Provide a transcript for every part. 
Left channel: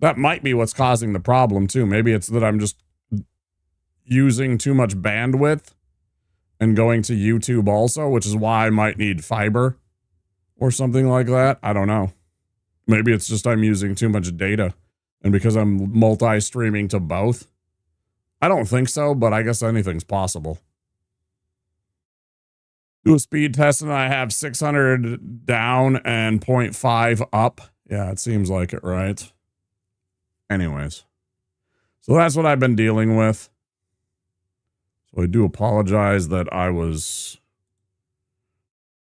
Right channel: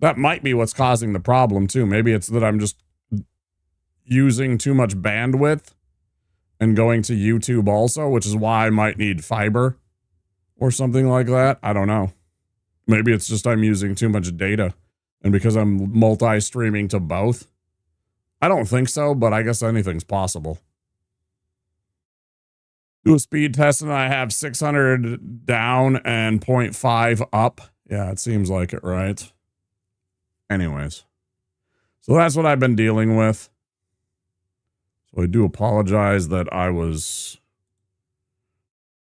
That might be what's causing the problem too. Maybe it's that I'm just using too much bandwidth and going to YouTube also, which is why I might need fiber or something like that. I don't know. Maybe it's just I'm using too much data, and because I'm multi-streaming to both. I don't think so, but I guess anything's possible. Do a speed test and I have 600 down and 0.5 up. Yeah, it seems like it, right? Anyways. So that's what I've been dealing with. So I do apologize that I was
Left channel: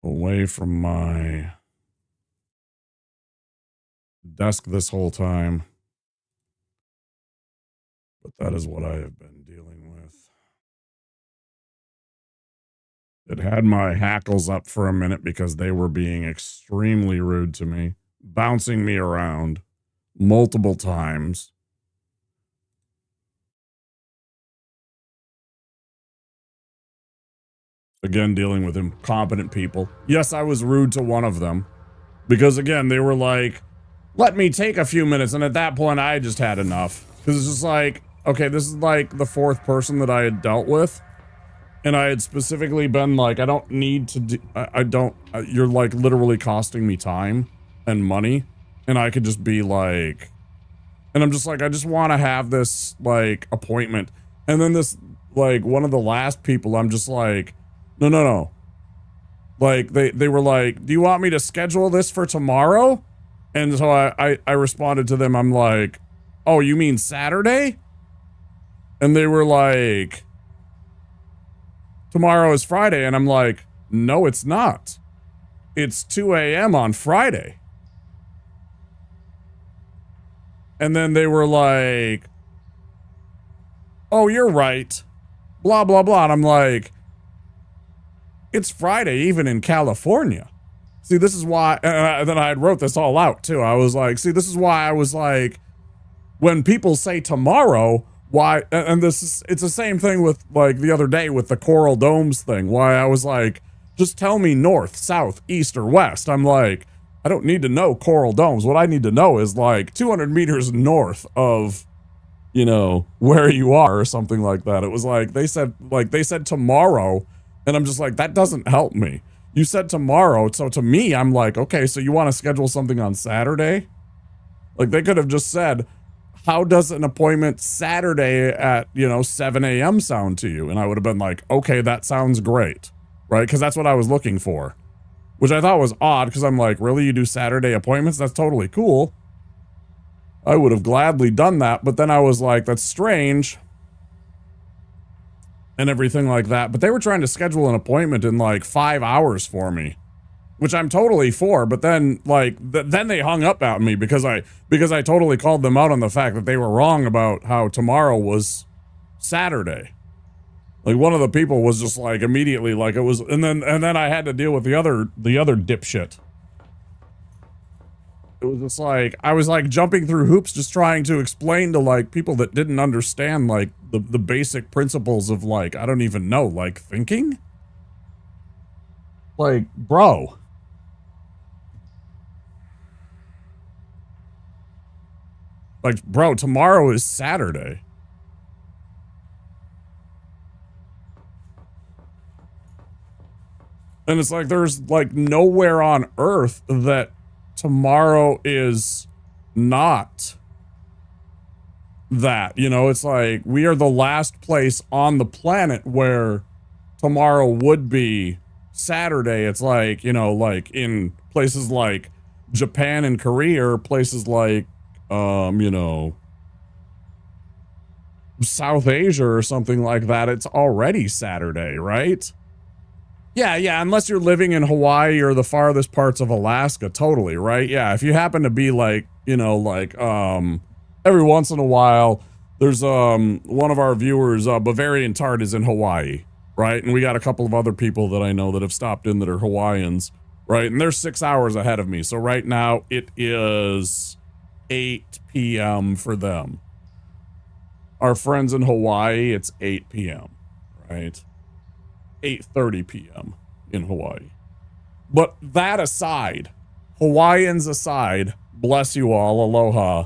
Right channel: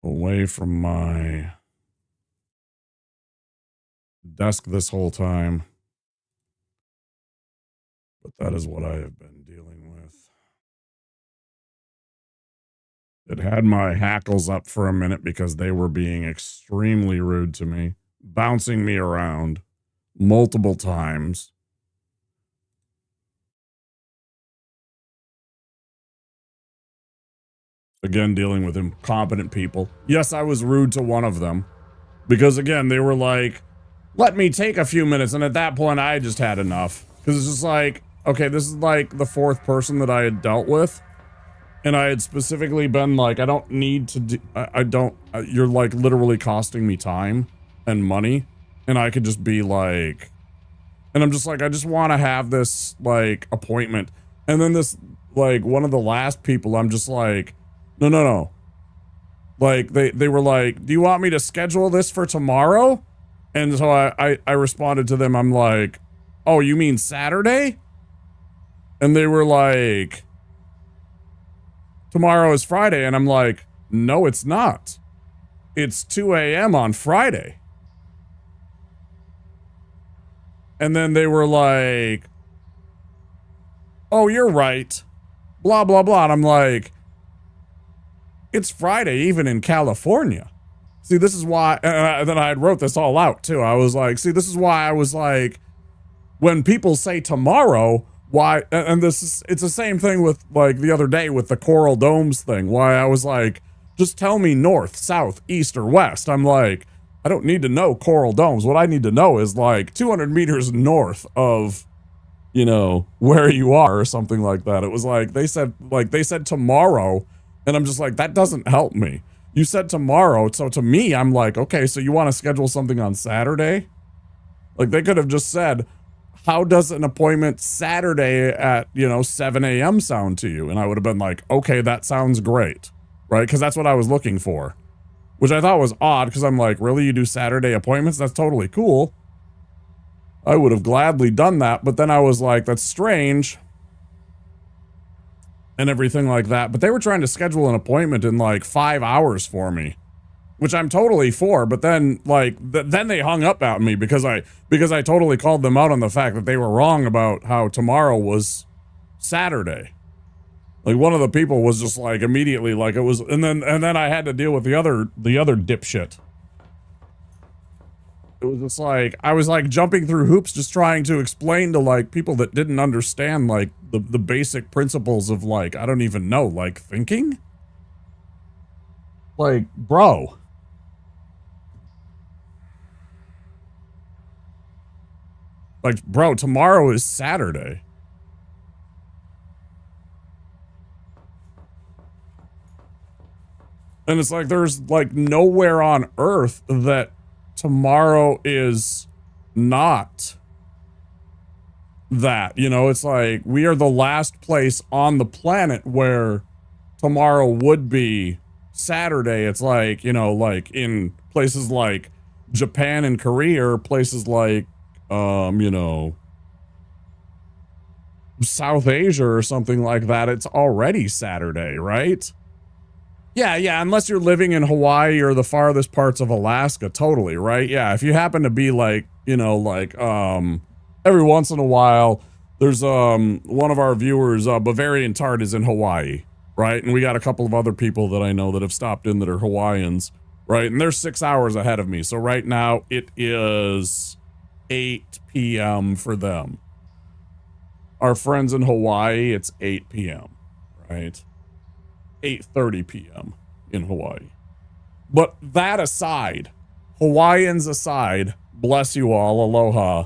away from my desk this whole time. But that is what I have been dealing with. It had my hackles up for a minute because they were being extremely rude to me, bouncing me around multiple times. Again, dealing with incompetent people. Yes, I was rude to one of them because, again, they were like, let me take a few minutes. And at that point, I just had enough because it's just like, okay, this is like the fourth person that I had dealt with. And I had specifically been like, I don't need to do, I don't, you're like literally costing me time and money. And I could just be like, and I'm just like, I just want to have this like appointment. And then this, like one of the last people, I'm just like, no. Like they were like, do you want me to schedule this for tomorrow? And so I responded to them. I'm like, oh, you mean Saturday? And they were like, tomorrow is Friday. And I'm like, no, it's not. It's 2 a.m. on Friday. And then they were like, oh, you're right. Blah, blah, blah. And I'm like, it's Friday, even in California. See, this is why, and then I wrote this all out too. I was like, see, this is why I was like, when people say tomorrow, why, and this is, it's the same thing with like the other day with the Coral Domes thing, why I was like, just tell me north, south, east, or west. I'm like, I don't need to know Coral Domes. What I need to know is like 200 meters north of, you know, where you are or something like that. It was like, they said tomorrow. And I'm just like, that doesn't help me. You said tomorrow. So to me, I'm like, okay, so you want to schedule something on Saturday? Like they could have just said, how does an appointment Saturday at, 7 a.m. sound to you? And I would have been like, okay, that sounds great. Right? Because that's what I was looking for. Which I thought was odd because I'm like, really? You do Saturday appointments? That's totally cool. I would have gladly done that. But then I was like, that's strange. And everything like that. But they were trying to schedule an appointment in like 5 hours for me, which I'm totally for. But then like, then they hung up at me because I totally called them out on the fact that they were wrong about how tomorrow was Saturday. Like one of the people was just like immediately like it was. And then I had to deal with the other dipshit. It was just like, I was like jumping through hoops, just trying to explain to like people that didn't understand like the basic principles of like, I don't even know, like thinking. Like, bro. Like, bro, tomorrow is Saturday. And it's like, there's like nowhere on earth that tomorrow is not that, it's like we are the last place on the planet where tomorrow would be Saturday. It's like, like in places like Japan and Korea, or places like, South Asia or something like that. It's already Saturday, right? Yeah, unless you're living in Hawaii or the farthest parts of Alaska, totally, right? Yeah, if you happen to be like, every once in a while, there's one of our viewers, Bavarian Tart is in Hawaii, right? And we got a couple of other people that I know that have stopped in that are Hawaiians, right? And they're 6 hours ahead of me. So right now it is 8 p.m. for them. Our friends in Hawaii, it's 8 p.m., right? 8:30 p.m. in Hawaii. But that aside, Hawaiians aside, bless you all, aloha.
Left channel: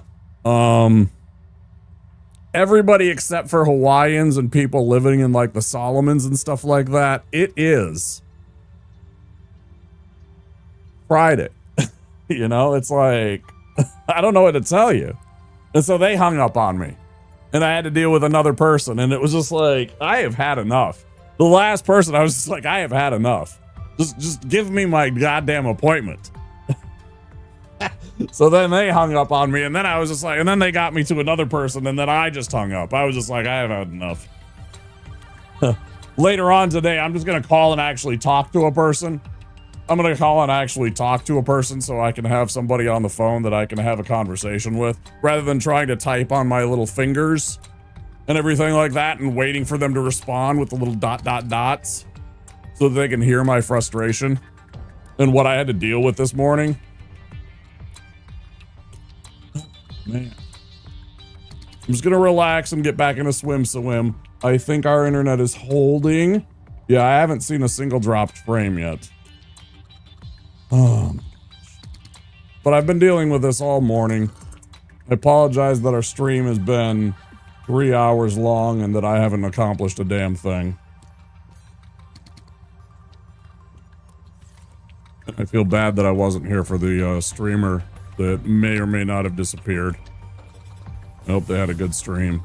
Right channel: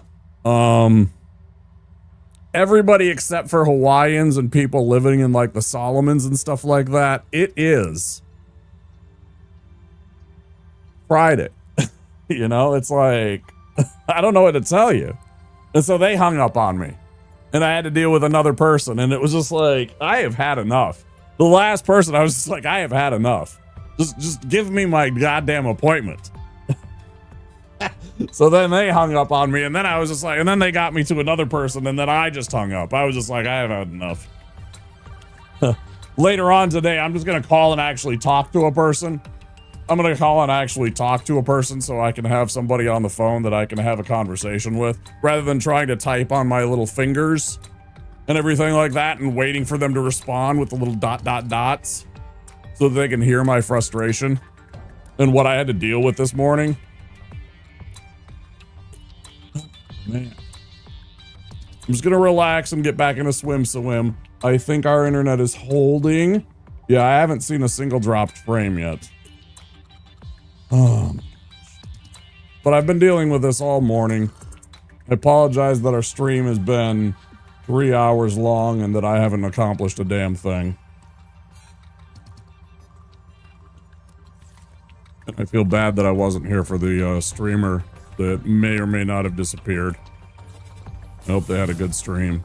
Everybody except for Hawaiians and people living in like the Solomons and stuff like that, it is Friday. You know, it's like, I don't know what to tell you. And so they hung up on me and I had to deal with another person. And it was just like, I have had enough. The last person, I was just like, I have had enough. Just give me my goddamn appointment. So then they hung up on me, and then I was just like, and then they got me to another person, and then I just hung up. I was just like, I have had enough. Later on today, I'm just going to call and actually talk to a person. I'm going to call and actually talk to a person so I can have somebody on the phone that I can have a conversation with, rather than trying to type on my little fingers and everything like that and waiting for them to respond with the little dots so that they can hear my frustration and what I had to deal with this morning. Man, I'm just gonna relax and get back in a swim. I think our internet is holding. Yeah, I haven't seen a single dropped frame yet. Oh my gosh. But I've been dealing with this all morning. I apologize that our stream has been 3 hours long and that I haven't accomplished a damn thing. I feel bad that I wasn't here for the streamer that may or may not have disappeared. I hope they had a good stream.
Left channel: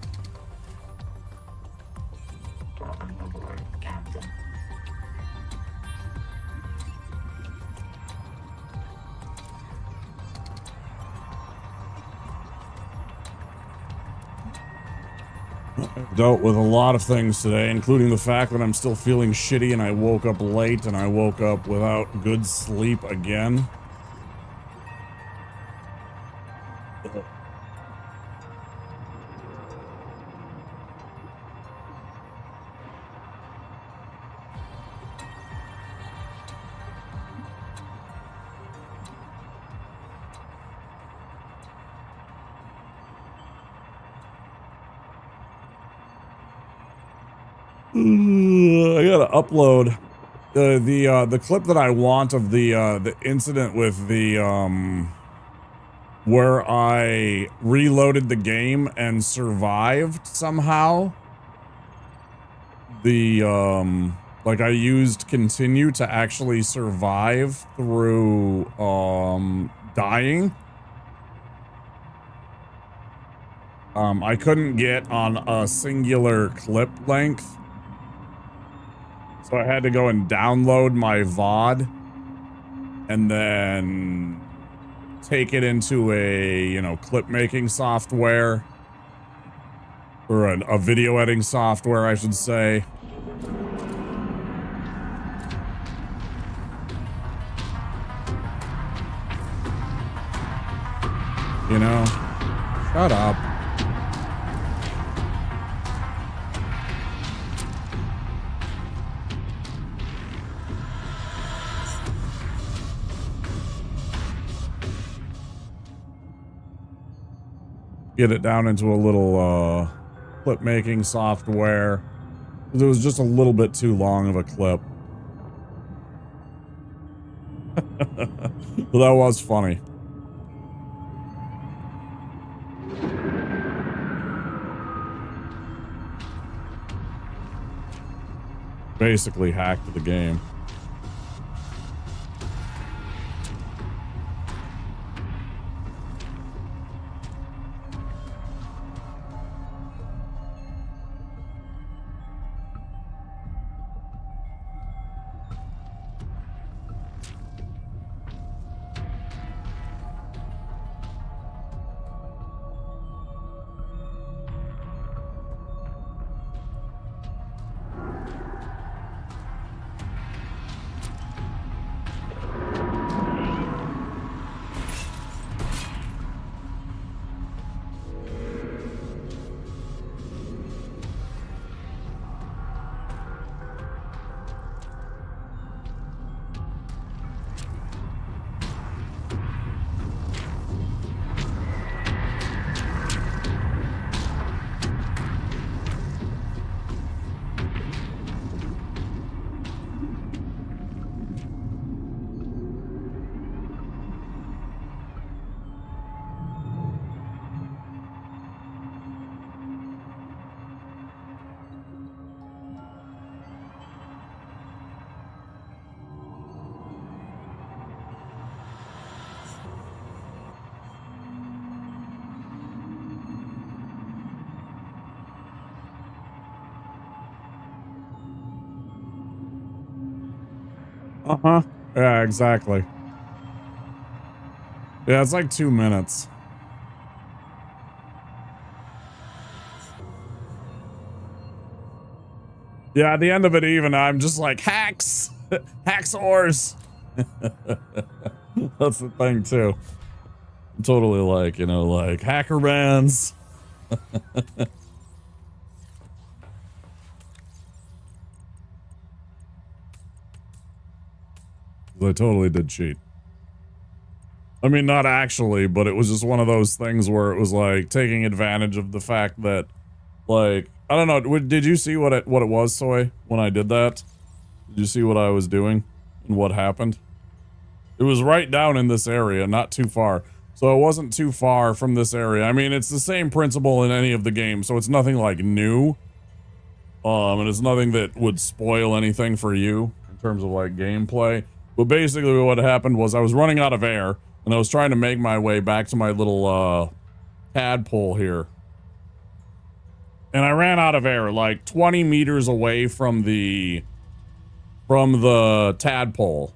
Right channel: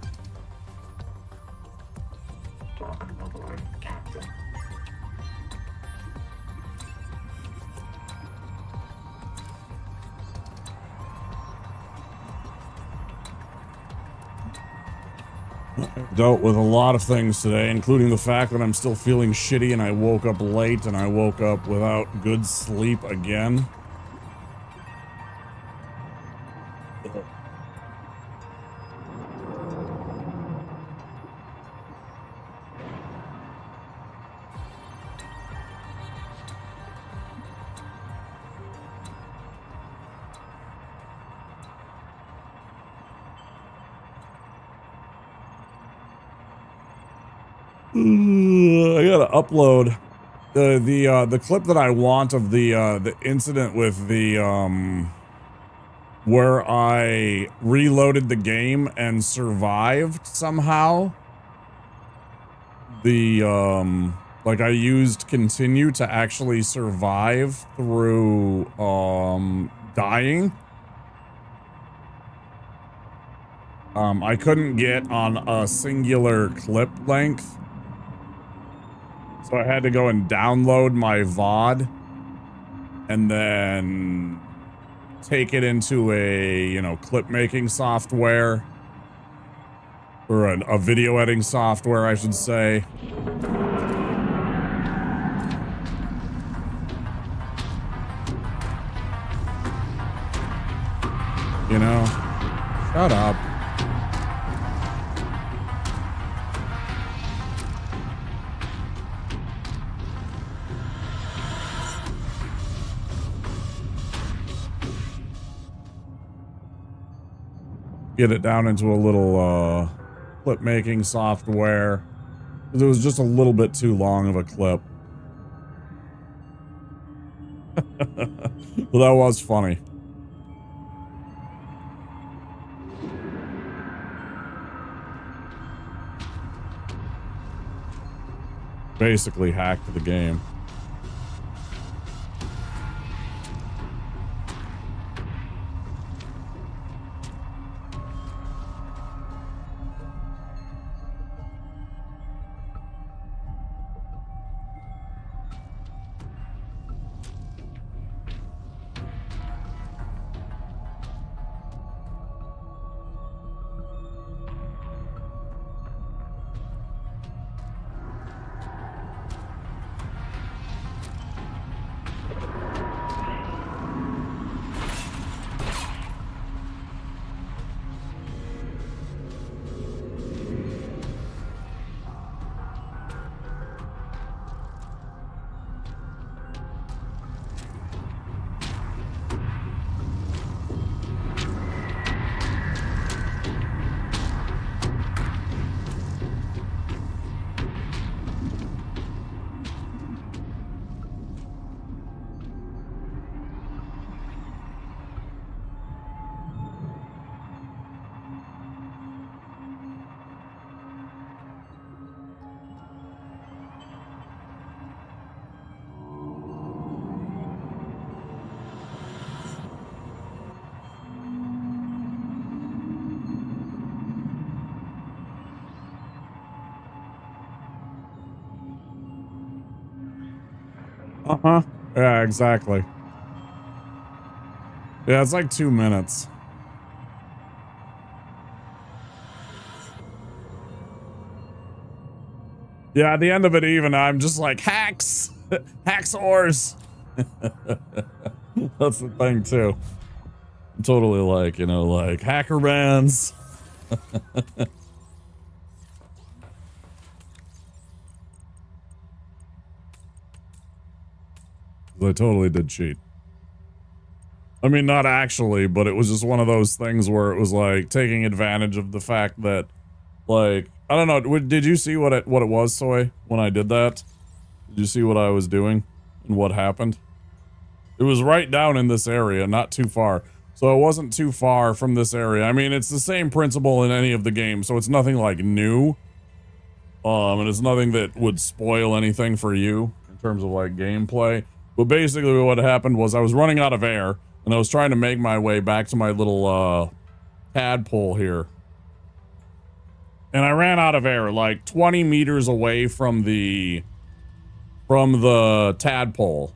I've dealt with a lot of things today, including the fact that I'm still feeling shitty and I woke up late and I woke up without good sleep again. I gotta upload the clip that I want of the incident with the where I reloaded the game and survived somehow. The like I used continue to actually survive through dying. I couldn't get on a singular clip length. So I had to go and download my VOD and then take it into a, you know, clip making software or a video editing software, I should say. You know, shut up. Get it down into a little clip making software. It was just a little bit too long of a clip. Well, that was funny. Basically hacked the game. Uh-huh. Yeah, exactly. Yeah, it's like 2 minutes. Yeah, at the end of it even, I'm just like, hacks! Hacksaws! That's the thing, too. I'm totally like, you know, like, hacker bands. I totally did cheat. I mean, not actually, but it was just one of those things where it was like taking advantage of the fact that, like, I don't know. Did you see what it was, Soy, when I did that? Did you see what I was doing and what happened? It was right down in this area, not too far. So it wasn't too far from this area. I mean, it's the same principle in any of the games, so it's nothing like new. And it's nothing that would spoil anything for you in terms of like gameplay. But basically what happened was I was running out of air and I was trying to make my way back to my little tadpole here. And I ran out of air like 20 meters away from the tadpole,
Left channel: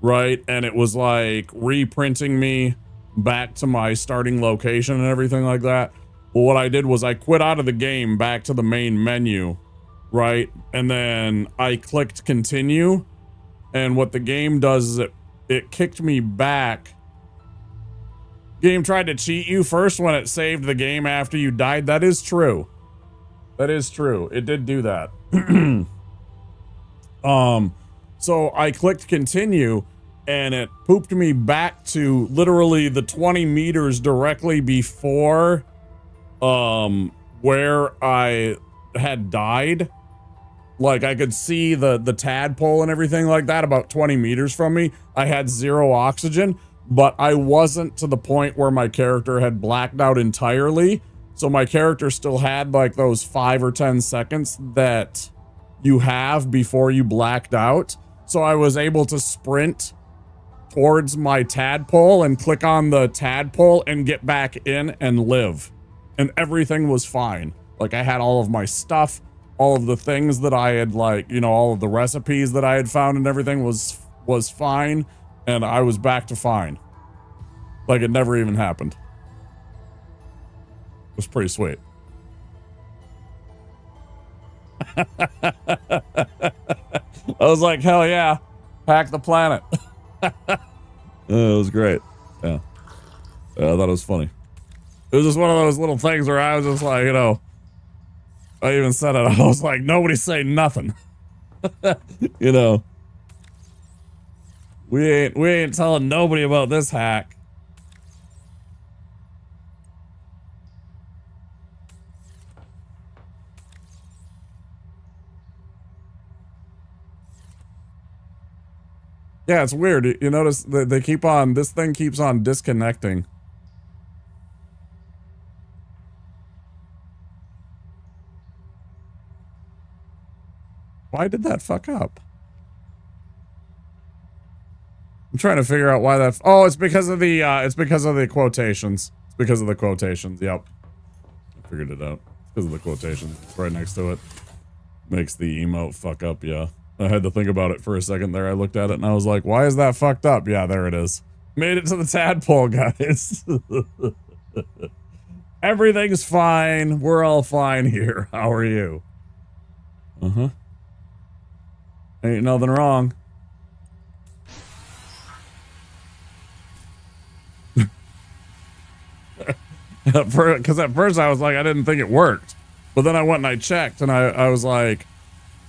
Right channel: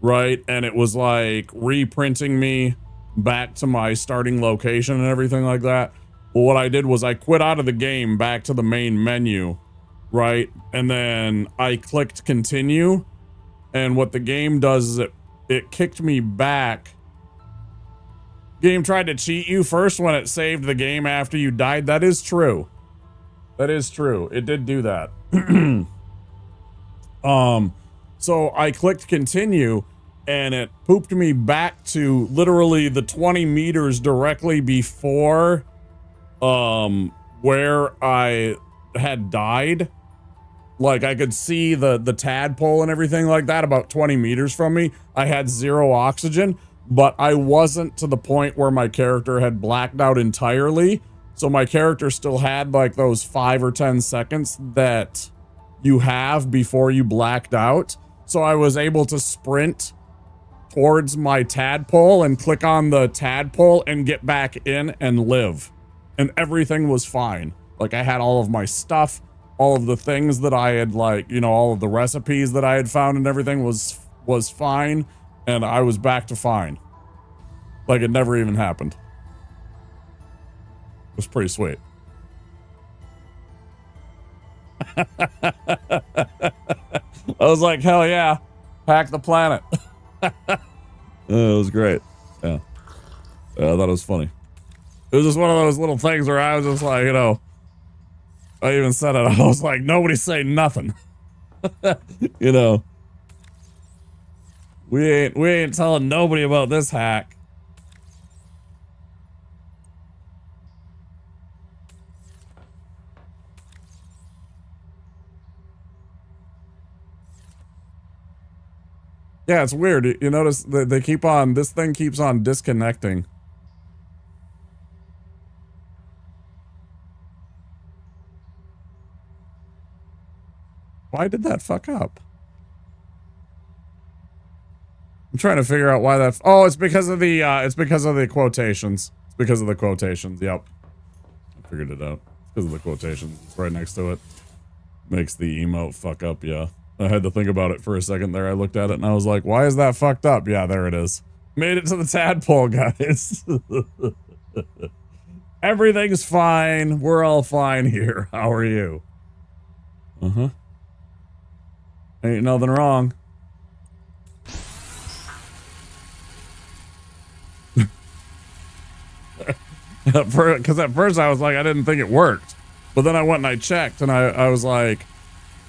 right? And it was like reprinting me back to my starting location and everything like that. Well, what I did was I quit out of the game back to the main menu, right? And then I clicked continue. And what the game does is it kicked me back. Game tried to cheat you first when it saved the game after you died. That is true. That is true. It did do that. So I clicked continue and it pooped me back to literally the 20 meters directly before where I had died. Like I could see the tadpole and everything like that about 20 meters from me. I had 0 oxygen, but I wasn't to the point where my character had blacked out entirely. So my character still had like those 5 or 10 seconds that you have before you blacked out. So I was able to sprint towards my tadpole and click on the tadpole and get back in and live. And everything was fine. Like I had all of my stuff, all of the things that I had, like, you know, all of the recipes that I had found and everything was fine. And I was back to fine. Like it never even happened. It was pretty sweet. I was like, hell yeah, hack the planet. It was great. Yeah. I thought it was funny. It was just one of those little things where I was just like, you know, I even said it. I was like, nobody say nothing. You know, we ain't telling nobody about this hack. Yeah, it's weird. You notice that they keep on, this thing keeps on disconnecting. Why did that fuck up? I'm trying to figure out why that. Oh, it's because of the quotations. It's because of the quotations. Yep. I figured it out. It's because of the quotations. It's right next to it. Makes the emote fuck up, yeah. I had to think about it for a second there. I looked at it and I was like, why is that fucked up? Yeah, there it is. Made it to the tadpole, guys. Everything's fine. We're all fine here. How are you? Uh-huh. Ain't nothing wrong. Because at first I was like, I didn't think it worked. But then I went and I checked and I was like,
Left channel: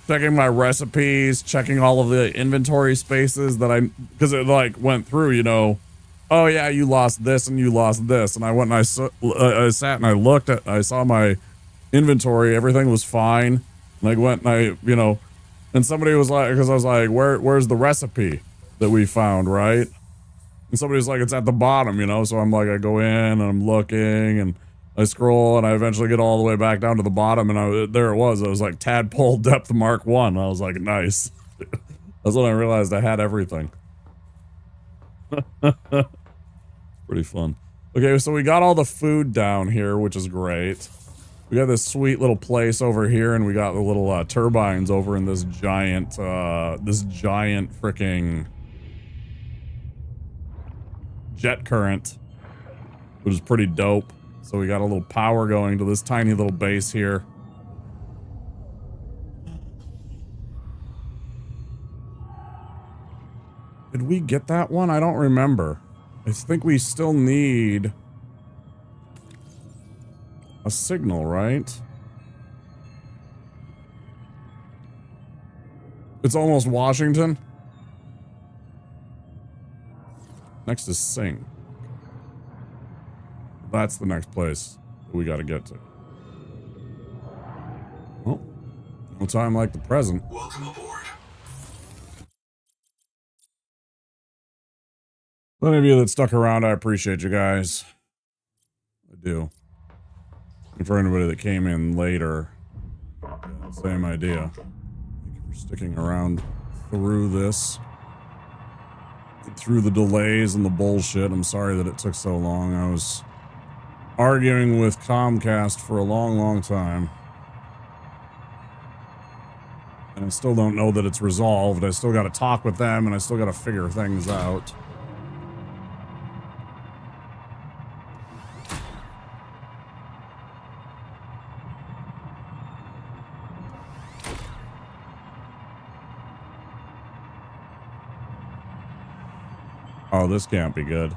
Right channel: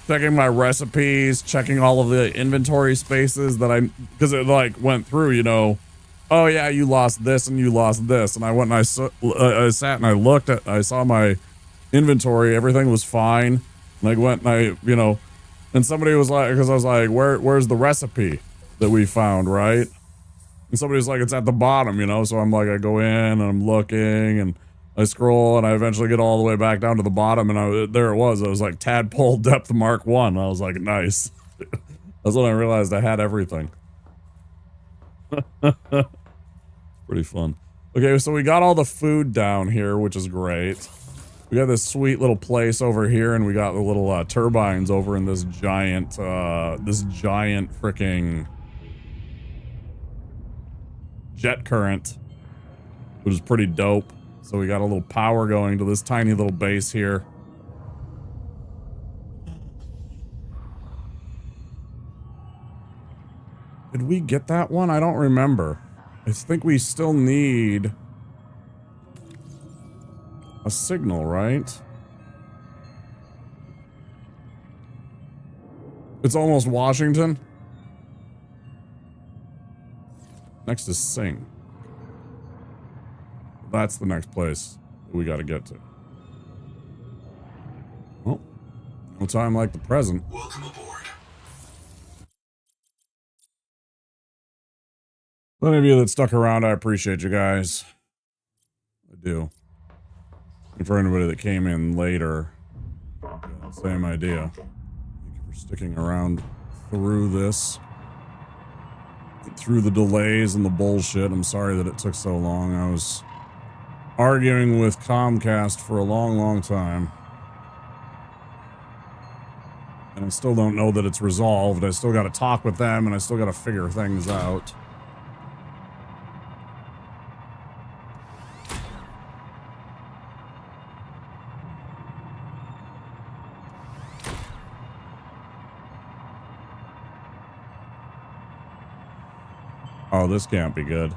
checking my recipes, checking all of the inventory spaces that because it like went through, you know, oh yeah, you lost this and you lost this. And I went and I sat and I looked at, I saw my inventory, everything was fine. And I went and I, you know, and somebody was like, because I was like, where's the recipe that we found, right? And somebody was like, it's at the bottom, you know? So I'm like, I go in and I'm looking and I scroll and I eventually get all the way back down to the bottom and there it was. It was like Tadpole Depth Mark 1. I was like, nice. That's when I realized I had everything. Pretty fun. Okay, so we got all the food down here, which is great. We got this sweet little place over here, and we got the little turbines over in this giant freaking jet current, which is pretty dope. So we got a little power going to this tiny little base here. Did we get that one? I don't remember. I think we still need a signal, right? It's almost Washington. Next is Sing. That's the next place that we got to get to. Well, no time like the present. Welcome aboard. Any of you that stuck around, I appreciate you guys. I do. And for anybody that came in later, same idea. Thank you for sticking around through this. Through the delays and the bullshit. I'm sorry that it took so long. I was arguing with Comcast for a long, long time. And I still don't know that it's resolved. I still got to talk with them, and I still got to figure things out. Oh, this can't be good.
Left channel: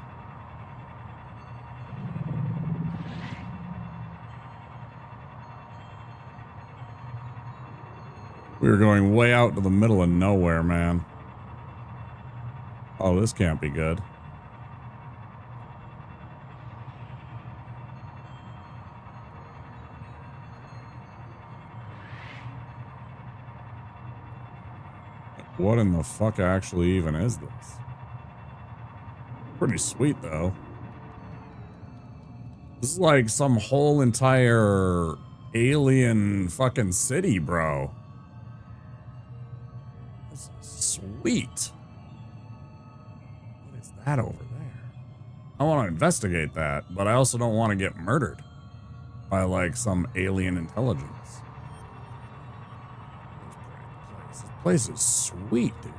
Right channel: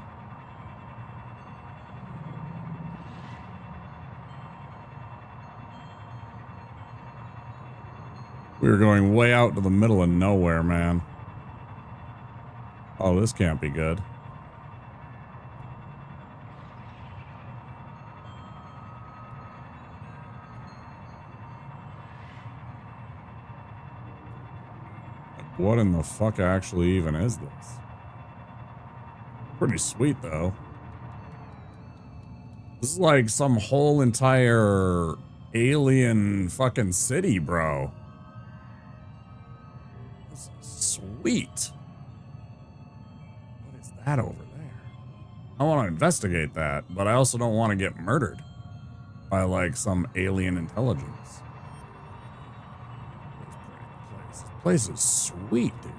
We were going way out to the middle of nowhere, man. Oh, this can't be good. What in the fuck actually even is this? Pretty sweet, though. This is like some whole entire alien fucking city, bro. This is sweet. What is that over there? I want to investigate that, but I also don't want to get murdered by like some alien intelligence. This place is sweet, dude.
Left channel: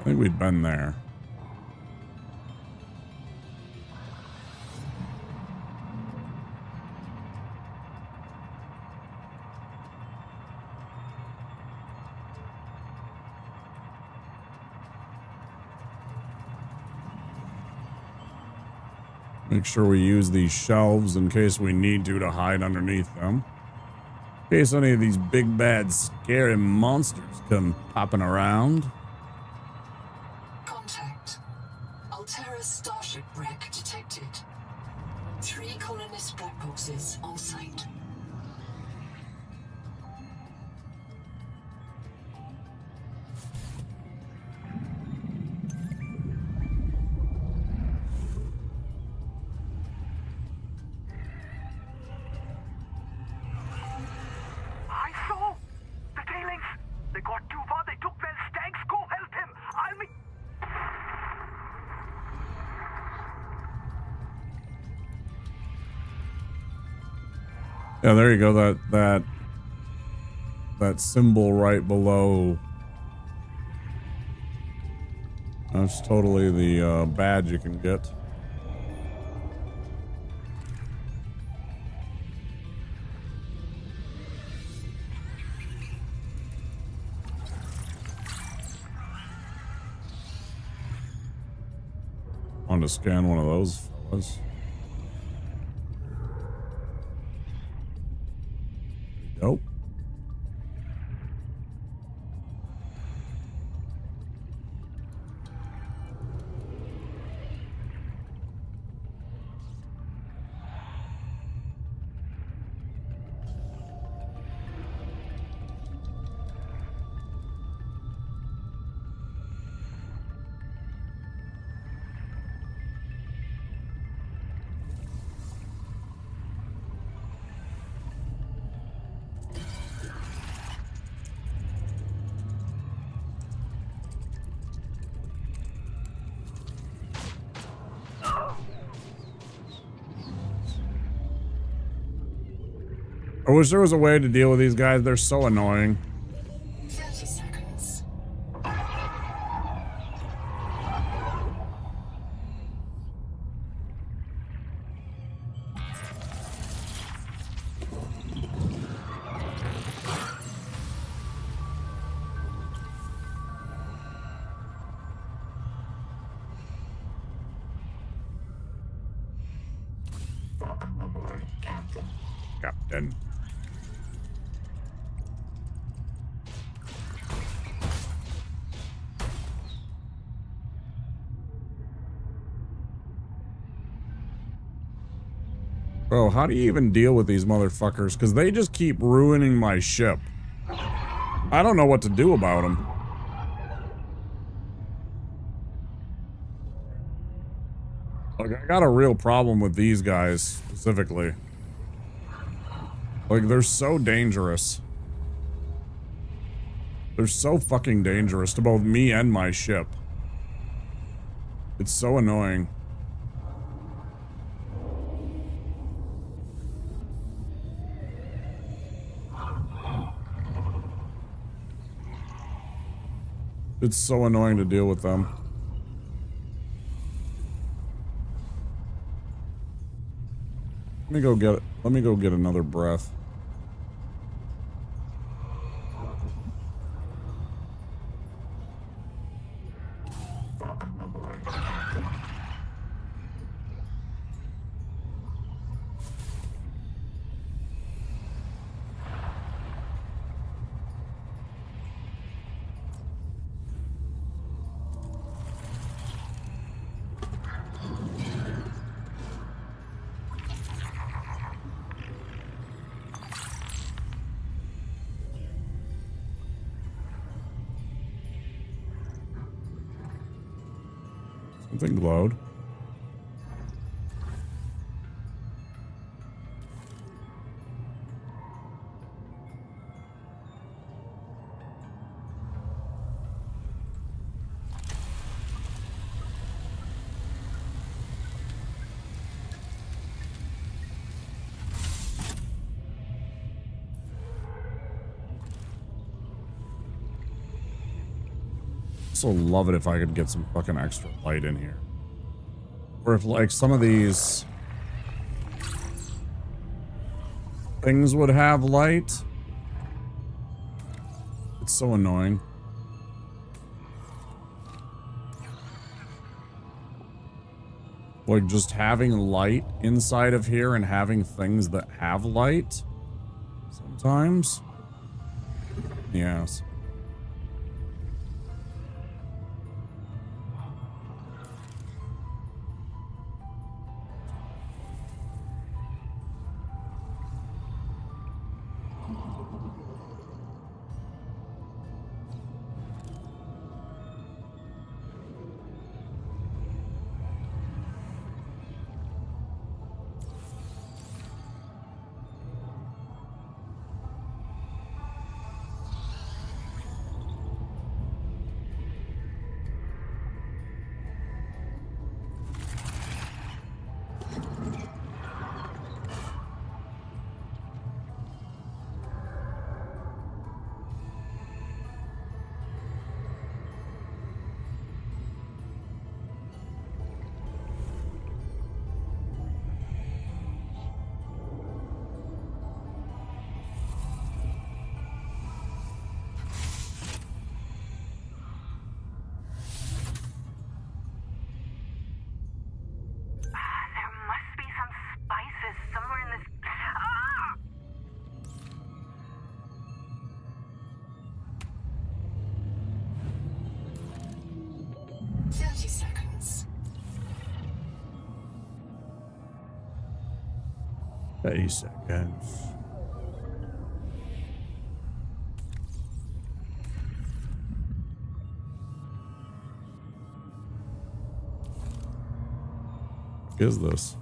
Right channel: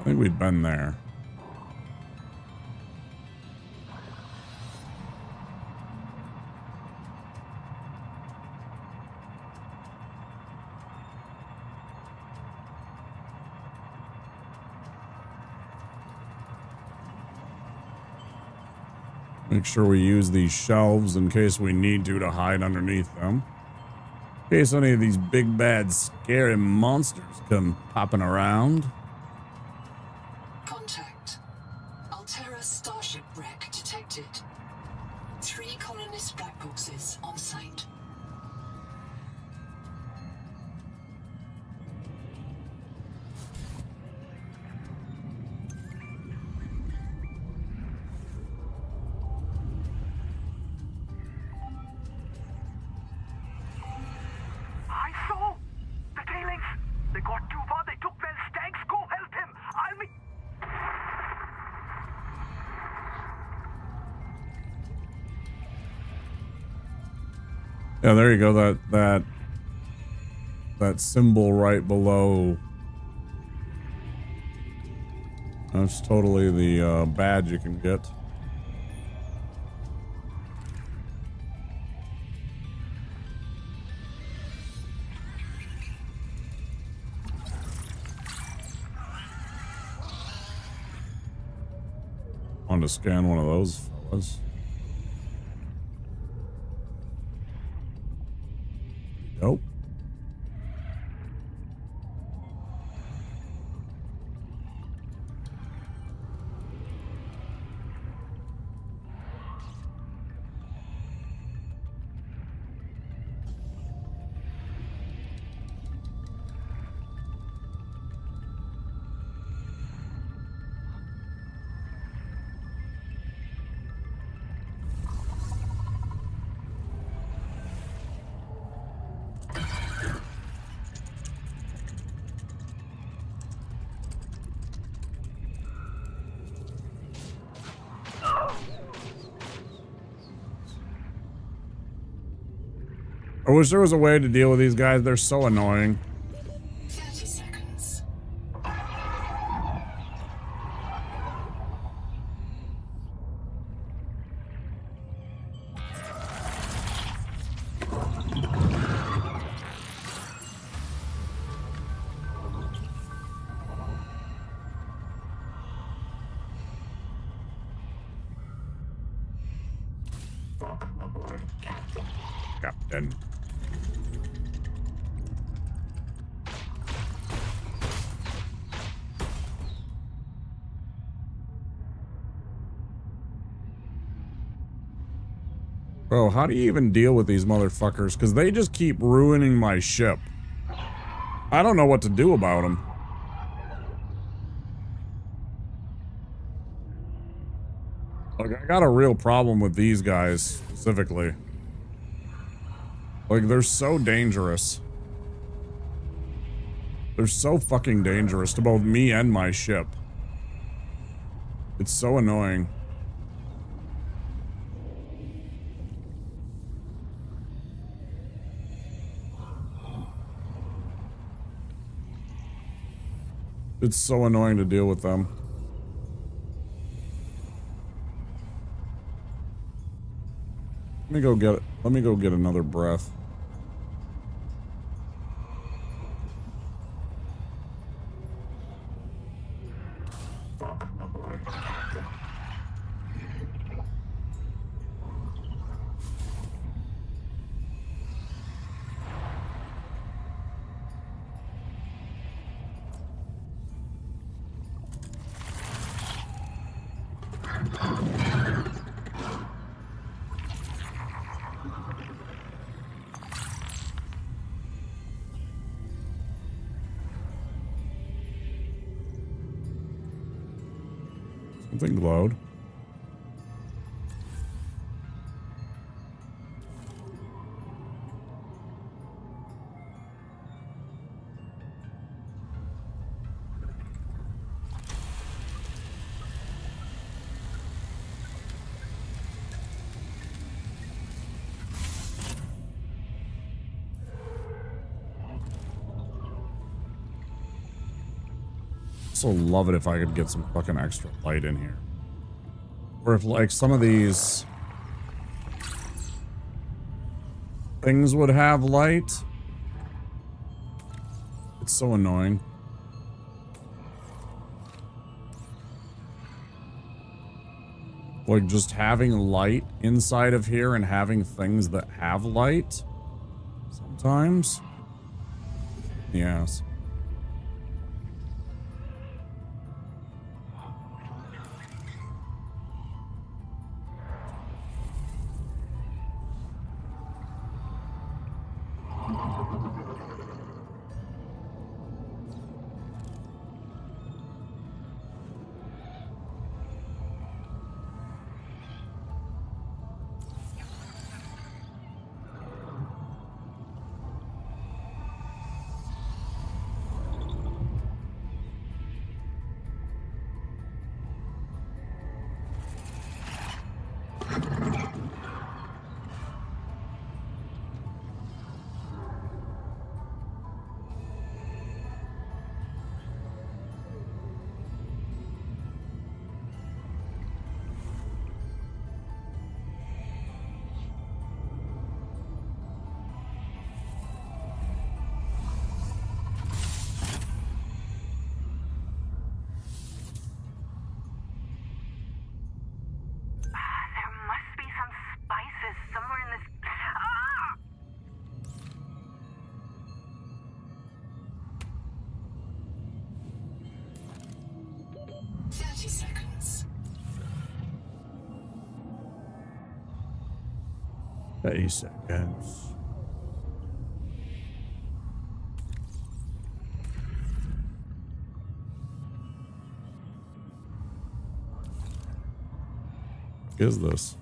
I think we'd been there. Make sure we use these shelves in case we need to hide underneath them. In case any of these big bad scary monsters come popping around. On site. I saw the tailings. They got too far. They took Wells' tanks. Go help him. I'll meet. Yeah, there you go. That symbol right below. That's totally the badge you can get. On to scan one of those fellas. Nope. I wish there was a way to deal with these guys. They're so annoying. 30 seconds. Welcome aboard, Captain. Captain. Bro, how do you even deal with these motherfuckers? Because they just keep ruining my ship. I don't know what to do about them. Like, I got a real problem with these guys, specifically. Like, they're so dangerous. They're so fucking dangerous to both me and my ship. It's so annoying. It's so annoying to deal with them. Let me go get another breath. Welcome aboard, Captain. Something glowed. Also love it if I could get some fucking extra light in here. Or if, like, some of these things would have light. It's so annoying. Like, just having light inside of here and having things that have light sometimes. Yes. There must be some spices somewhere in this. Ah! 30 seconds. 30 seconds. What is this?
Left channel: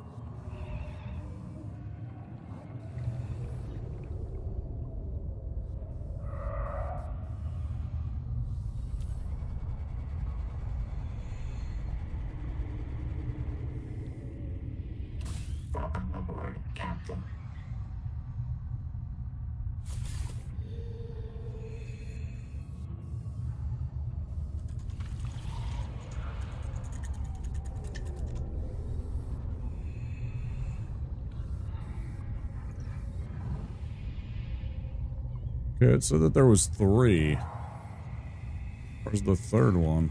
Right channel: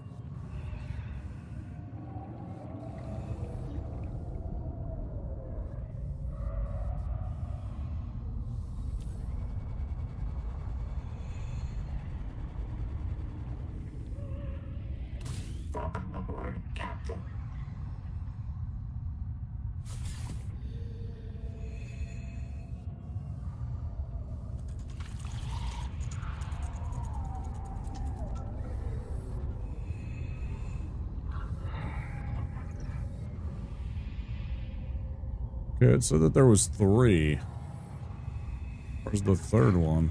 Welcome aboard, Captain. Okay, it said that there was 3. Where's the third one?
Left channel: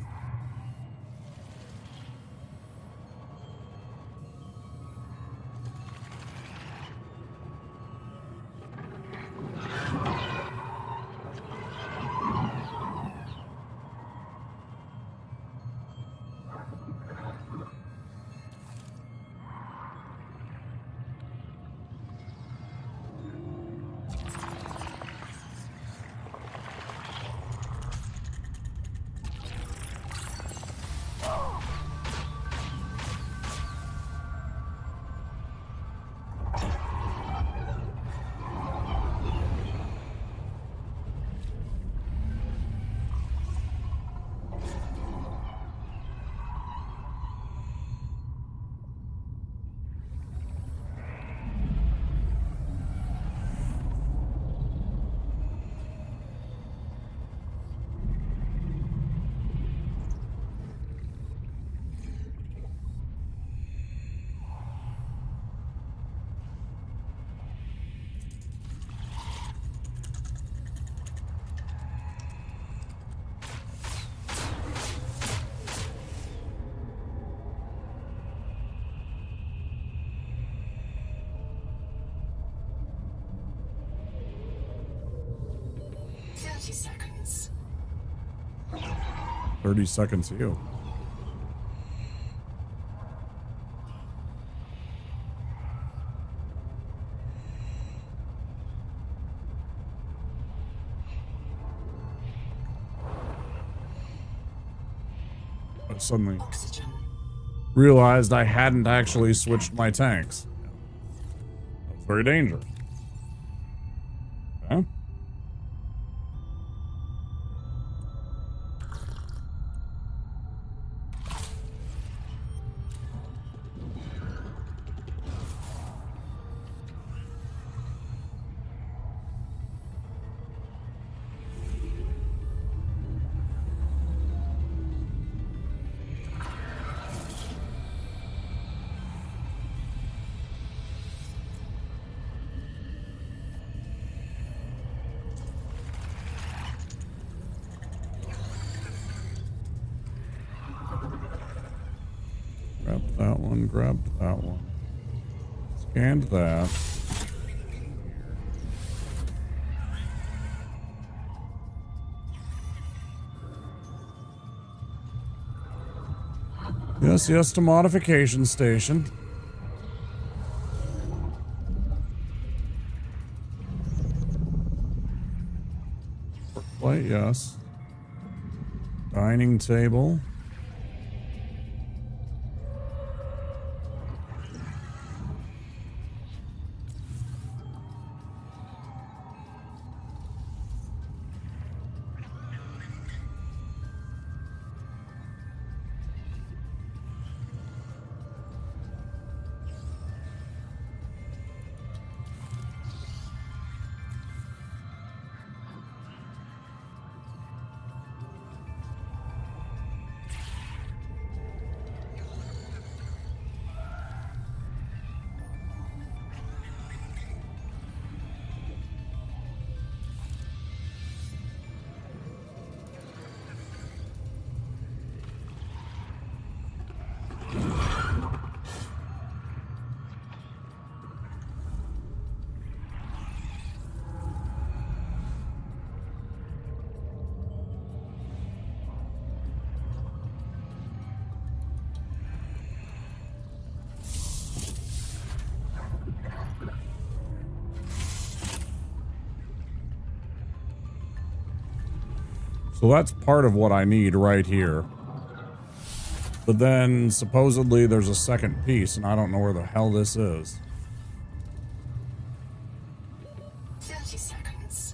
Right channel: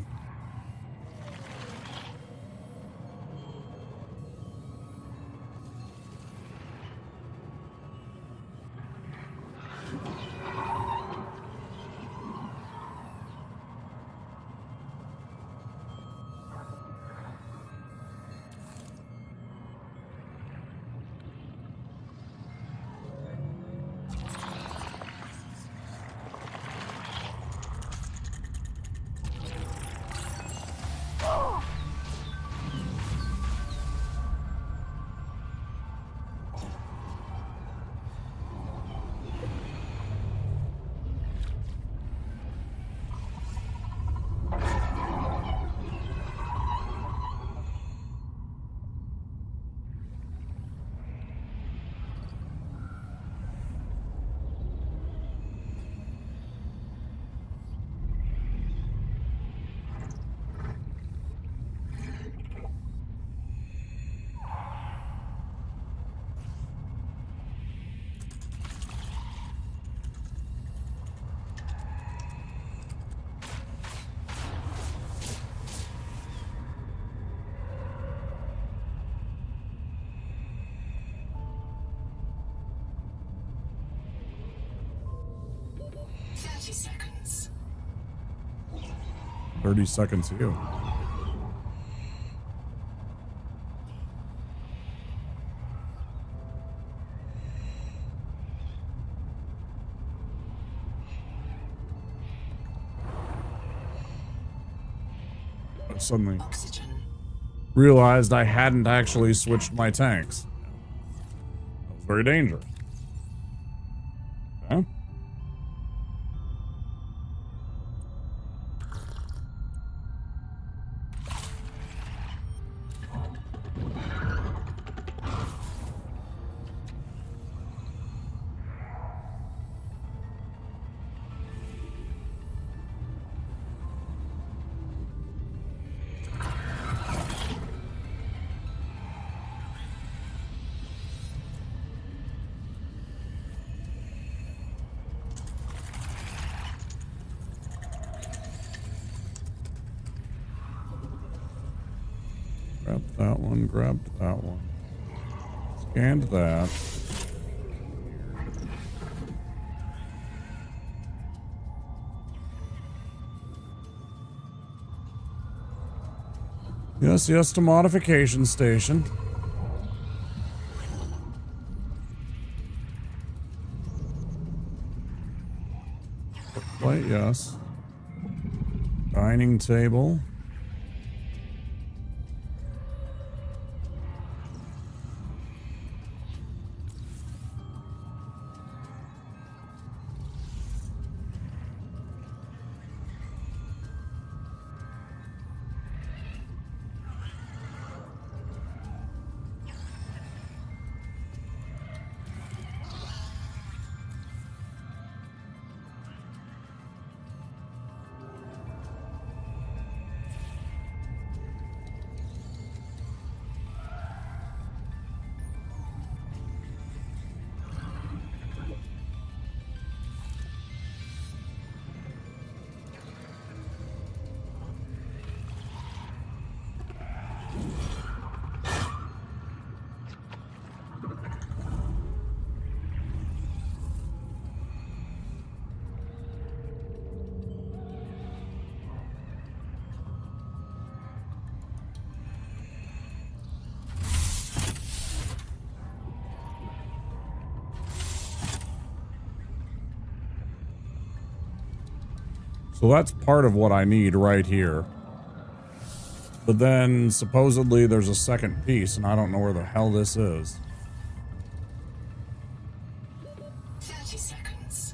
Seconds. 30 seconds to you. I suddenly Oxygen. realized I hadn't actually switched my tanks. That was very dangerous. Okay. Grabbed that one, grabbed that one. Scanned that. Yes, yes, to modification station. Plate, yes. Dining table. So that's part of what I need right here. But then supposedly there's a second piece, and I don't know where the hell this is. 30 seconds.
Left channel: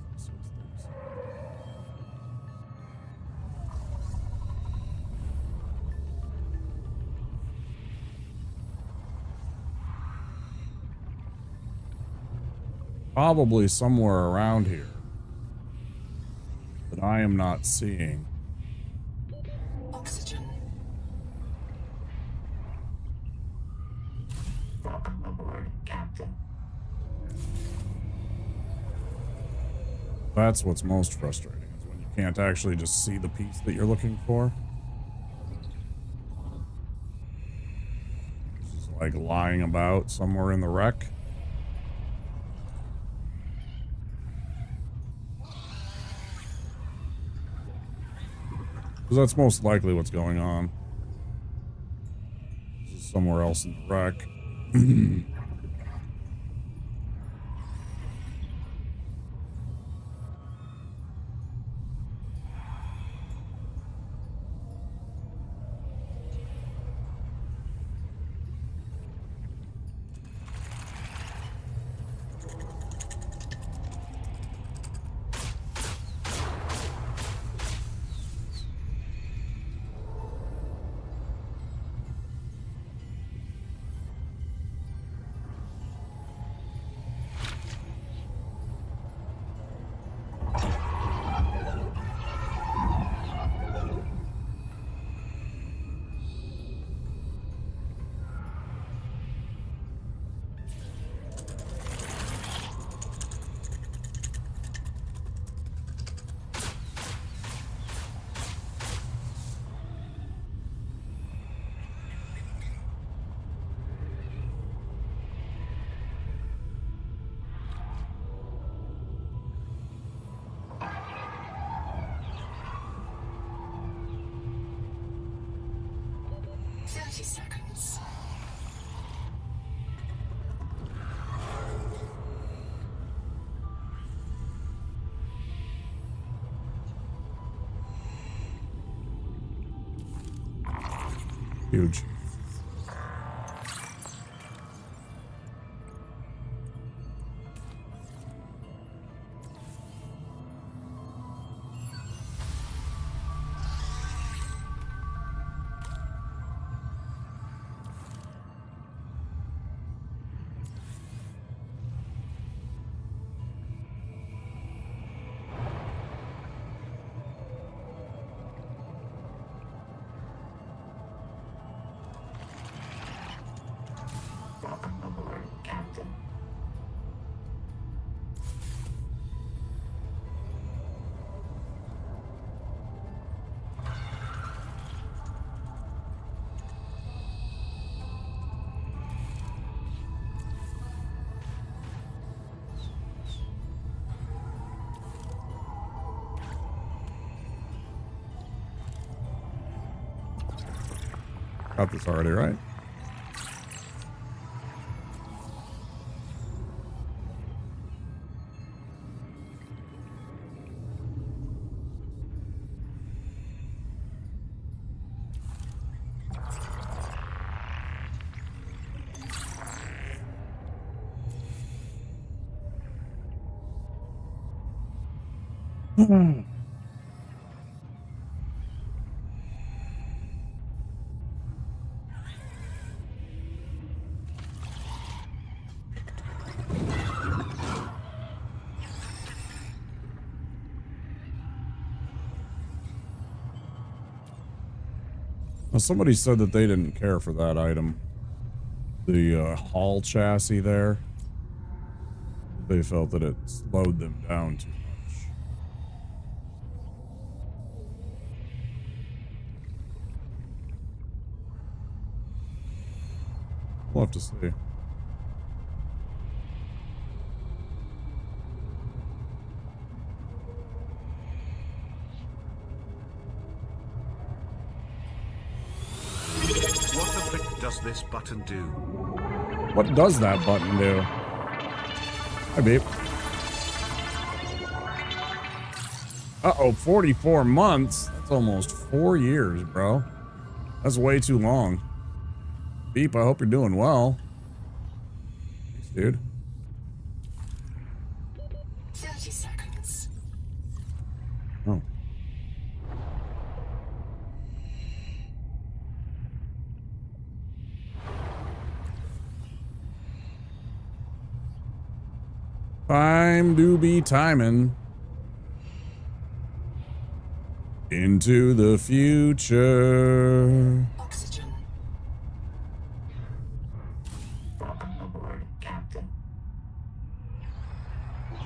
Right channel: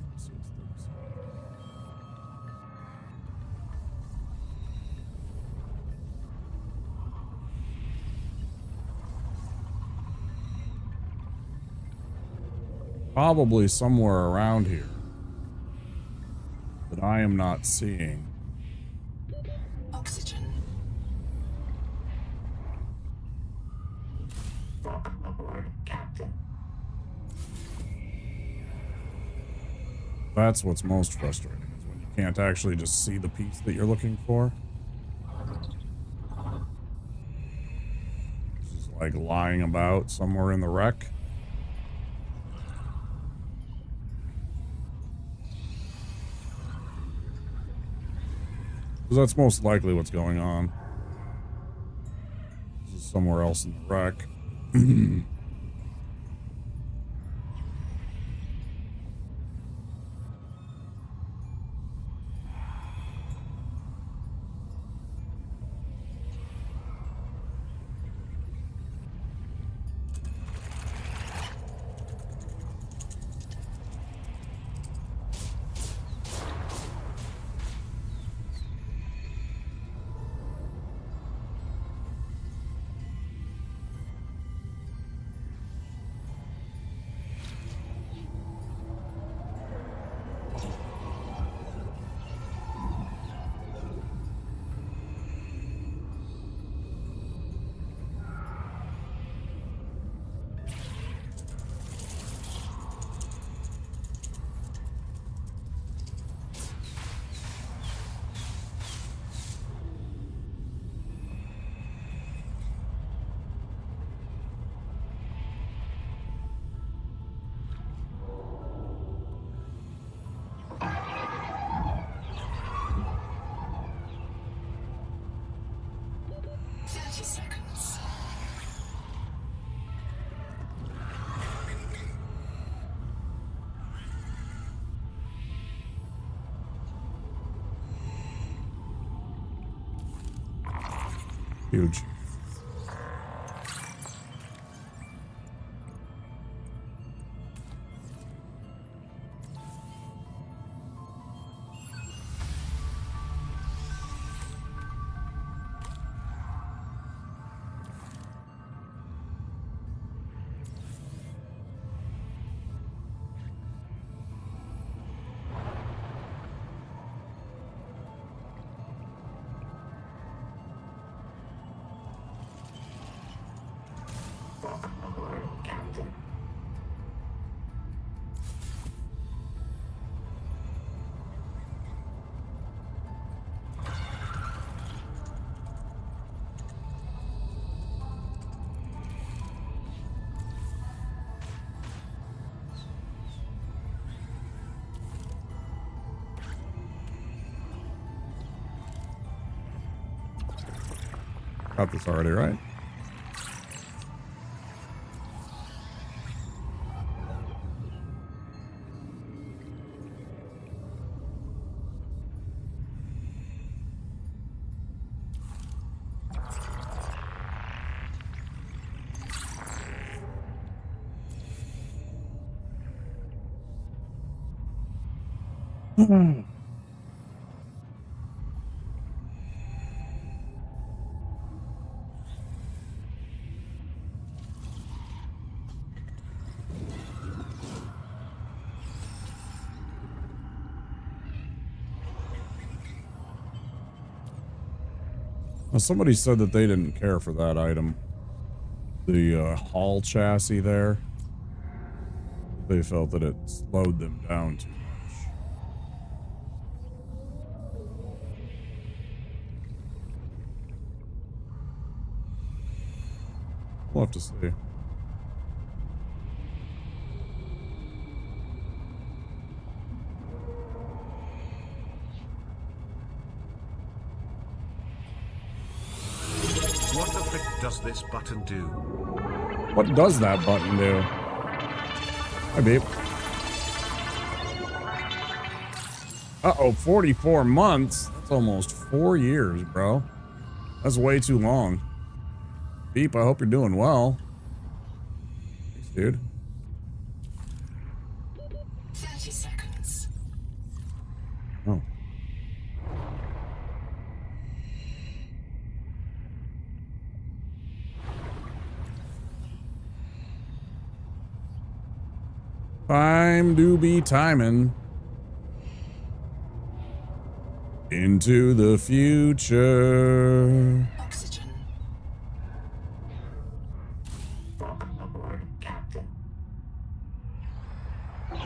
Probably somewhere around here that I am not seeing. Oxygen. Welcome aboard, Captain. That's what's most frustrating, is when you can't actually just see the piece that you're looking for. It's just like lying about somewhere in the wreck. 'Cause that's most likely what's going on. This is somewhere else in the wreck. Huge. Captain. Got this already, right? Well, somebody said that they didn't care for that item. The hull chassis there. They felt that it slowed them down too much. We'll have to see. What the frick does this button do? What does that button do? Hi, babe. Uh-oh, 44 months? That's almost 4 years, bro. That's way too long. Beep, I hope you're doing well. Thanks, dude. 30 seconds. Oh. Time to be timing. Into the future. Oxygen. Welcome aboard, Captain.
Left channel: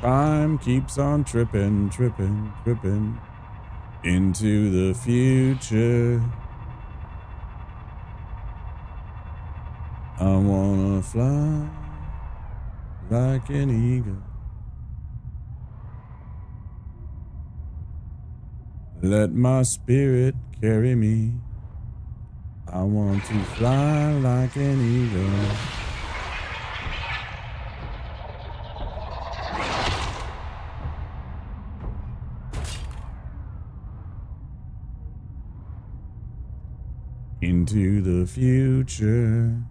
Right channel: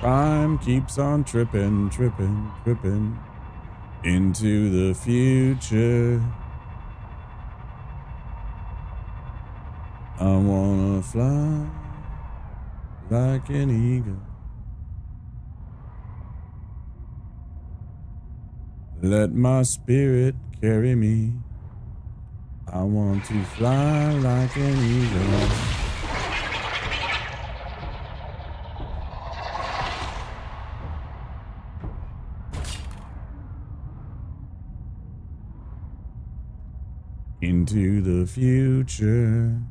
Time keeps on tripping, tripping, tripping into the future. I wanna fly like an eagle. Let my spirit carry me. I want to fly like an eagle. Into the future.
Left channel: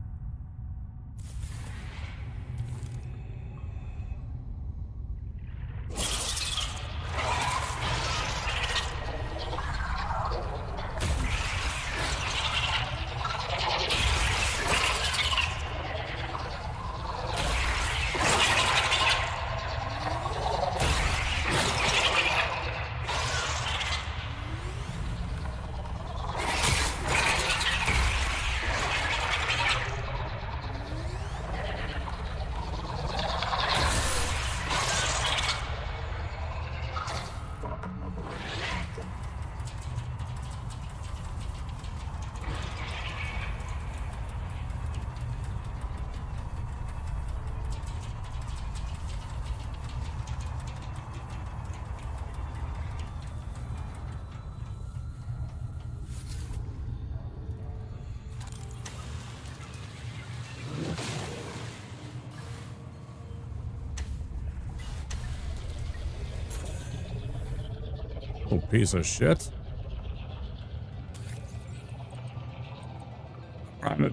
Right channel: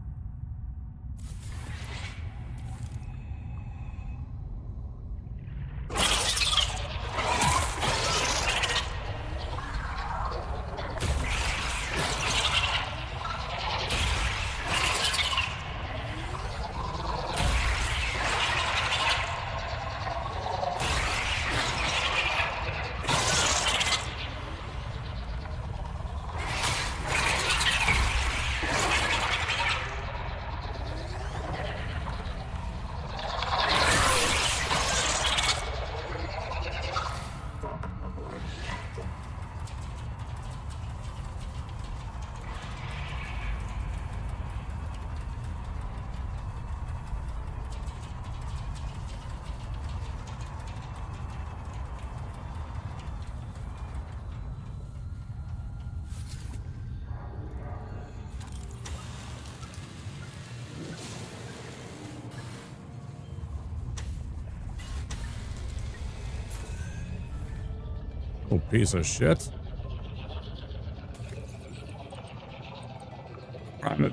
Oh, piece of shit.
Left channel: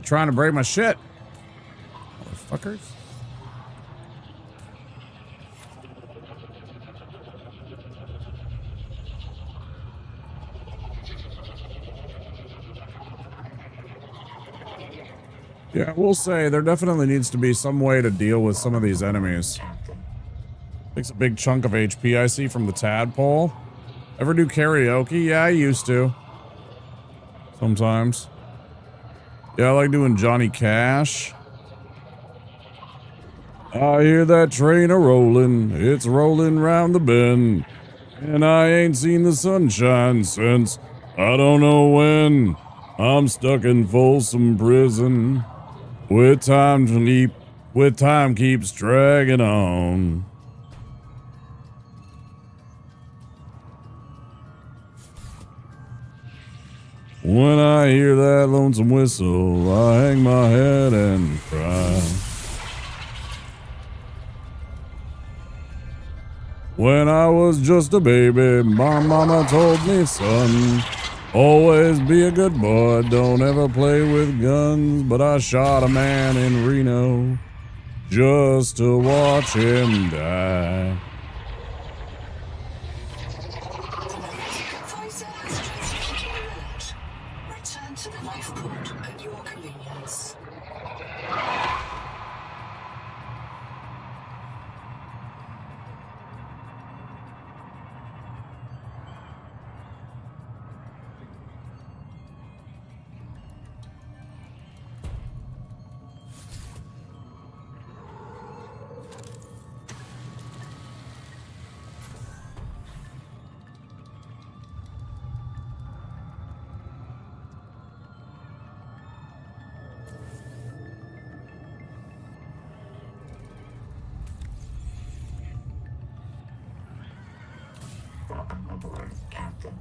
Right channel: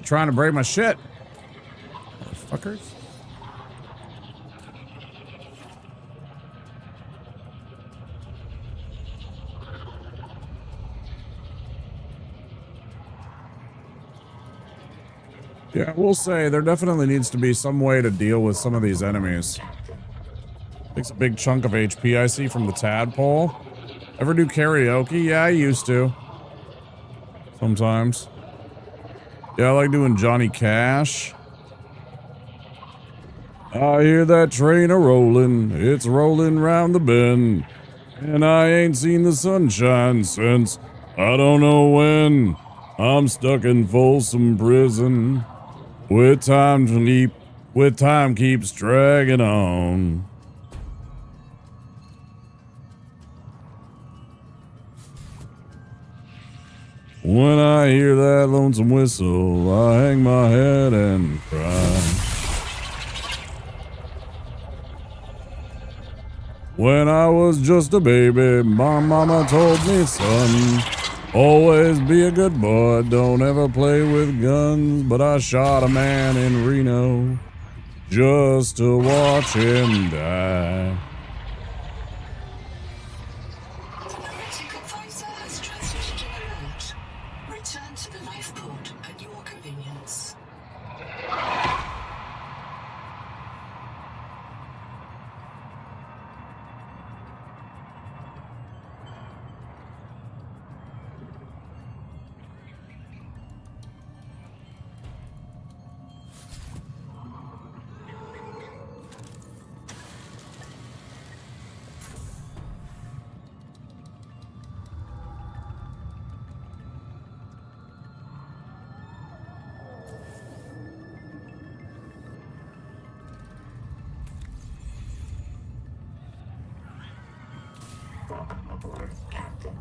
Trying to break my shit. Motherfuckers. Yeah, we'll say there definitely needs to be some way to deal with some of these enemies. Takes a big chunk of HP I see from the tadpole. Ever do karaoke? Yeah, I used to. Sometimes. Yeah, I like doing Johnny Cash. I hear that train a-rollin', it's rollin' round the bend. And I ain't seen the sunshine since I don't know when. I'm stuck in Folsom Prison. With time keeps dragging on. When I hear that lonesome whistle, I hang my head and cry. When I was just a baby, my mama told me, son, always be a good boy, don't ever play with guns. But I shot a man in Reno just to watch him die. Advisor has transitioned route. Return to the lifeport at your convenience. Welcome aboard, Captain.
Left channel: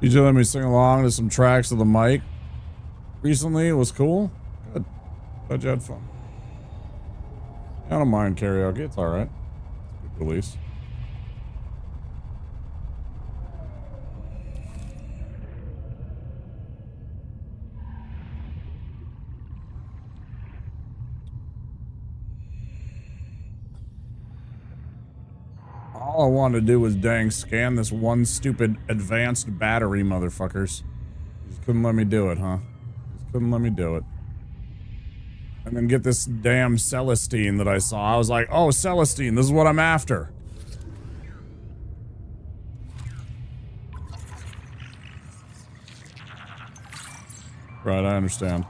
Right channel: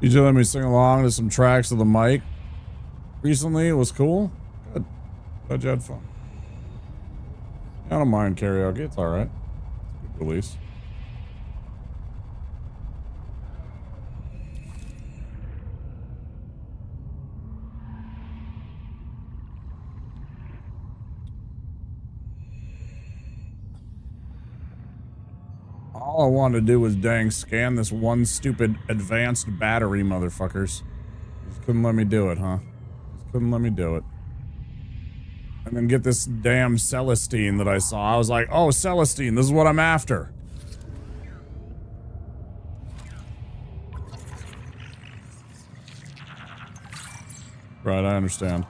You just let me sing along to some tracks of the mic recently. It was cool. Good. Glad you had fun. I don't mind karaoke. It's all right. It's a good release. All I wanted to do was dang scan this one stupid advanced battery, motherfuckers. You just couldn't let me do it, huh? Just couldn't let me do it. And then get this damn Celestine that I saw. I was like, oh, Celestine, this is what I'm after. Right, I understand.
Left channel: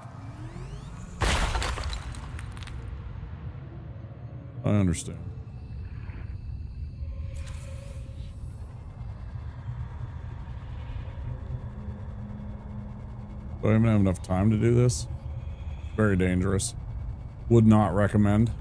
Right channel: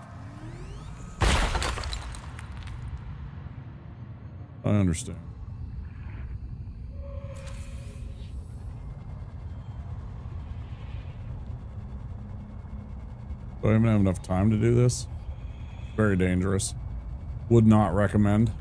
I understand. Do I even have enough time to do this? Very dangerous. Would not recommend.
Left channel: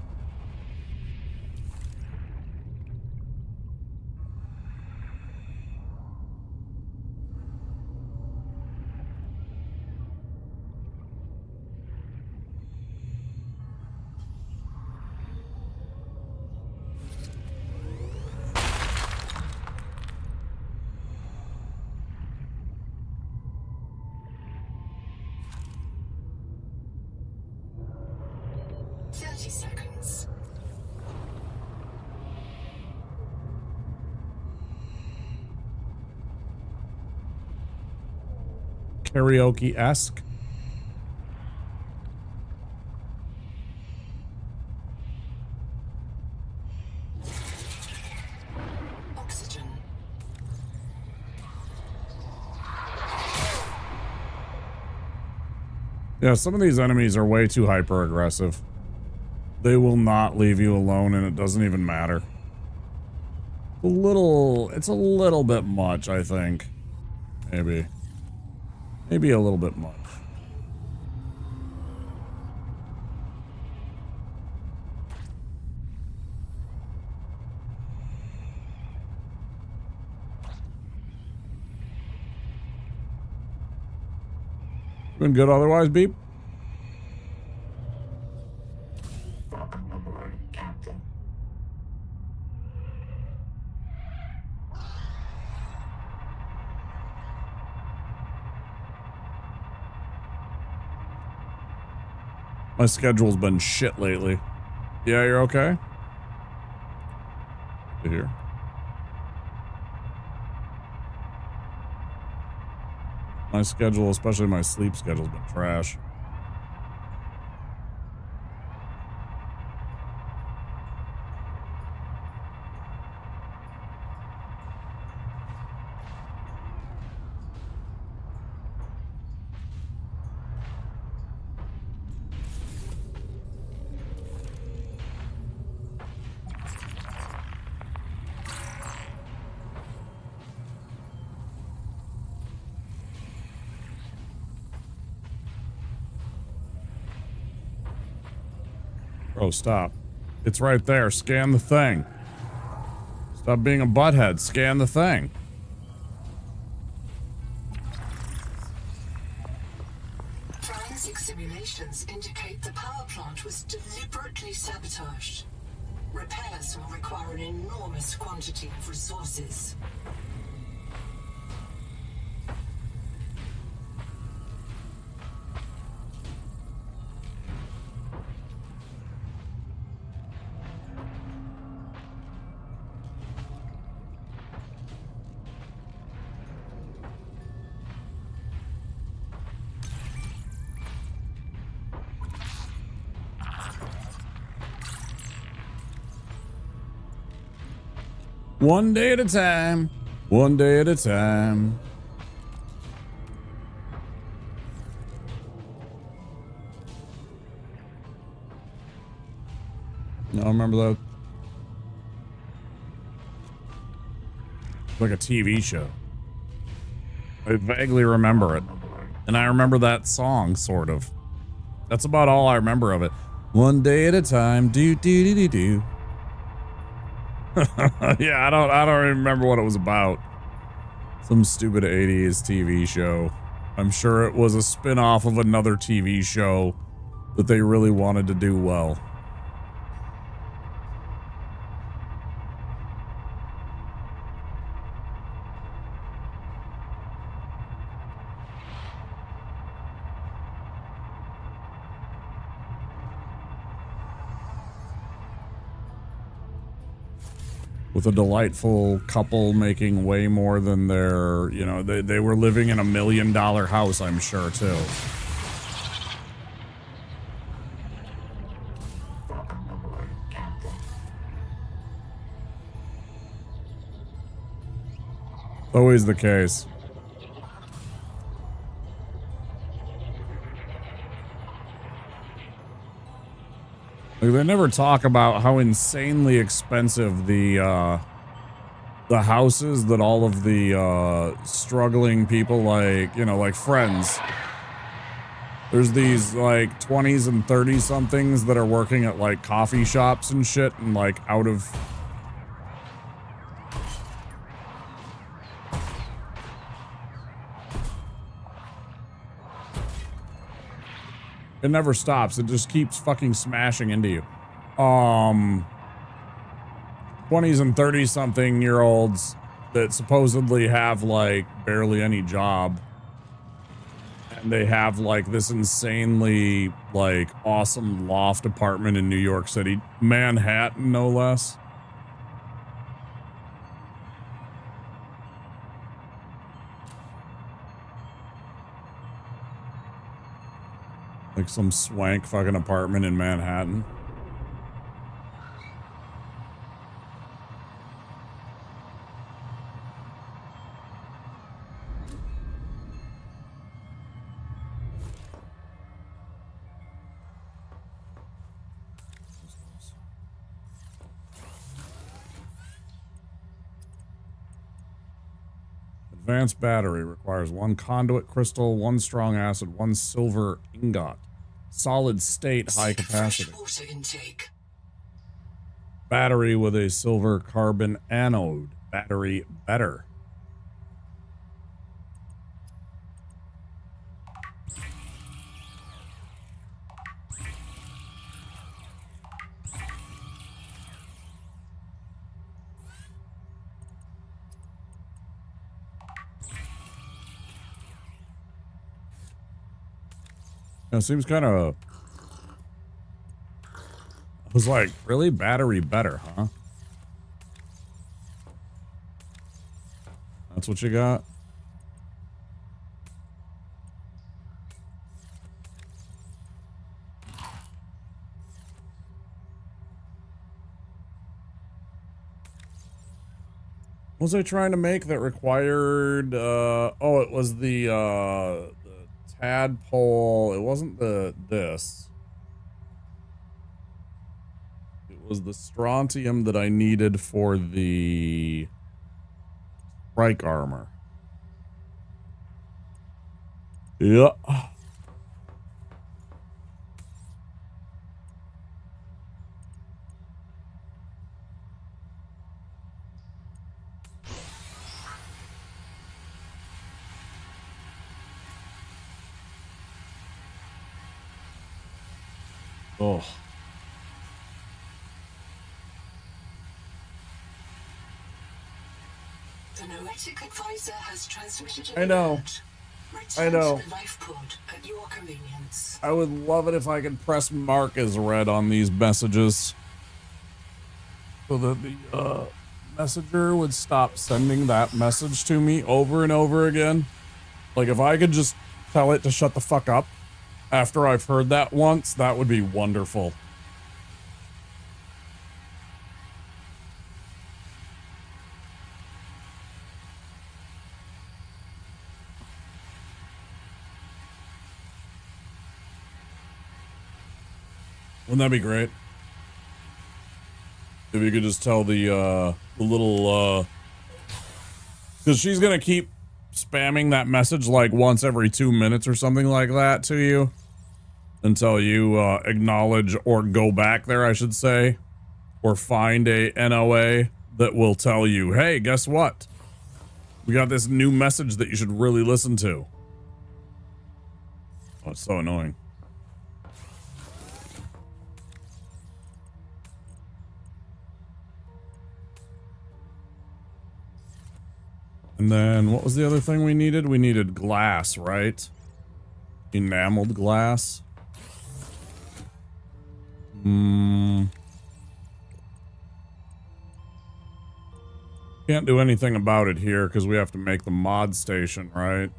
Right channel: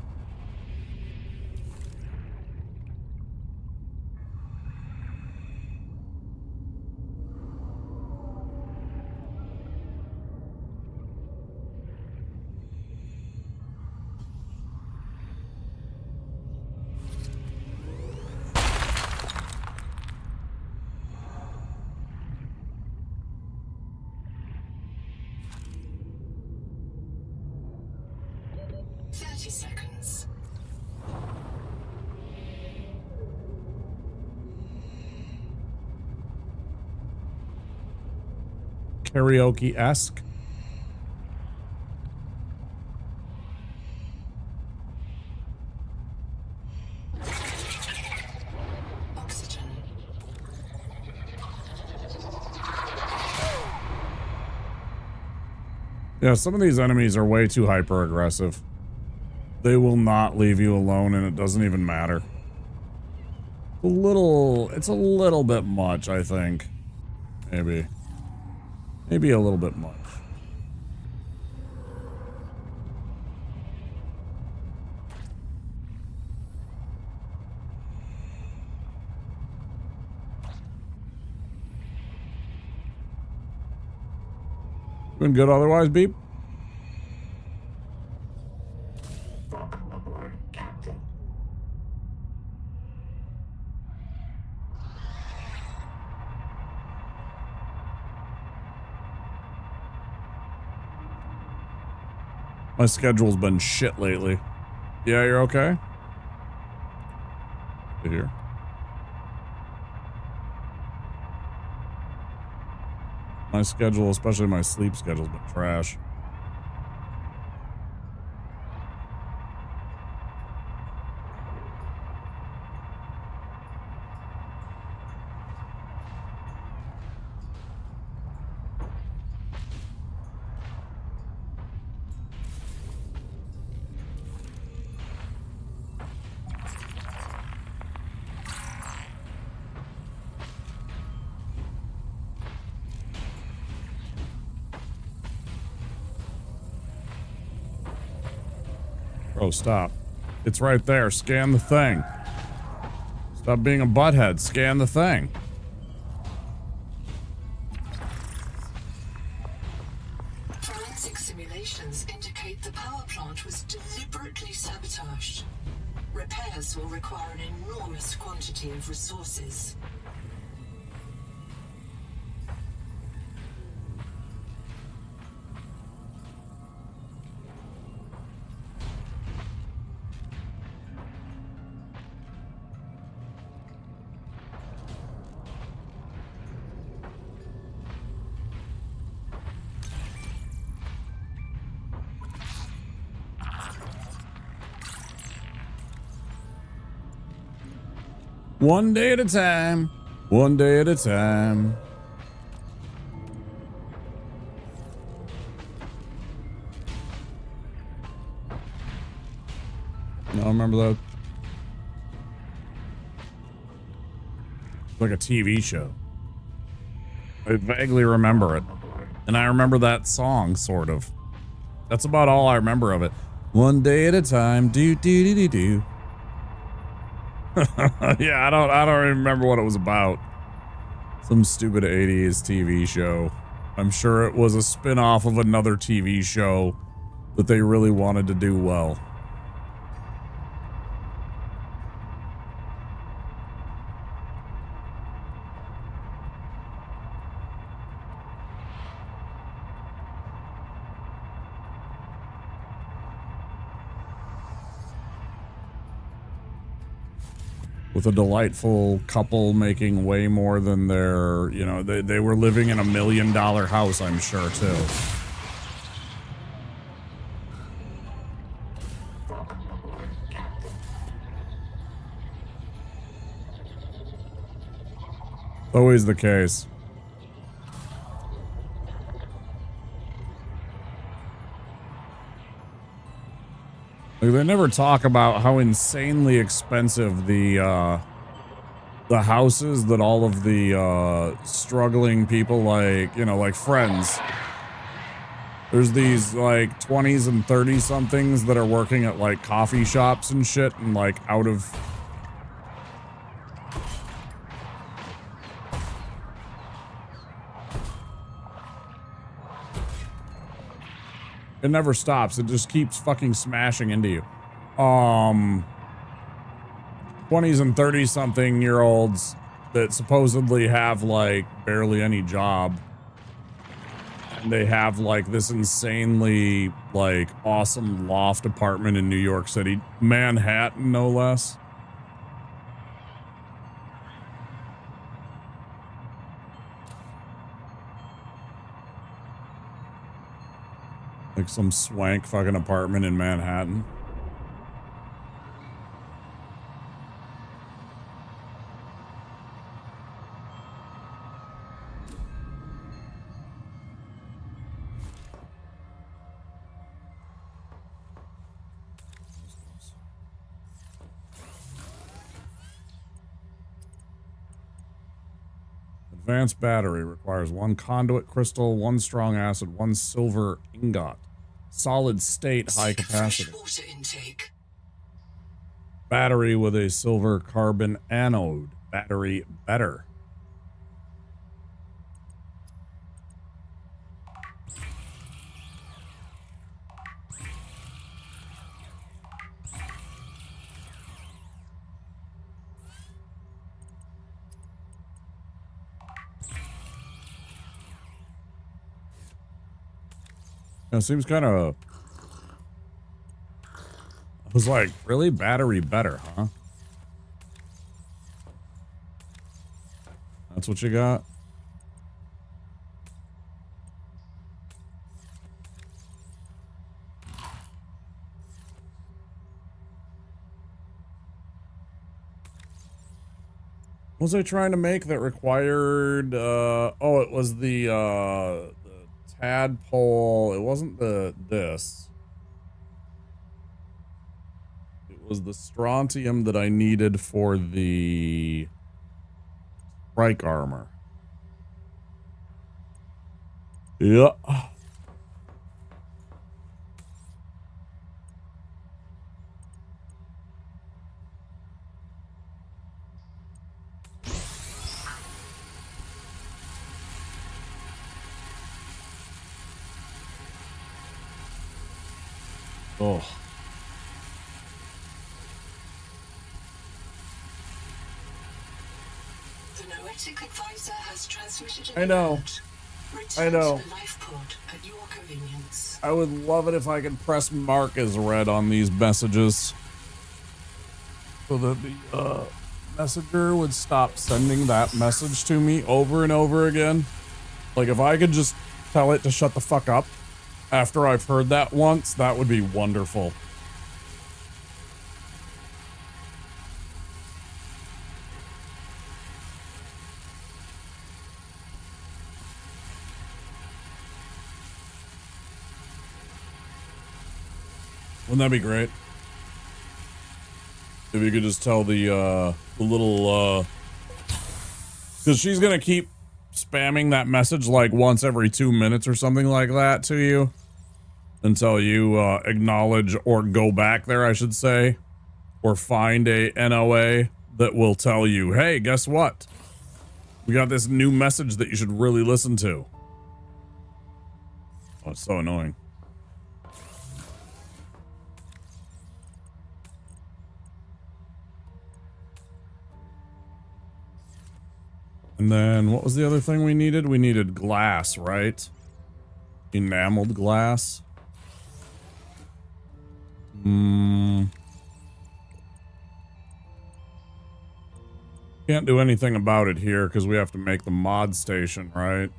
Karaoke-esque. Oxygen. Yeah, some of these enemies are way too hyper-aggressive. They will not leave you alone, and it doesn't even matter. It's a little bit much, I think. Maybe. Maybe a little bit much. Been good otherwise, Beep? My schedule's been shit lately. Yeah, you're okay? Good to hear. My schedule, especially my sleep schedule's been trash. Oh, stop. It's right there. Scan the thing. Stop being a butthead. Scan the thing. Forensic simulations indicate the power plant was deliberately sabotaged. Repairs will require an enormous quantity of resources. One day at a time. One day at a time. No, I remember that. Like a TV show. I vaguely remember it. And I remember that song, sort of. That's about all I remember of it. One day at a time. Do, do, do, do, do. Yeah, I don't even remember what it was about. Some stupid 80s TV show. I'm sure it was a spin-off of another TV show that they really wanted to do well. With a delightful couple making way more than their, you know, they were living in $1 million house, I'm sure, too. Always the case. Like, they never talk about how insanely expensive the houses that all of the struggling people, like, you know, like Friends. There's these like 20s and 30 somethings that are working at like coffee shops and shit and like out of. It never stops. It just keeps fucking smashing into you. 20s and 30 something year olds that supposedly have like barely any job. And they have like this insanely like awesome loft apartment in New York City, Manhattan, no less. Like some swank fucking apartment in Manhattan. Advanced battery requires 1 conduit crystal, 1 strong acid, 1 silver ingot. Solid state, high capacity. Water intake. Battery with a silver carbon anode. Battery better. It seems kind of. I was like, really? Battery better, huh? That's what you got? What was I trying to make that required, oh, it was the tadpole. It wasn't this. It was the strontium that I needed for the strike armor. Yeah. Oh. The noetic advisor has transmitted I know. I know. To the life pod at your convenience. I would love it if I could press mark as read on these messages. So that the messenger would stop sending that message to me over and over again. Like if I could just tell it to shut the fuck up after I've heard that once, that would be wonderful. Wouldn't that be great? If you could just tell the little, because she's gonna keep spamming that message like once every 2 minutes or something like that to you until you acknowledge or go back there, I should say, or find a NOA that will tell you, hey, guess what? We got this new message that you should really listen to. Oh, it's so annoying. And then what was the other thing we needed? We needed glass, right? Enameled glass. Can't do anything about it here because we have to make the mod station, right?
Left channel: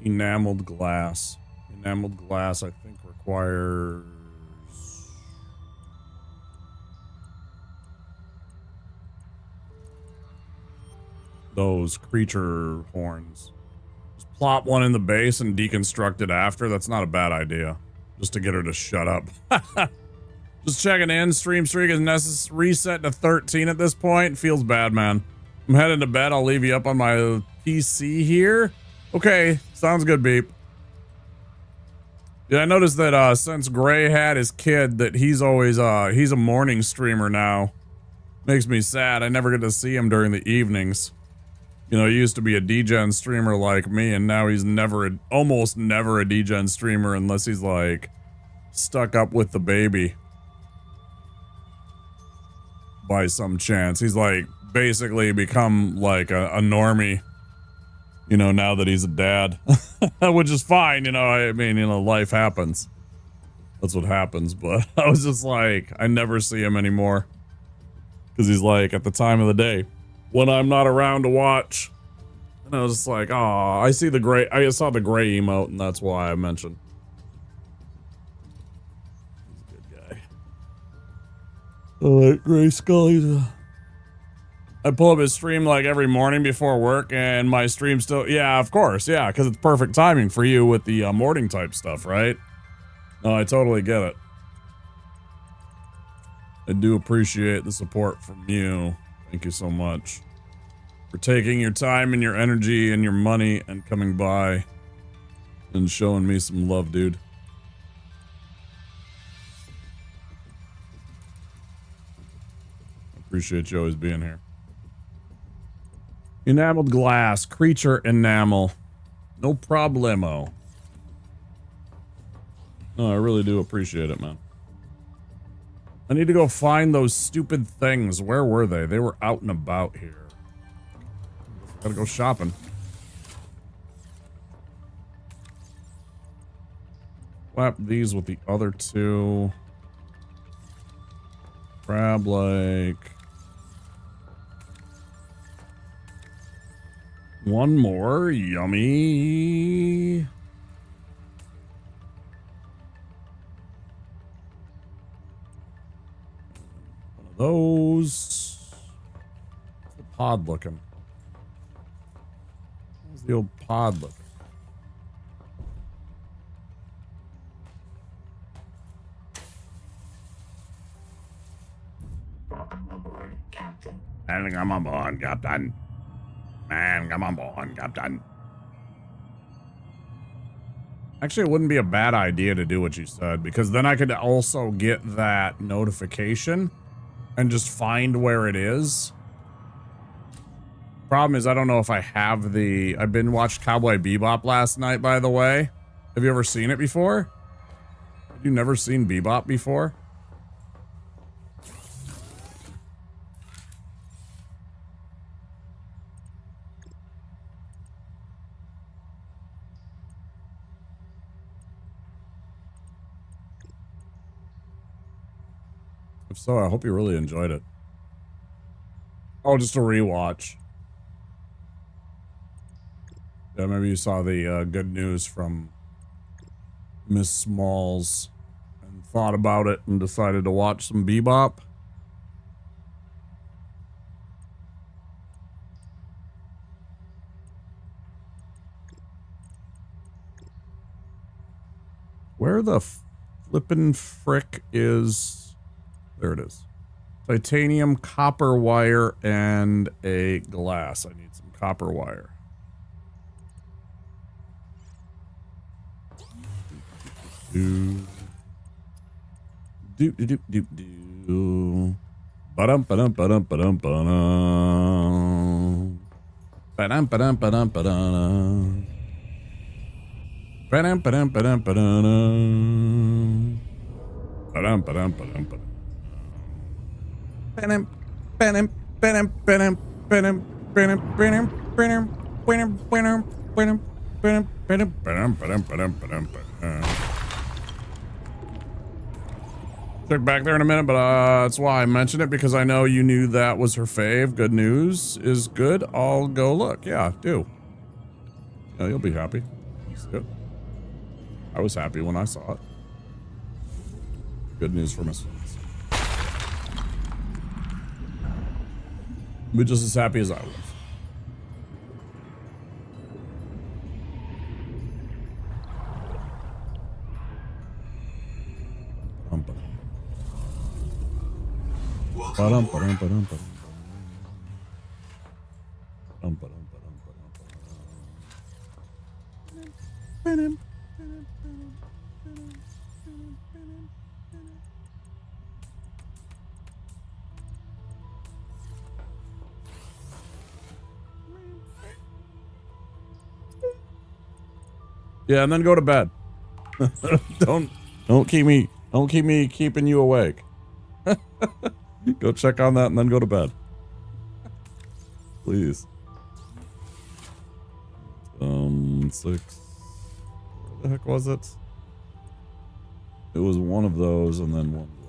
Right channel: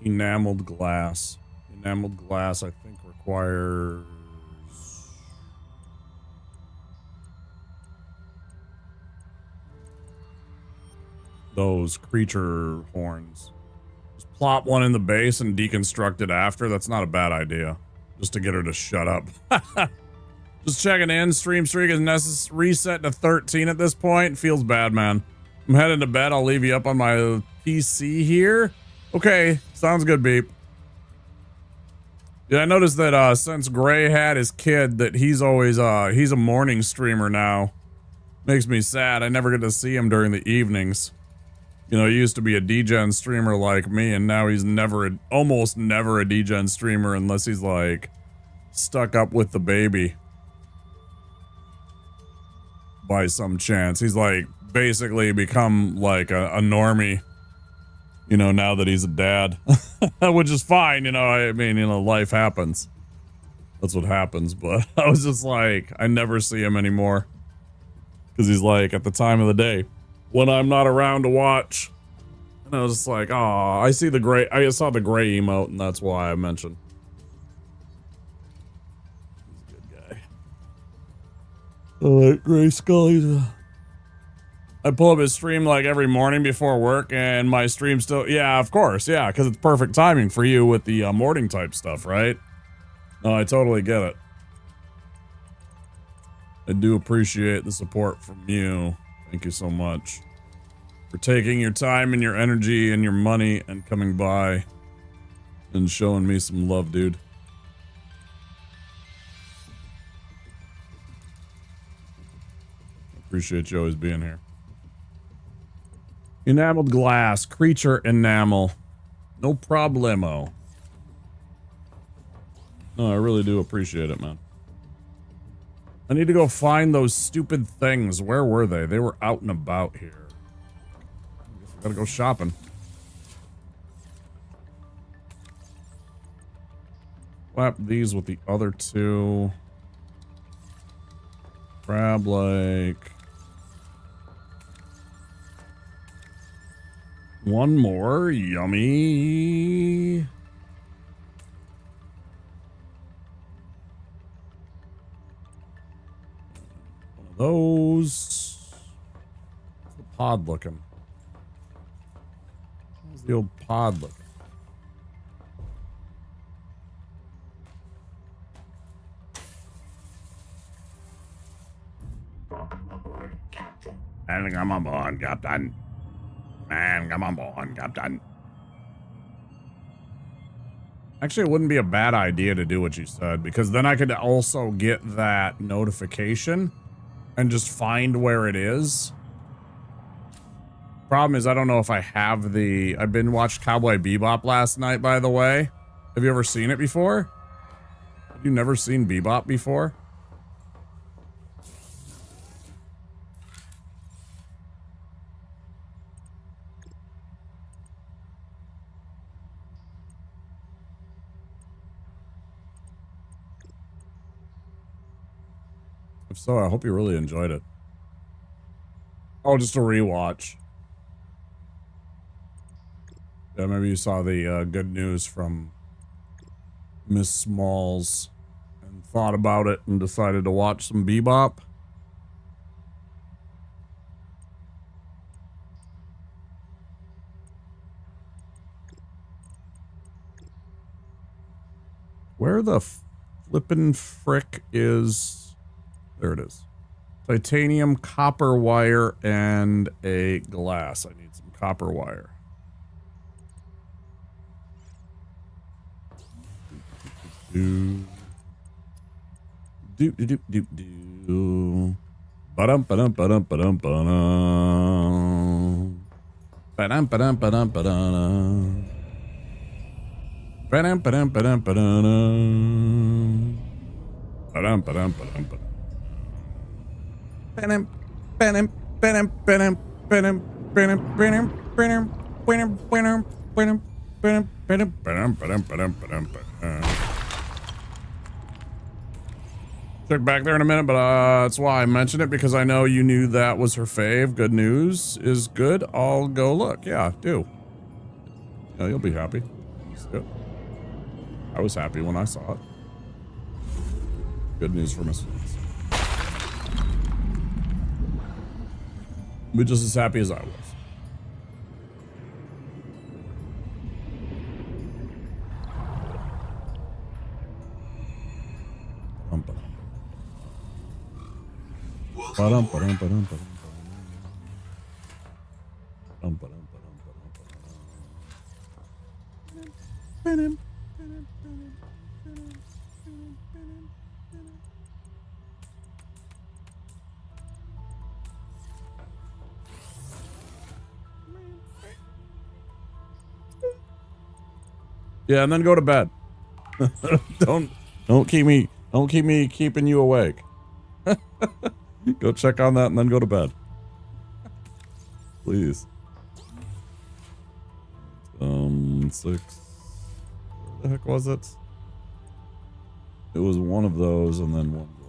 Enameled glass. Enameled glass, I think, requires... those creature horns. Just plop one in the base and deconstruct it after. That's not a bad idea. Just to get her to shut up. Just checking in. Stream streak is reset to 13 at this point. Feels bad, man. I'm heading to bed. I'll leave you up on my PC here. Okay, sounds good, Beep. Yeah, I noticed that since Gray had his kid, that he's always he's a morning streamer now. Makes me sad. I never get to see him during the evenings. You know, he used to be a DGen streamer like me, and now he's almost never a DGen streamer unless he's like stuck up with the baby by some chance. He's like basically become like a normie. You know, now that he's a dad, which is fine. You know, I mean, you know, life happens. That's what happens. But I was just like, I never see him anymore. Because he's like at the time of the day when I'm not around to watch. And I was just like, oh, I saw the gray emote, and that's why I mentioned. He's a good guy. Oh, that gray skull, I pull up his stream like every morning before work, and my stream still, yeah, of course, yeah, because it's perfect timing for you with the morning type stuff, right? No, I totally get it. I do appreciate the support from you. Thank you so much for taking your time and your energy and your money and coming by and showing me some love, dude. I appreciate you always being here. Enameled glass, creature enamel. No problemo. No, I really do appreciate it, man. I need to go find those stupid things. Where were they? They were out and about here. I guess I gotta go shopping. Slap these with the other two. Grab like one more. Yummy. One of those. How's the pod looking? How's the old pod looking? And come on board, Captain. Man, come on board, Captain. Actually, it wouldn't be a bad idea to do what you said, because then I could also get that notification and just find where it is. Problem is, I don't know if I have the... I've been watched Cowboy Bebop last night, by the way. Have you ever seen it before? Have you never seen Bebop before? If so, I hope you really enjoyed it. Oh, just a rewatch. Yeah, maybe you saw the good news from Miss Smalls and thought about it and decided to watch some Bebop. Where the flippin' frick is... There it is. Titanium, copper wire, and a glass. I need some copper wire. Do do do do do do. Ba-dum ba-dum ba-dum ba-dum ba-dum. Ba-dum ba-dum ba-dum ba-dum. Ba-dum ba-dum ba-dum ba-dum. Ba-dum ba-dum ba-dum ba-dum. Ba-dum ba-dum ba-dum ba-dum ba-dum ba-dum ba-dum ba-dum ba-dum ba-dum ba-dum ba-dum ba-dum ba-dum ba-dum ba-dum ba-dum. Check back there in a minute, but that's why I mentioned it, because I know you knew that was her fave. Good news is good. I'll go look. Yeah, do. Yeah, you'll be happy. You see it. I was happy when I saw it. Good news for Miss Flint's. Be just as happy as I was. Welcome aboard. Yeah, and then go to bed. don't keep me keeping you awake. Go check on that and then go to bed. Please. 6. Where the heck was it? It was one of those and then one glass.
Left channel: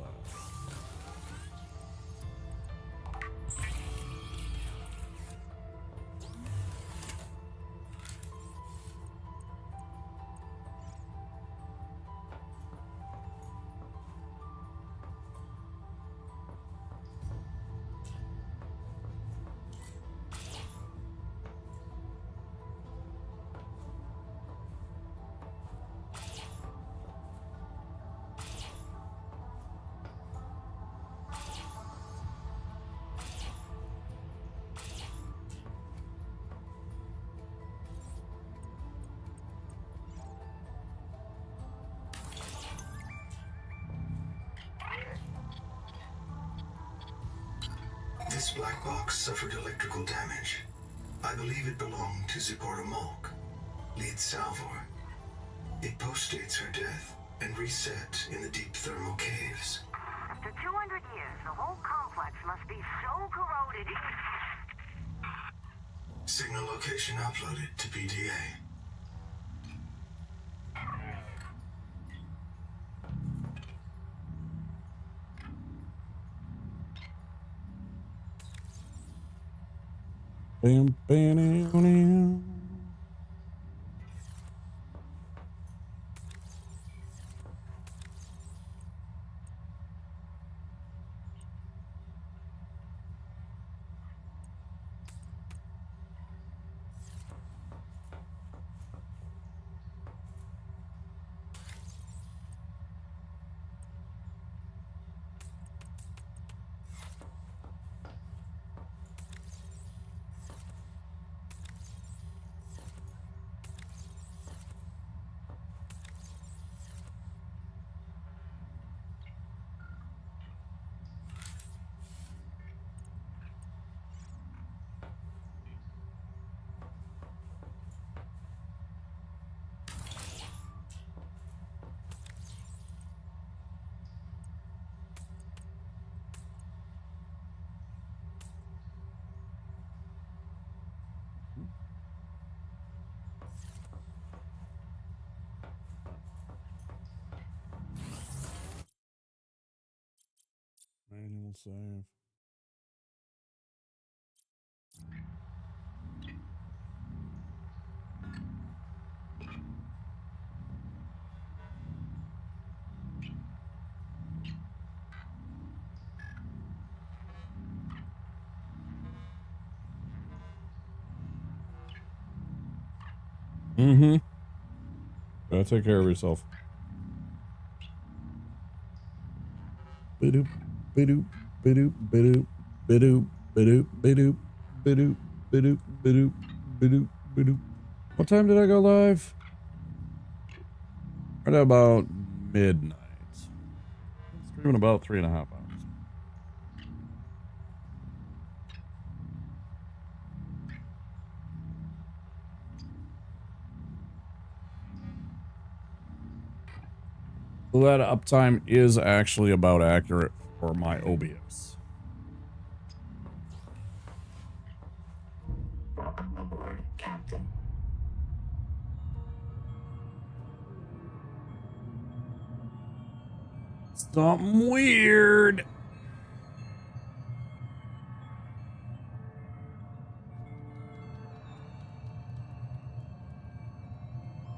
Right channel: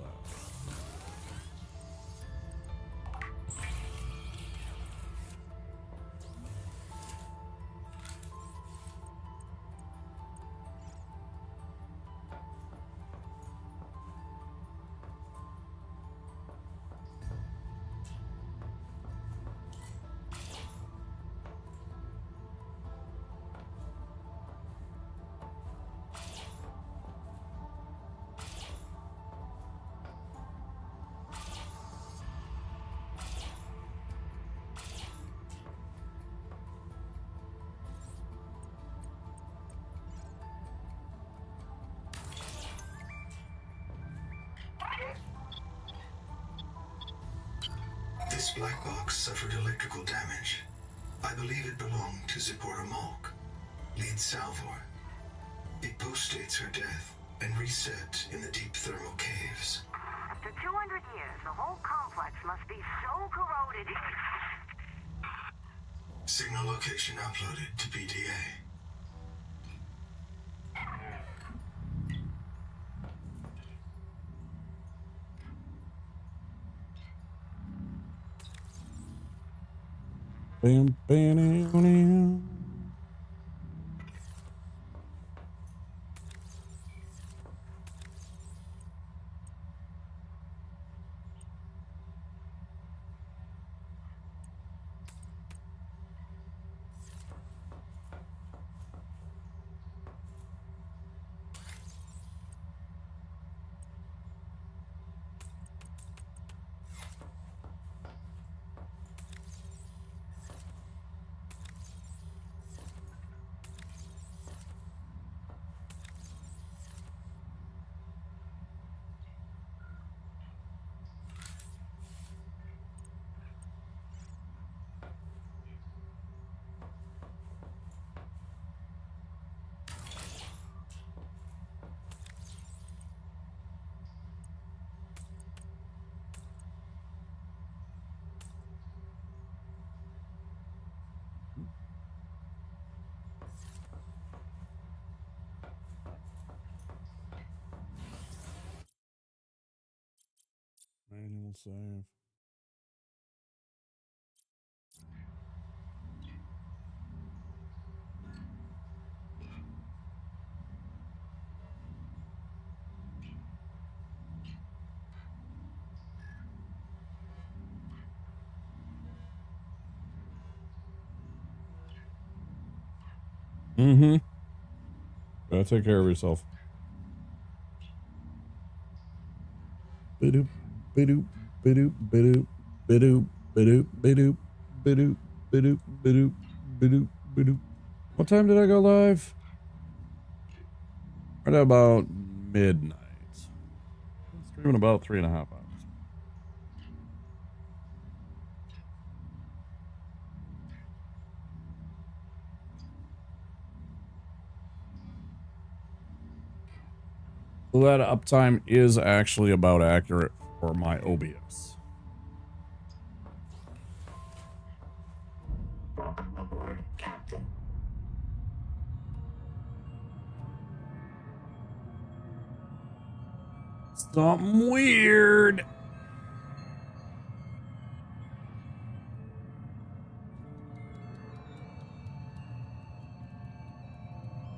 This black box suffered electrical damage. I believe it belonged to Zipporah Malk, lead Salvor. It postdates her death and reset in the deep thermal caves. After 200 years, the whole complex must be so corroded. Signal location uploaded to PDA. Bam, bam, bam. Manual save. Mm-hmm. Gotta take care of yourself. Bidoop, bidoop, bidoop, bidoop, bidoop, bidoop, bidoop, bidoop, bidoop, bidoop, bidoop, bidoop. What time did I go live? Right about midnight. Been streaming about 3.5 hours. So that uptime is actually about accurate for my OBS. Aboard, Captain. Something weird.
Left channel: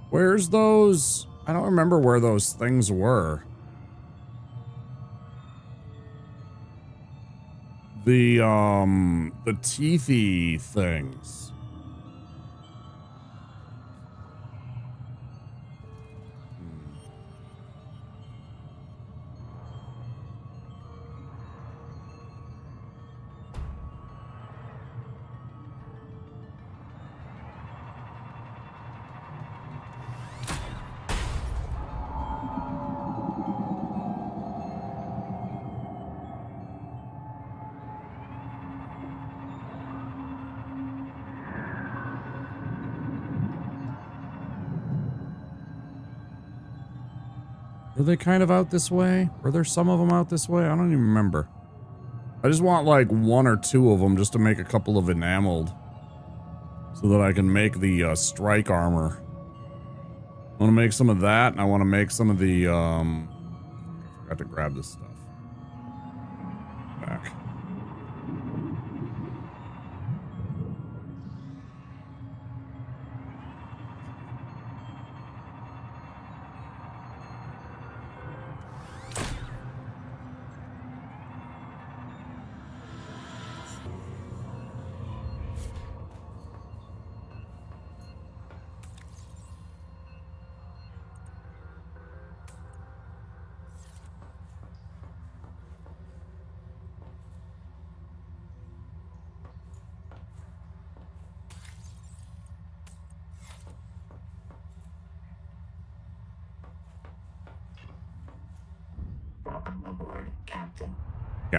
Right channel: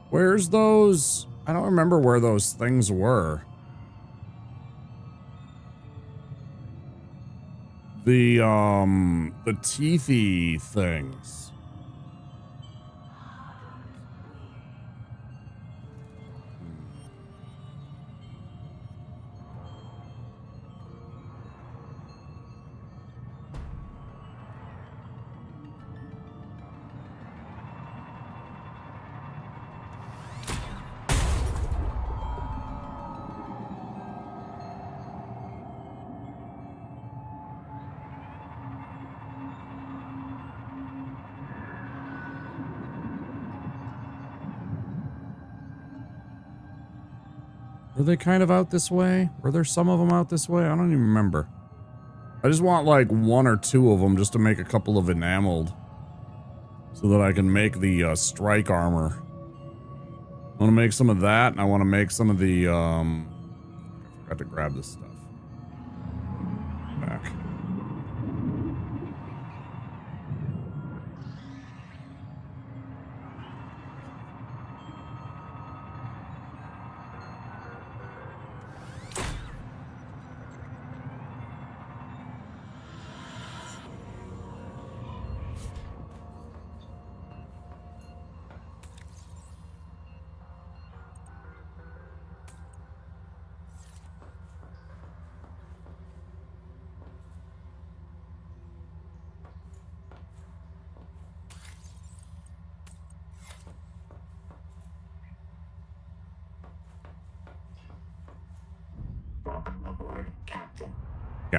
Where's those? I don't remember where those things were. The teethy things. Were they kind of out this way? Were there some of them out this way? I don't even remember. I just want like 1 or 2 of them just to make a couple of enameled. So that I can make the strike armor. I want to make some of that, and I want to make some of the, I forgot to grab this stuff. Back.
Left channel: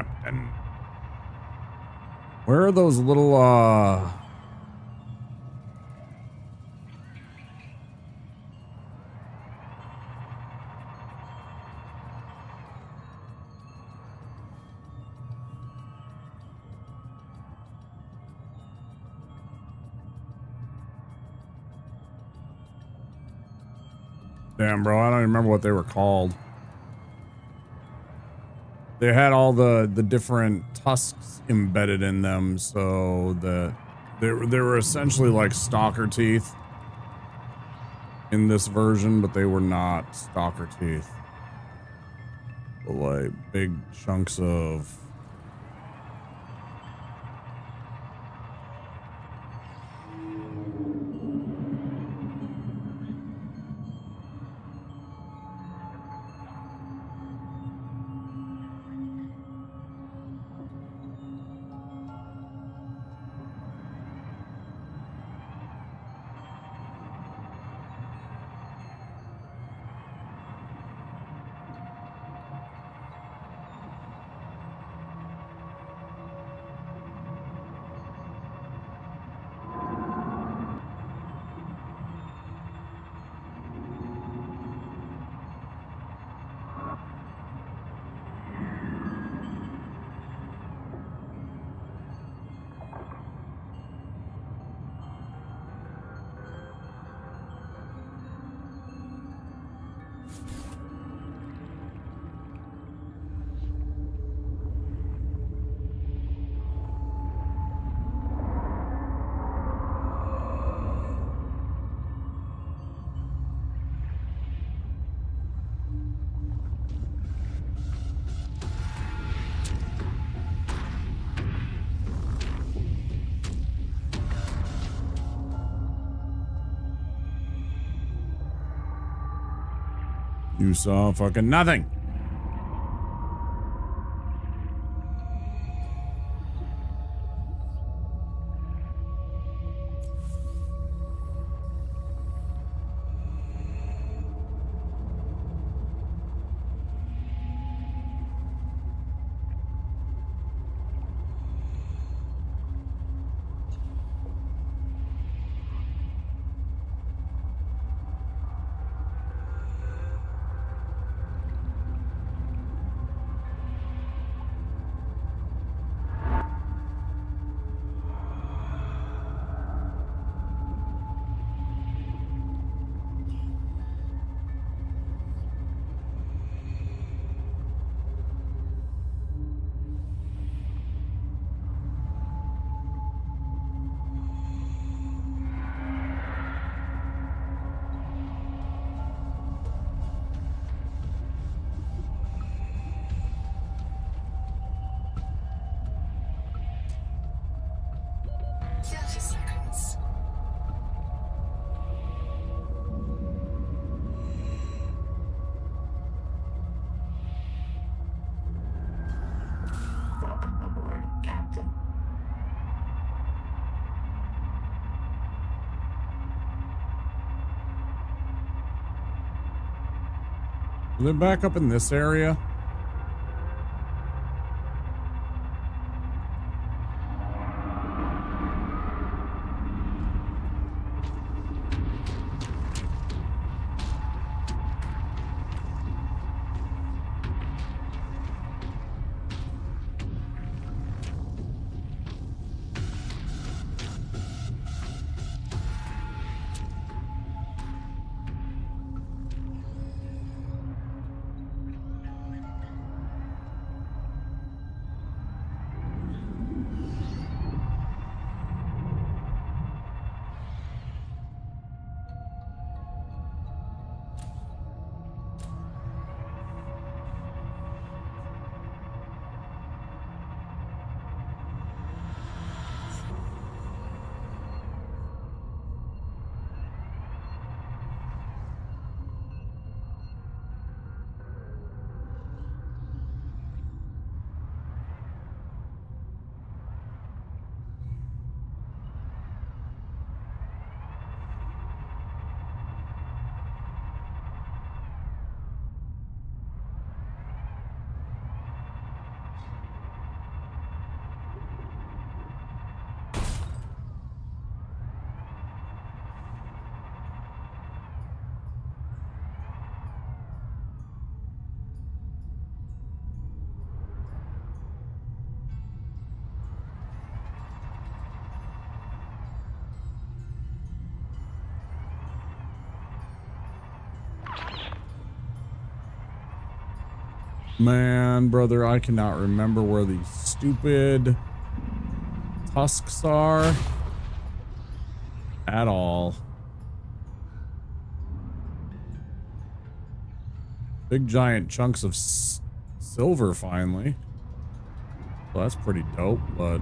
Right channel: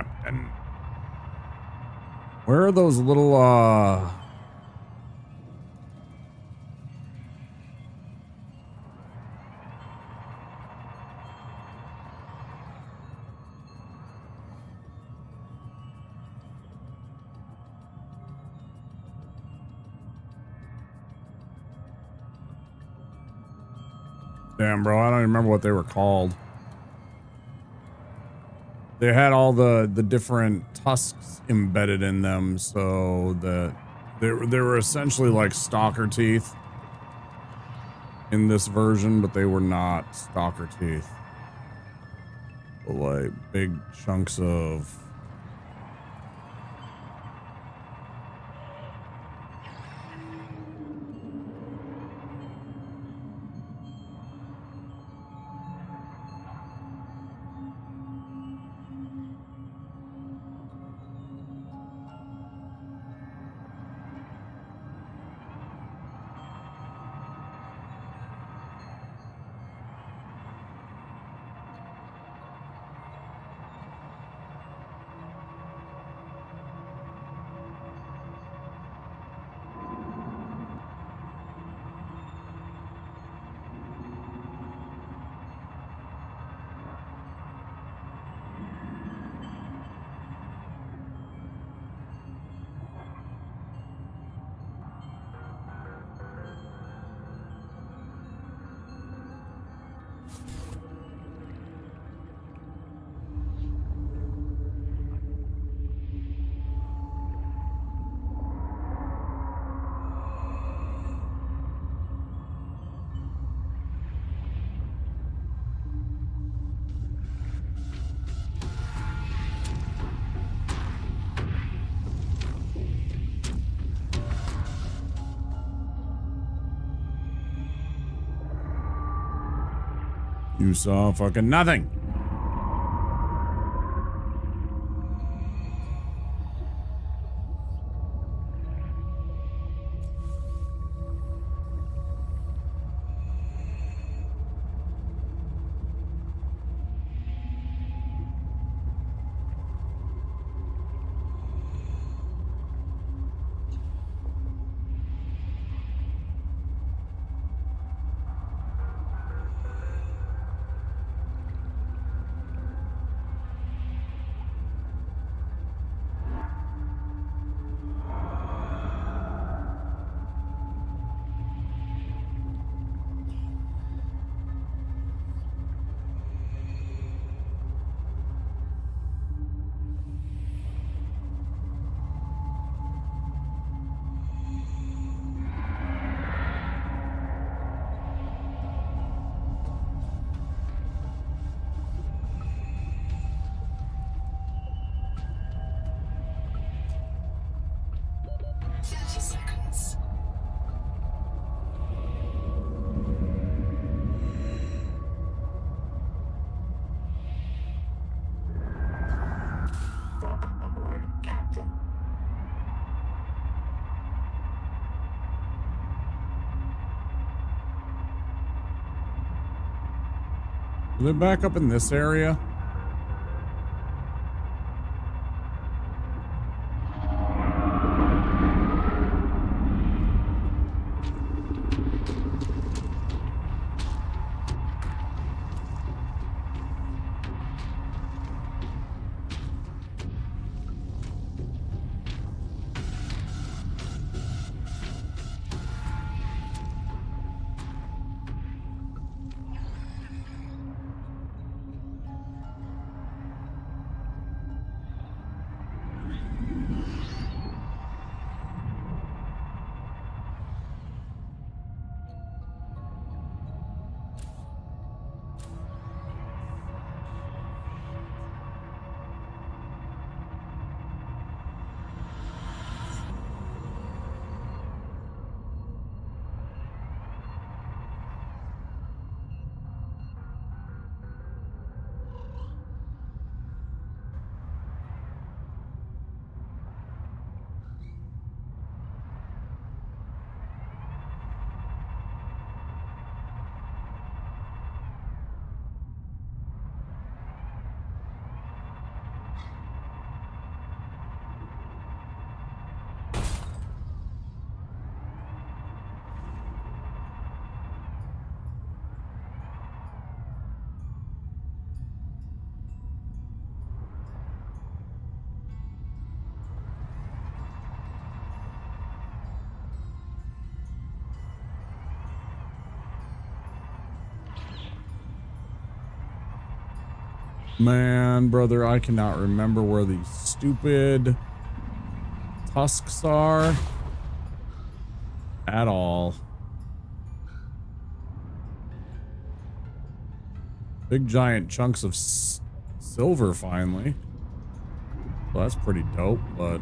Captain. Where are those little, Damn, bro, I don't even remember what they were called. They had all the different tusks embedded in them, so that they were essentially like stalker teeth in this version, but they were not stalker teeth. But like big chunks of you saw fucking nothing. Are they back up in this area? Man, brother, I cannot remember where these stupid tusks are at all. Big giant chunks of silver finally. Well, that's pretty dope, but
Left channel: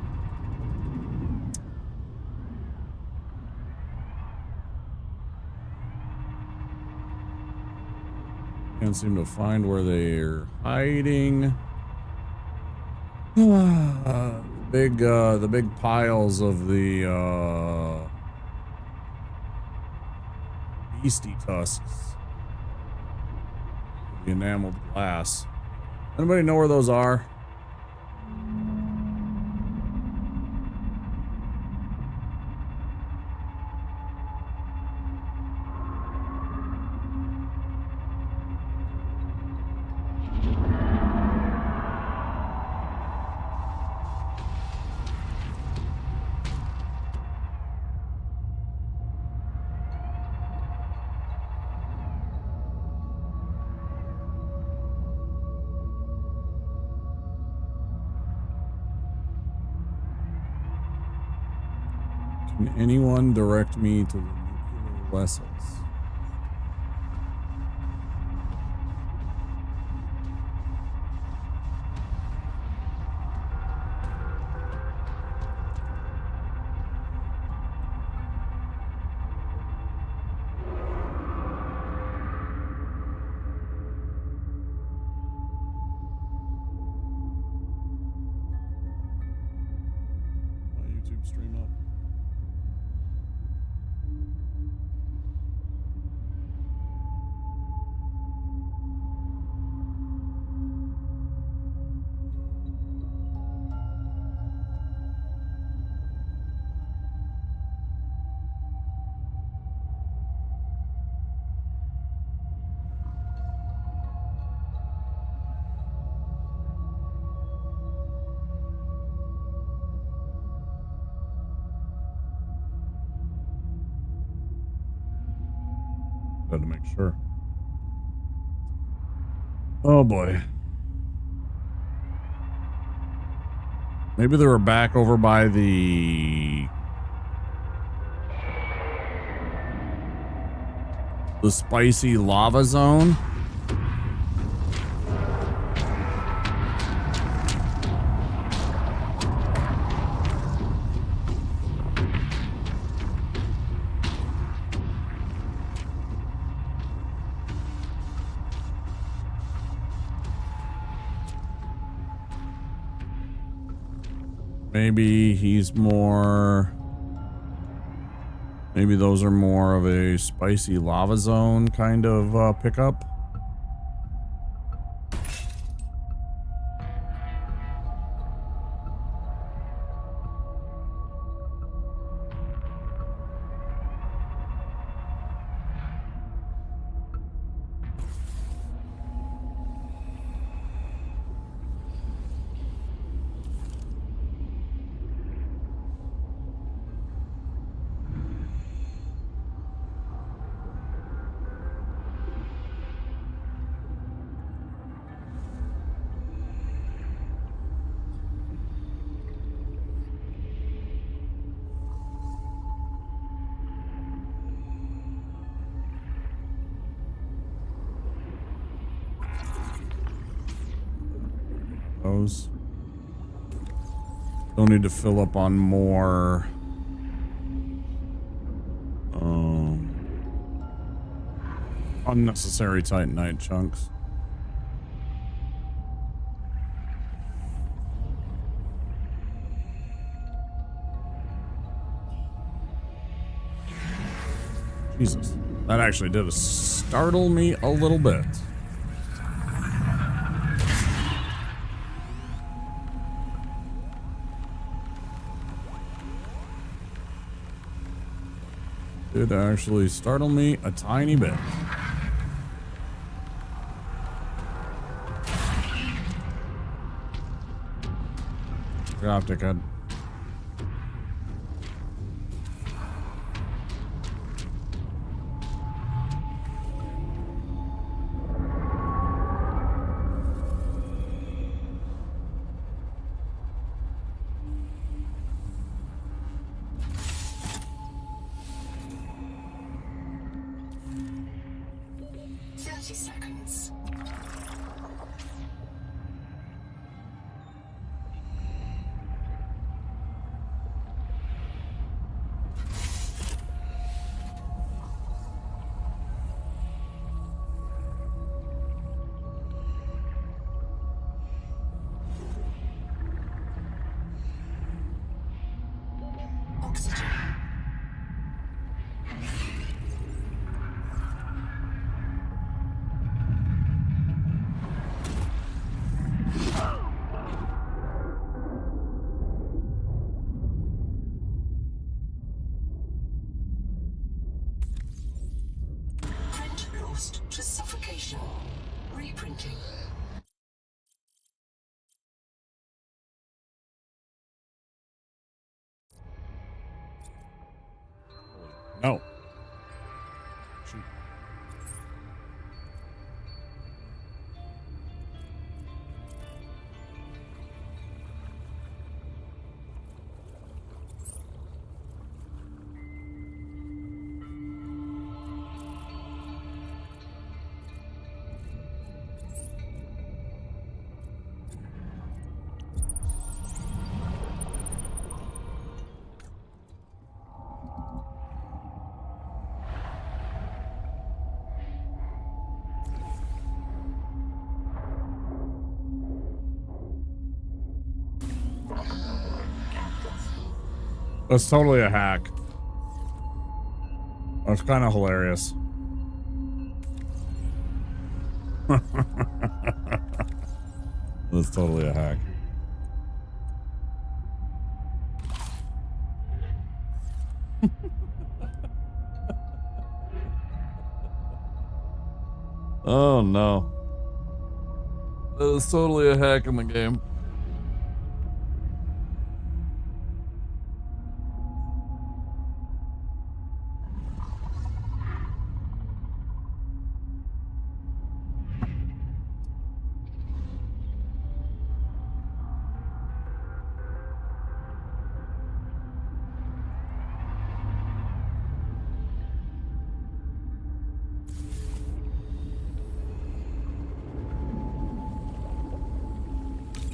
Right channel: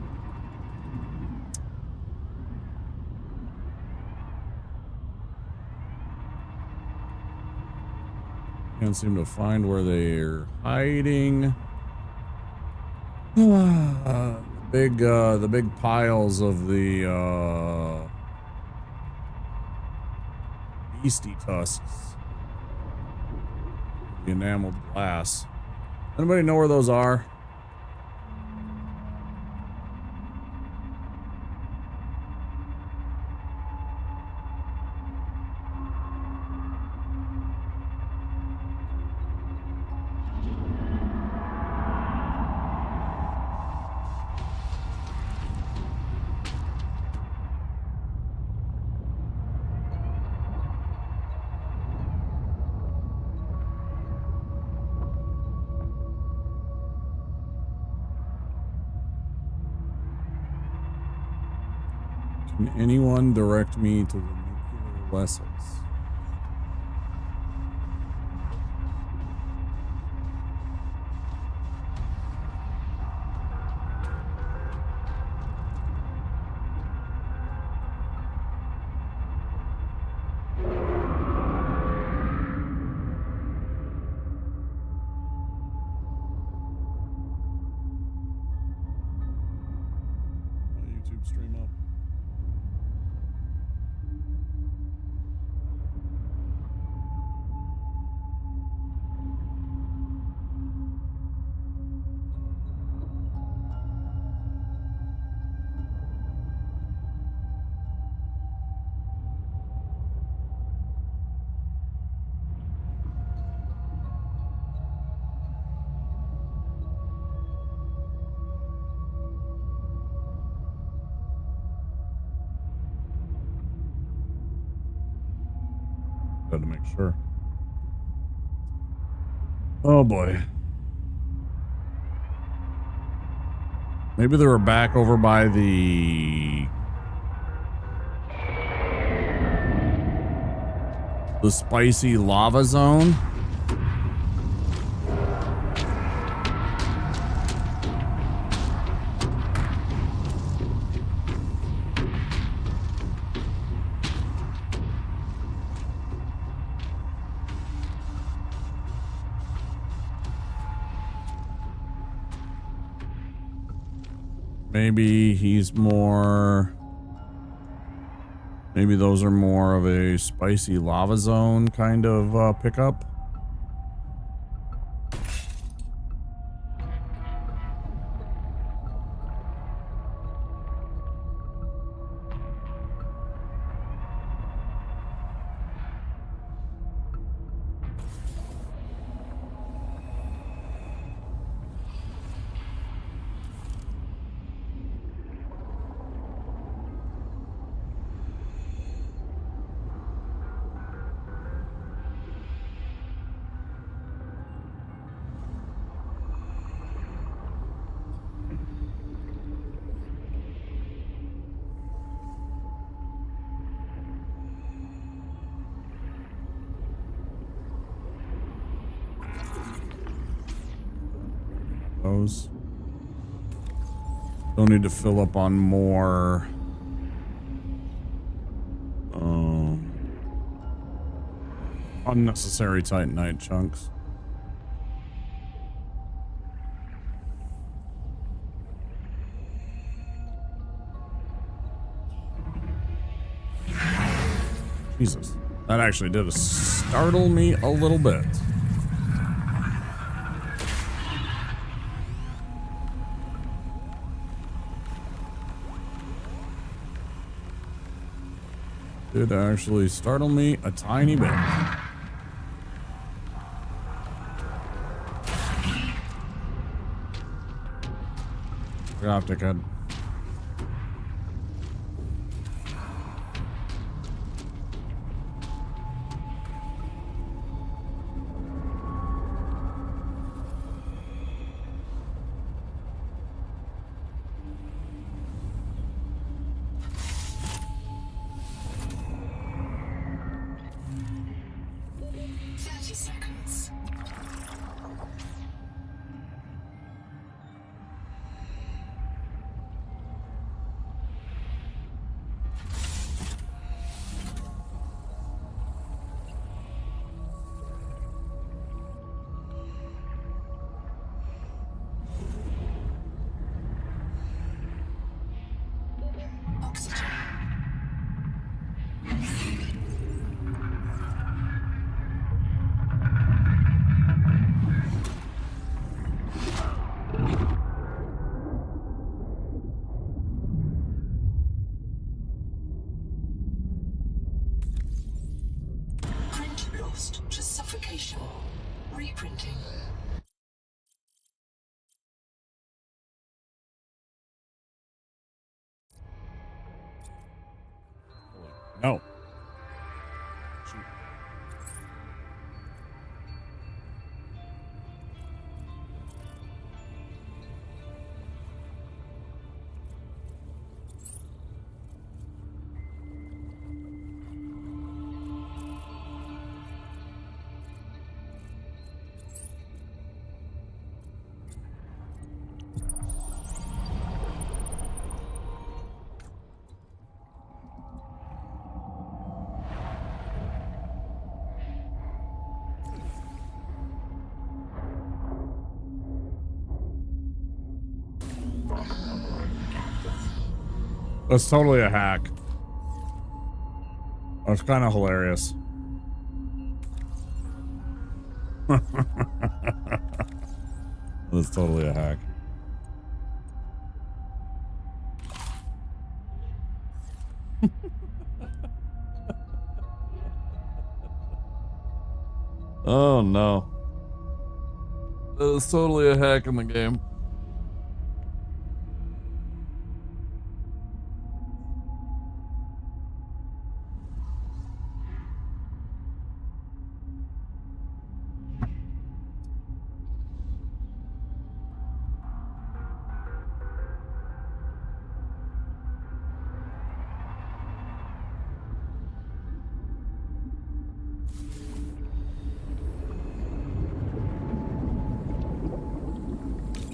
can't seem to find where they're hiding. The big piles of the beastie tusks. The enameled glass. Anybody know where those are? Can anyone direct me to the nuclear vessels? My YouTube stream up. Got to make sure. Oh boy. Maybe they were back over by the spicy lava zone. Maybe he's more... Maybe those are more of a spicy lava zone kind of pickup. Those. Don't need to fill up on more. Unnecessary Titanite chunks. Jesus. That actually did startle me a little bit. Did actually startle me a tiny bit. Drop dickhead. 30 seconds. Oxygen. Print lost to suffocation. Reprinting. No. Shoot. That's totally a hack. That's kind of hilarious. That's totally a hack. Oh no. That's totally a hack in the game.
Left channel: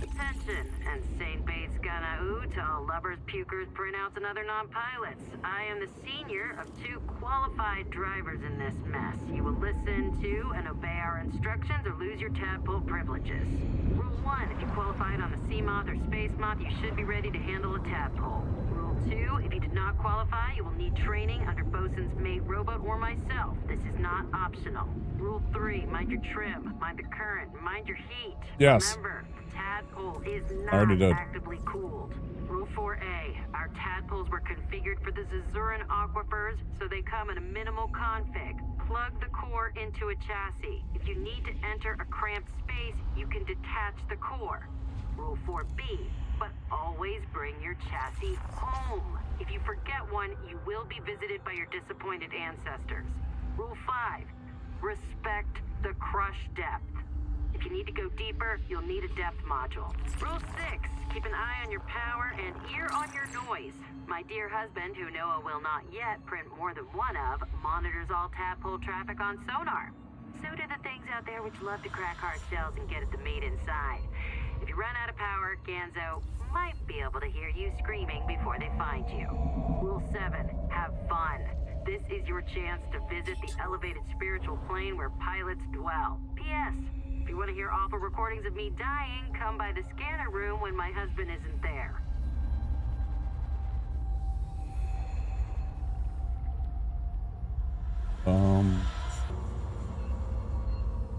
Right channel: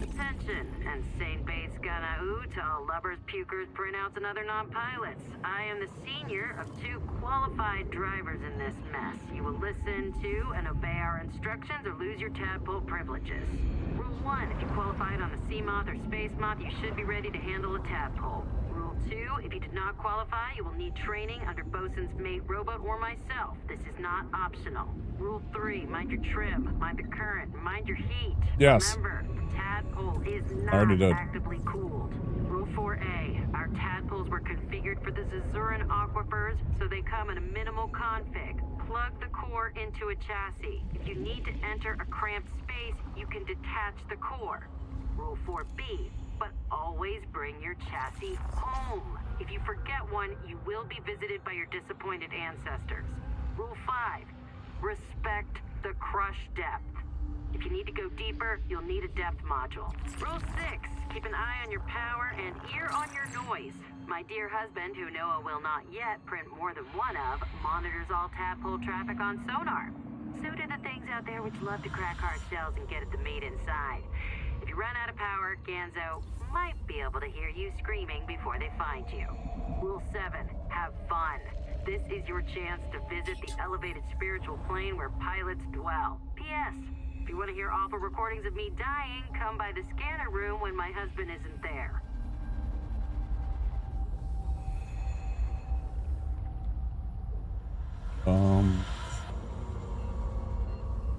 Attention, and St. Bates Ganaú to all lubbers, pukers, printouts, and other non-pilots. I am the senior of 2 qualified drivers in this mess. You will listen to and obey our instructions or lose your tadpole privileges. Rule 1, if you qualified on a sea moth or space moth, you should be ready to handle a tadpole. Rule 2, if you did not qualify, you will need training under bosun's mate robot or myself. This is not optional. Rule 3, mind your trim, mind the current, mind your heat. Yes. Remember, the tadpole is Already not did. actively cooled. Rule 4A, our tadpoles were configured for the Zazuran aquifers, so they come in a minimal config. Plug the core into a chassis. If you need to enter a cramped space, you can detach the core. Rule 4B, but always bring your chassis home. If you forget one, you will be visited by your disappointed ancestors. Rule 5, respect the crush depth. If you need to go deeper, you'll need a depth module. Rule 6, keep an eye on your power and ear on your noise. My dear husband, who Noah will not yet print more than one of, monitors all tadpole traffic on sonar. So do the things out there which love to crack hard shells and get at the meat inside. If you run out of power, Ganzo might be able to hear you screaming before they find you. Rule 7, have fun. This is your chance to visit the elevated spiritual plane where pilots dwell. P.S. If you want to hear awful recordings of me dying, come by the scanner room when my husband isn't there.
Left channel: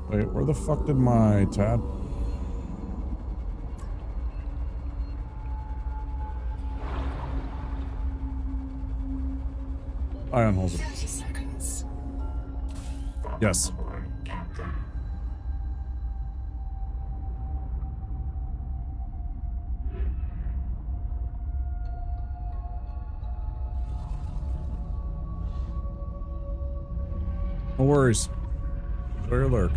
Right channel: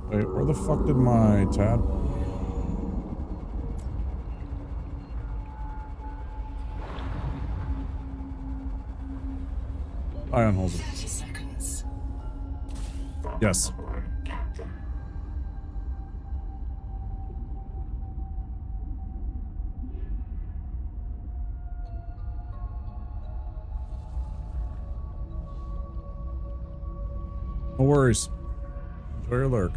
Wait, where the fuck did my tad? Ion holes it. 30 seconds. Yes. No worries. Enjoy your lurk.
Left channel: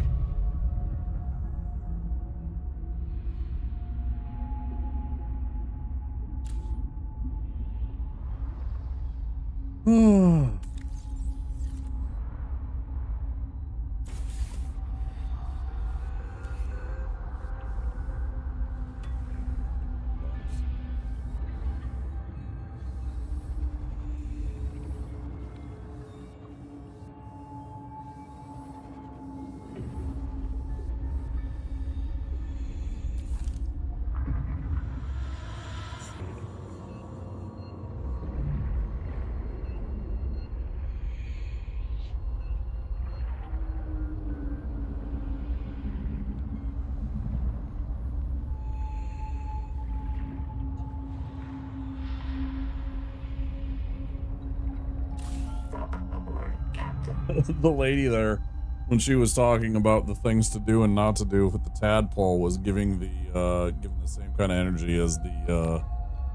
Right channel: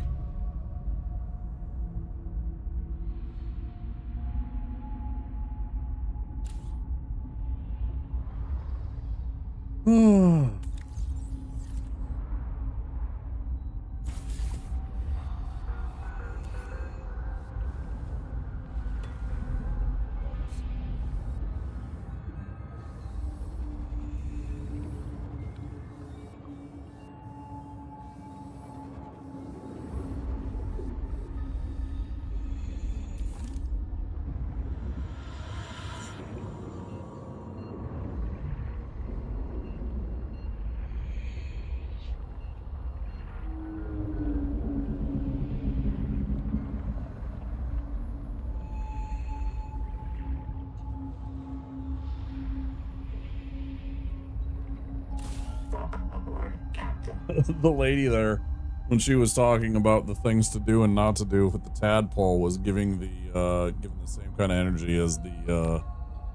The lady there, when she was talking about the things to do and not to do with the tadpole, was giving the same kind of energy as the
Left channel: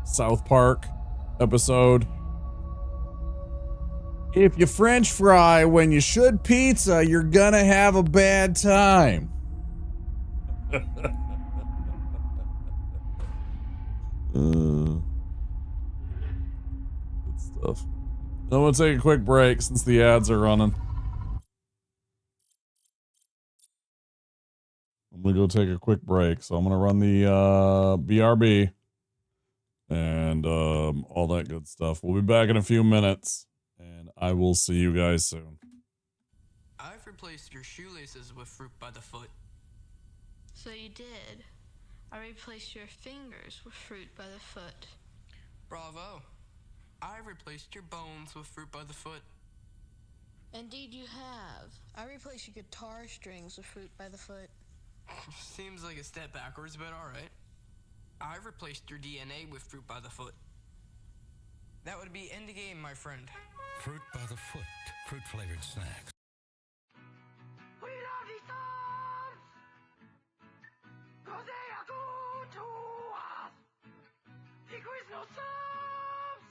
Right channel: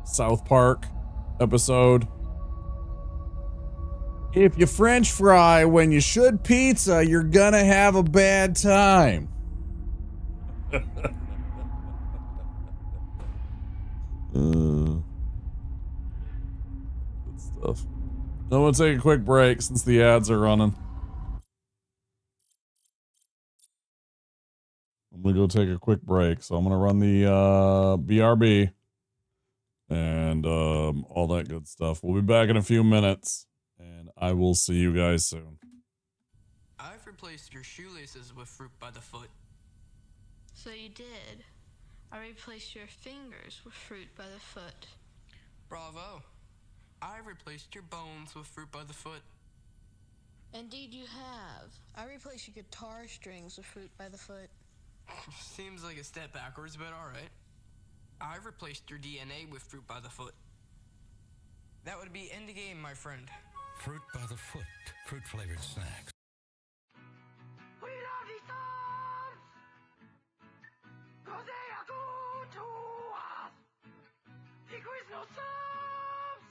South Park episode. If you French fry when you should pizza, you're gonna have a bad time. Good stuff. I'm gonna take a quick break since the ads are running. I'm gonna go take a quick break, so I'm gonna run the BRB and all that good stuff. We'll be back in a few minutes, and I will see you guys soon. I've replaced your shoelaces with fruit by the foot. So you did. I replaced your fingers with fruit by the foot. Bravo. I replaced your bones with fruit by the foot. Indeed you have. I replaced your guitar strings with fruit by the foot. Seems like a step backwards, but alright. I replaced your DNA with fruit by the foot. That would be end game, my friend. Fruit by the foot. Fruit-flavored snacks. We love these songs, 'cause they are good to us. The Quiznos subs.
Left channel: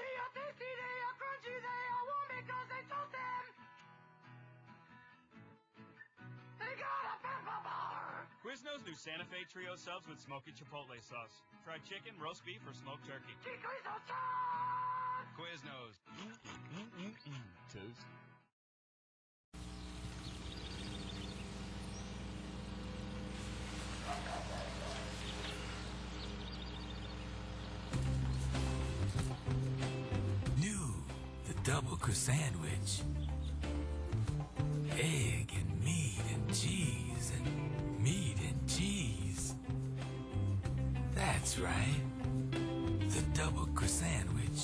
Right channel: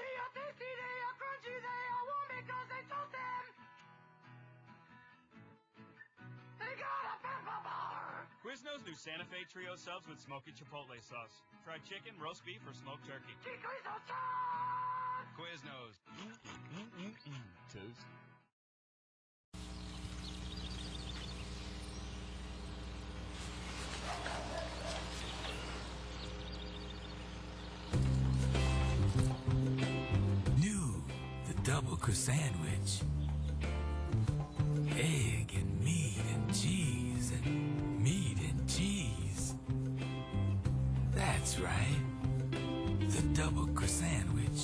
They are tasty, they are crunchy, they are warm because they toast them. They got a pepper bar. Quiznos new Santa Fe Trio subs with smoky chipotle sauce. Fried chicken, roast beef, or smoked turkey. The Quiznos subs. Quiznos. Toast. New, the double sandwich. Egg and meat and cheese and meat and cheese. That's right. The double sandwich.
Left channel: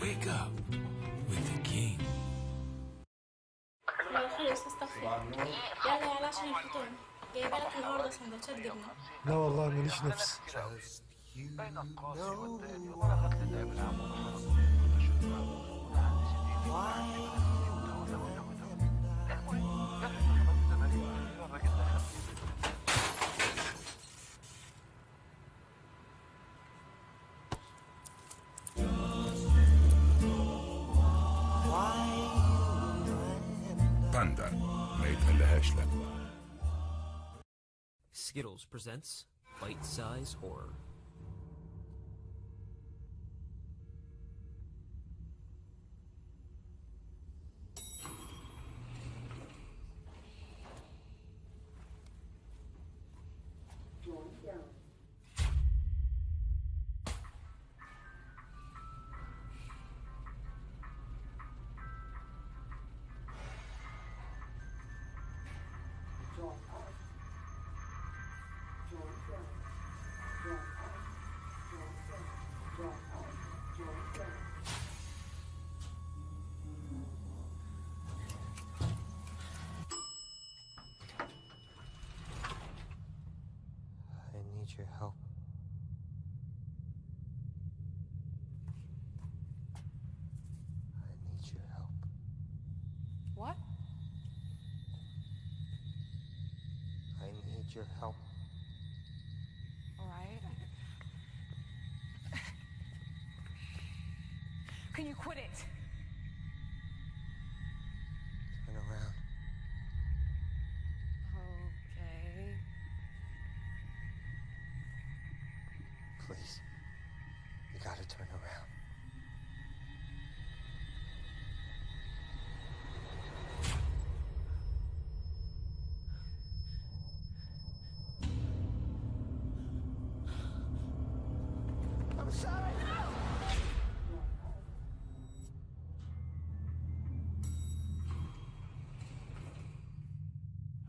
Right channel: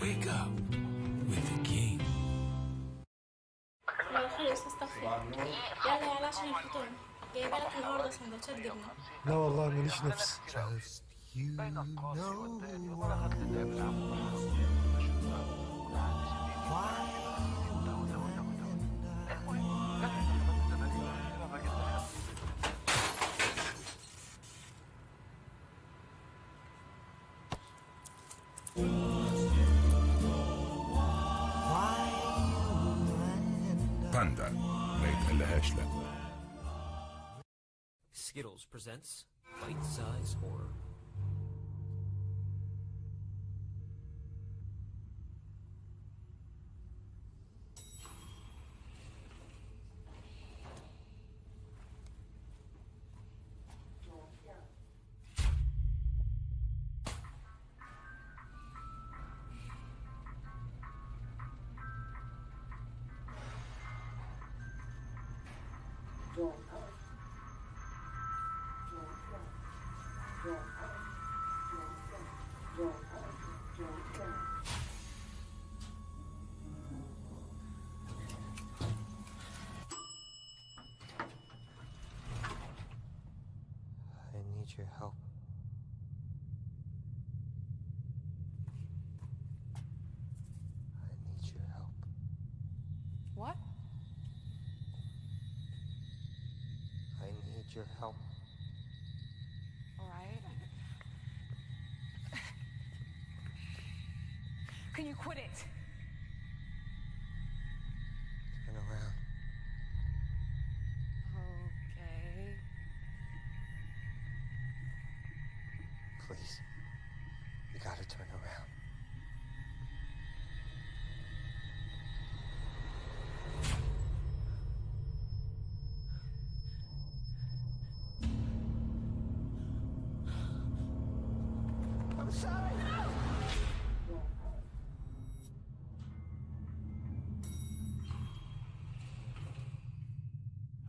Wake up with the king. لو خلص استغفر يلا يلا عشان الفطور جايبه لك النهارده سندوتشات جبنه. لا والله ماليش نفس. بين القوس والليل وبلغت للعب العام وضحى وده عندي 60 وده عندي بنفسي وده المهم جت انتخابات الزمالك الاخيره الراجل دخل باندا ما يتقلهاش لا. Skittles presents Bite-Size Horror. I need your help. I need your help. What? I need your help. All right. Can you quit it? Turn around. Okay. Please. You gotta turn around. I'm sorry.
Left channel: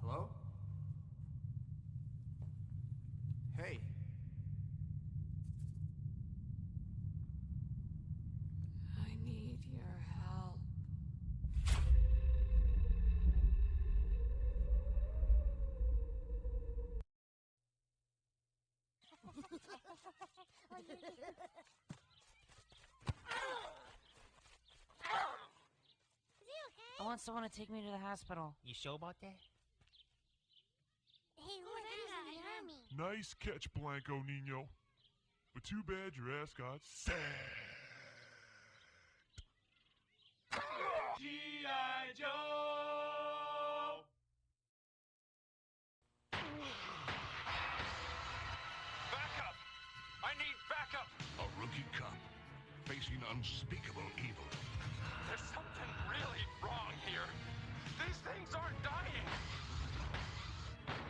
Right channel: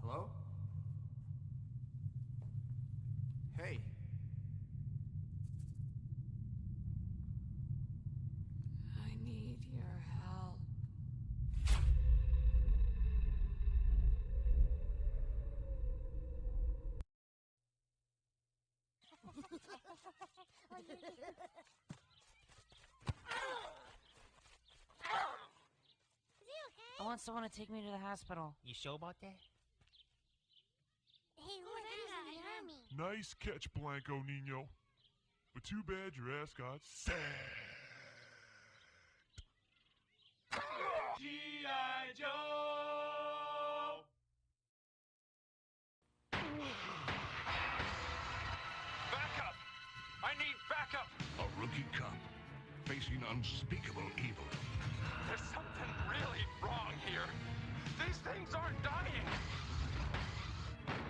Hello? Hey. I need your help. want someone to take me to the hospital. You sure about that? Hey, look, there's the army. Nice catch, Blanco Nino. But too bad your ass got sacked. G.I. Joe! Backup! I need backup! A rookie cop facing unspeakable evil. There's something really wrong here. These things aren't dying.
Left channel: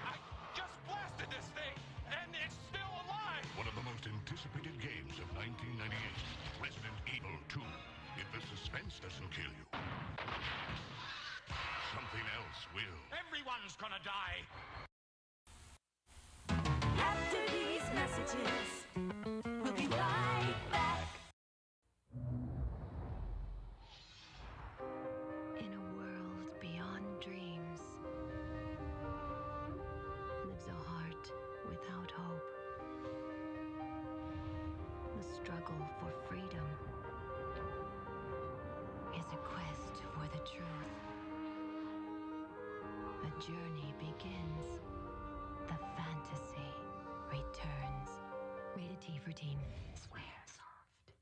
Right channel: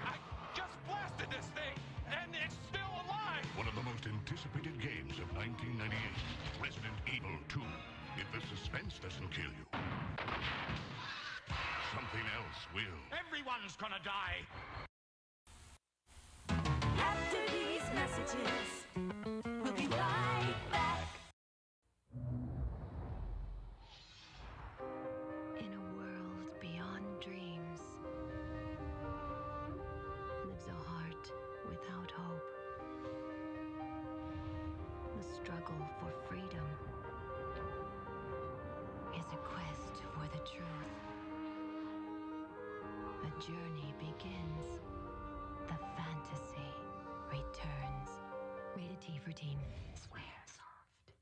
I just blasted this thing, and it's still alive! One of the most anticipated games of 1998, Resident Evil 2. If the suspense doesn't kill you, something else will. Everyone's gonna die! After these messages, we'll be right back. In a world beyond dreams lives a heart without hope. The struggle for freedom is a quest for the truth. A journey begins. The fantasy returns. Rated T for Teen. Swear soft.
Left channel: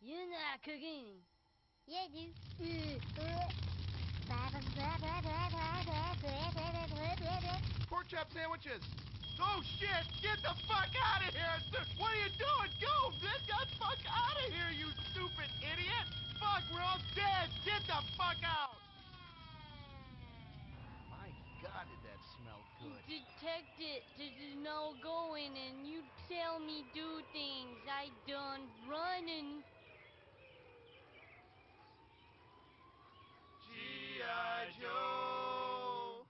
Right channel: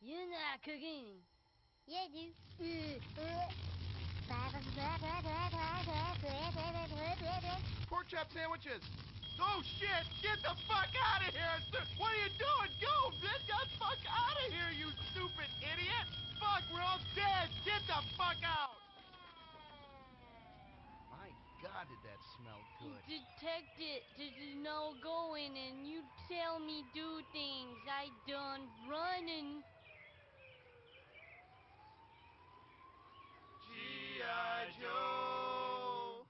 You're not cooking. Yeah, dude. Pork chop sandwiches. Oh shit! Get the fuck out of here! What are you doing? Go! Get the fuck out of here, you stupid idiot! Fuck, we're all dead! Get the fuck out! My God, did that smell good? Detect it. This is no going, and you tell me do things. I done running. G.I. Joe!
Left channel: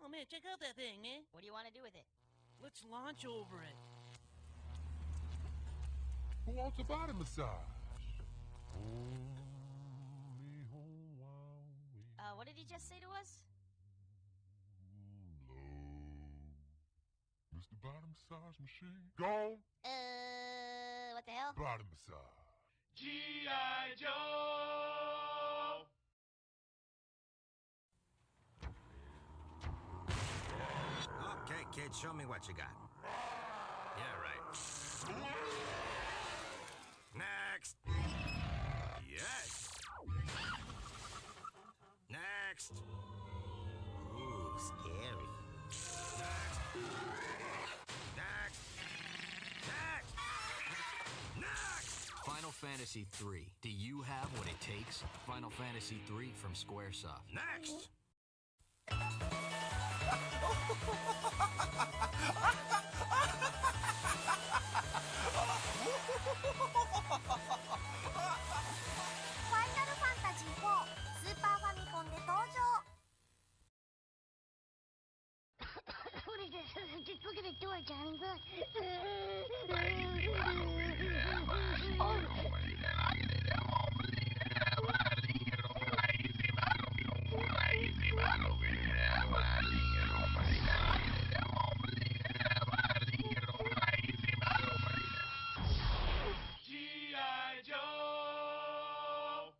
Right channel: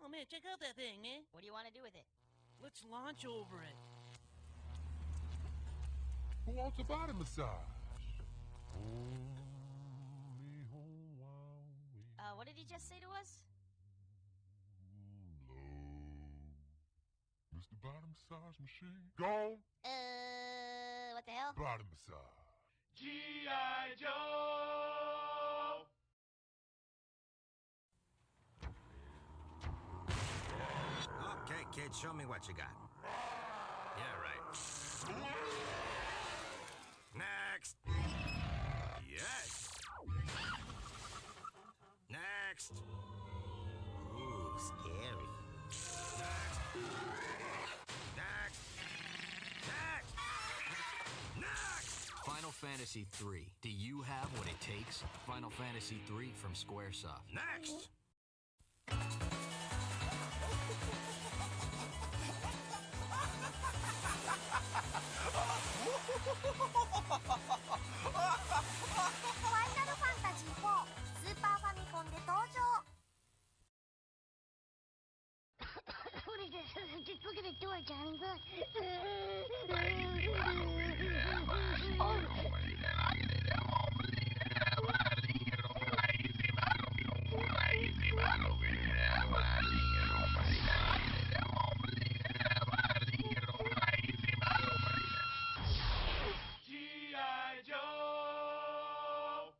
Oh man, check out that thing, man. What do you want to do with it? Let's launch over it. Who wants a body massage? What did he just say to us? Mr. Body Massage Machine. Go! What the hell? Body massage. G.I. Joe! Okay, kid, show me what you got. Yeah, right. Next. Yes. Next. Ooh, scary. Next. Next. Next. Next. Final Fantasy III. Do you have what it takes? Final Fantasy III from Squaresoft. Next. Final Fantasy 4スーパーファミコンで登場。What is this? Just look at the door, Johnny. Look. G.I. Joe!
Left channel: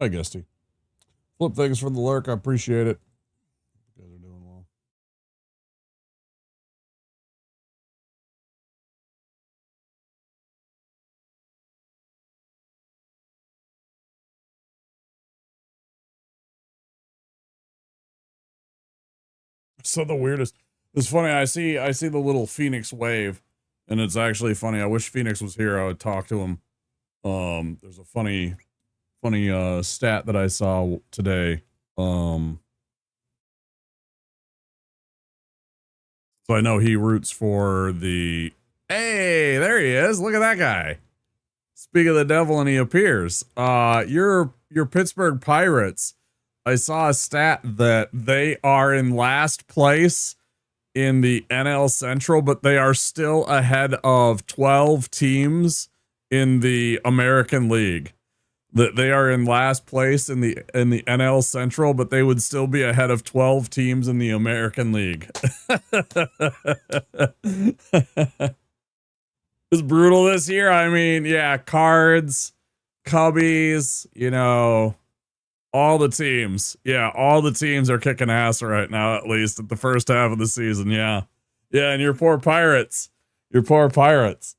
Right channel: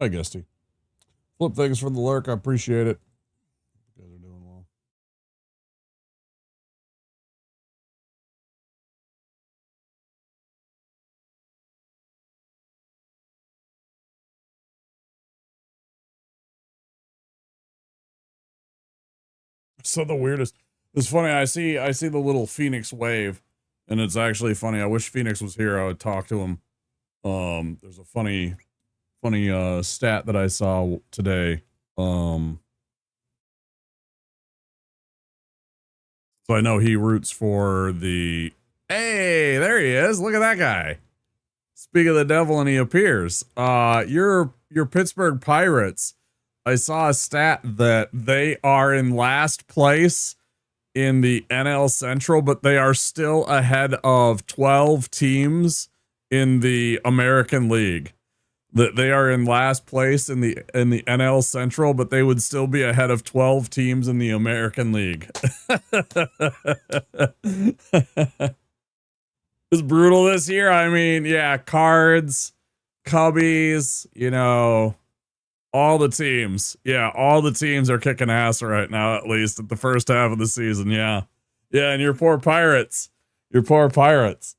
Hi, Gusty. Flip, thanks for the lurk. I appreciate it. You guys are doing well. So the weirdest. It's funny. I see the little Phoenix wave, and it's actually funny. I wish Phoenix was here. I would talk to him. There's a funny stat that I saw today. So I know he roots for the. Hey, there he is. Look at that guy. Speak of the devil, and he appears. Your Pittsburgh Pirates. I saw a stat that they are in last place in the NL Central, but they are still ahead of 12 teams in the American League. that they are in last place in the NL Central, but they would still be ahead of 12 teams in the American League. It's brutal this year. I mean, yeah, Cards, Cubbies, you know, all the teams. Yeah, all the teams are kicking ass right now, at least at the first half of the season. Yeah. Yeah, and your poor Pirates. Your poor Pirates.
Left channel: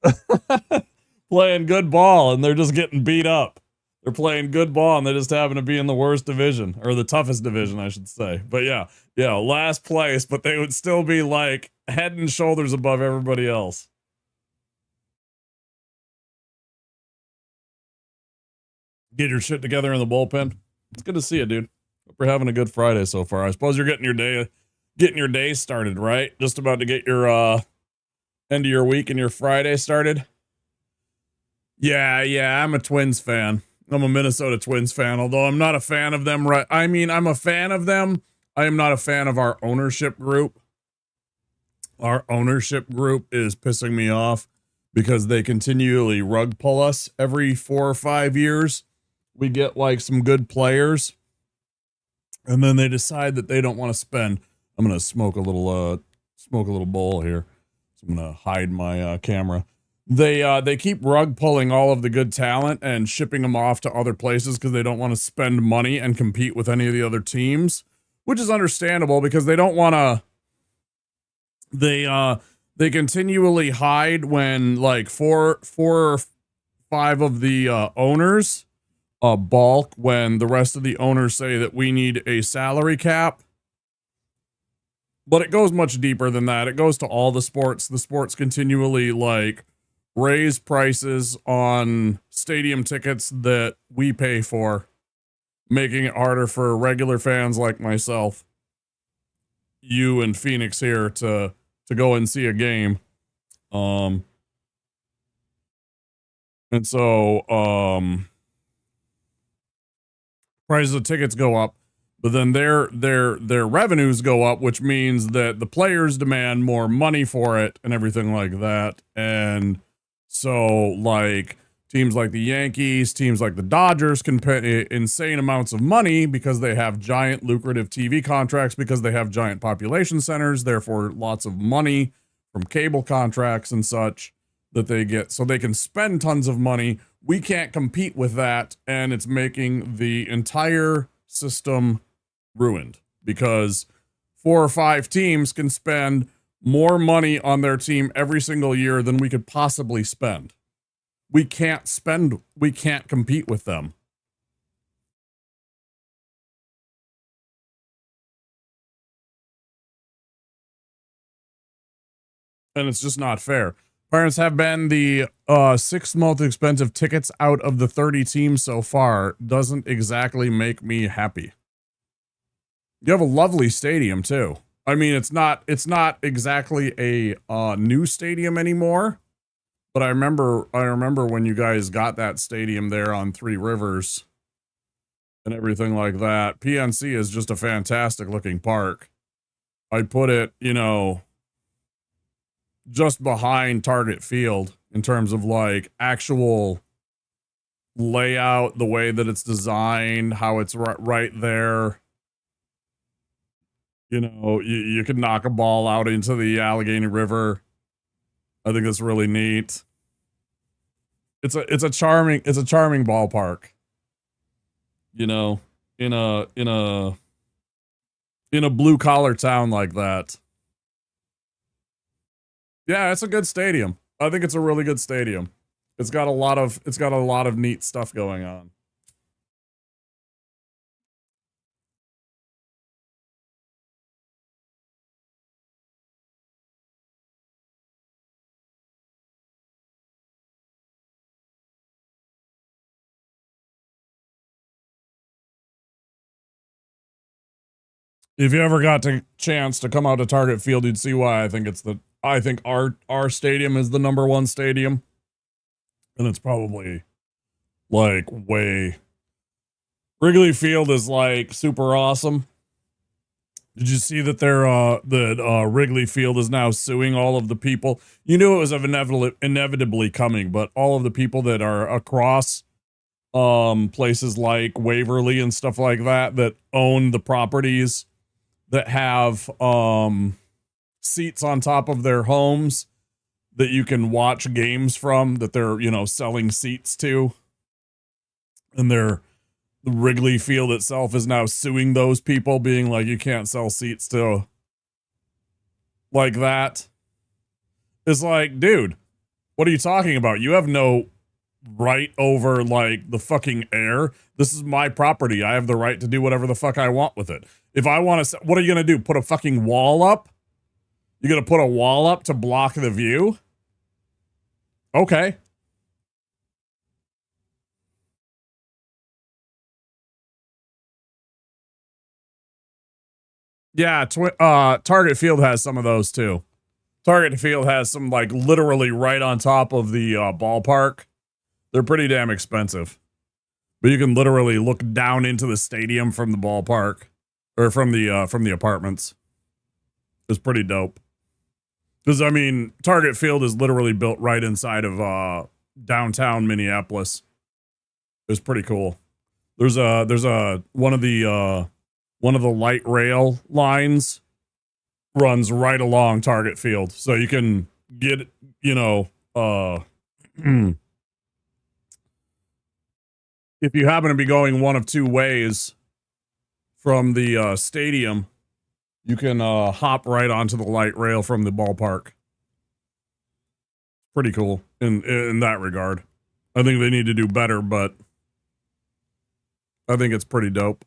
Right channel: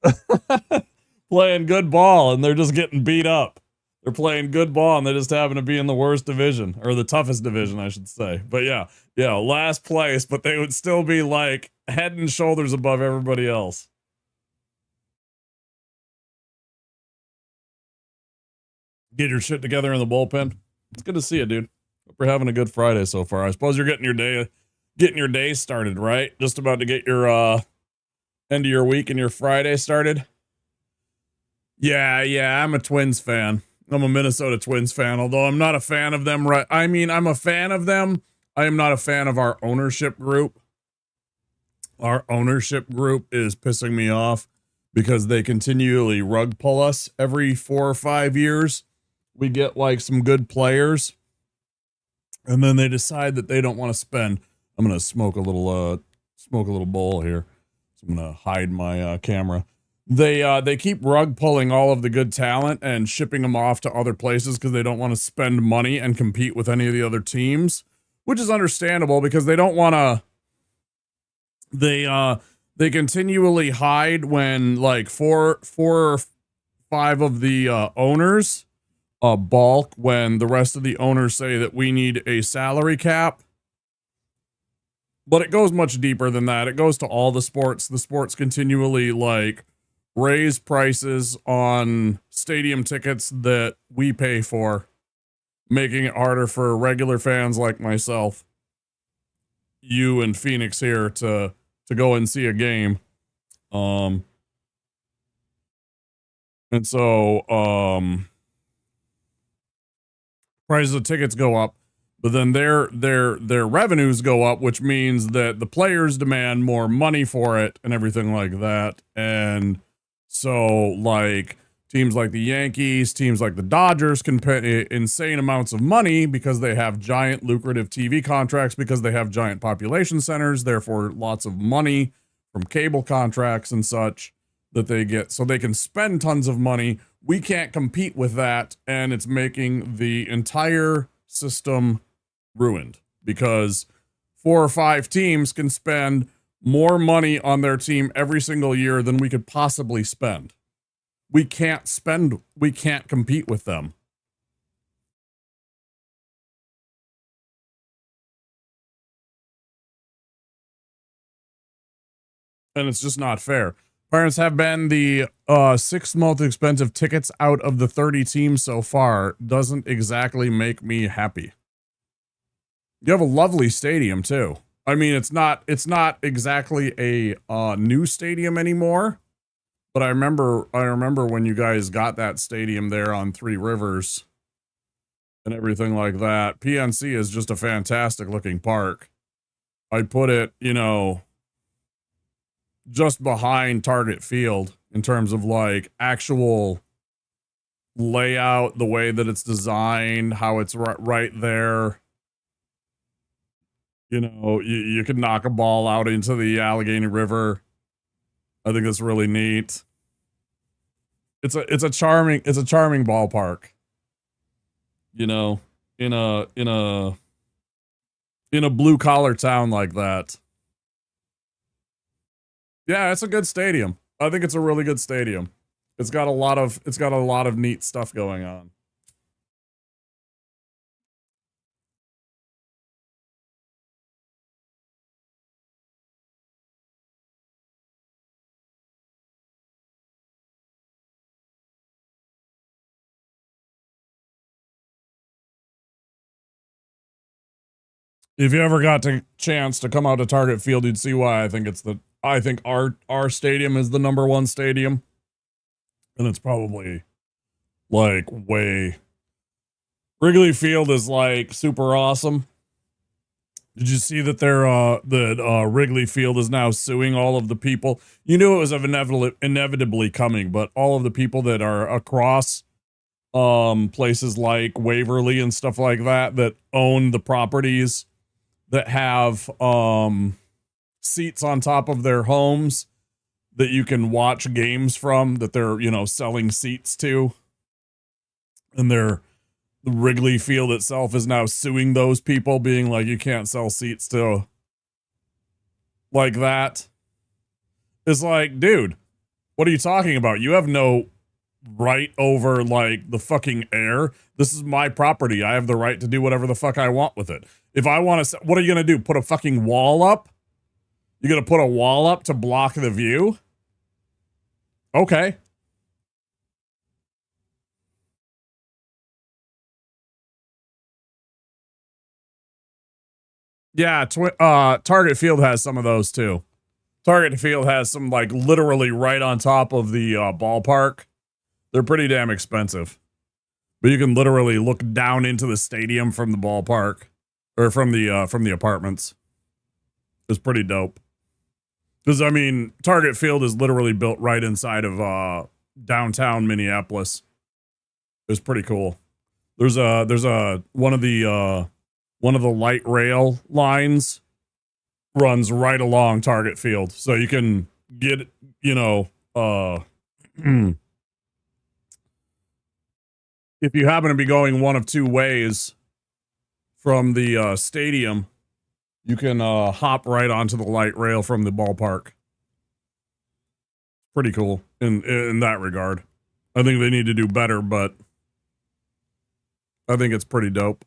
Playing good ball, and they're just getting beat up. They're playing good ball, and they just happen to be in the worst division, or the toughest division, I should say. But yeah, last place, but they would still be like head and shoulders above everybody else. Get your shit together in the bullpen. It's good to see you, dude. Hope you're having a good Friday so far. I suppose you're getting your day started, right? Just about to get your end of your week and your Friday started. Yeah, I'm a Twins fan. I'm a Minnesota Twins fan, although I'm not a fan of them, right? I mean, I'm a fan of them. I am not a fan of our ownership group. Our ownership group is pissing me off because they continually rug pull us every 4 or 5 years. We get like some good players, and then they decide that they don't want to spend. I'm gonna smoke a little bowl here. So I'm gonna hide my camera. They keep rug pulling all of the good talent and shipping them off to other places because they don't want to spend money and compete with any of the other teams, which is understandable because they don't want to. They continually hide when like four or five of the owners balk when the rest of the owners say that we need a salary cap. But it goes much deeper than that. It goes to all the sports. The sports continually like raise prices on stadium tickets that we pay for, making it harder for regular fans like myself, you and Phoenix here to go and see a game. And so prices of tickets go up, but then their revenues go up, which means that the players demand more money for it and everything like that. And so like teams like the Yankees, teams like the Dodgers can pay insane amounts of money because they have giant lucrative TV contracts, because they have giant population centers, therefore lots of money from cable contracts and such that they get, so they can spend tons of money. We can't compete with that, and it's making the entire system ruined because 4 or 5 teams can spend more money on their team every single year than we could possibly spend. We can't compete with them. And it's just not fair. Pirates have been the 6th most expensive tickets out of the 30 teams so far. Doesn't exactly make me happy. You have a lovely stadium too. I mean, it's not exactly a new stadium anymore, but I remember when you guys got that stadium there on Three Rivers and everything like that. PNC is just a fantastic looking park. I'd put it, just behind Target Field in terms of like actual layout, the way that it's designed, how it's right there. You could knock a ball out into the Allegheny River. I think that's really neat. It's a charming ballpark. In a blue collar town like that. Yeah, it's a good stadium. I think it's a really good stadium. It's got a lot of neat stuff going on. If you ever got a chance to come out to Target Field, you'd see why I think our stadium is the number 1 stadium. And it's probably like Wrigley Field is like super awesome. Did you see that Wrigley Field is now suing all of the people? You knew it was inevitably coming, but all of the people that are across places like Waverly and stuff like that that own the properties that have seats on top of their homes that you can watch games from, that they're, you know, selling seats to. And the Wrigley Field itself is now suing those people, being like, you can't sell seats to like that. It's like, dude, what are you talking about? You have no right over like the fucking air. This is my property. I have the right to do whatever the fuck I want with it. If I want to, what are you going to do? Put a fucking wall up? You're going to put a wall up to block the view? Okay. Yeah, Target Field has some of those too. Target Field has some like literally right on top of the ballpark. They're pretty damn expensive. But you can literally look down into the stadium from the ballpark or from the apartments. It's pretty dope. Because I mean, Target Field is literally built right inside of downtown Minneapolis. It's pretty cool. There's one of the light rail lines runs right along Target Field. So you can get, you know, if you happen to be going one of two ways from the stadium, you can hop right onto the light rail from the ballpark. Pretty cool in that regard. I think they need to do better, but I think it's pretty dope.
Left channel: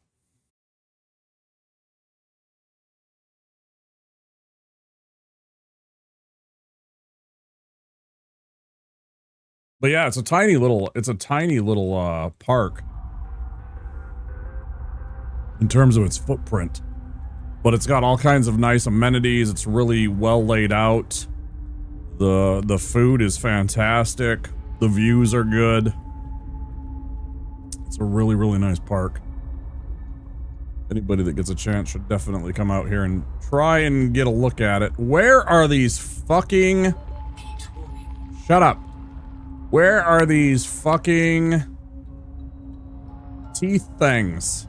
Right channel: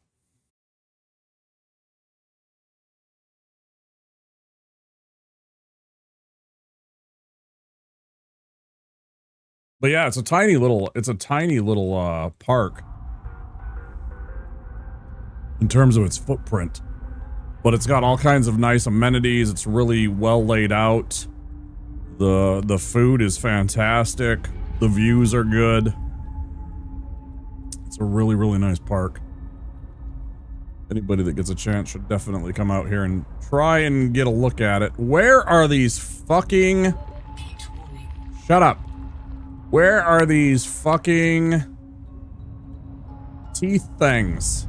But yeah, it's a tiny little park in terms of its footprint. But it's got all kinds of nice amenities. It's really well laid out. The food is fantastic. The views are good. It's a really, really nice park. Anybody that gets a chance should definitely come out here and try and get a look at it. Where are these fucking... Shut up. Where are these fucking teeth things?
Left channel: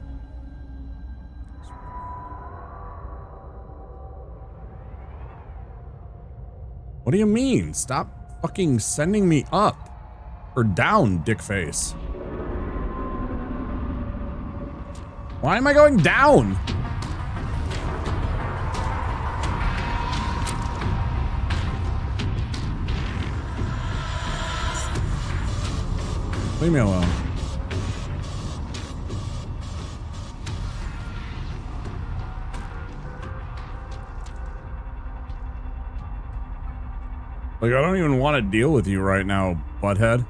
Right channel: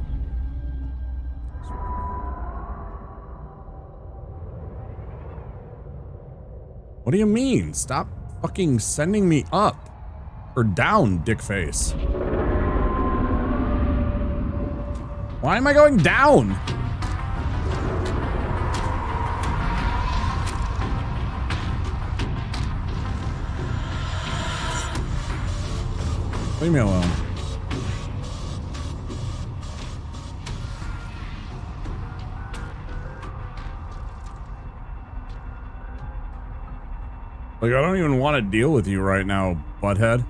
What do you mean? Stop fucking sending me up or down, dickface. Why am I going down? Leave me alone. Like, I don't even want to deal with you right now, butthead.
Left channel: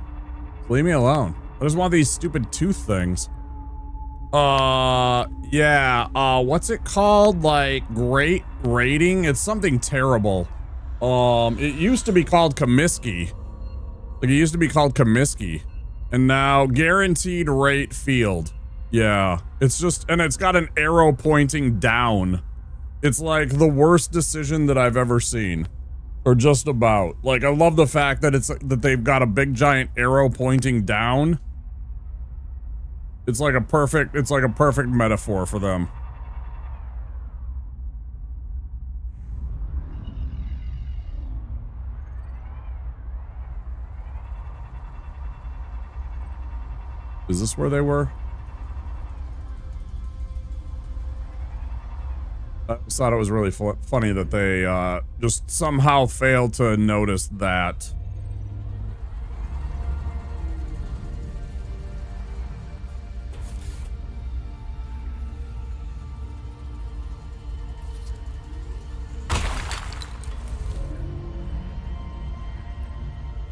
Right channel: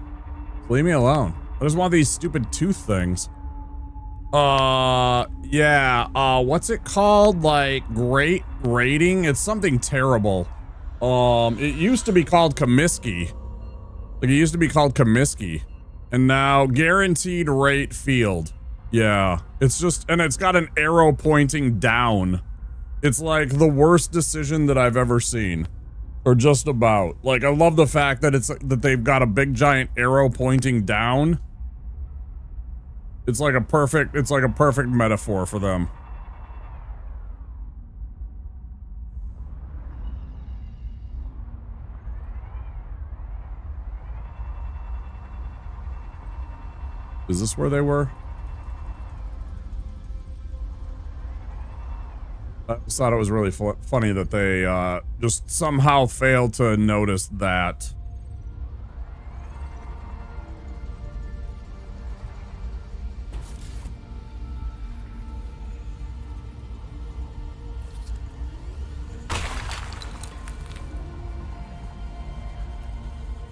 Leave me alone. I just want these stupid tooth things. Yeah, what's it called? Like, great rating? It's something terrible. It used to be called Comiskey. Like, it used to be called Comiskey. And now, guaranteed rate field. Yeah, it's just, and it's got an arrow pointing down. It's like the worst decision that I've ever seen. Or just about. Like, I love the fact that that they've got a big giant arrow pointing down. It's like a perfect metaphor for them. Is this where they were? I just thought it was really funny that they just somehow failed to notice that.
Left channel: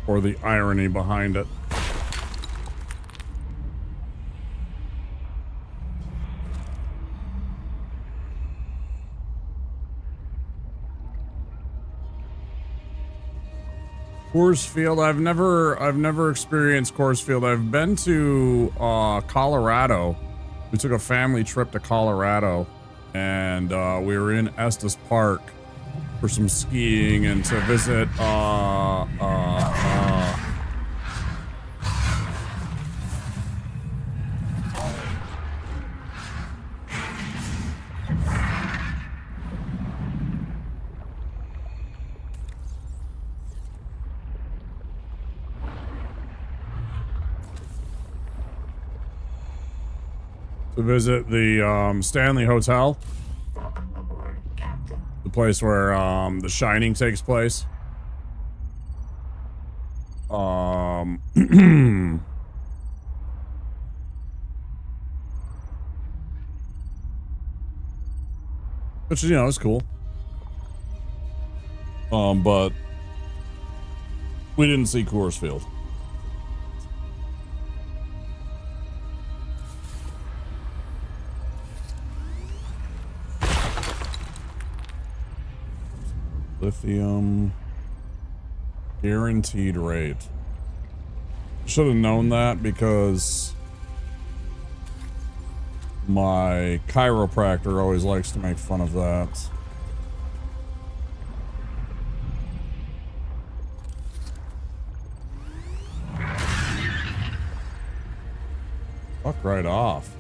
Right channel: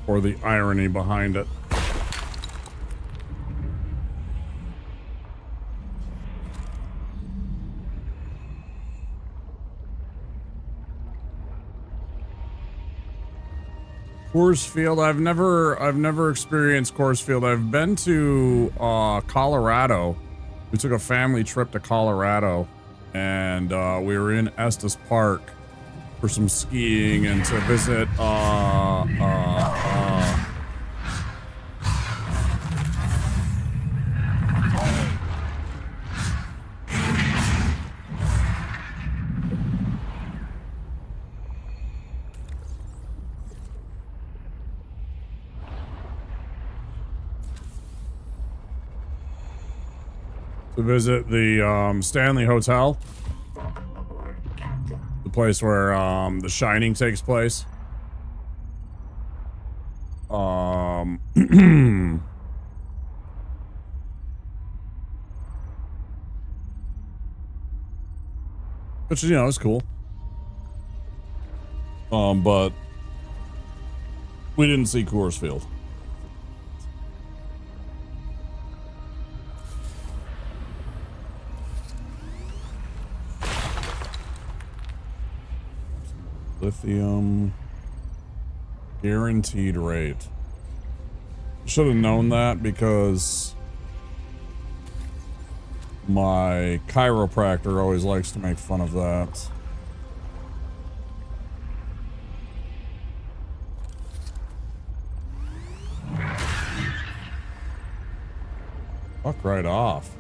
Or the irony behind it. Coors Field, I've never experienced Coors Field. I've been to Colorado. We took a family trip to Colorado, and we were in Estes Park for some skiing and to visit to visit the Stanley Hotel, the place where The Shining takes place. Which, you know, is cool. But we didn't see Coors Field. Lithium. Guaranteed rate. Should have known that because my chiropractor always likes to make fun of that. Fuck right off.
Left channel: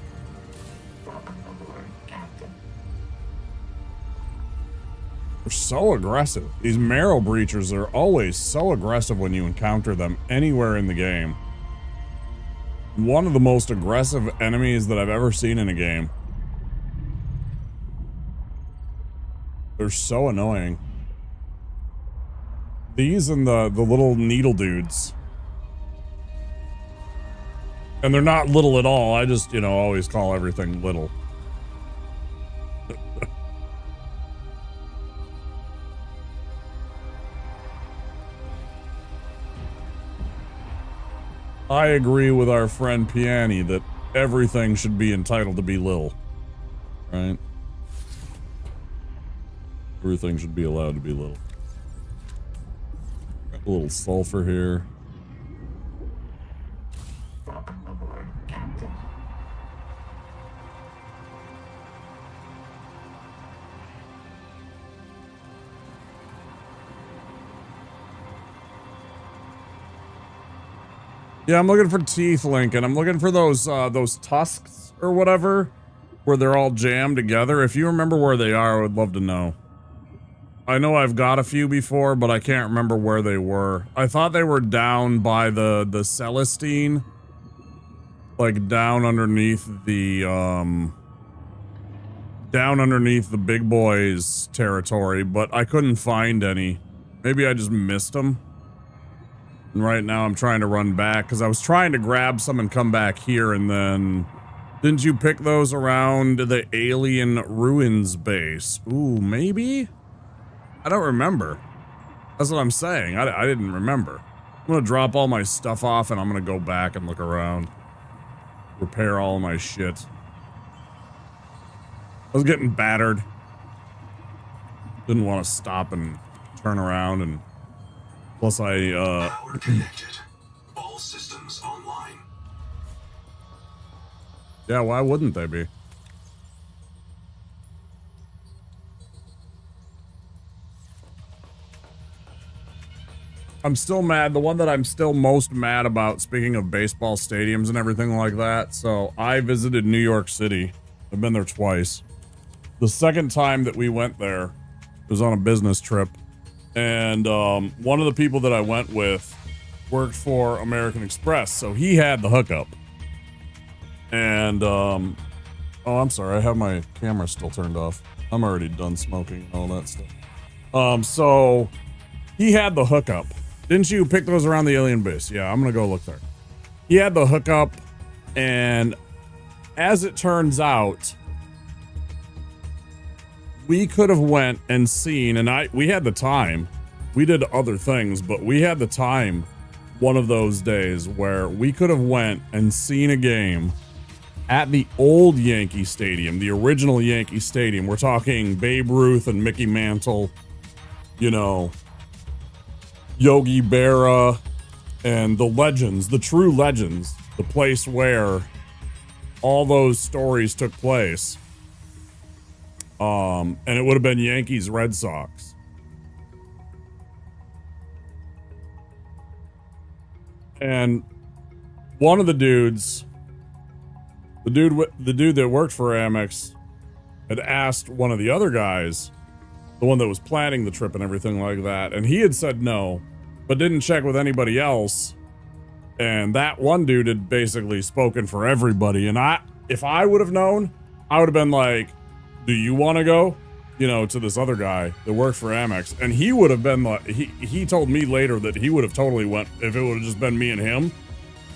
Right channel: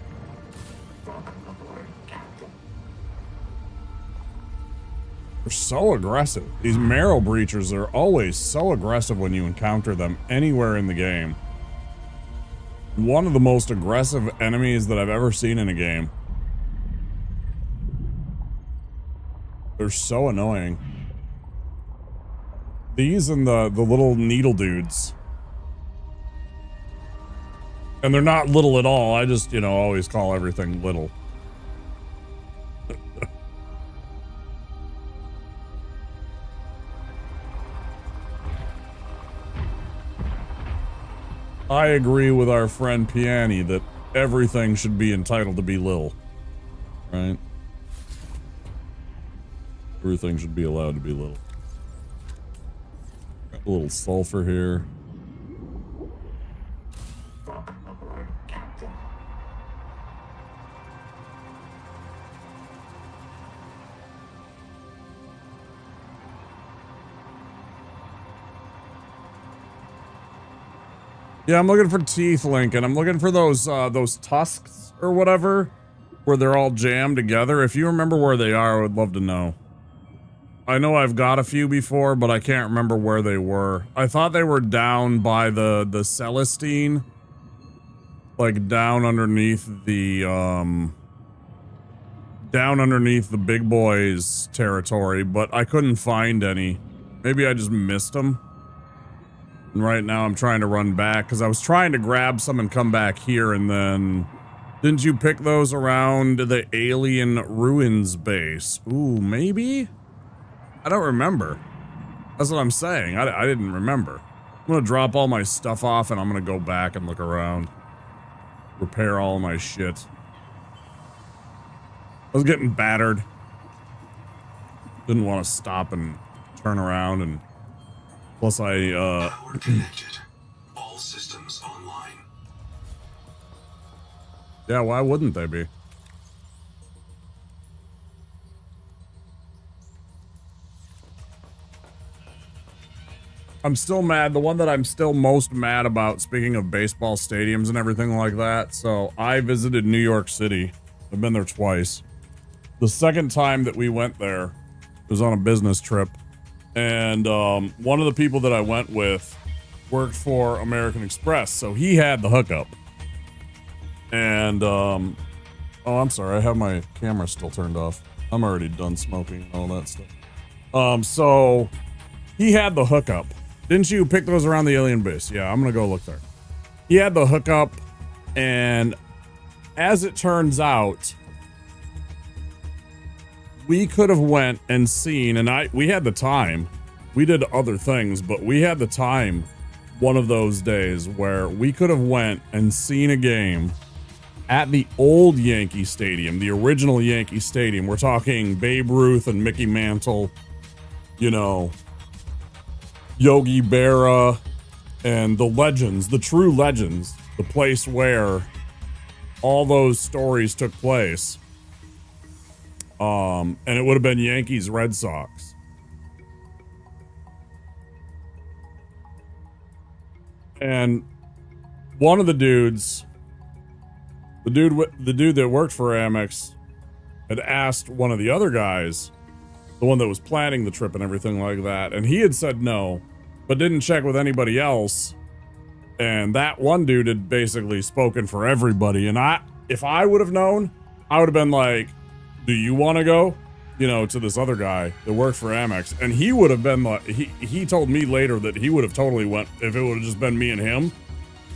They're so aggressive. These marrow breachers are always so aggressive when you encounter them anywhere in the game. One of the most aggressive enemies that I've ever seen in a game. They're so annoying. These and the little needle dudes. And they're not little at all. I just, you know, always call everything little. I agree with our friend Piani that everything should be entitled to be little. Right? Everything should be allowed to be little. Got a little sulfur here. Yeah, I'm looking for teeth, Lincoln. I'm looking for those tusks or whatever, where they're all jammed together. If you remember where they are, I would love to know. I know I've got a few before, but I can't remember where they were. I thought they were down by the Celestine. Like down underneath the big boys territory, but I couldn't find any. Maybe I just missed them. And right now I'm trying to run back because I was trying to grab some and come back here, and then didn't you pick those around the alien ruins base? Ooh, maybe? I don't remember. That's what I'm saying. I didn't remember. I'm gonna drop all my stuff off and I'm gonna go back and look around. Repair all my shit. I was getting battered. Didn't want to stop and turn around, and plus I all systems online. Yeah, why wouldn't they be? I'm still mad. The one that I'm still most mad about, speaking of baseball stadiums and everything like that. So I visited New York City. I've been there twice. The second time that we went there was on a business trip. And one of the people that I went with worked for American Express. So he had the hookup. And, oh, I'm sorry. I have my camera still turned off. I'm already done smoking and all that stuff. So he had the hookup. Didn't you pick those around the alien base? Yeah, I'm gonna go look there. He had the hookup, and as it turns out, we could have went and seen, and we had the time. We did other things, but we had the time one of those days where we could have went and seen a game at the old Yankee Stadium, the original Yankee Stadium. We're talking Babe Ruth and Mickey Mantle, you know, Yogi Berra, and the legends, the true legends, the place where all those stories took place. And it would have been Yankees, Red Sox. And one of the dudes, the dude that worked for Amex, had asked one of the other guys, the one that was planning the trip and everything like that, and he had said no, but didn't check with anybody else. And that one dude had basically spoken for everybody, and if I would have known, I would have been like, do you want to go? You know, to this other guy that works for Amex. And he would have been like, he told me later that he would have totally went if it would have just been me and him.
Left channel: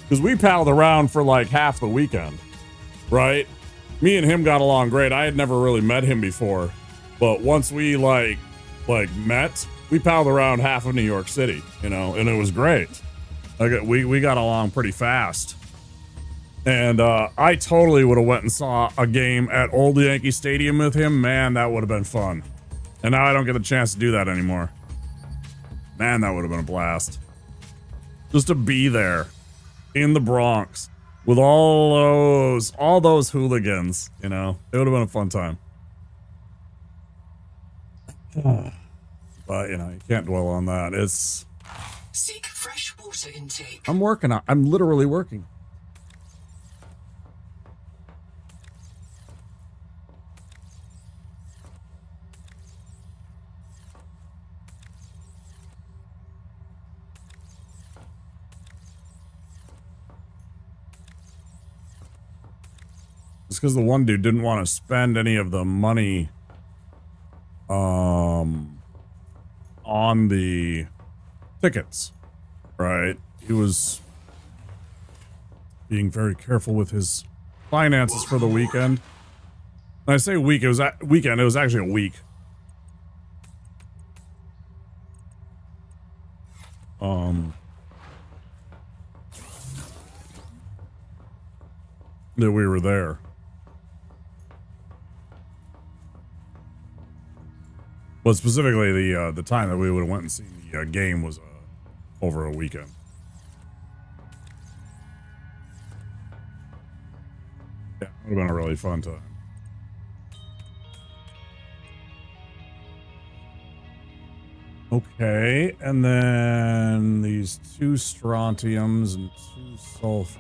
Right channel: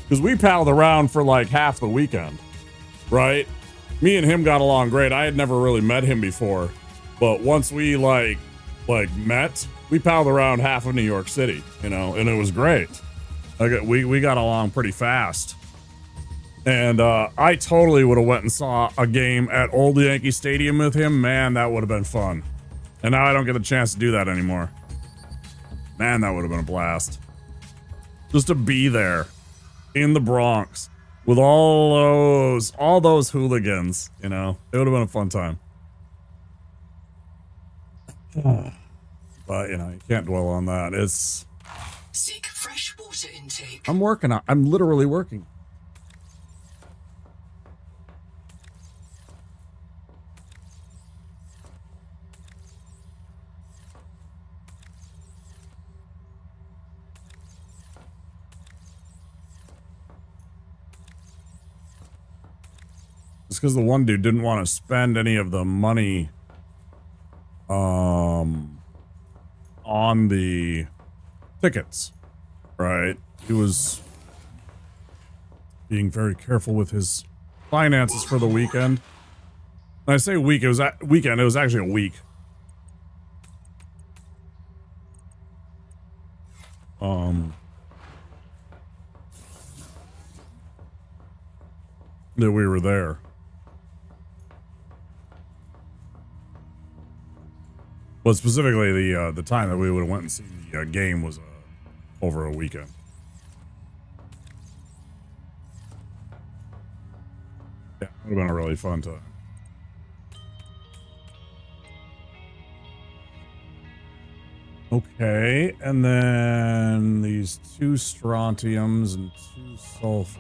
Because we palled around for like half the weekend, right? Me and him got along great. I had never really met him before. But once we like met, we palled around half of New York City, you know, and it was great. Like we got along pretty fast. And I totally would have went and saw a game at Old Yankee Stadium with him. Man, that would have been fun. And now I don't get a chance to do that anymore. Man, that would have been a blast. Just to be there in the Bronx with all those hooligans, you know. It would have been a fun time. But, you know, you can't dwell on that. It's... Seek fresh water intake. I'm literally working. It's because the one dude didn't want to spend any of the money on the tickets, right? He was being very careful with his finances for the weekend. When I say week, it was weekend. It was actually a week. That we were there. But specifically, the time that we would have went and seen the game was over a weekend. Yeah, it would have been a really fun time. Okay, and then these 2 strontiums and 2 sulfurs.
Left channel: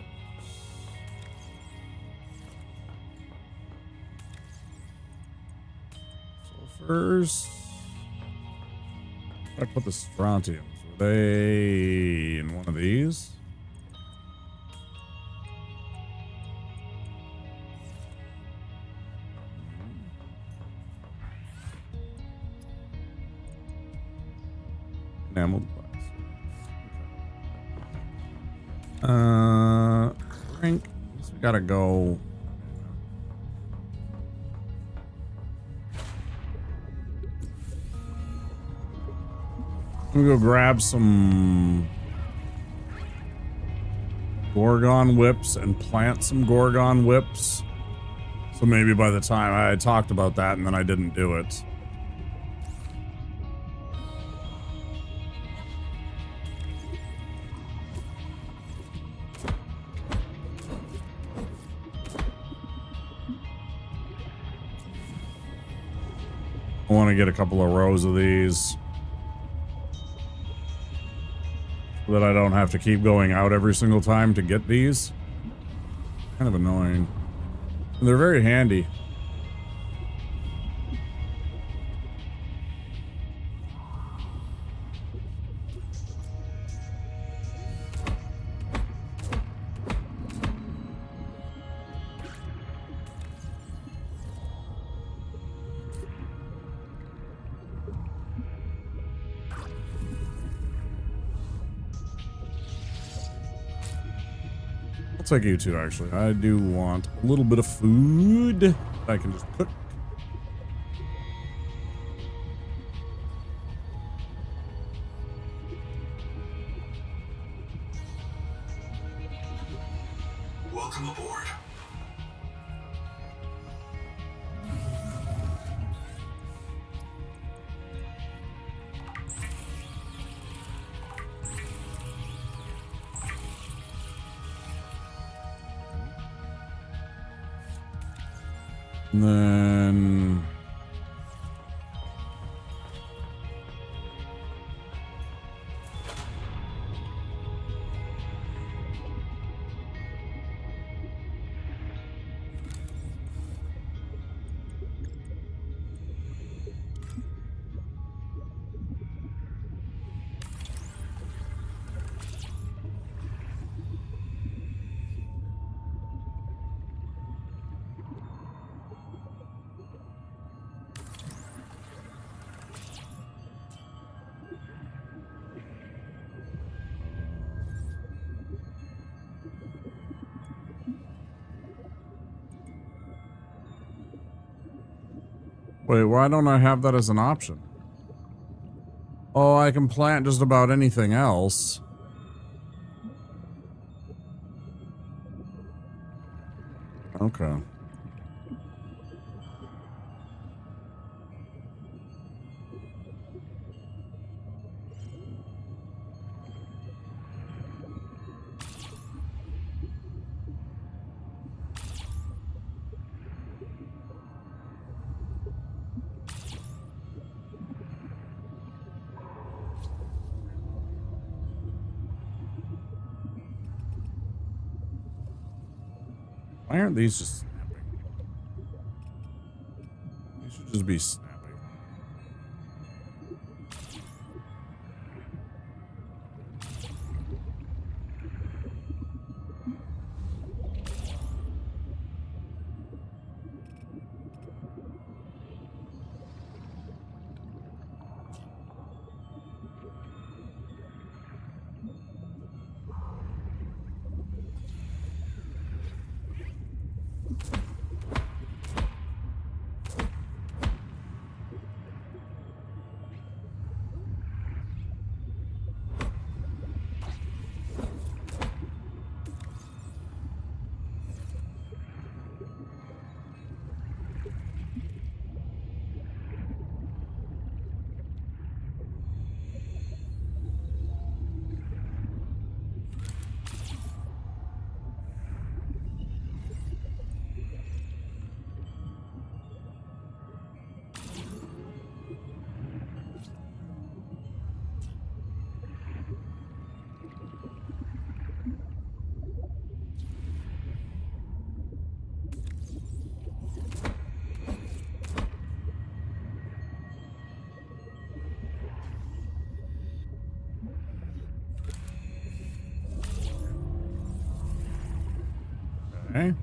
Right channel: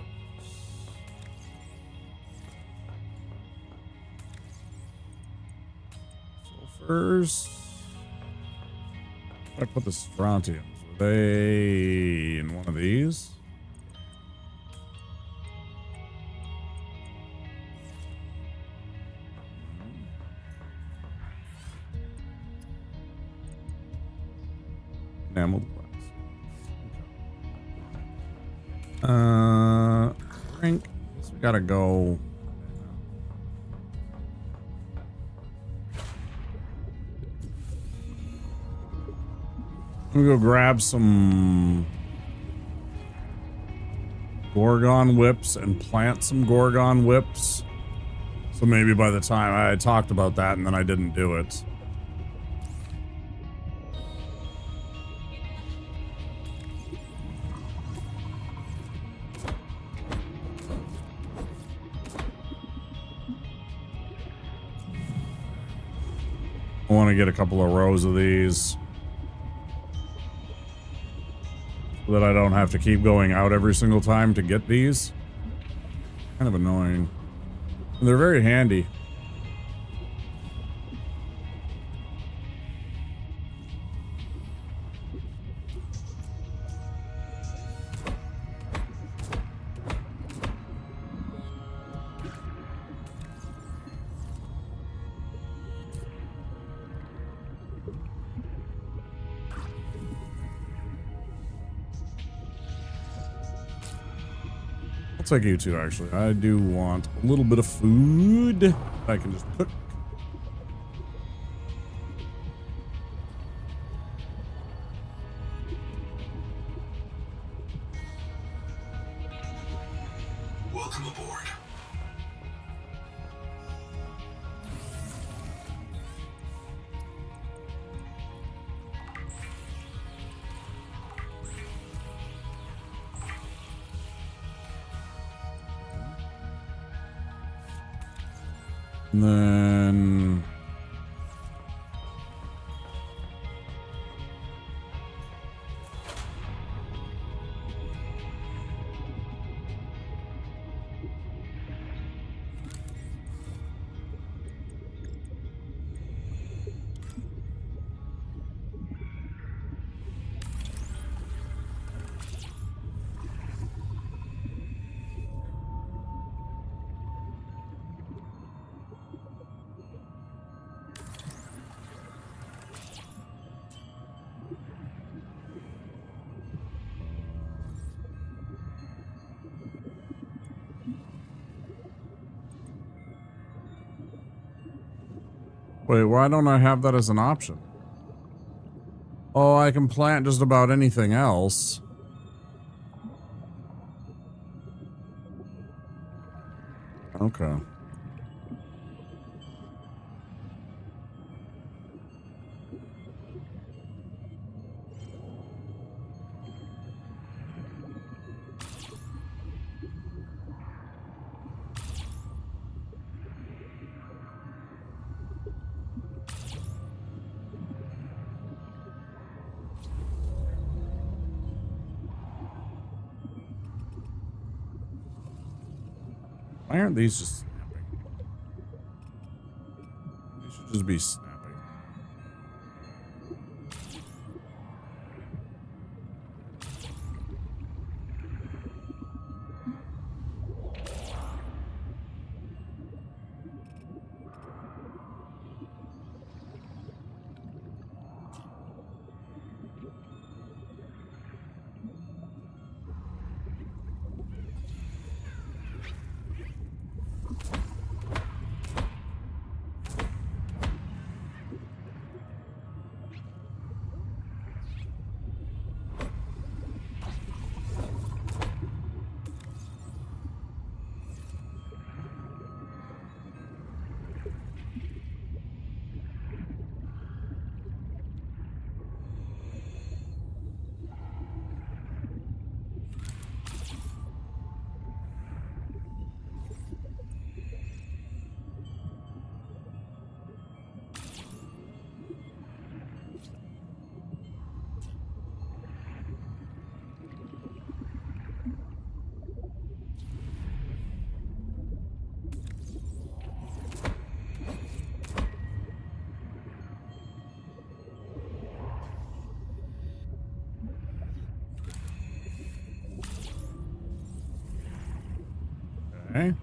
Sulfurs. I put the strontiums. Were they in one of these? Enameled glass. Okay. Drink. I guess we gotta go. I'm gonna go grab some Gorgon whips and plant some Gorgon whips. So maybe by the time I had talked about that and then I didn't do it. I want to get a couple of rows of these. So that I don't have to keep going out every single time to get these. Kind of annoying. And they're very handy. I'll take you two, actually. I do want a little bit of food I can just cook. Welcome aboard. And then... Wait, why don't I have that as an option? Oh, I can plant just about anything else. Okay. Why aren't these just snapping? These should just be snapping. Okay.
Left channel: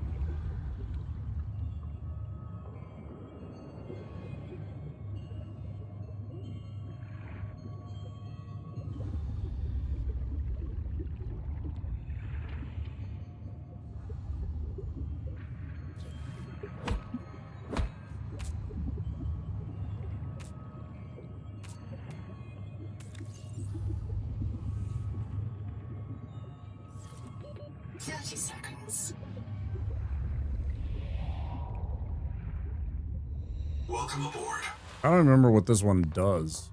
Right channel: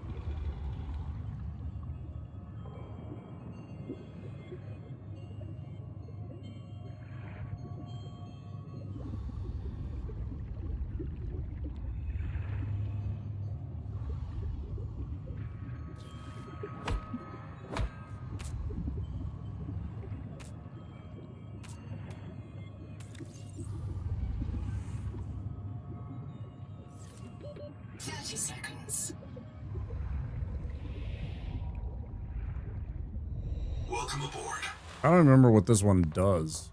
Welcome aboard. I don't remember what this one does.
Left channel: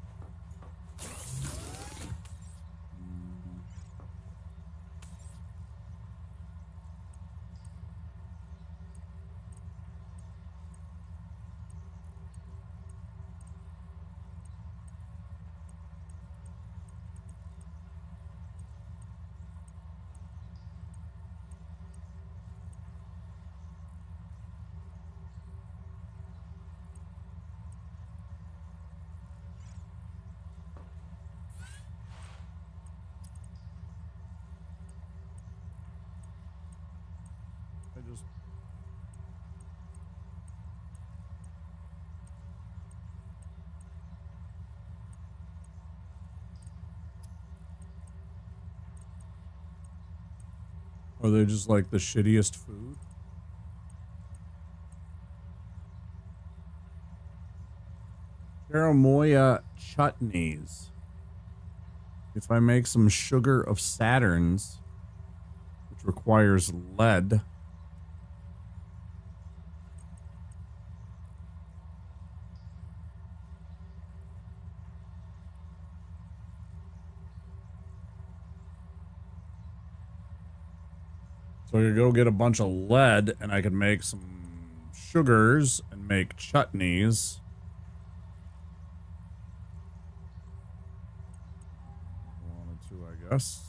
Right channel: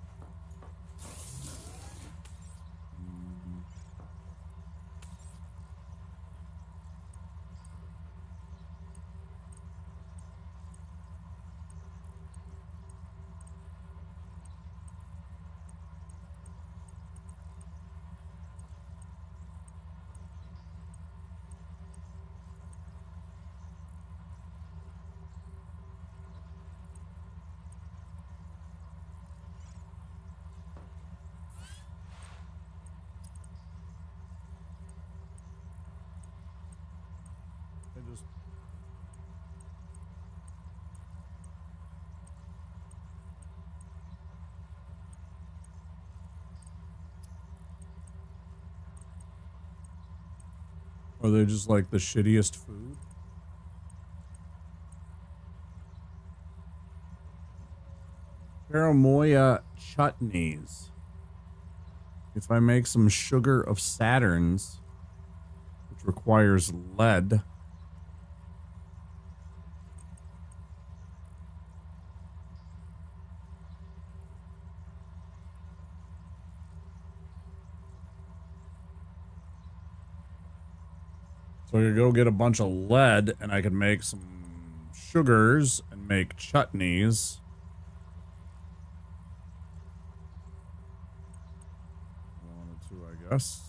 I just... Are they just like the shittiest food? Charamoya chutneys. If I make some sugar of Saturn's, which requires lead. So I could go get a bunch of lead and I could make some sugars and make chutneys. Wanted to, I guess.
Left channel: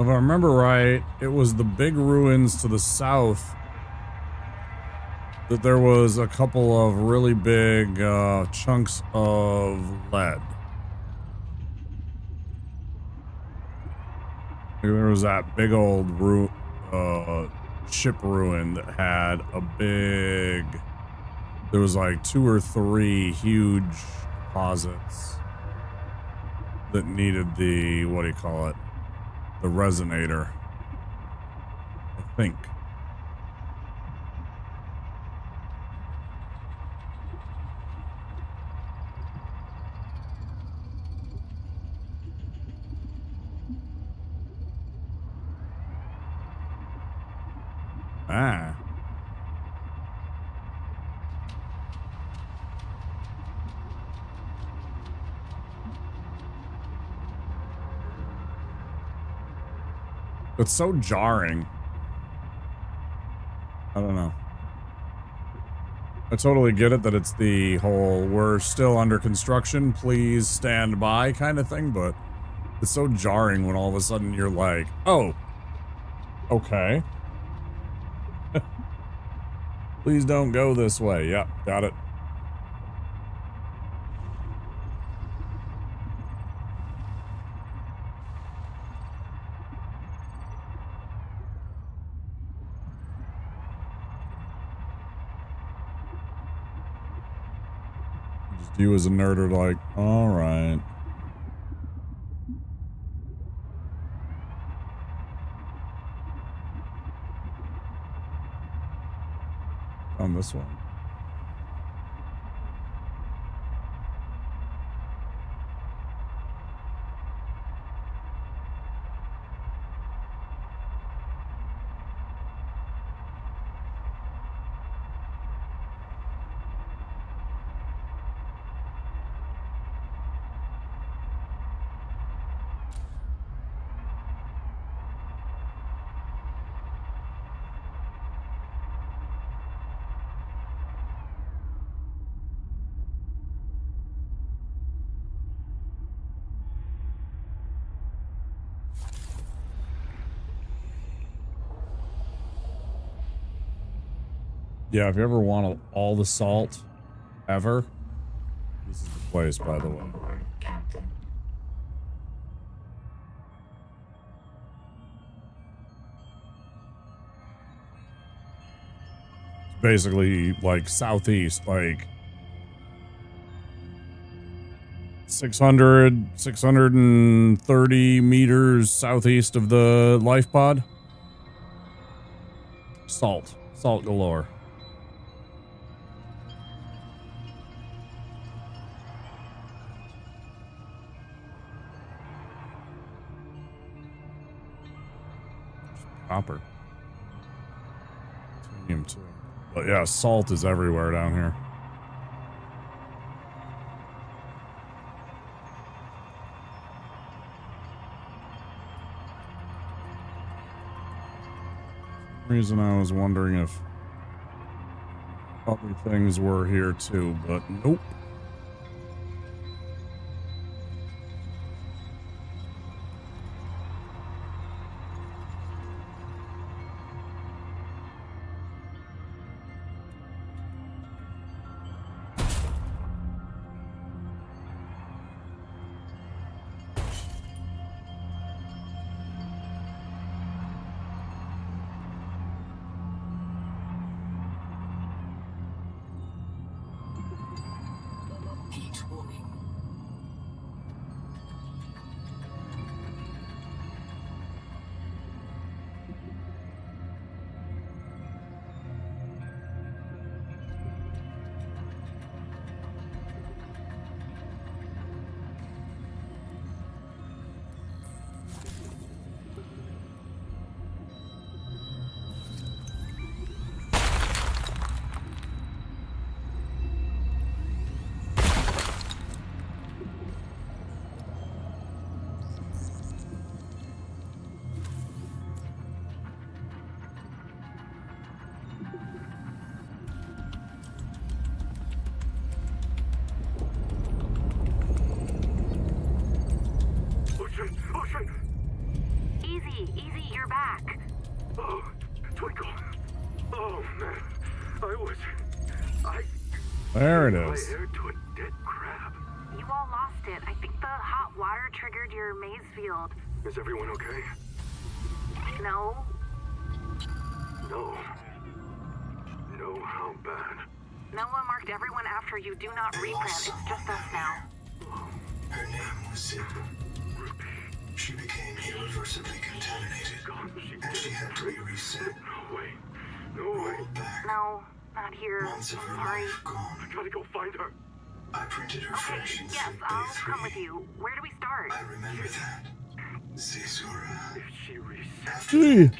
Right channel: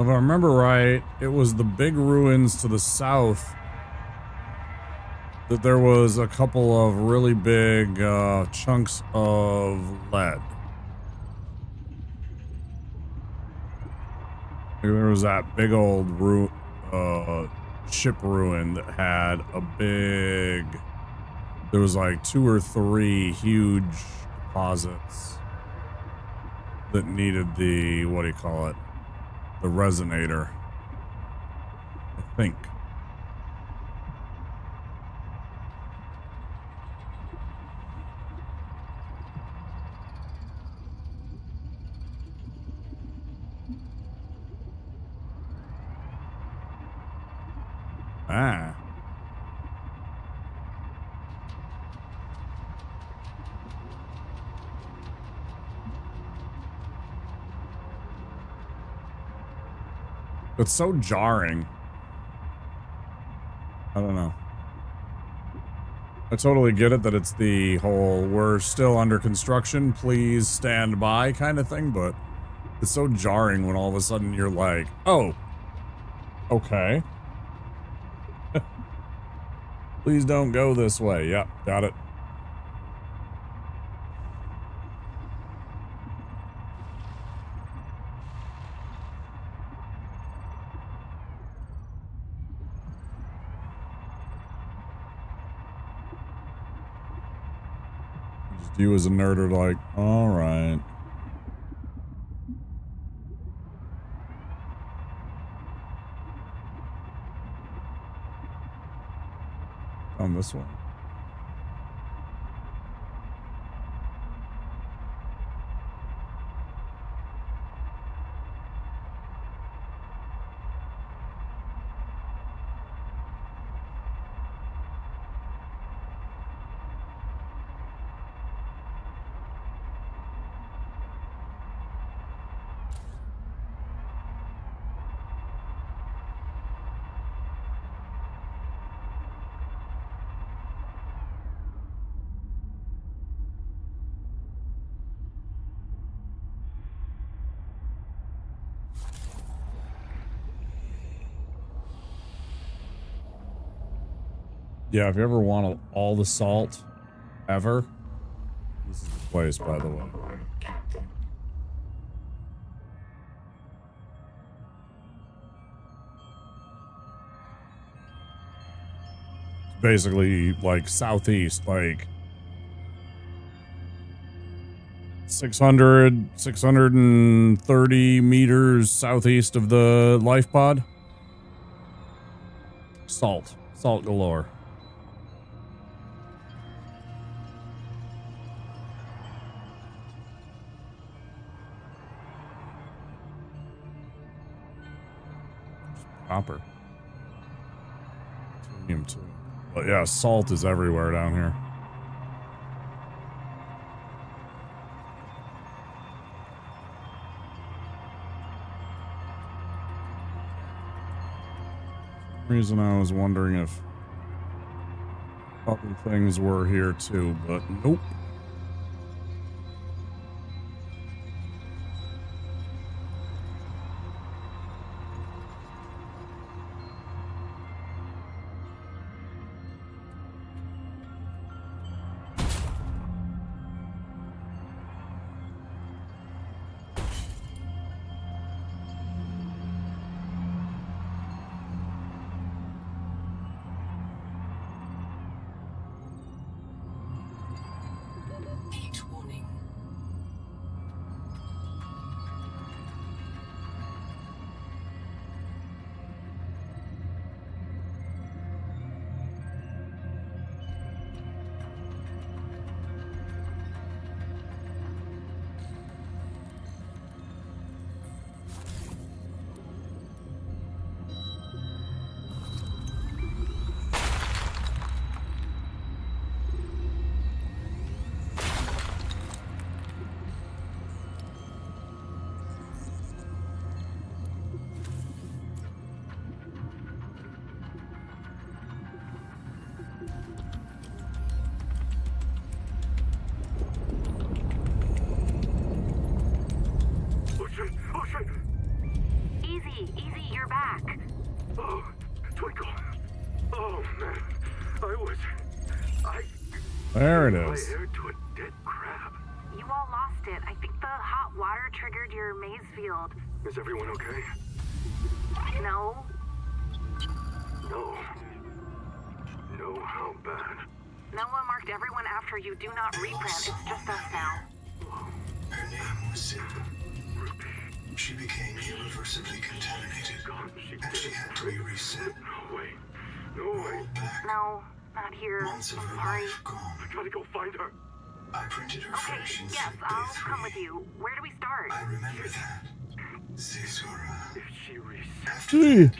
If I remember right, it was the big ruins to the south that there was a couple of really big chunks of lead. There was that big old ship ruin that had a big... There was like 2 or 3 huge deposits that needed the, what do you call it? The resonator, I think. Ah. It's so jarring. I don't know. I totally get it that it's the whole we're still under construction, please stand by kind of thing, but it's so jarring when all of a sudden you're like, oh, okay. Please don't go this way. Yep, got it. Just you as a nerd are like, all right. On this one. Yeah, if you ever want all the salt ever, this is the place, by the way. It's basically like southeast, like 630 meters southeast of the life pod. Salt galore. Copper. Titanium too. But yeah, salt is everywhere down here. For some reason I was wondering if other things were here too, but nope. Heat warning. Oh shit! Oh shit! Easy, you're back. Oh, Twinkle. Oh man, I There it I is. aired to a dead crab. You all lost it. I think the hot water triggered your maze field. Is everyone okay? No? No. No, how bad? Noah marked everyone after you. Do not reprint. It's just us now. Her name was Zip. Ruby. She became irreversibly contaminated. God, and she had to be reset. No way. No way. No, not here. Months of I'm her sorry. life gone. I gotta go find her. I printed her Okay, fresh in yes, Soup Bay I'll 3. come with you. Where do we start? I remember that. Zazura. If she resets, After that,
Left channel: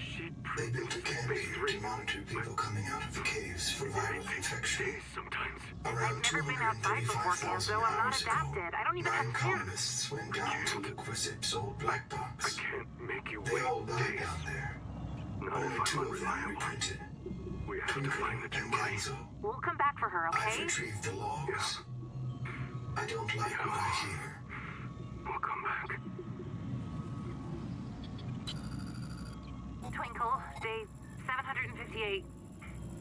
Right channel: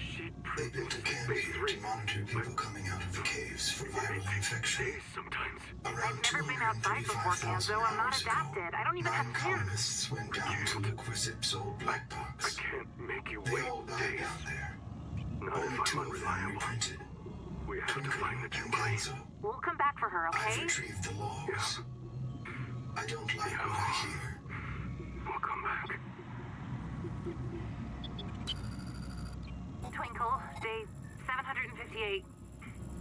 they built a camp here to monitor people coming out of the caves for viral infection. Sometimes. I've never been outside before, Ganzo. I'm not adapted. I don't even have skin. Colonists went down to look for Zip's old black box. I can't make you wait days. Down there. Not if I'm unreliable. We have to find the two bodies. We'll come back for her, okay? I've retrieved the logs. Yeah. I don't like what I hear. We'll come back. Twinkle, day 758.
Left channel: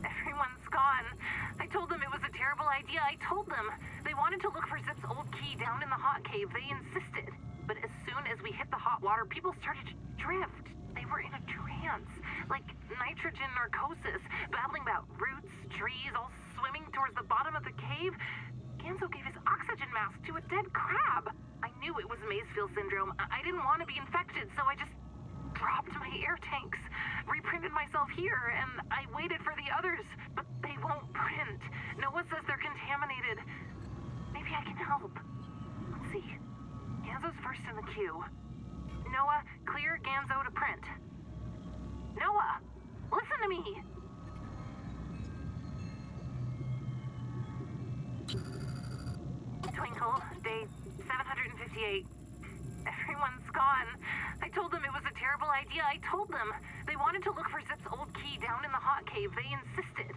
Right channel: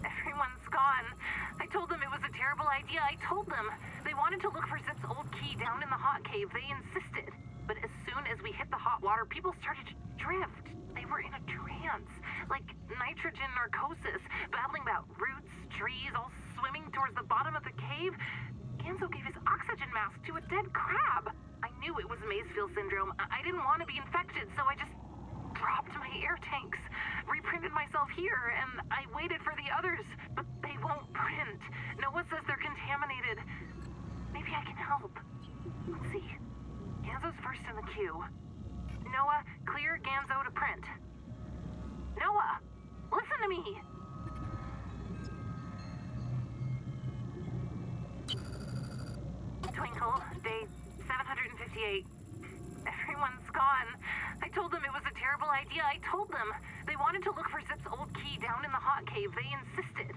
Everyone's gone. I told them it was a terrible idea. I told them. They wanted to look for Zip's old key down in the hot cave. They insisted. But as soon as we hit the hot water, people started to drift. They were in a trance. Like nitrogen narcosis, babbling about roots, trees, all swimming towards the bottom of the cave. Ganzo gave his oxygen mask to a dead crab. I knew it was Mazefield syndrome. I didn't want to be infected, so I just dropped my air tanks, reprinted myself here, and I waited for the others, but they won't print. Noah says they're contaminated. Maybe I can help. Let's see. Ganzo's first in the queue. Noah, clear Ganzo to print. Noah, listen to me. Twinkle, day 758. Everyone's gone. I told them it was a terrible idea. I told them. They wanted to look for Zip's old key down in the hot cave. They insisted.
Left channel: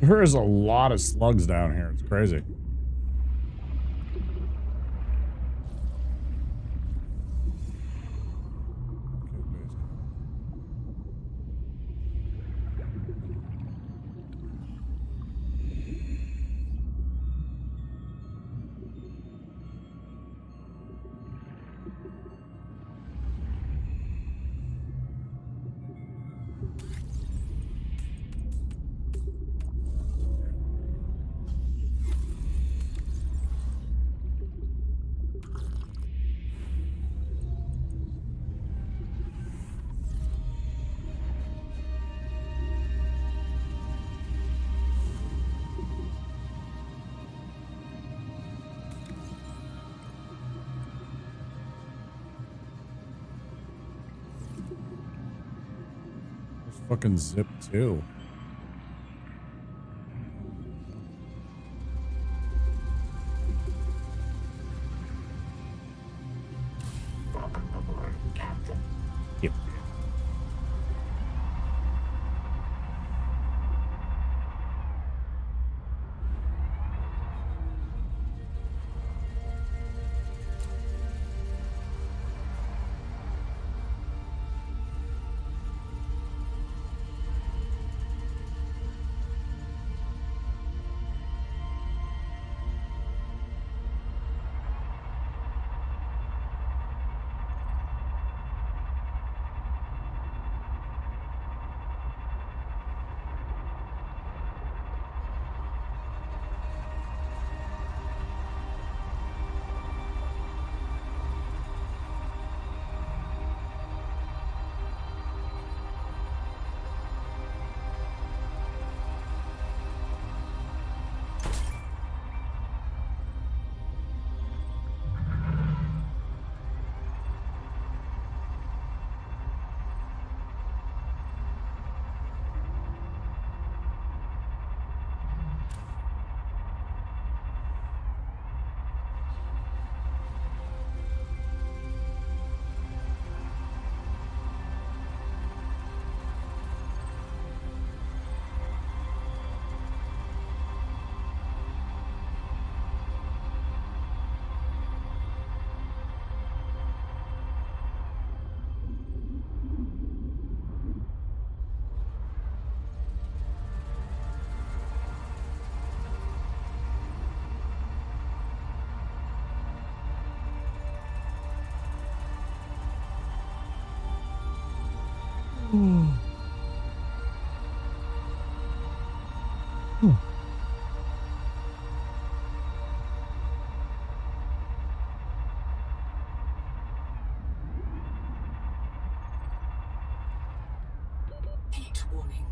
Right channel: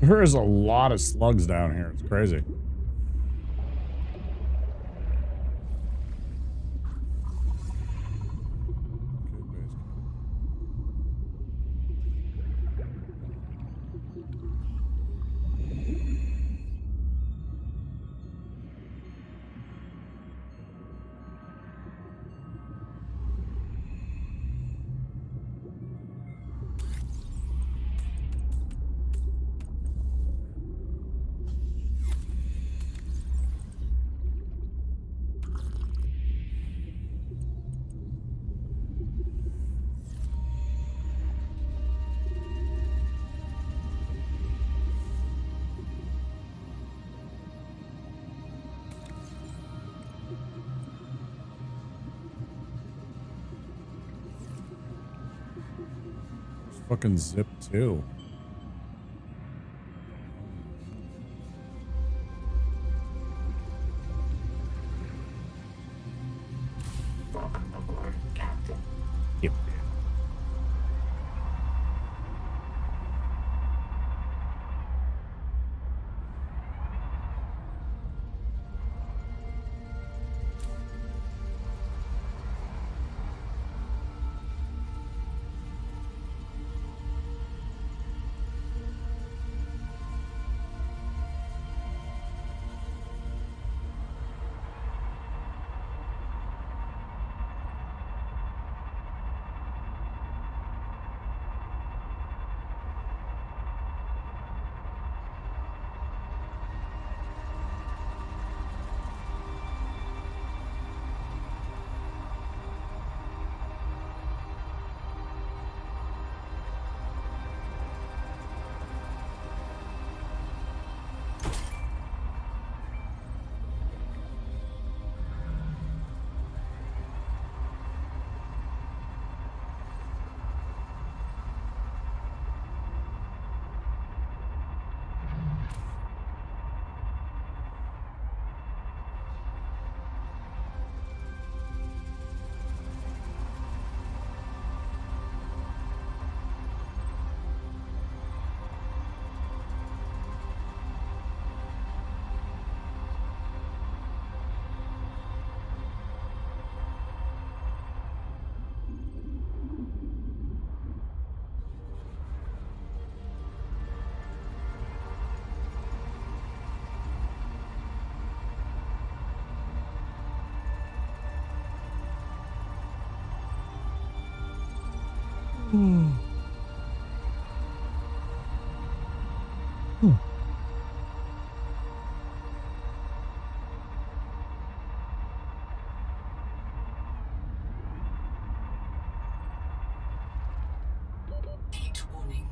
There is a lot of slugs down here. It's crazy. Fucking Zip too. Welcome aboard, Captain. Yep. Heat warning.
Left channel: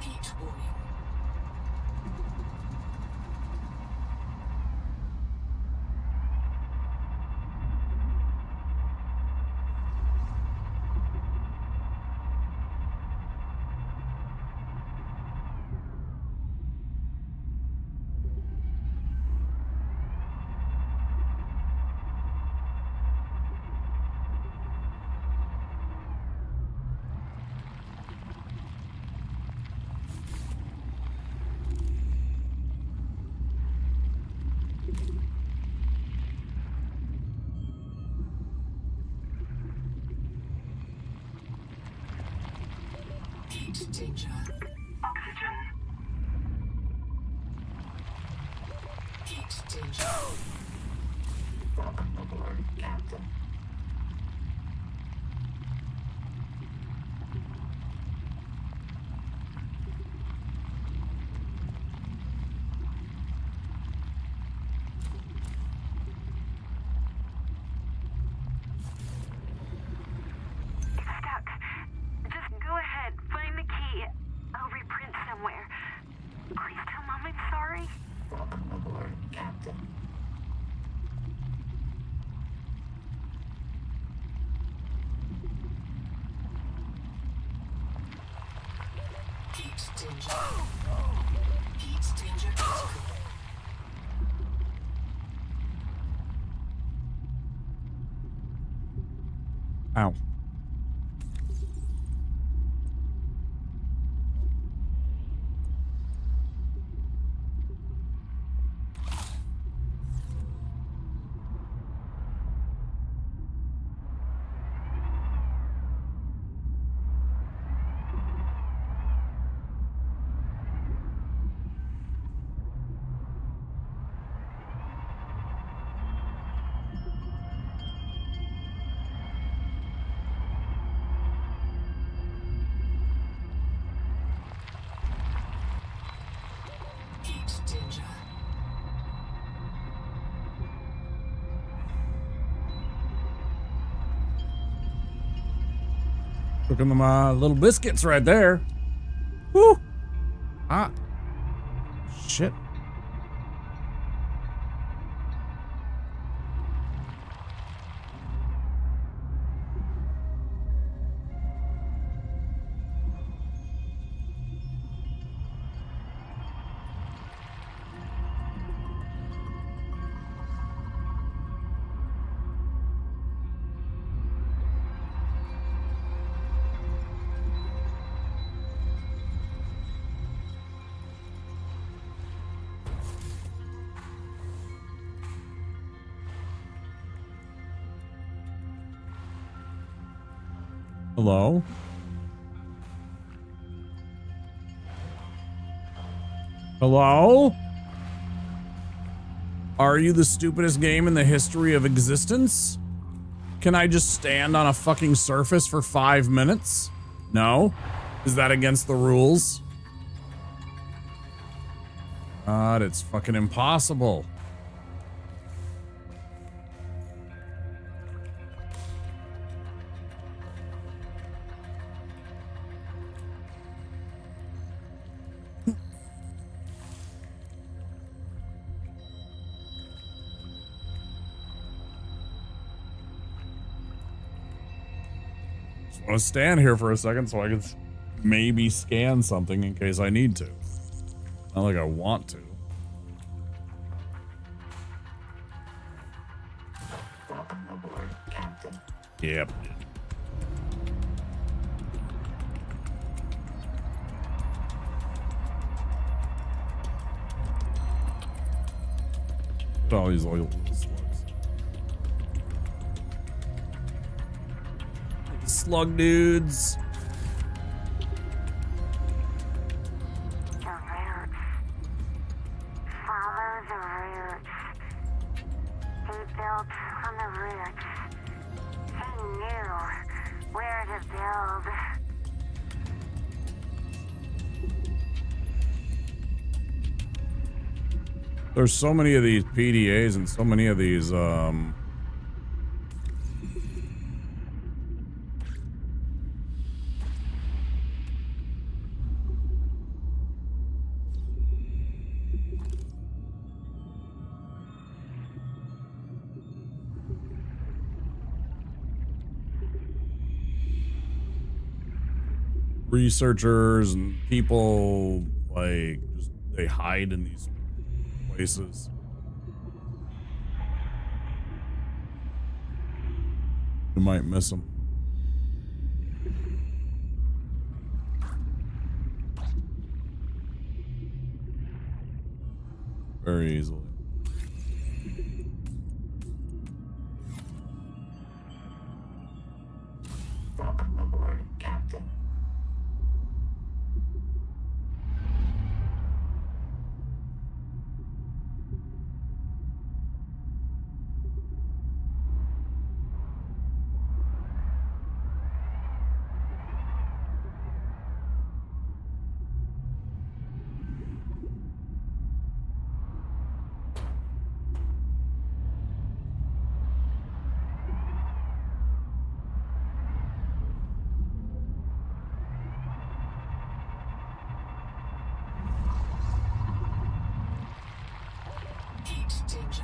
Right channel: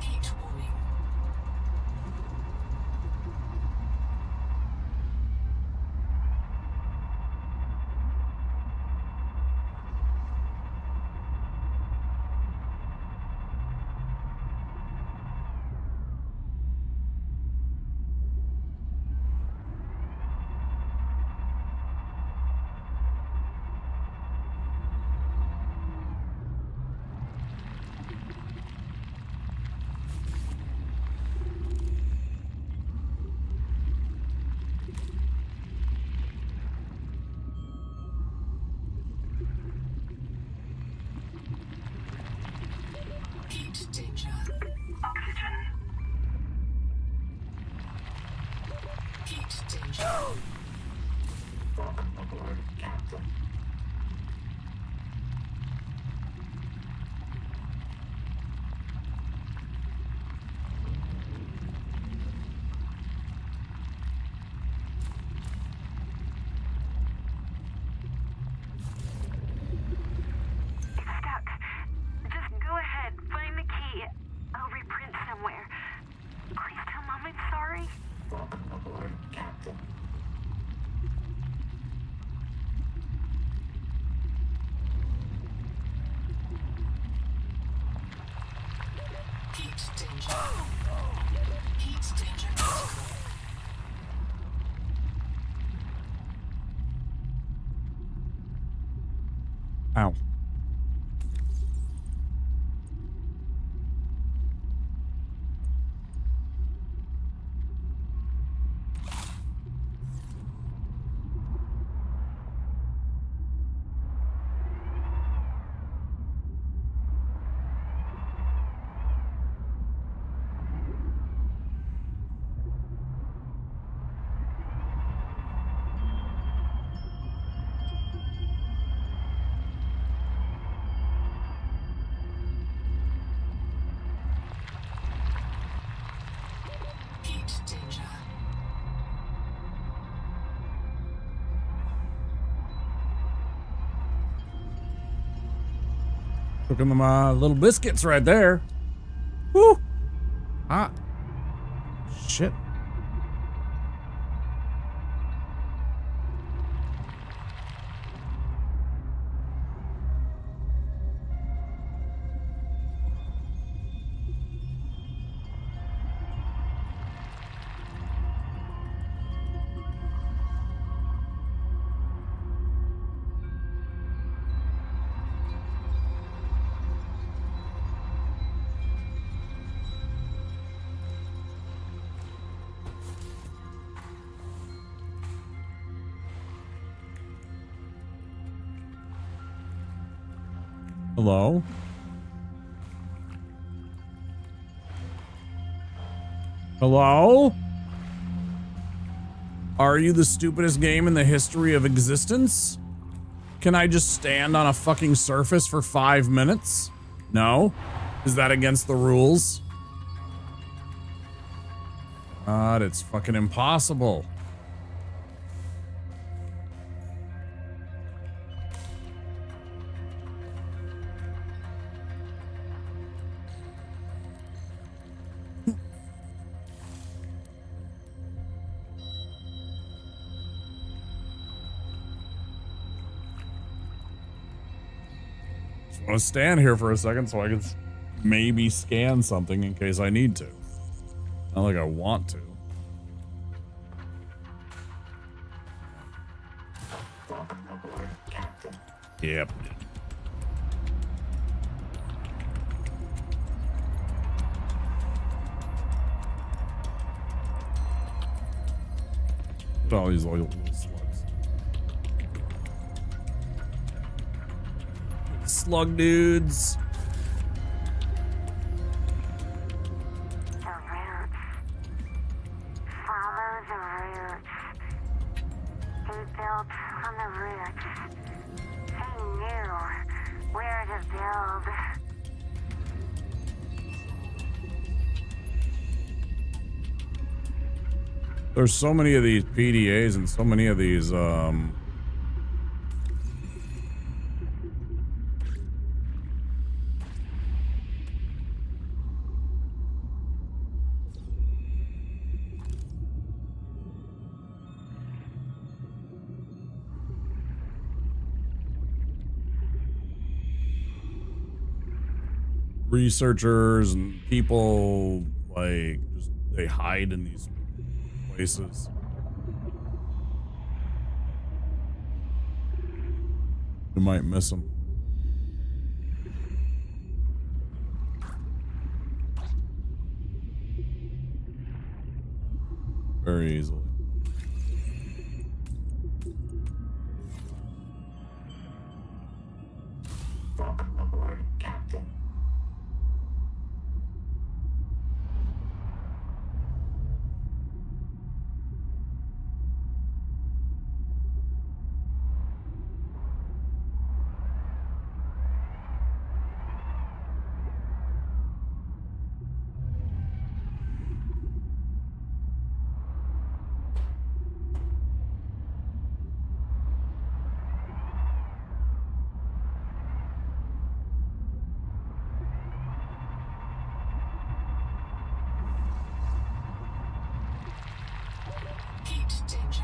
Heat warning. Heat danger. Oxygen. Heat danger. Welcome aboard, Captain. It's stuck. Just go ahead, find the key. I'll reprint somewhere. Please tell Mom I'm sorry. Welcome aboard, Captain. Heat danger. Heat danger. Ow. Heat danger. Cooking them little biscuits right there. Woo! Ah. Shit. Hello? Hello? Are you the stupidest game in the history of existence? Can I just stand on a fucking surface for 5 minutes? No? Is that against the rules? God, it's fucking impossible. Just want to stand here for a second so I can maybe scan something in case I need to. Not like I want to. Welcome aboard, Captain. Yep. Look at all these little slugs. Slug dudes. They built on the roots. They knew where to build. There's so many of these PDAs and so many of these, researchers and people, like, just, they hide in these places. You might miss them. Very easily. Welcome aboard, Captain. Heat danger.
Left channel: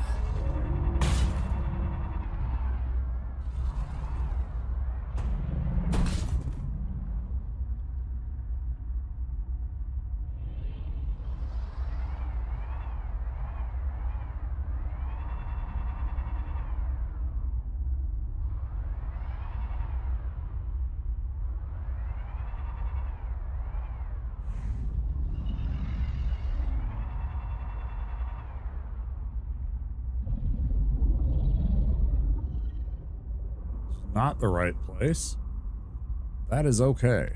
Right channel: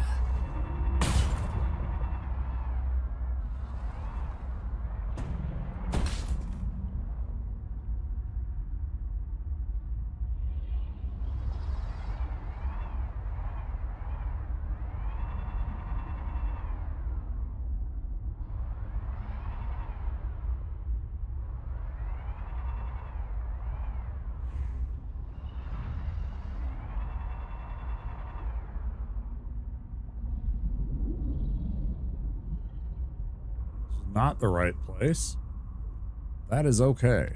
Not the right place. That is okay.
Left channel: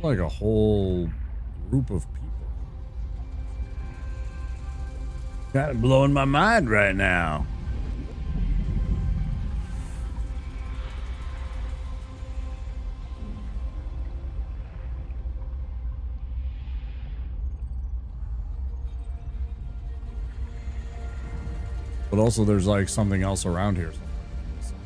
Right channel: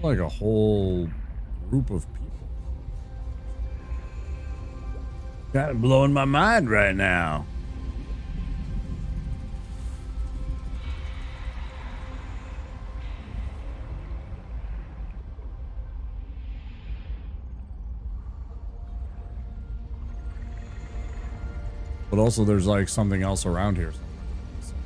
Like a whole group of people. Kind of blowing my mind right now. But also there's like something else around here somewhere that I'm missing.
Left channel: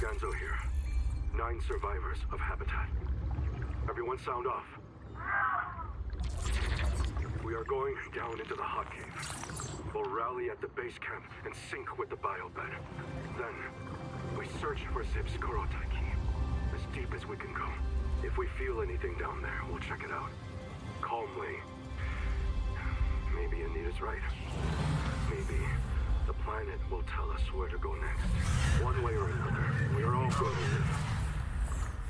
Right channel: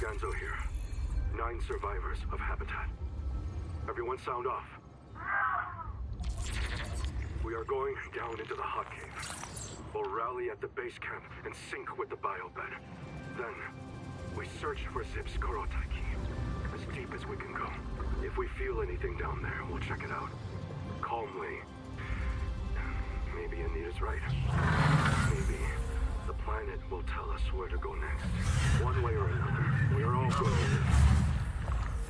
Ganzo here. 9 survivors of Habitat. Everyone sound off. We are going down into the hot cave. We'll rally at the base camp and sync with the biobed. Then, we search for Zip's Korotai key. As deep as we can go. If we feel anything down there, we'll check it out. Calmly. Maybe Anita's right. Maybe the planet will tell us where to go next. One way or another, we are all going to live.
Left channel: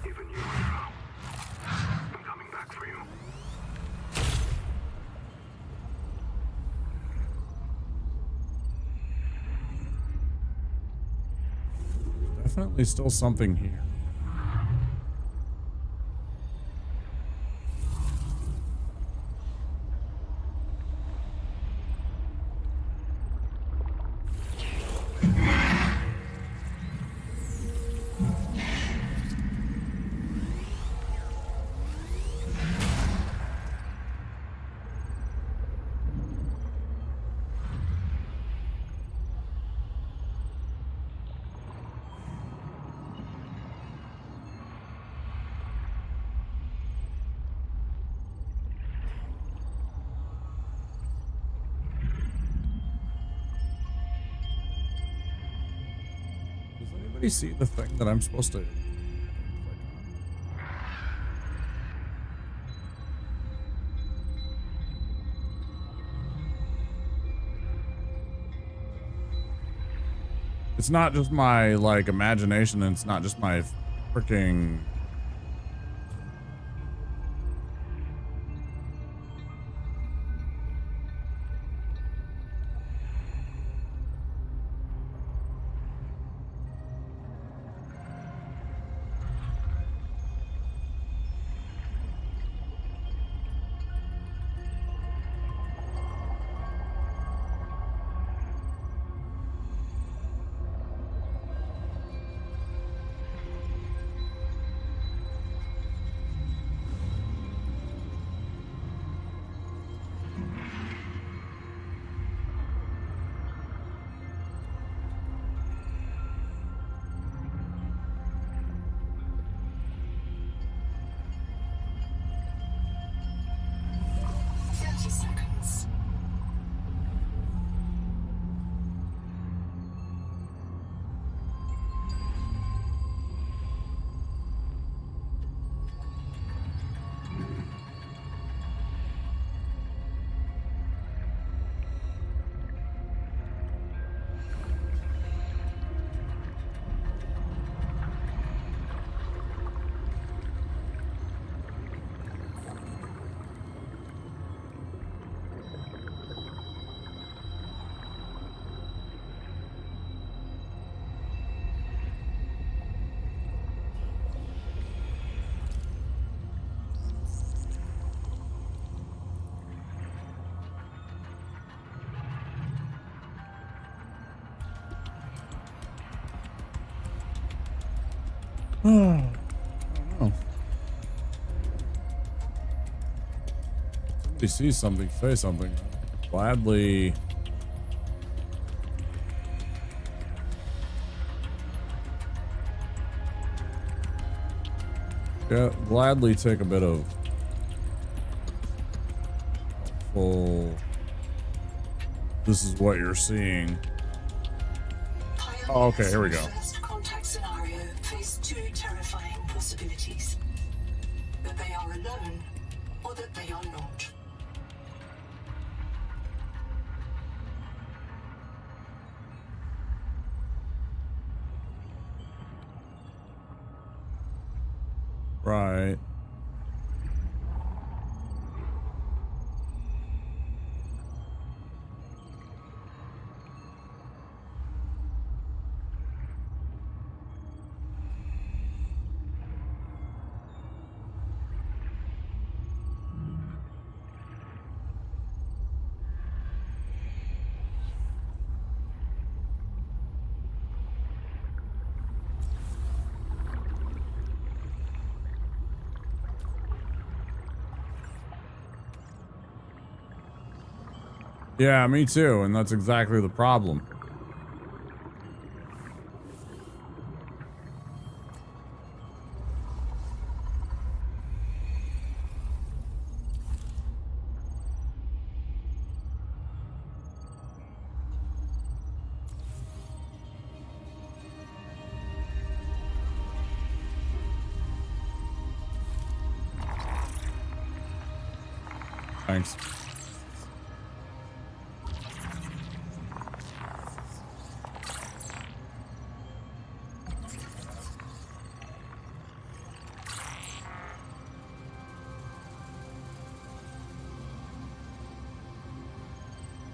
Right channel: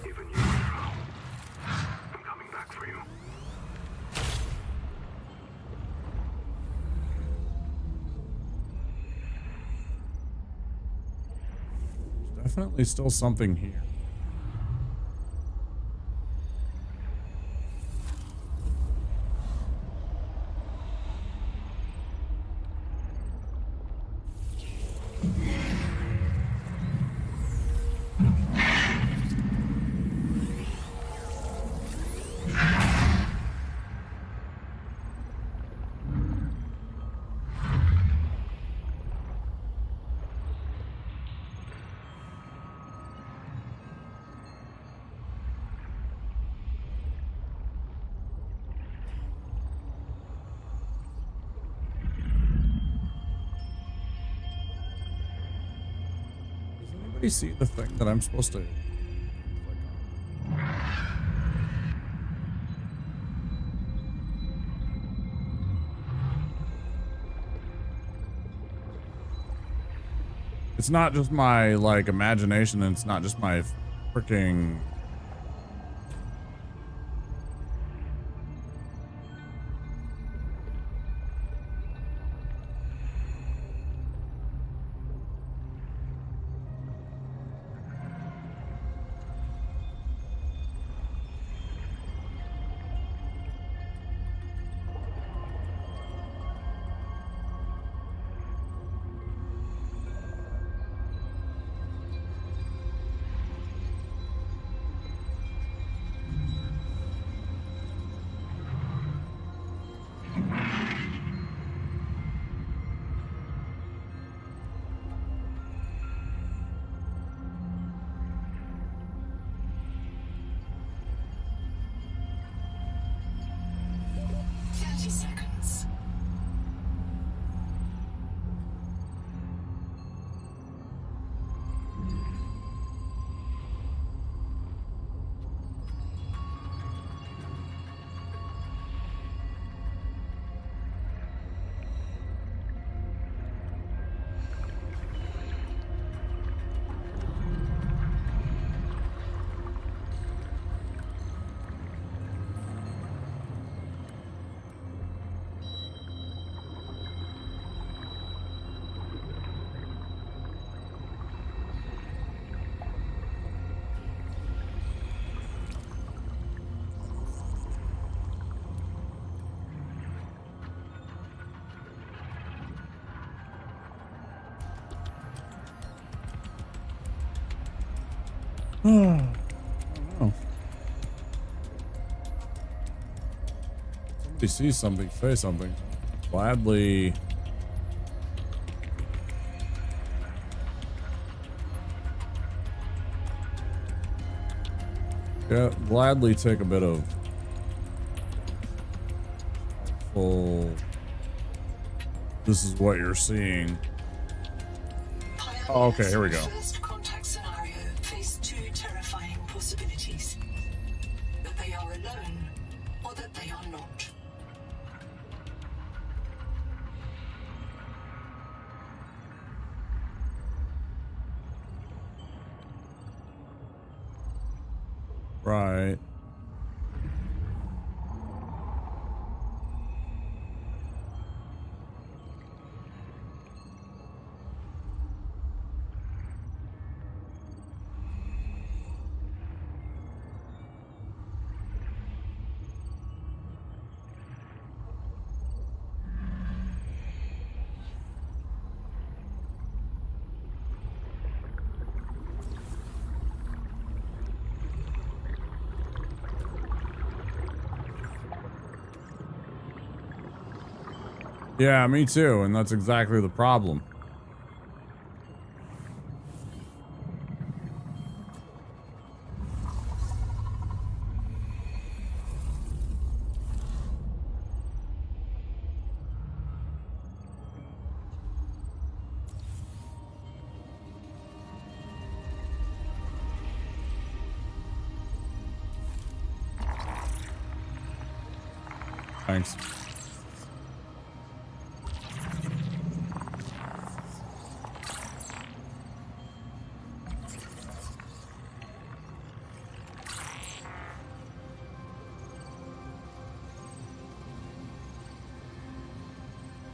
Even you, Monroe. I'm coming back for you. There's definitely still something here. Does anybody see the thing that I'm supposed to click on? It's not just my, like, imagination, and it's not just my freaking... I don't know. Somebody sees something, say something. I'd gladly... Yeah, gladly take a bit of helpful... This is what you're seeing. Oh, okay, here we go. First contact scenario face two terrifying possibilities. That they are alone, or that they are not. Right. Yeah, me too, and that's exactly the problem. Thanks.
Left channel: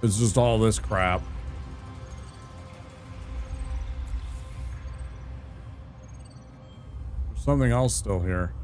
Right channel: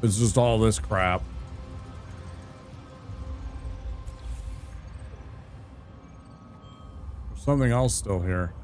It's just all this crap. There's something else still here.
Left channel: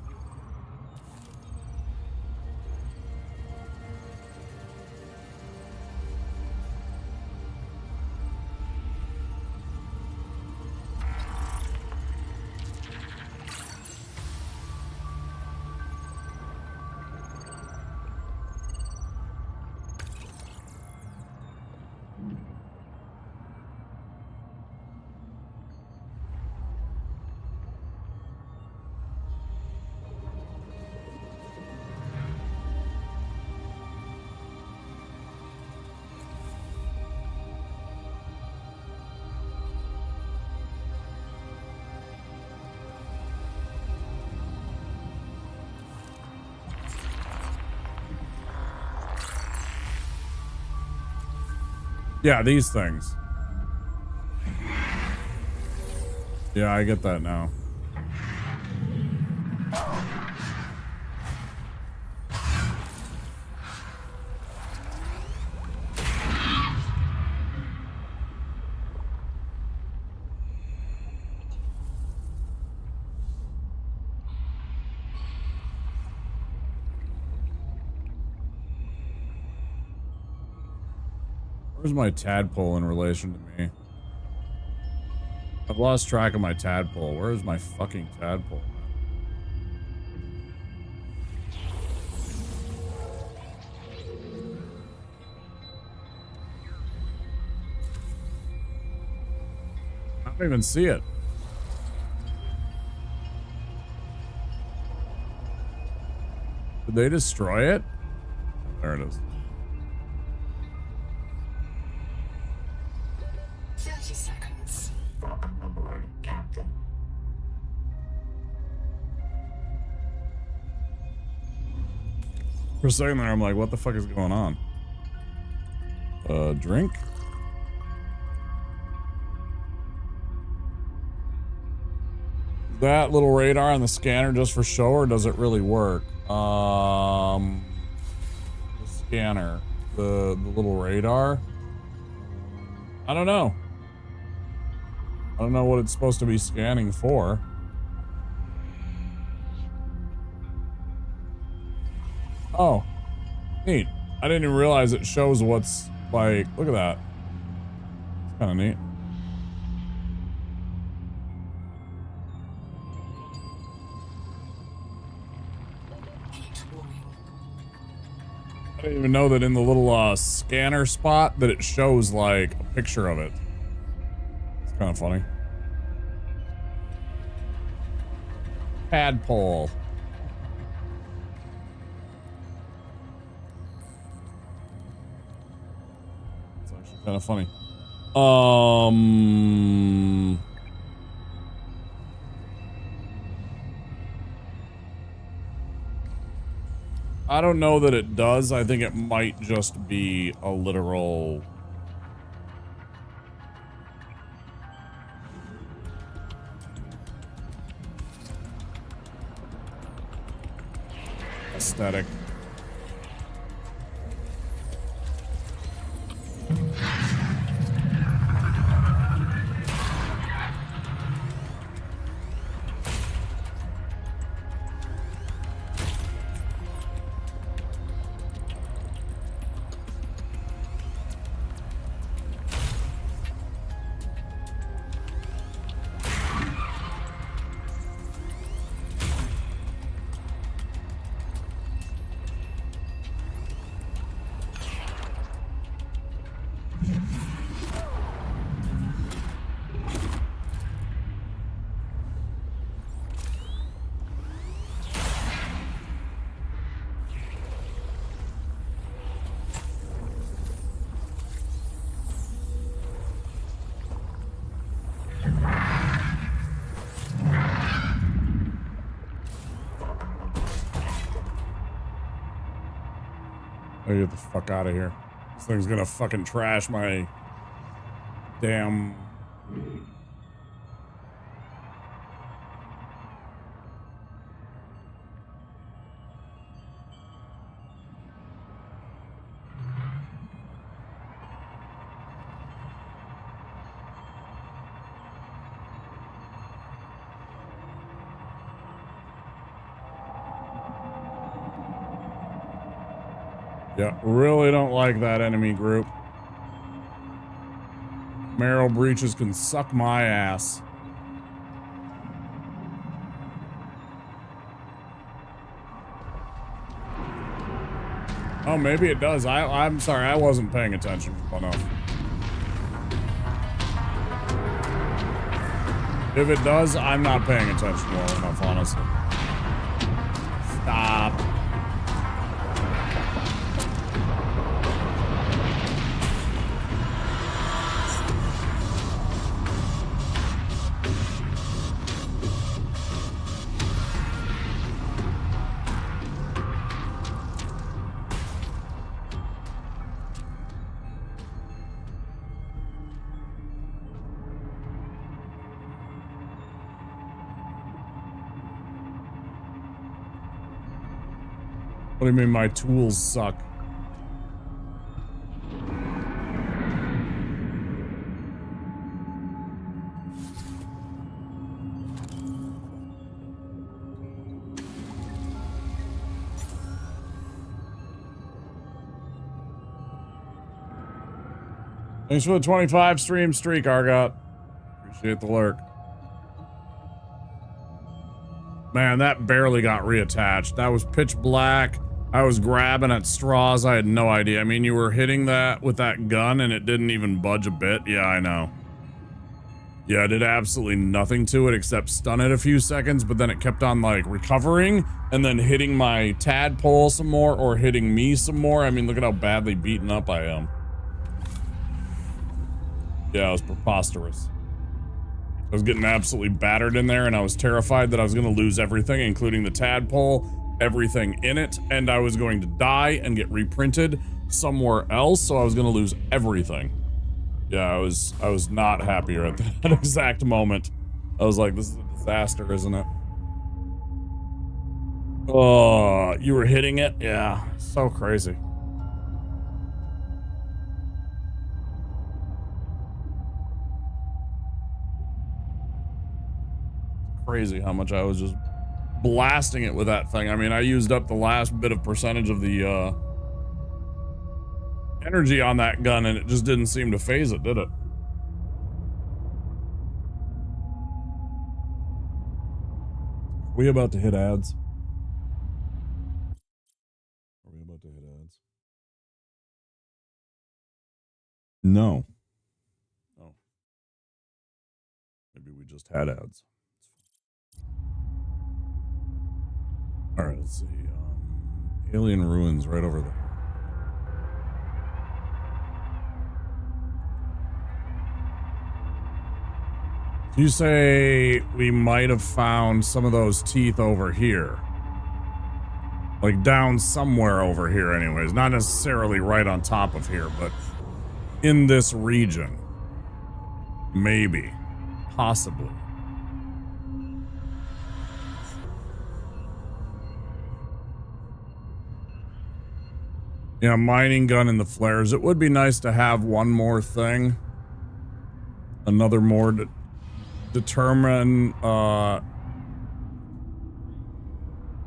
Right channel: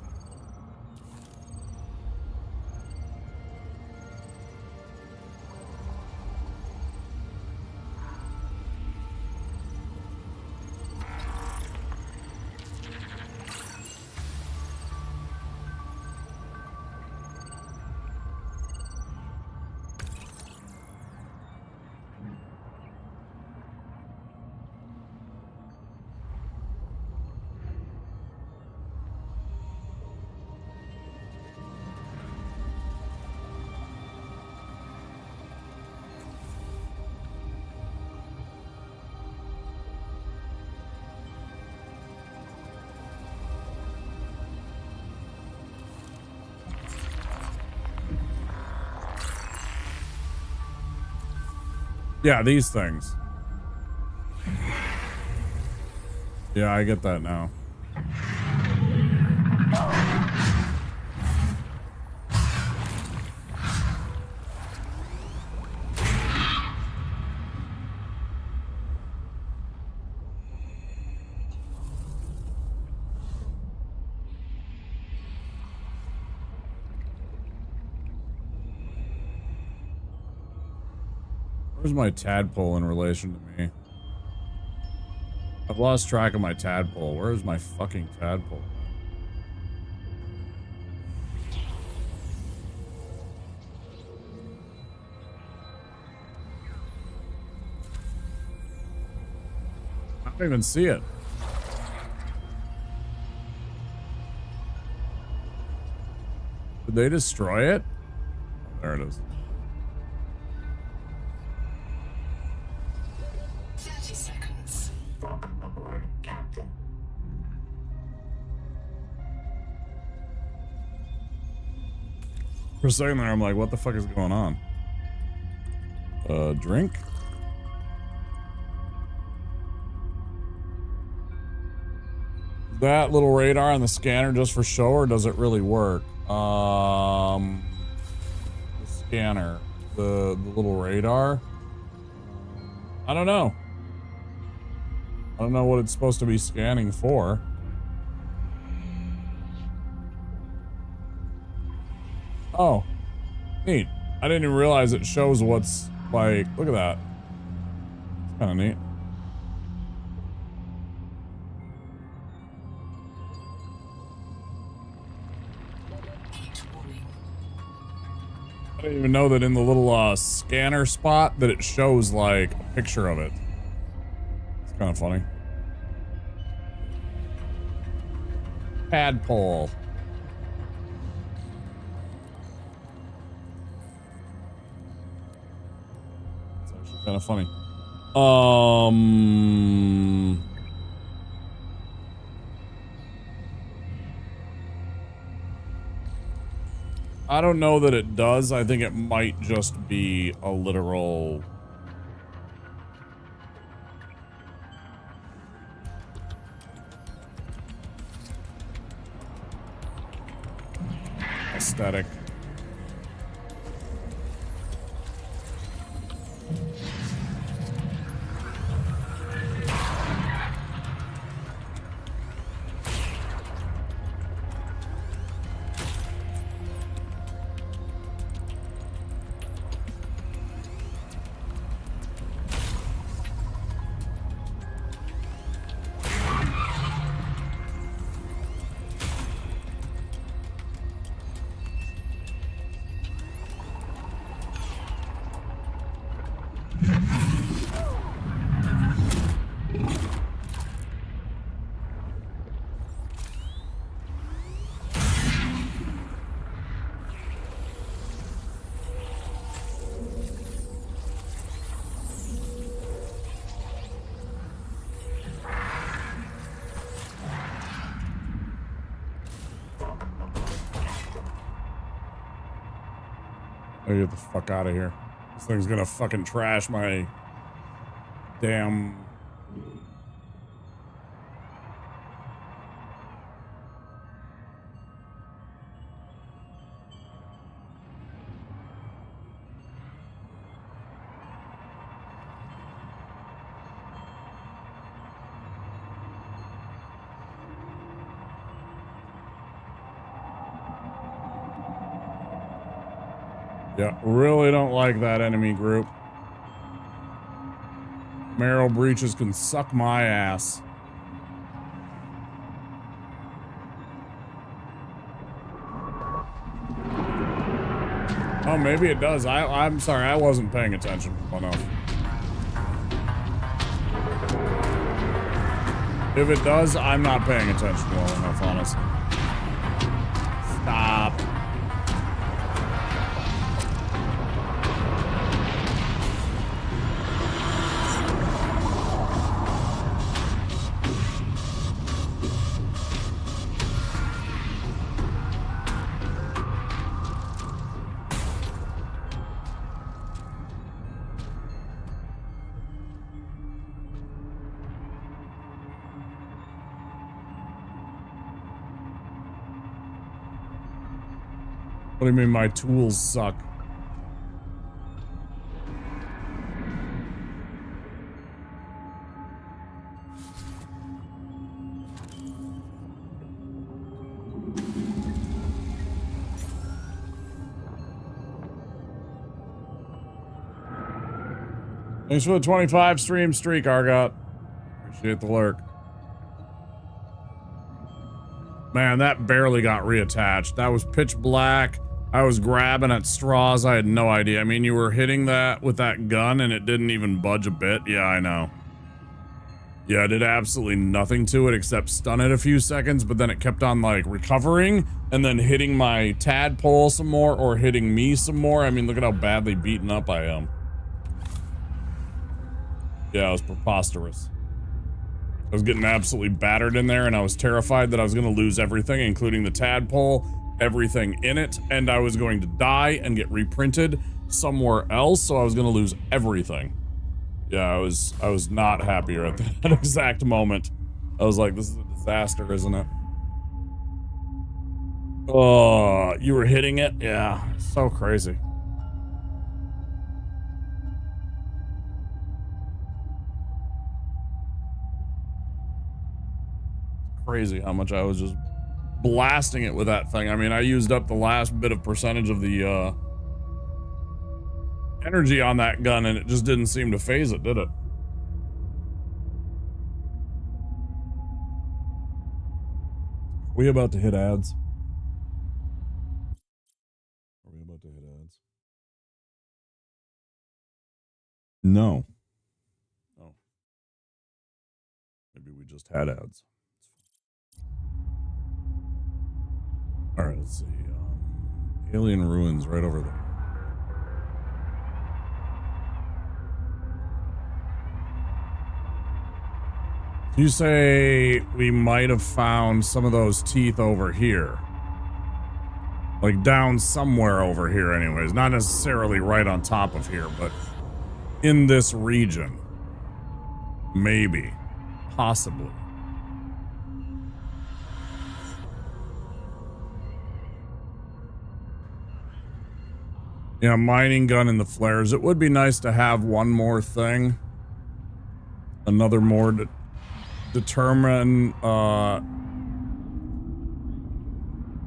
Yeah, these things. Yeah, I get that now. Where's my tadpole in relation to me? I've lost track of my tadpole. Where's my fucking tadpole, man? I don't even see it. Did they destroy it? Oh, there it is. For a second there, I'm like, what the fuck is going on? Drink? Is that little radar on the scanner just for show, or does it really work? The scanner. The little radar? I don't know. I don't know what it's supposed to be scanning for. Oh, neat. I didn't even realize it shows what's like, look at that. It's kind of neat. I didn't even know that in the little scanner spot that it shows like a picture of it. It's kind of funny. Tadpole. Kind of funny. I don't know that it does. I think it might just be a literal aesthetic. I get the fuck out of here. This thing's gonna fucking trash my damn. Yeah, really don't like that enemy group. Marrow breaches can suck my ass. Oh, maybe it does. I'm sorry, I wasn't paying attention enough. If it does, I'm not paying attention well enough, honestly. Stop. What do you mean my tools suck? Thanks for the 25 stream streak, Argot. Appreciate the lurk. Man, that barely got reattached. That was pitch black. I was grabbing at straws. I had no idea. I mean, you were hitting that with that gun and it didn't even budge a bit. Yeah, I know. Yeah, I did absolutely nothing to it except stun it a few seconds, but then it kept on like recovering and then hitting my tadpole some more or hitting me some more. I mean, look at how badly beaten up I am. Yeah, it was preposterous. I was getting absolutely battered in there and I was terrified that I was going to lose everything, including the tadpole, everything in it, and I was going to die and get reprinted somewhere else, so I was going to lose everything. Yeah, I was not happier at that exact moment. I was like, this is a disaster, isn't it? Oh, you were hitting it? Yeah, so crazy. Crazy how much I was just blasting it with that thing. I mean, I used up the last bit of percentage of the energy on that gun and it just didn't seem to phase it, did it? Are we about to hit ads? Are we about to hit ads? No. Oh. Maybe we just had ads. All right, let's see. Alien Ruins right over there. You say we might have found some of those teeth over here. Like down somewhere over here anyways. Not necessarily right on top of here, but in this region. Maybe. Possibly. Yeah, mining gun and the flares. It would be nice to have one more thing. Another more to determine,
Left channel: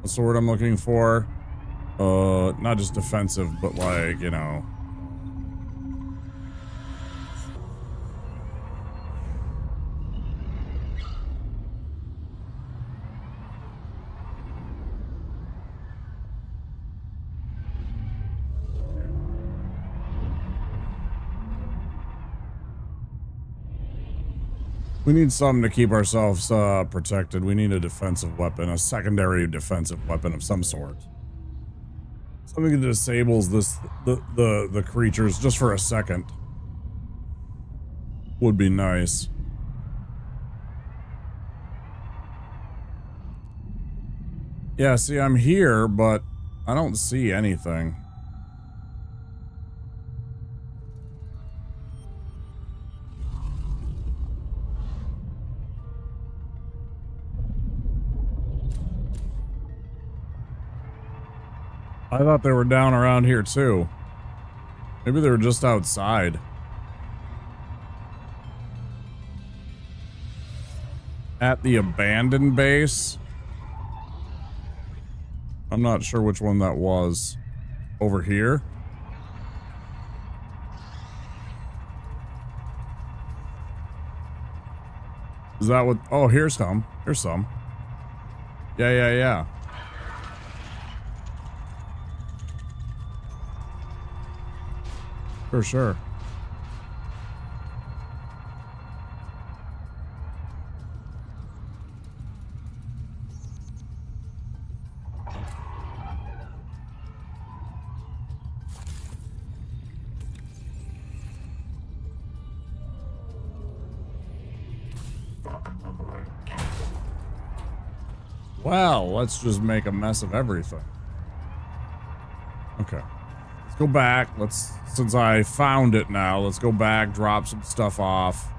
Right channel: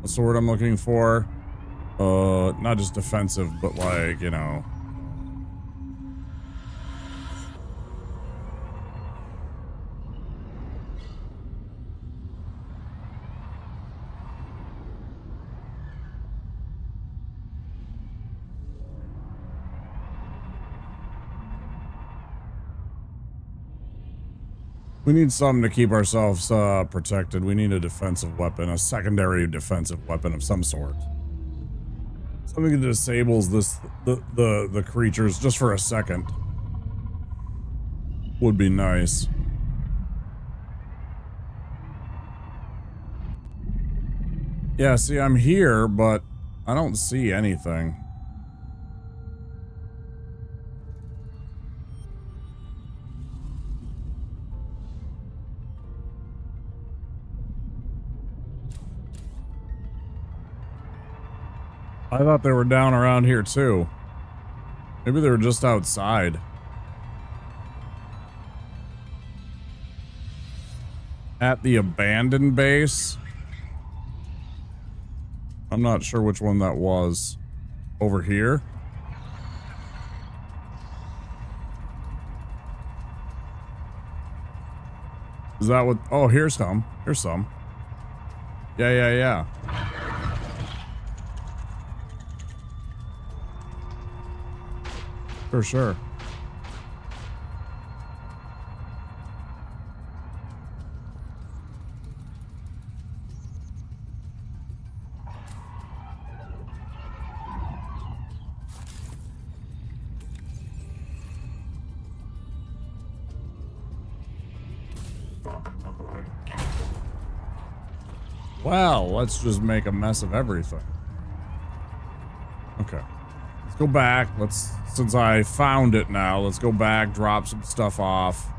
what's the word I'm looking for? Not just defensive, but like, you know. We need something to keep ourselves protected. We need a defensive weapon, a secondary defensive weapon of some sort. Something that disables the creatures just for a second would be nice. Yeah, see, I'm here, but I don't see anything. I thought they were down around here too. Maybe they were just outside. At the abandoned base? I'm not sure which one that was. Over here? Is that what? Oh, here's some. Here's some. Yeah. For sure. Well, let's just make a mess of everything. Okay. Let's go back. Since I found it now, let's go back, drop some stuff off.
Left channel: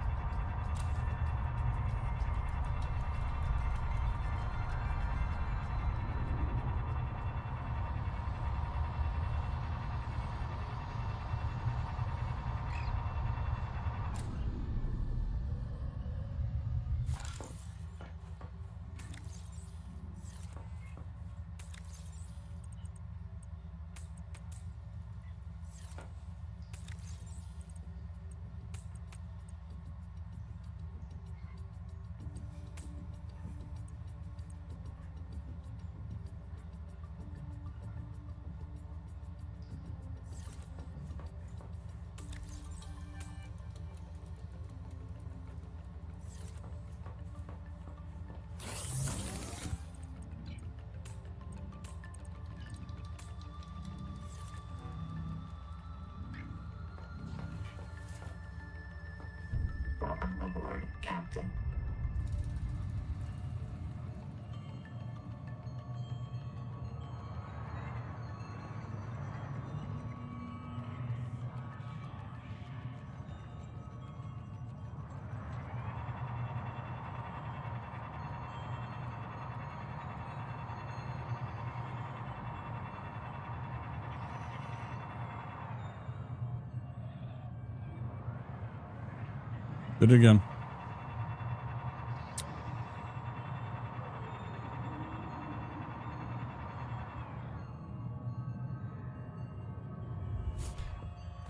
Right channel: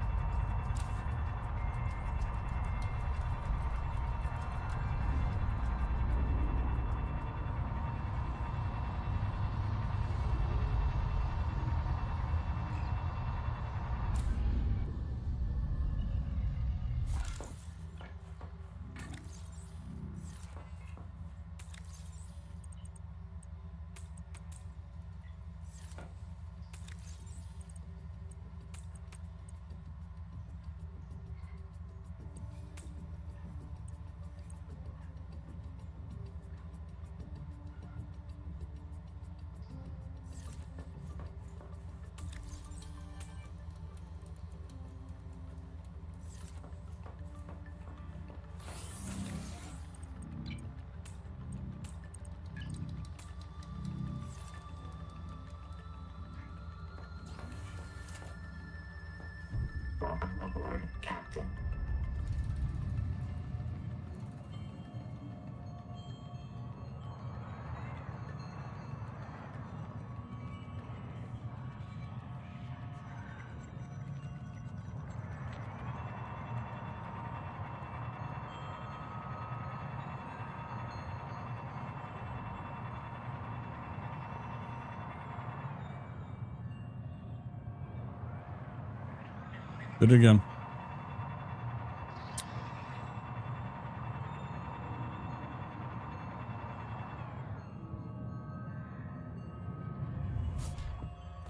Did it again.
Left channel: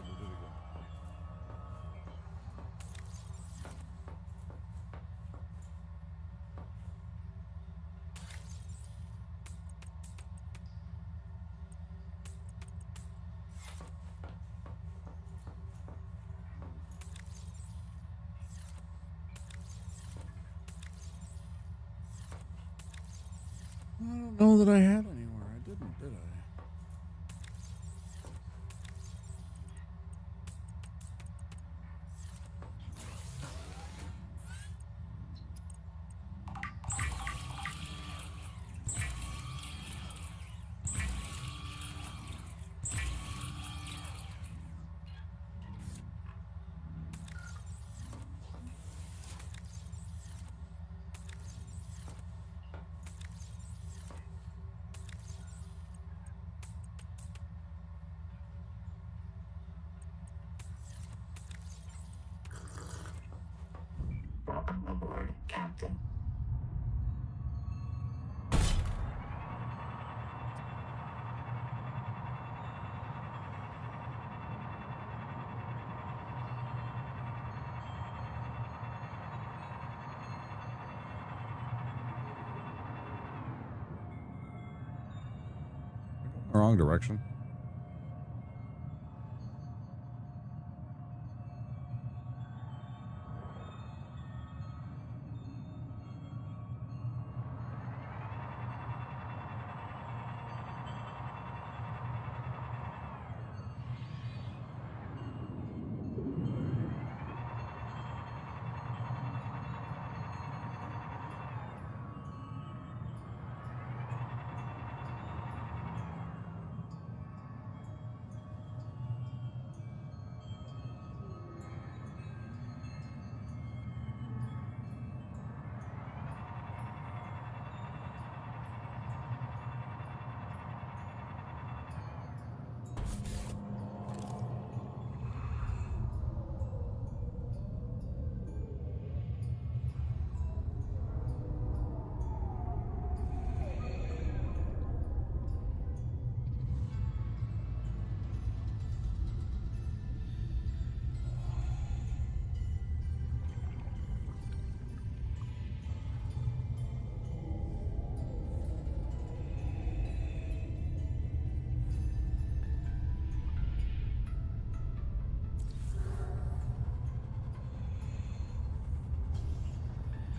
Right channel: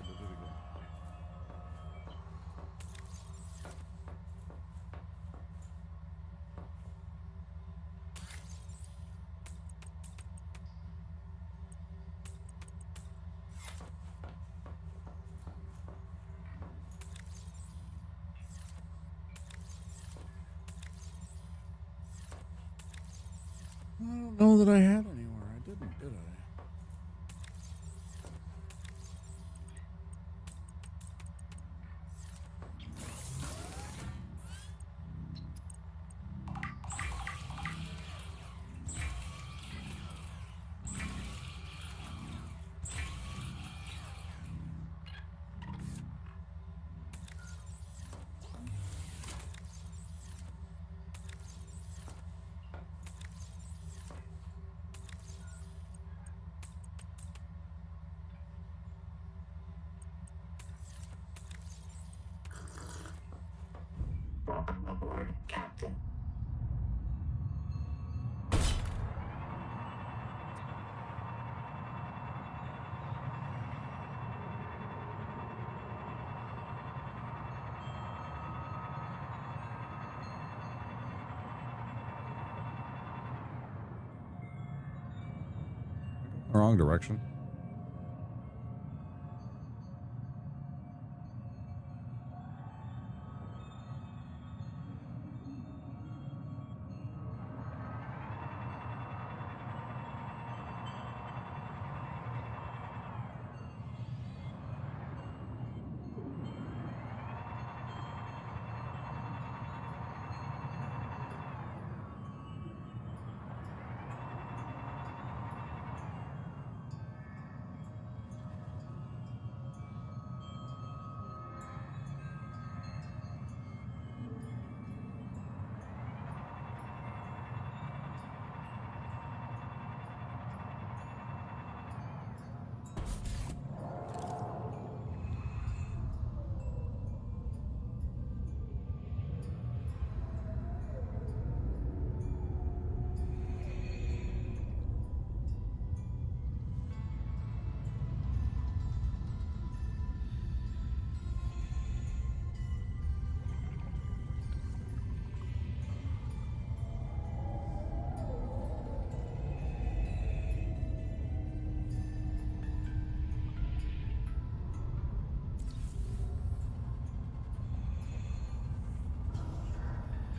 Did it again. I don't know that I had anywhere. I didn't, did I? The wrong direction.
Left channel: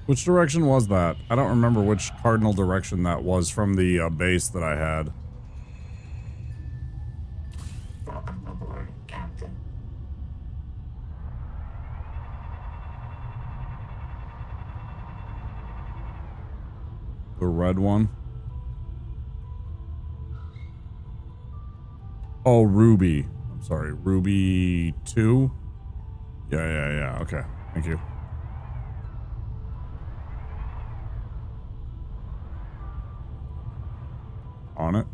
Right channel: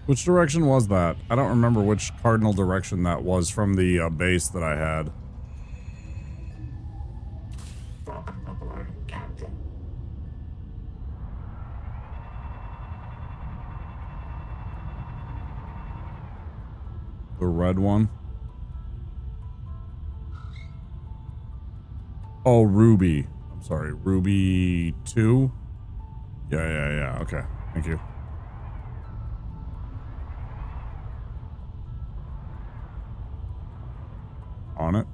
Which direction was that? I don't remember which cardinal direction that was from the base that I had. Welcome aboard, Captain. The red one? Oh, Ruby. I'm sorry, Ruby 2? Yeah. Okay, thank you. On it.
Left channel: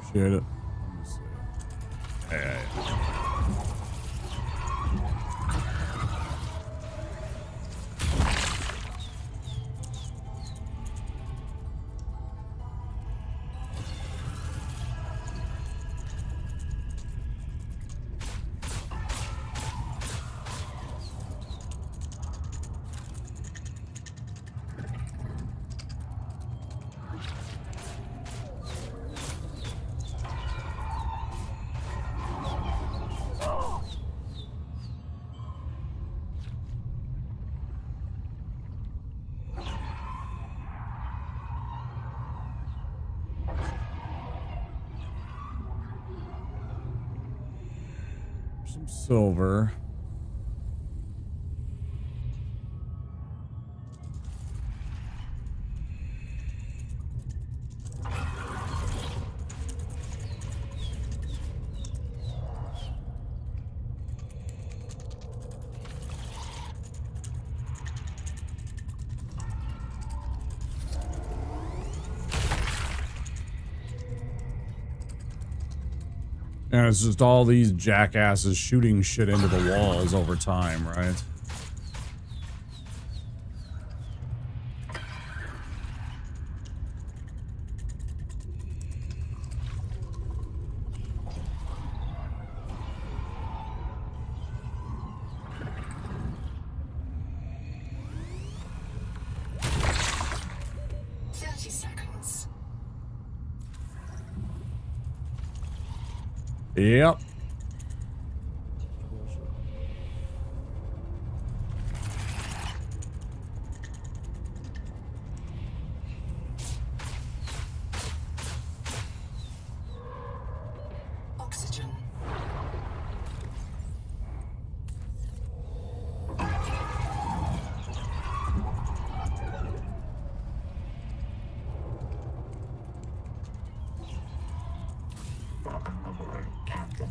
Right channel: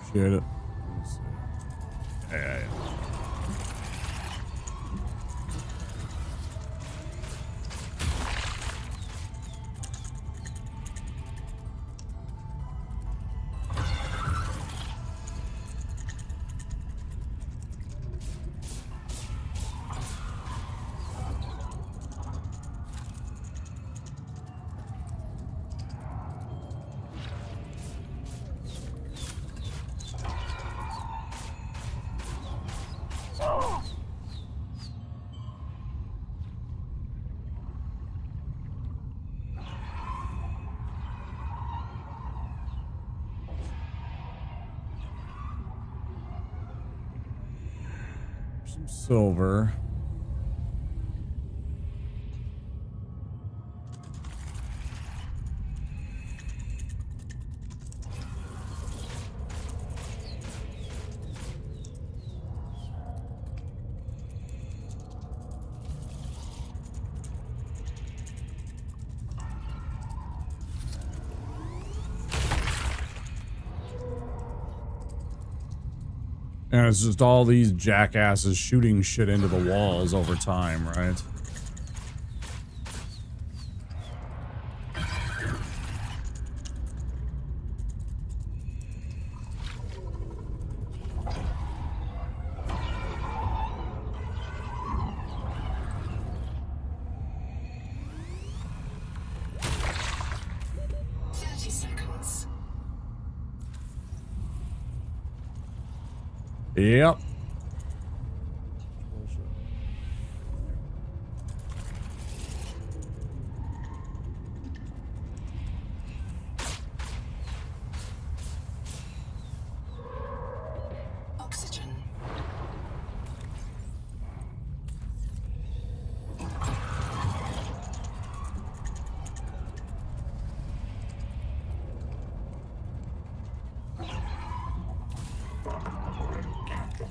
Appreciate it. Let me see. Yeah. Some silver. And it's just all these jackasses shooting shit into the walls over time, right? Yep. Oxygen. Welcome aboard, Captain.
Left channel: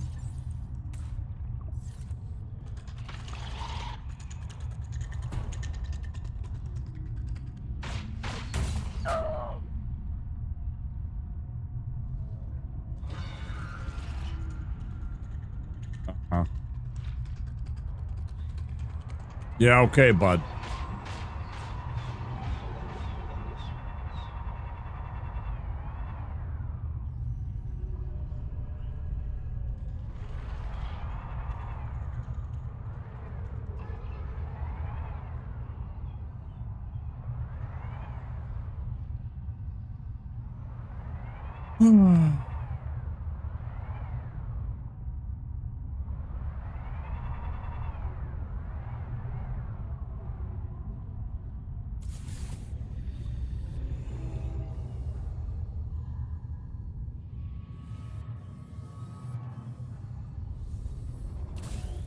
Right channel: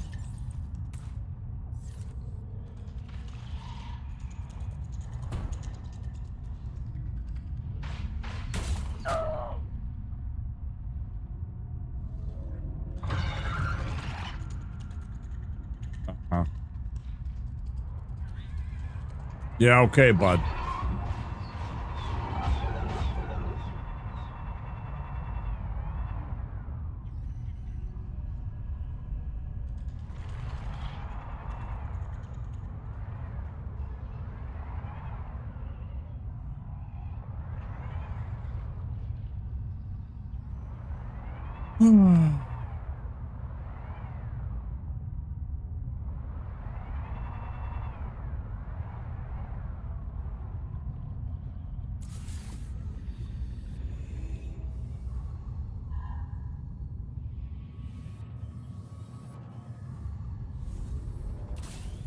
Yeah, okay, bud.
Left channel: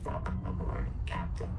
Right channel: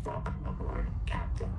Welcome aboard, Captain.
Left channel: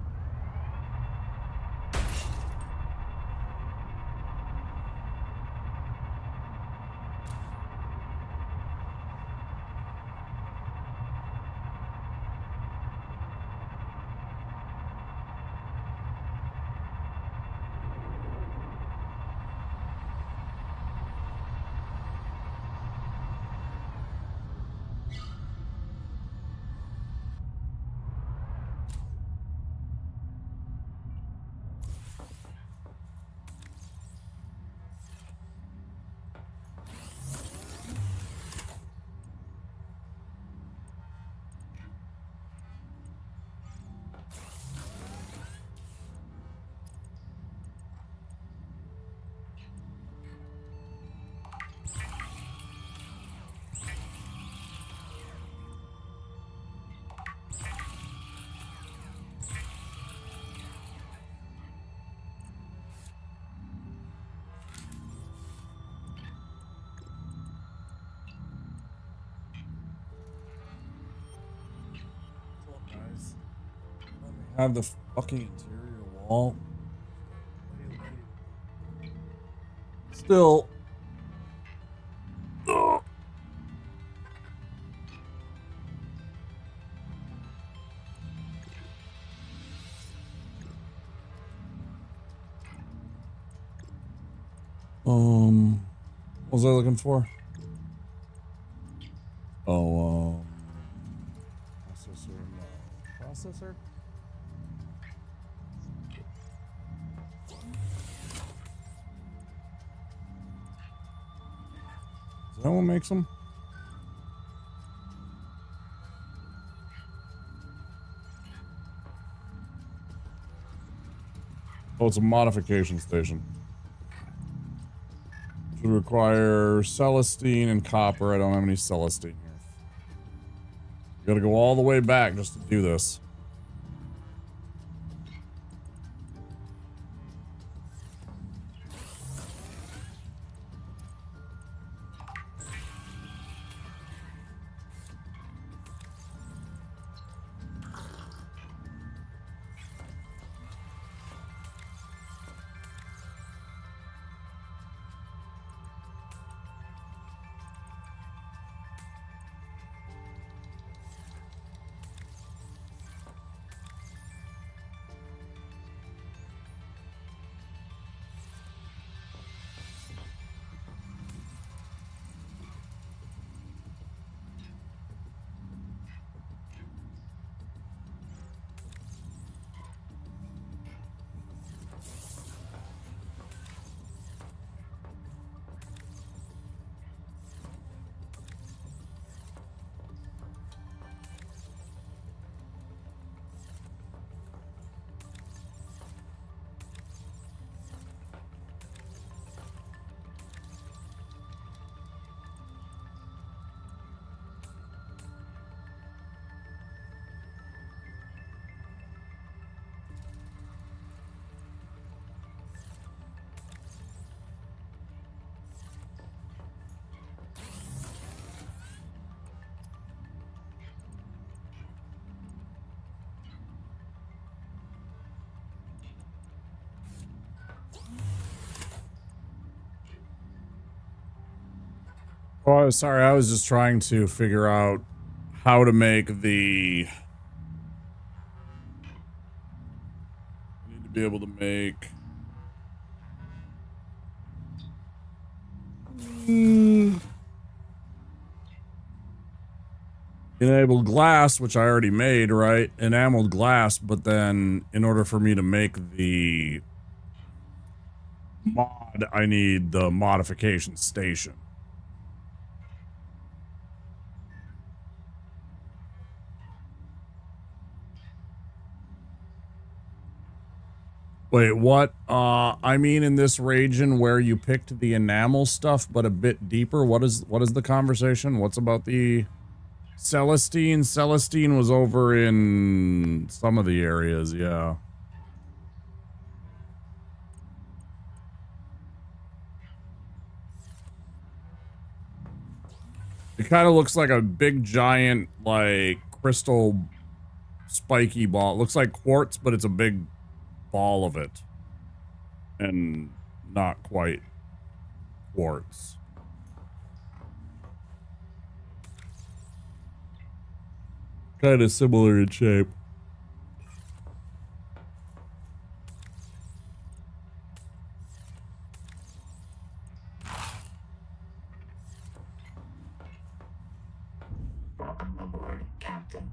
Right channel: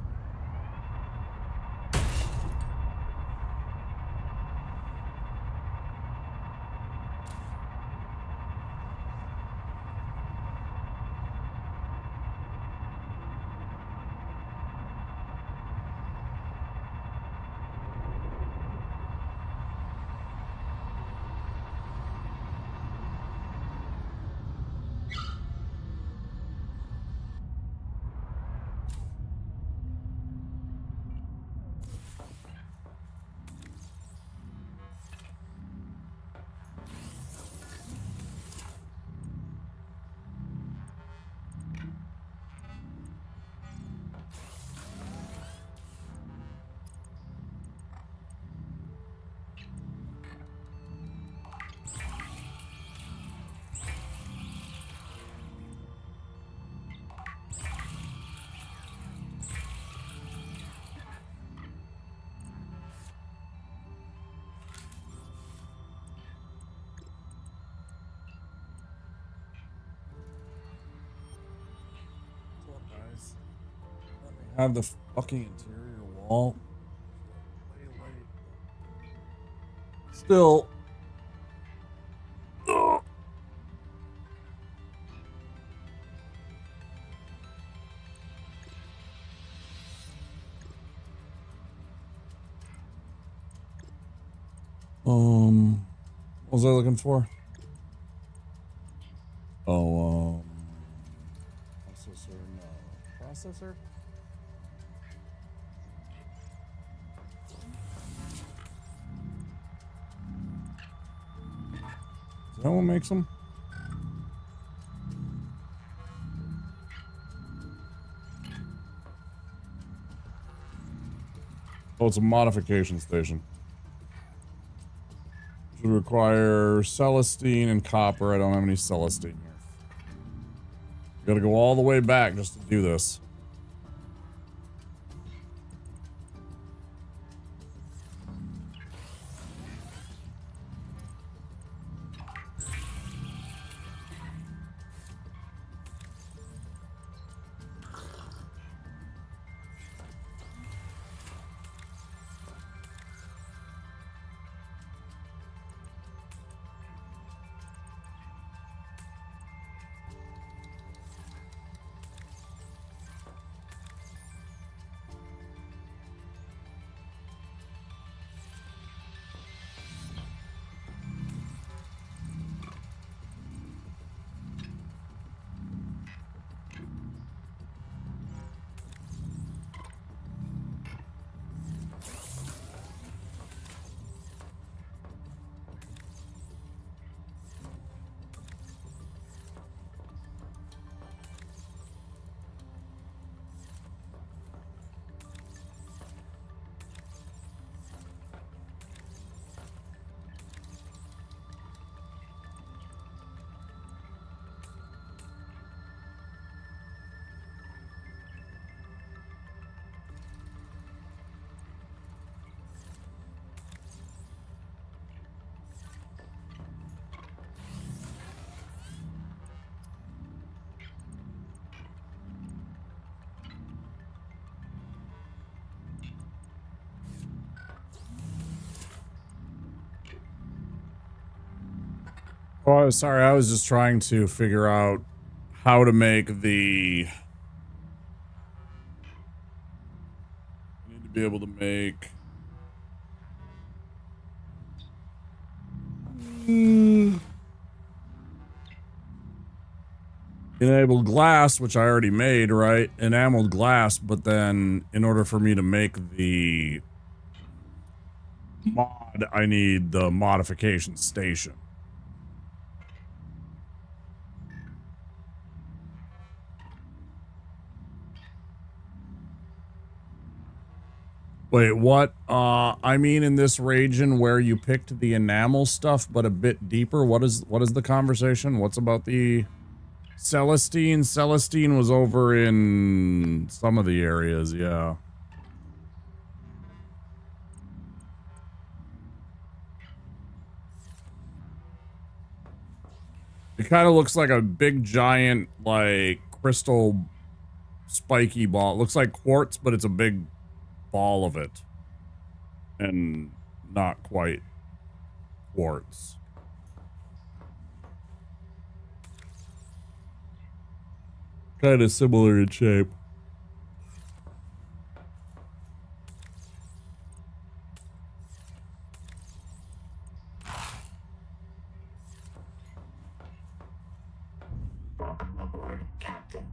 guys. Let me have the fucking interior wall. Still. Ugh. What was I looking for? Oh, processor, no. Processor? Is that what makes them? Oh, it's a modification station. Should require Celestine and copper. I don't have any Celestine here. You gotta go all the way back just to do this. Oh, sorry. I was just trying to figure out how to make the... I need to be able to make... Enabled glass, which I already made, right? Enameled glass, but then in order for me to make the mod, I need the modification station. Wait, what? I mean in this region where you picked the enamel stuff, but a bit deeper. What is the conversation? What's about the Celestine? Celestine was over in some of the areas, yeah. It kind of looks like a big giant, like, crystal spiky ball. It looks like quartz, but it's a big ball of it. And not quite quartz. Kind of similar in shape. Welcome aboard, Captain.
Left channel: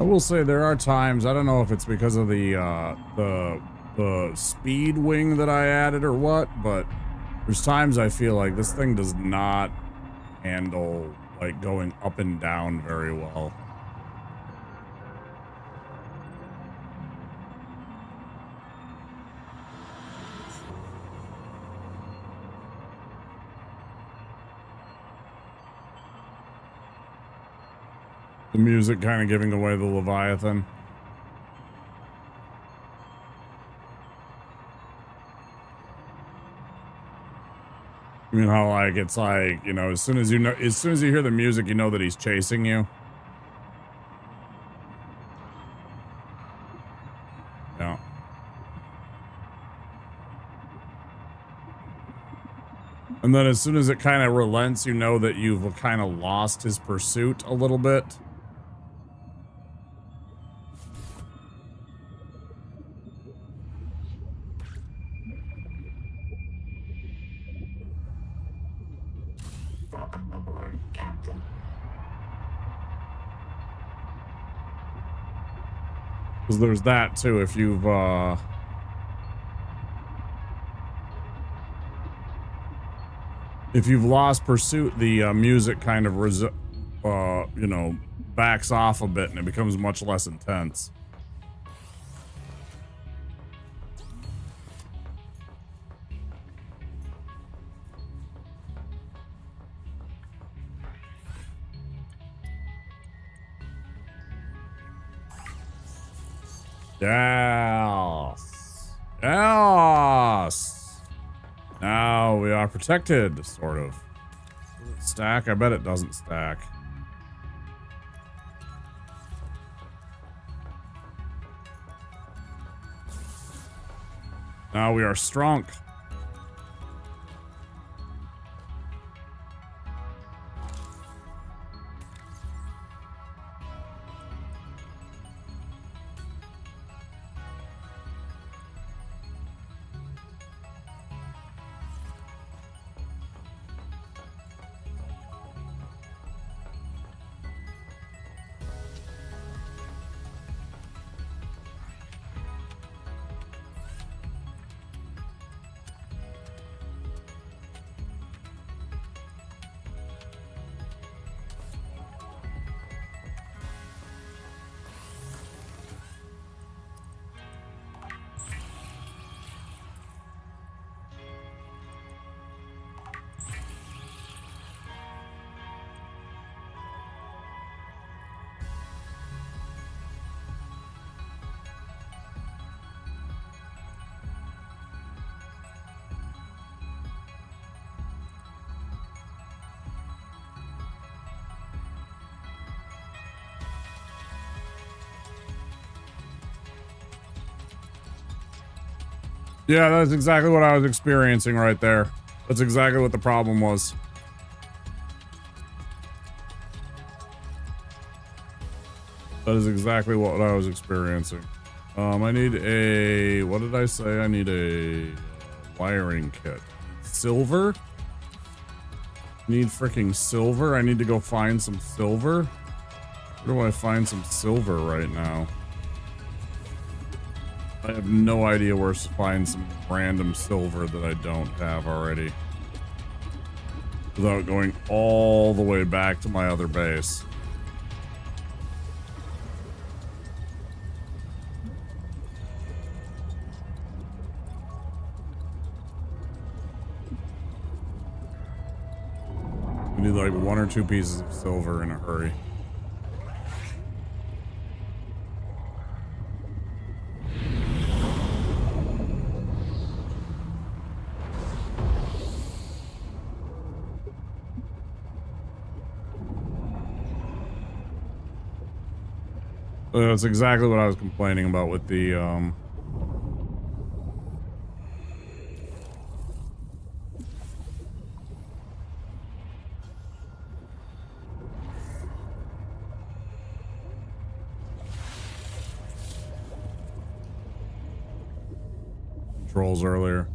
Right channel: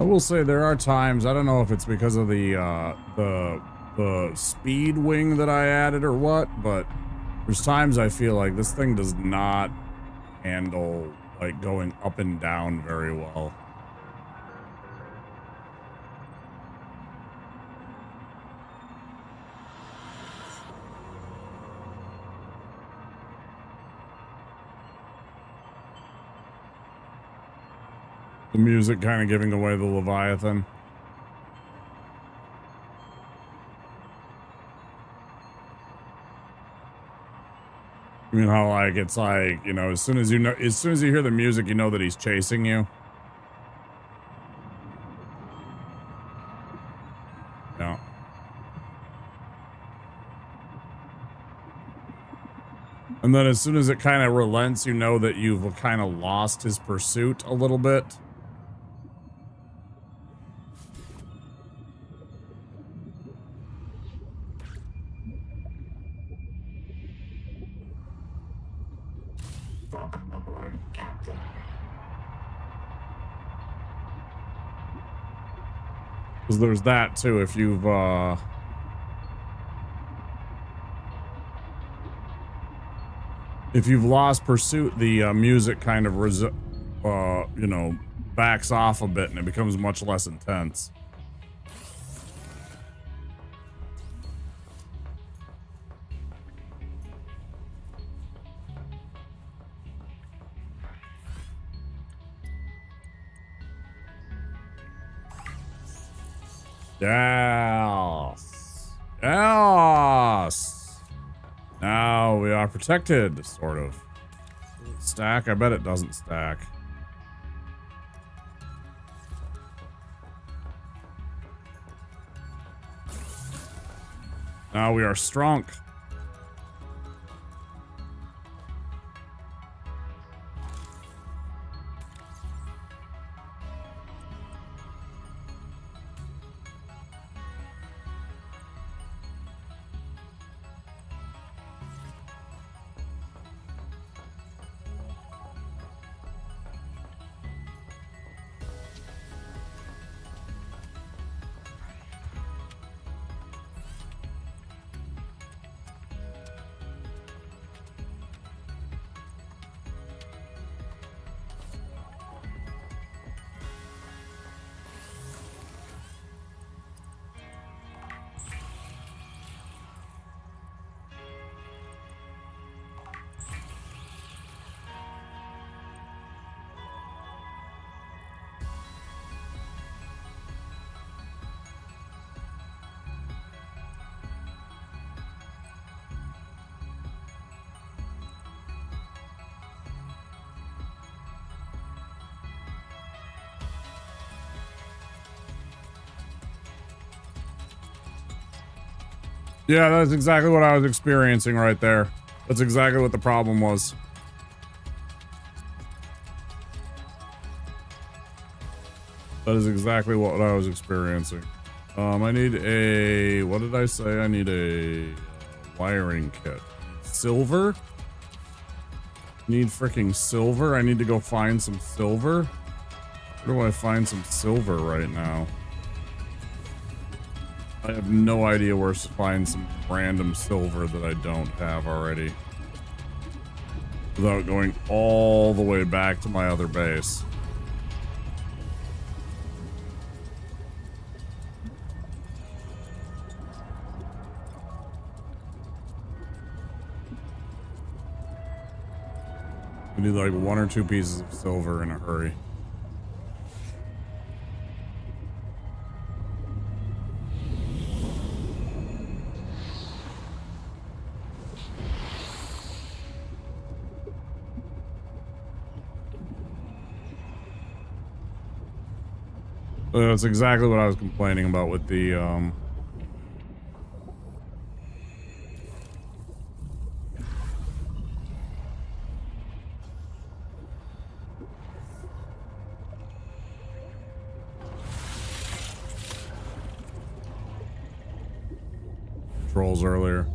I will say there are times, I don't know if it's because of the speed wing that I added or what, but there's times I feel like this thing does not handle like going up and down very well. The music kind of giving away the Leviathan. I mean, how like it's like, you know, as soon as you hear the music, you know that he's chasing you. Yeah. And then as soon as it kind of relents, you know that you've kind of lost his pursuit a little bit. Welcome aboard, Captain. Because there's that too. If you've lost pursuit, the music kind of you know, backs off a bit and it becomes much less intense. Yes. Yes. Now we are protected, sort of. Does it stack? I bet it doesn't stack. Now we are strong. Yeah, that's exactly what I was experiencing right there. That's exactly what the problem was. That is exactly what I was experiencing. I need a... What did I say? I need a wiring kit. I need silver? I need freaking silver? I need to go find some silver? Where do I find some silver right now? I have no idea where to find some random silver that I don't have already. Without going all the way back to my other base. I need like 1 or 2 pieces of silver in a hurry. That's exactly what I was complaining about with the, controls earlier.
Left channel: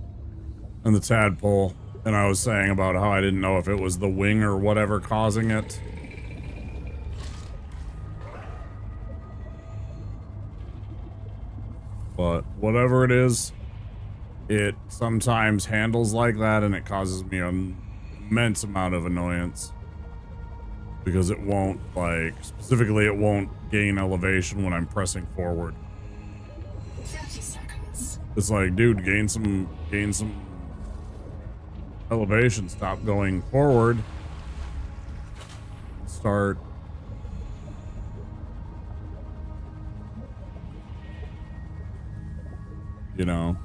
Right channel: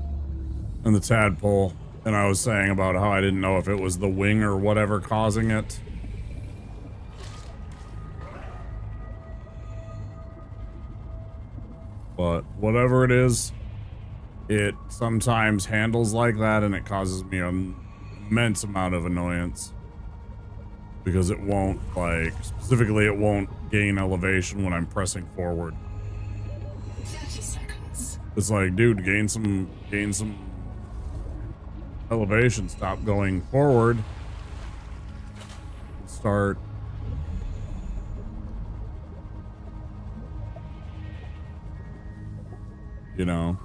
And the tadpole. And I was saying about how I didn't know if it was the wing or whatever causing it. But whatever it is, it sometimes handles like that and it causes me an immense amount of annoyance. Because it won't, like, specifically it won't gain elevation when I'm pressing forward. 30 seconds. It's like, dude, gain some elevation, stop going forward. And start you know.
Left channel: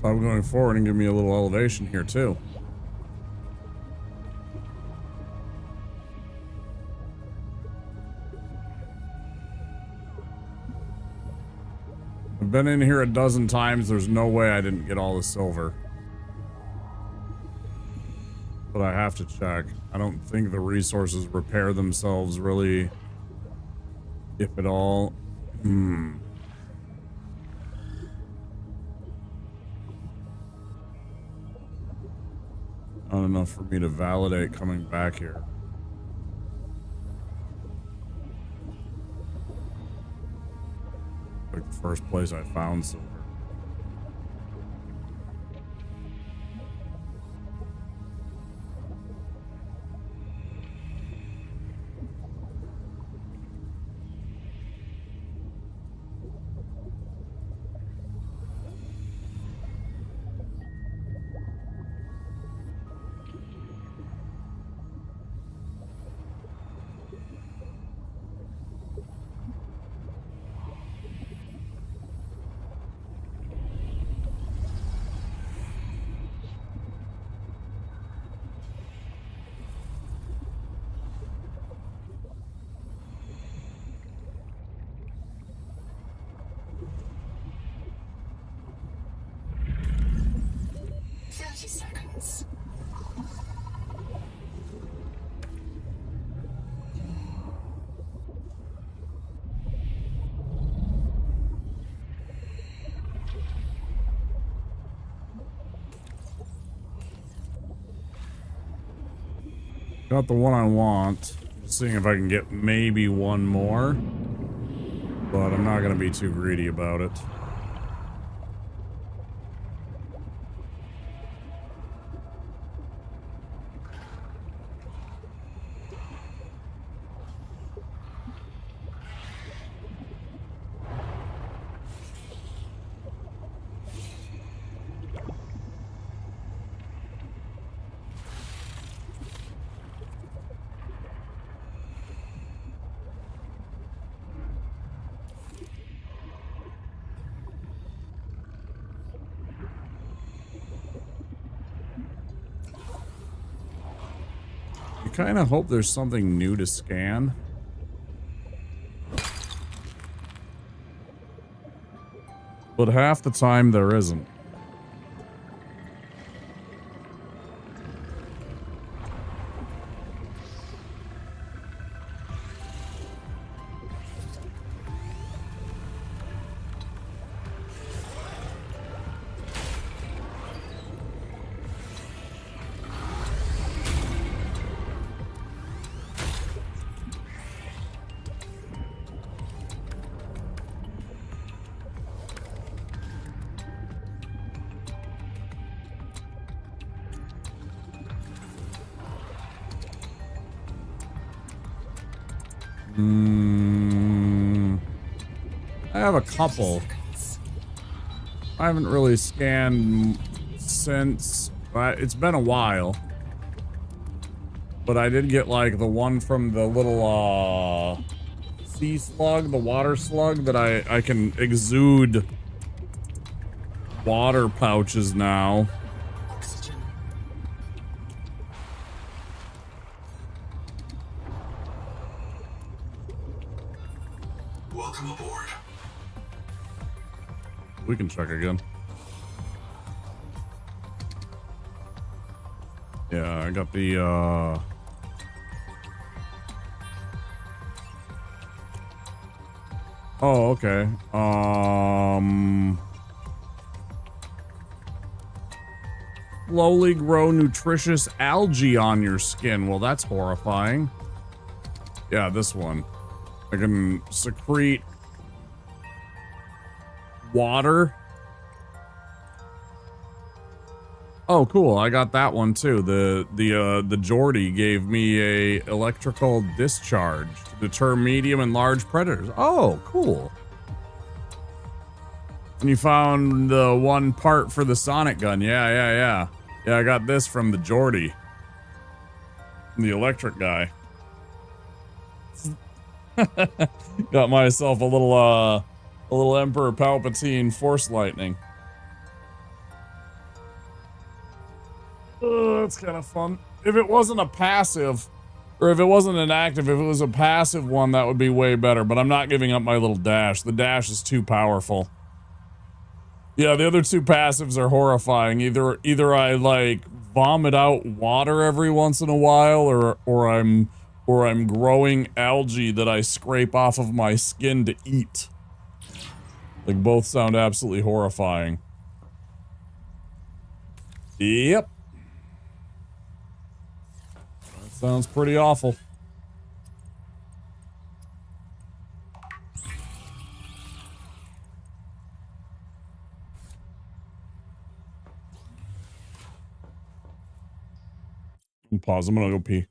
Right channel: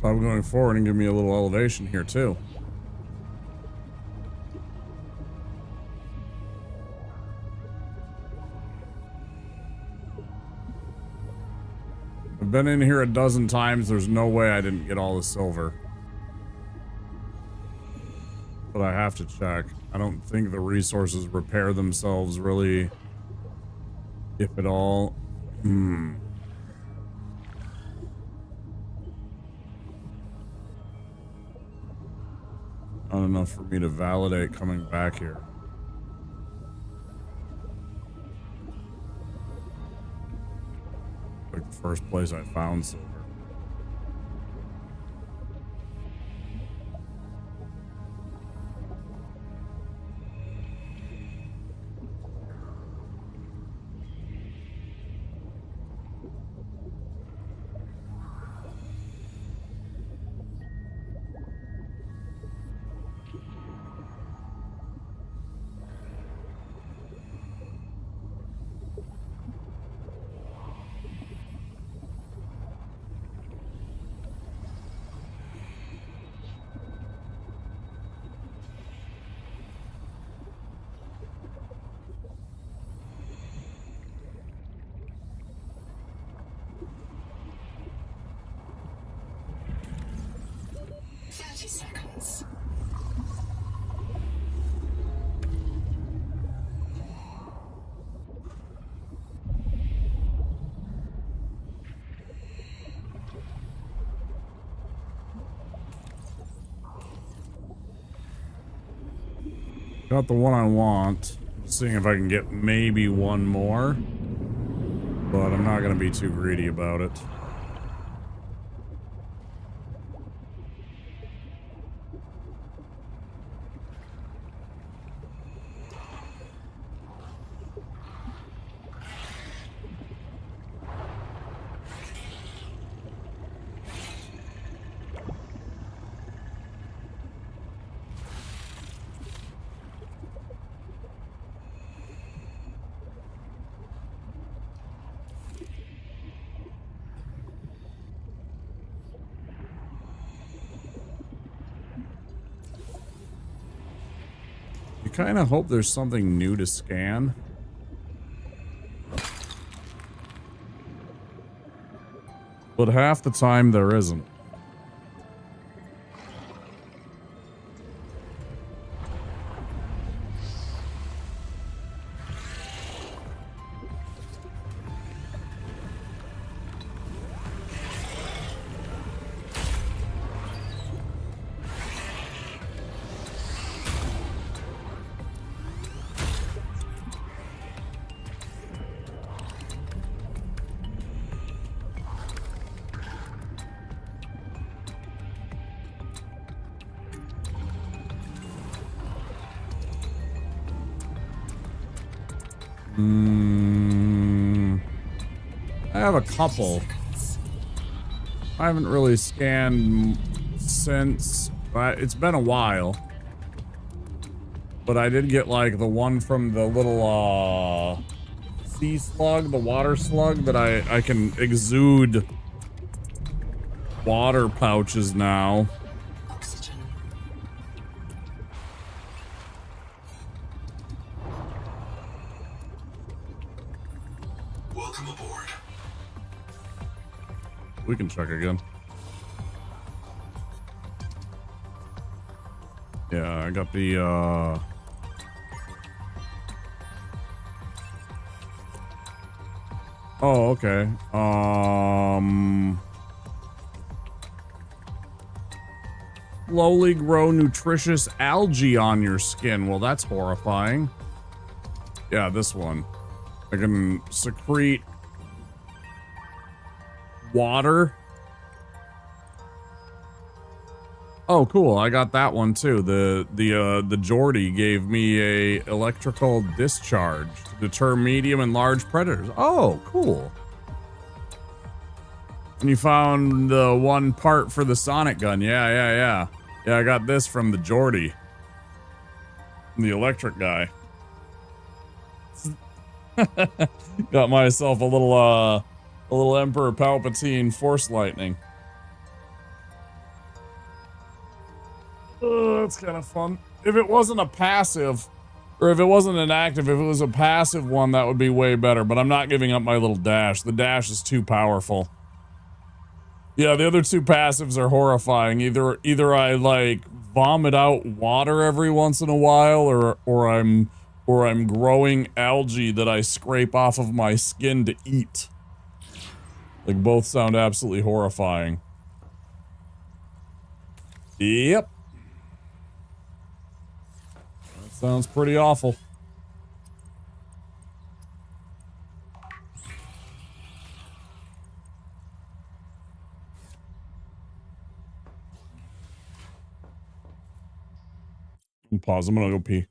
Stop going forward and give me a little elevation here too. I've been in here a dozen times. There's no way I didn't get all the silver. But I have to check. I don't think the resources repair themselves really, if at all. Not enough for me to validate coming back here. Like the first place I found silver. Got the one I want. Just seeing if I can get maybe one more. But I'm not going to be too greedy about it. You kind of hope there's something new to scan. But half the time there isn't. I have a couple. I haven't really scanned since. It's been a while. But I did get like the one from the little sea slug, the water slug that I can exude water pouches now. Welcome aboard. We can check again. Yeah, I got the oh, okay. slowly grow nutritious algae on your skin. Well, that's horrifying. Yeah, this one. I can secrete water. Oh, cool. I got that one too. The Geordie gave me a electrical discharge to deter medium and large predators. Oh, cool. And you found the one part for the sonic gun. Yeah, I got this from the Geordie. The electric guy. Got myself a little Emperor Palpatine Force Lightning. That's kind of fun. If it wasn't a passive, or if it wasn't an active, if it was a passive one, that would be way better. But I'm not giving up my little dash. The dash is too powerful. Yeah, the other two passives are horrifying. Either I like vomit out water every once in a while, or I'm growing algae that I scrape off of my skin to eat. Like, both sound absolutely horrifying. Yep. That sounds pretty awful. Pause, I'm gonna go pee.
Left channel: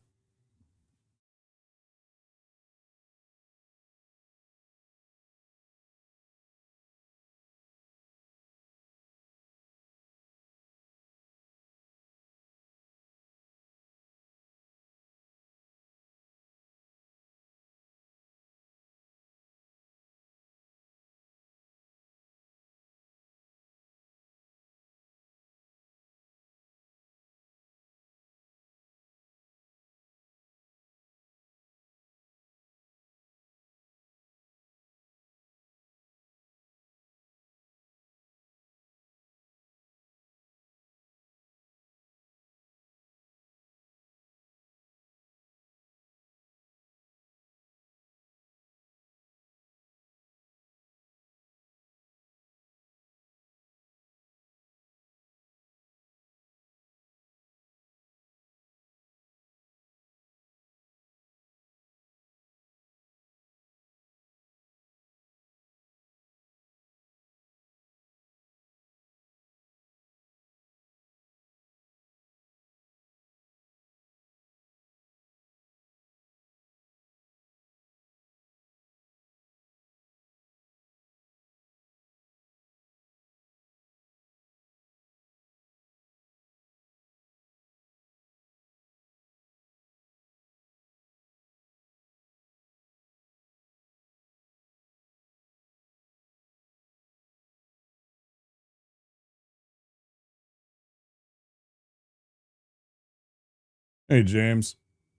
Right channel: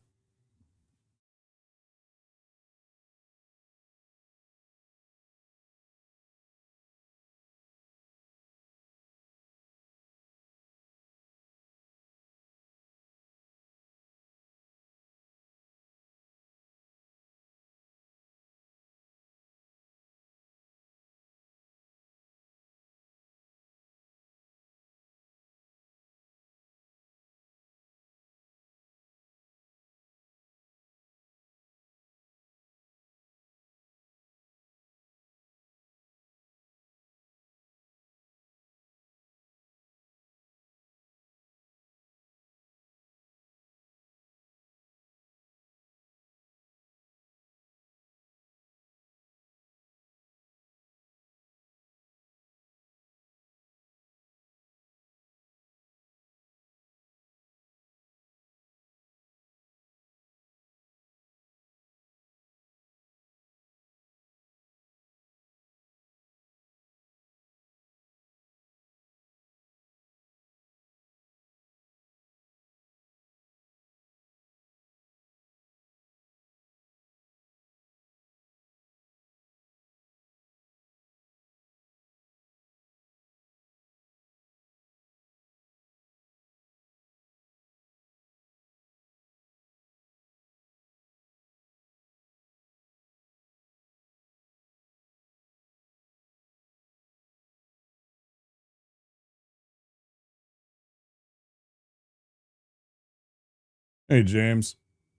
Hey, James.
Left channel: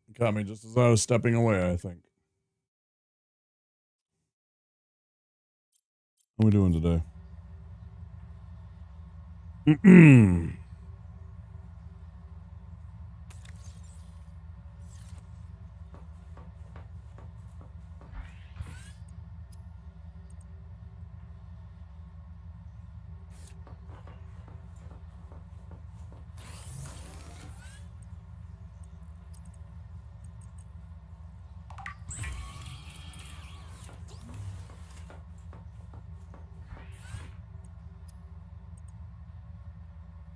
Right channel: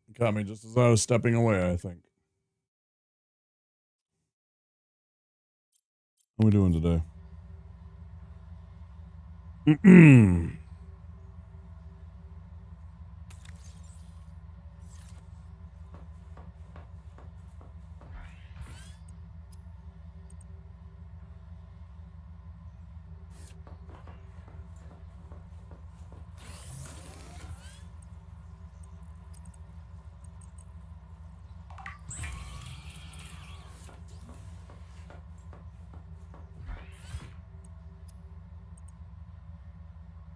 You caught me just as I was stepping away, I think. How we doing today?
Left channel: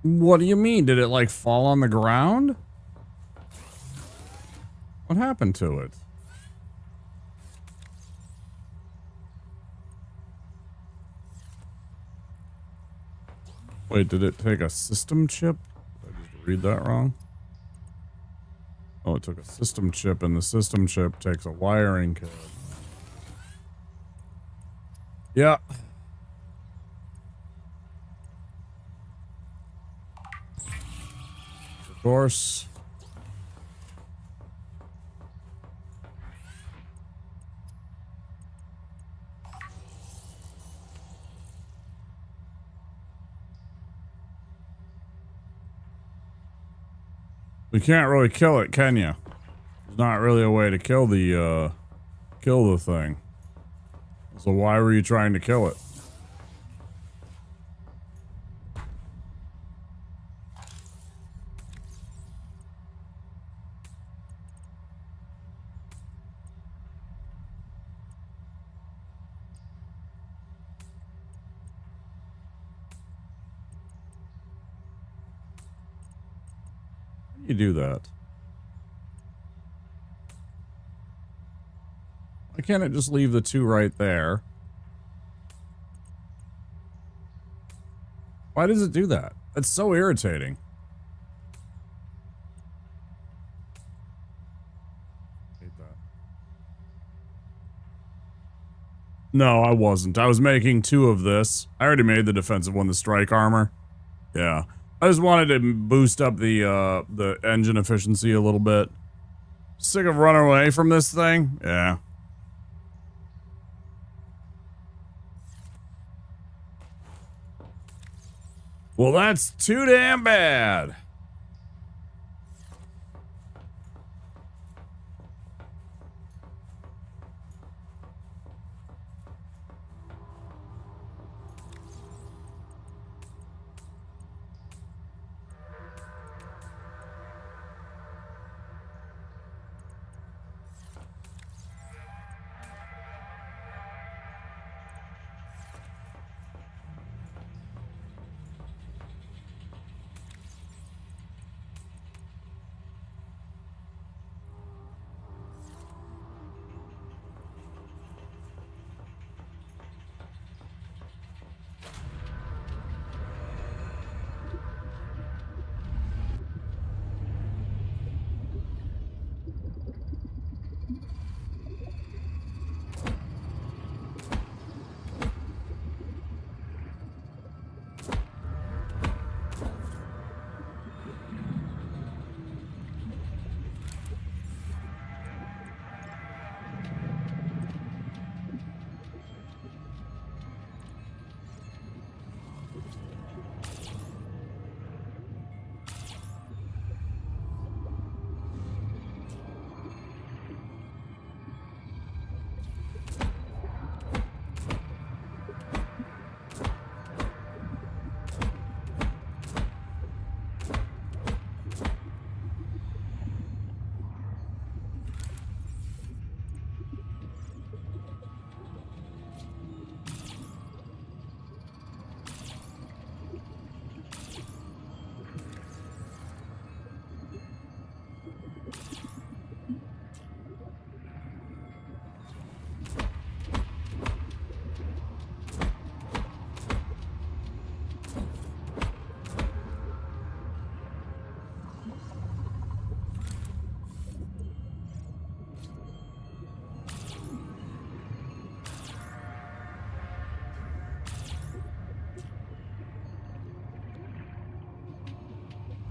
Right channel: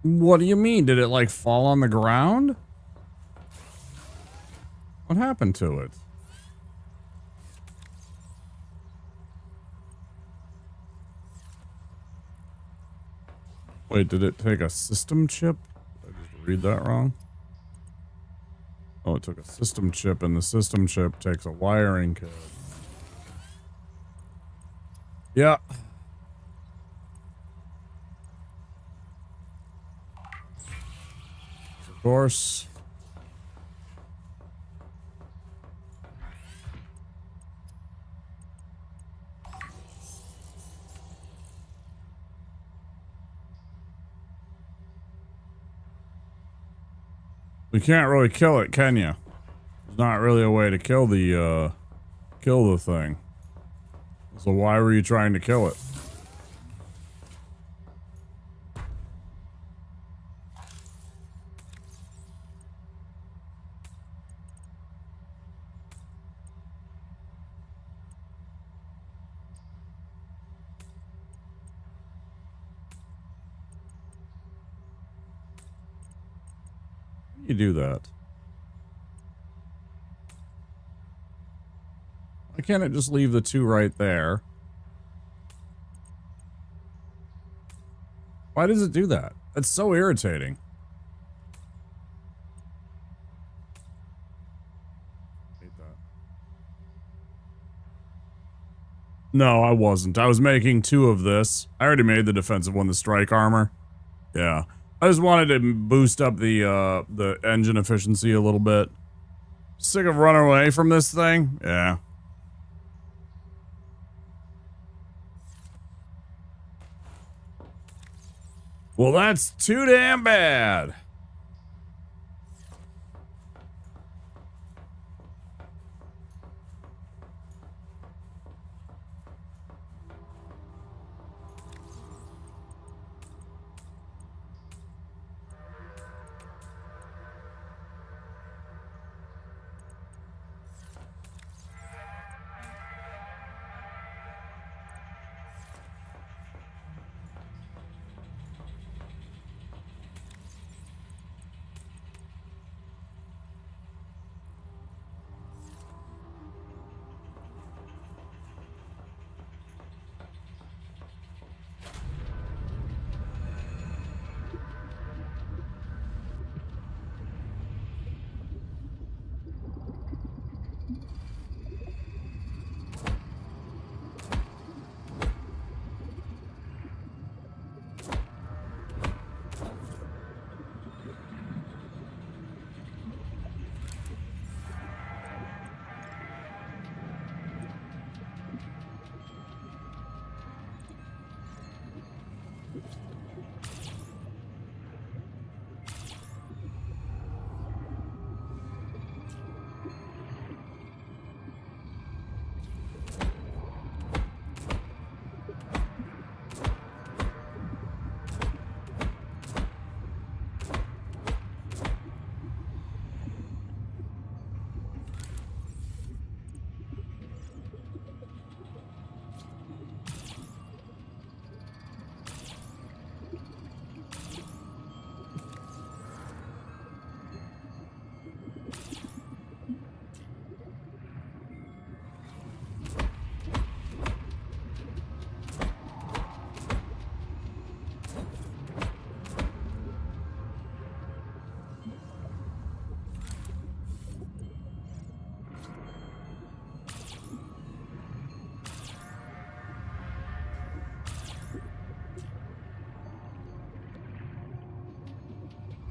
What do you mean? Did it like fall on the ground? What happened to it? Wait, did it take a system chip? Did I just read that wrong? Oh, it took a system chip, and the system chip takes a wiring code. Yeah. Of course. You can't really kill it, can you? There's not really a way to kill the thing. So why were you trying to kill it? you do that? Why can't it just leave the 2 right there? Why does it do that? That's so irritating. Hate that. No, I wasn't. I was making 2 of this. I already made the defensive one, the strike armor. Yeah. I just wanted to boost up the engine efficiency a little bit. Sick of running away from this thing? Yeah. Well, that's too damn bad.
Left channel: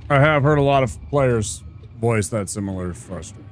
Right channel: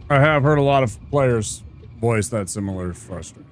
I have heard a lot of players voice that similar frustration.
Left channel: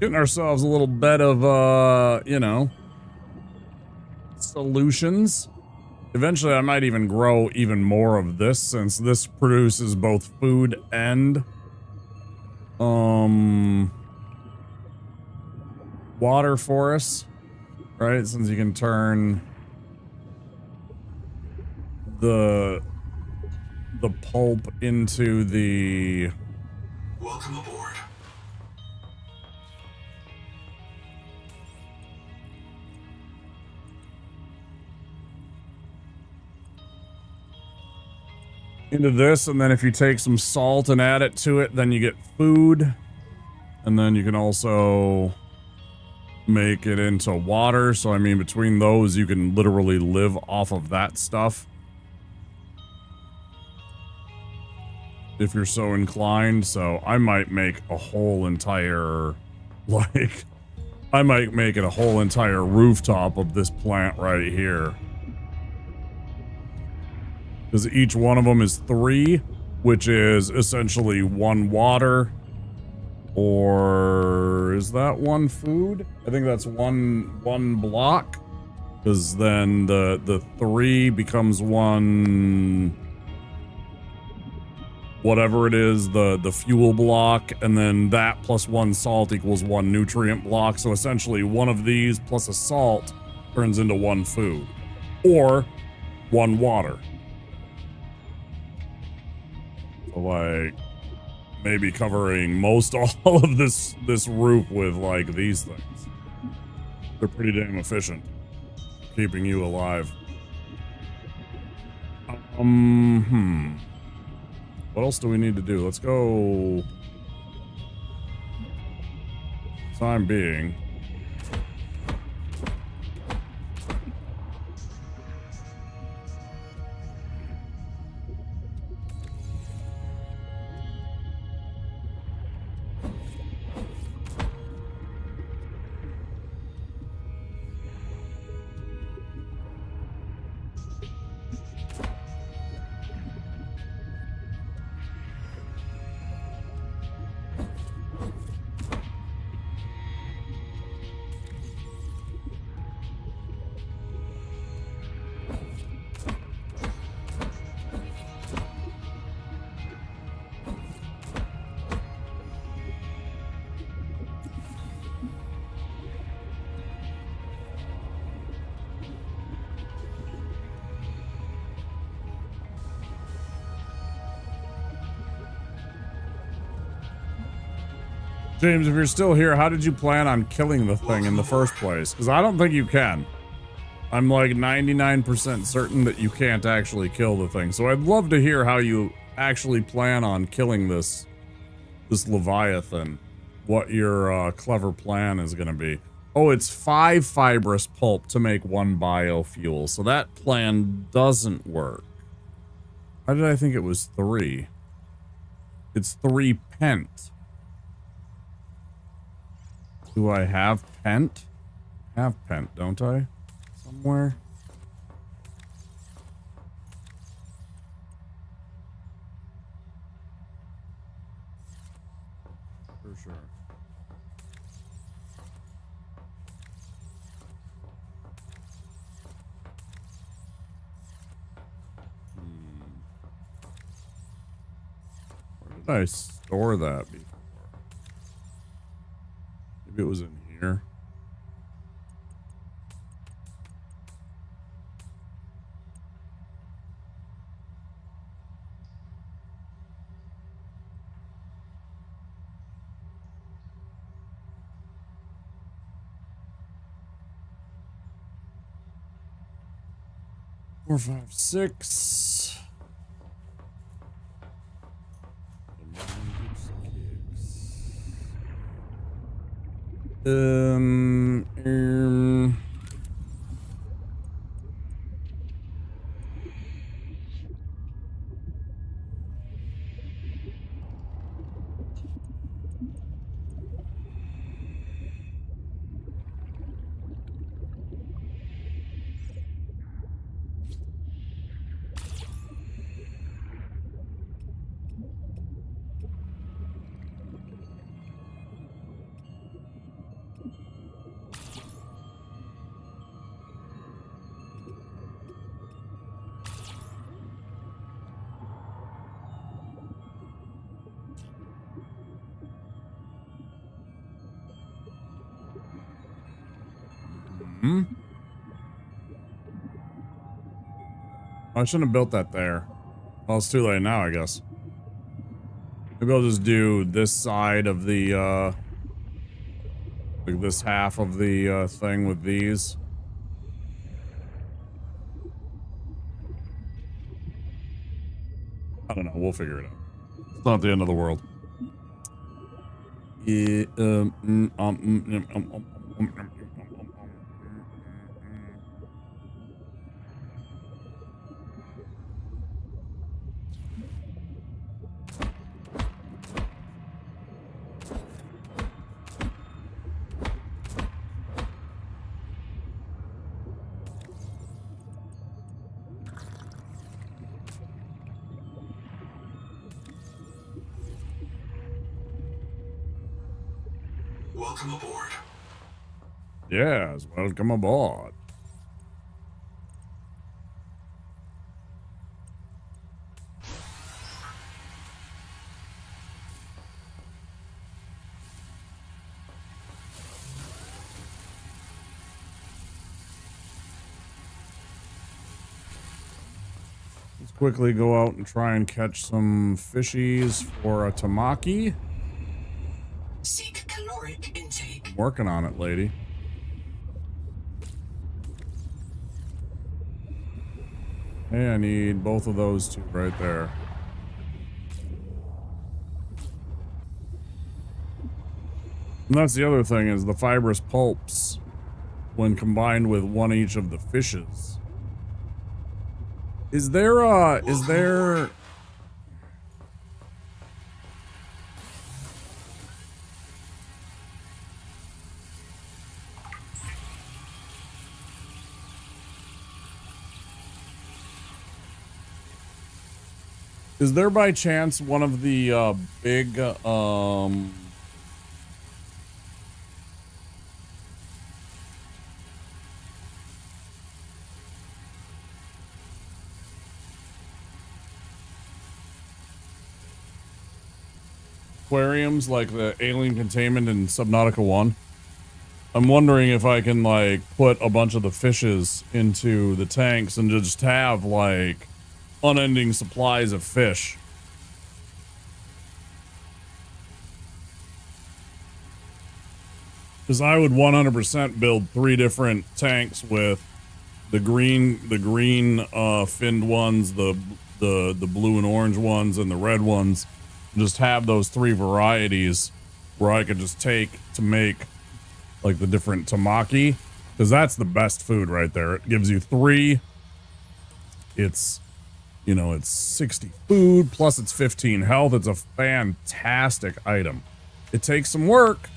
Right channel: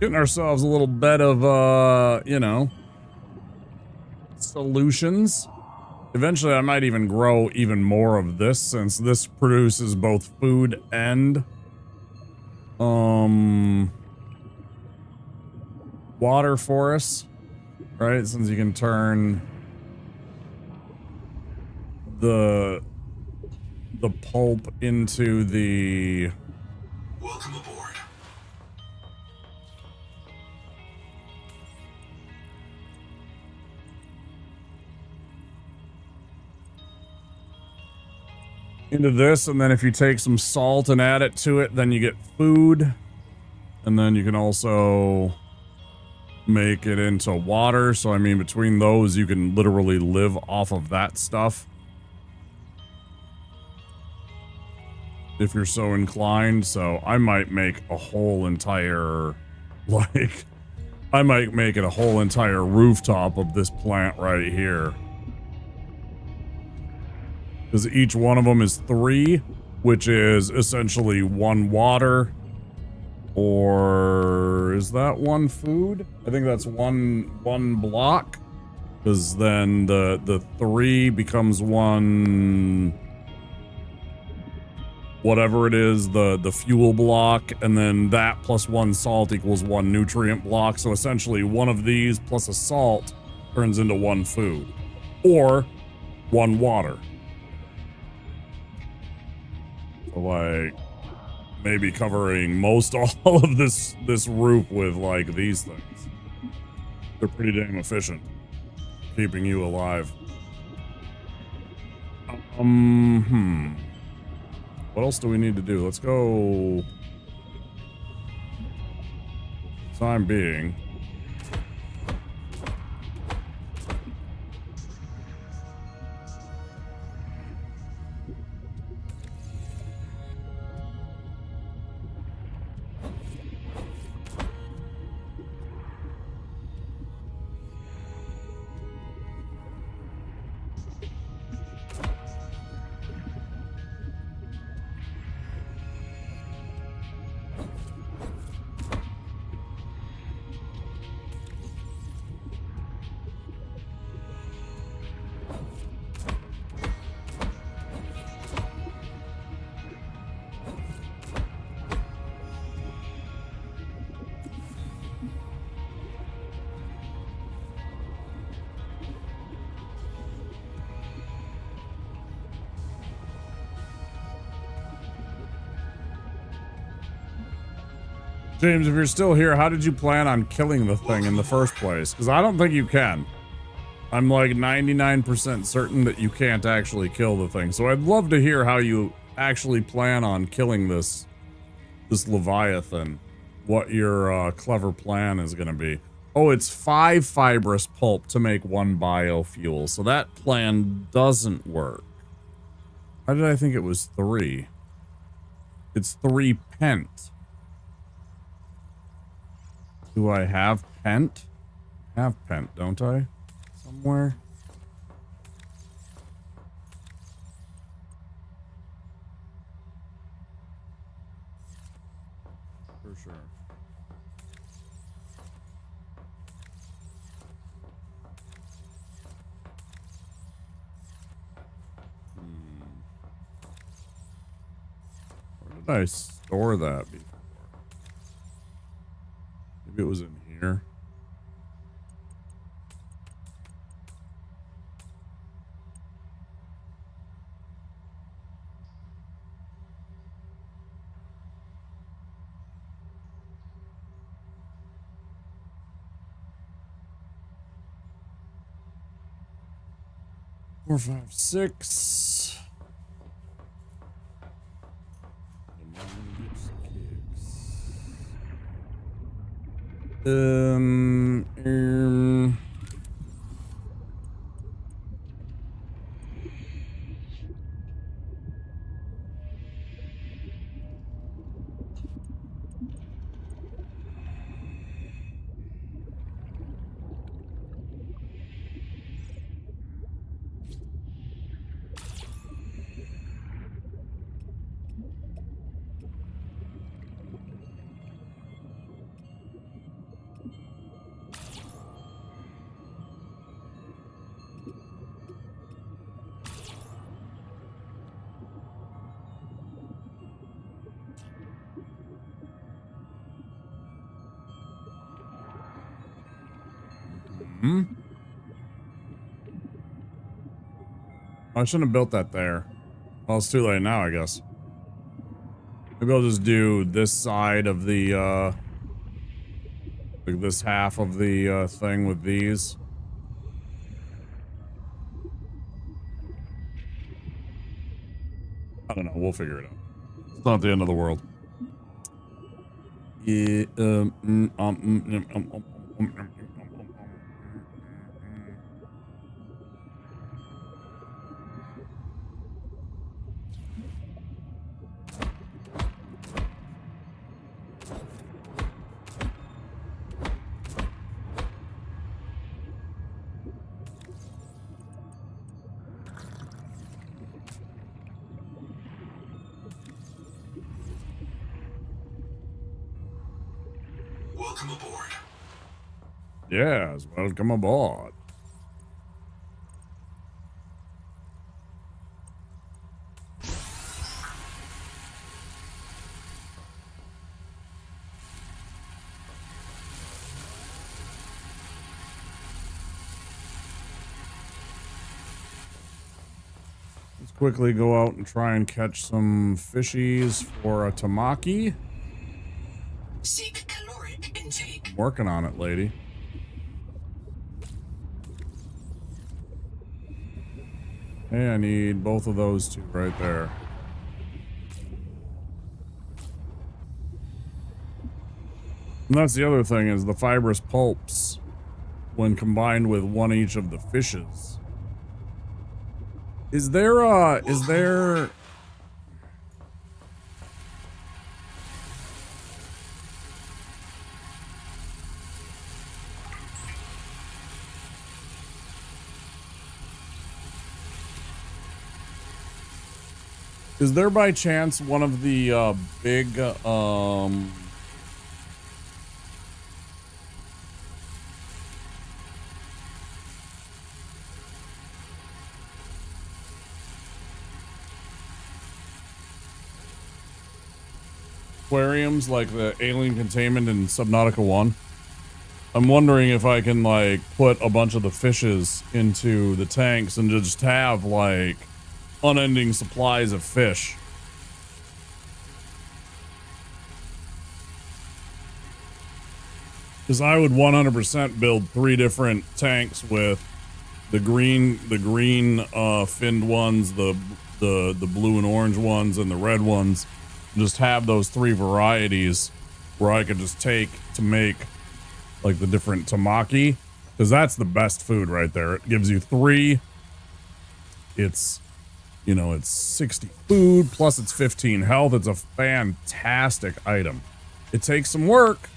Getting ourselves a little bed of, you know, solutions. Eventually, I might even grow even more of this, since this produces both food and, water for us, right? Since you can turn the pulp into the... Welcome aboard. into this, and then if you take some salt and add it to it, then you get food, and then you can also make it into water. So I mean, between those, you can literally live off of that stuff if you're so inclined. So I might make a whole entire, like, I might make it a whole entire rooftop of this plant right here. Because each one of them is 3, which is essentially 1 water, Or is that one food? I think that's one block. Because then the 3 becomes one, whatever it is, the fuel block, and then that plus 1 salt equals 1 nutrient block. So essentially one of these plus a salt turns into 1 food. Or 1 water. So like maybe covering most all of this roof with like these things. They're pretty damn efficient. Keeping you alive. What else do we need to do? Let's go. Time being. James, if you're still here, how did you plan on killing the thing in the first place? Because I don't think you can. I'm like 99% certain that you can't actually kill the thing. So I'd love to hear how you actually plan on killing this Leviathan. What your clever plan is going to be. Oh, it's 5 fibrous pulp to make 1 biofuel. So that plan doesn't work. Why did I think it was 3? It's 3 pent. Do I have pent? I have pent, don't I? Somewhere? For sure. Where did I store that before? Maybe it was in here. Four, 5, 6. The mind gets kicks. I shouldn't have built that there. Well, it's too late now, I guess. Maybe I'll just do this side of the, like this half of the, thing with these. I don't know. We'll figure it out. It's not the end of the world. Yeah, Welcome aboard. Yes, welcome aboard. Let's quickly go out and try and catch some fishies for a tamaki. Seek caloric intake. I'm working on it, lady. Hey, I need both of those two right there. And that's the other thing is the fibrous pulps, when combined with one each of the fishes. Is there by chance one of the big aquariums like the alien containment in Subnautica 1? I'm wondering if I can like put a bunch of the fishes into the tanks and just have like unending supplies of fish. Because I would 100% build 3 different tanks with the green finned ones, the blue and orange ones, and the red ones. Just have those 3 varieties where I could just take to make like the different tamaki, because that's the best food right there. It gives you 3. It's, you know, it's 60 food plus it's 15 health. It's a fantastic item. It takes some work,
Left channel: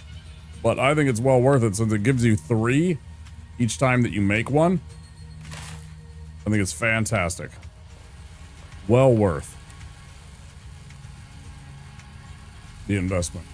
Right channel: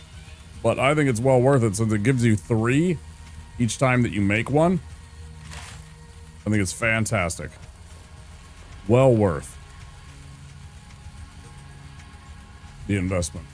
but I think it's well worth it since it gives you 3 each time that you make one. I think it's fantastic. Well worth the investment.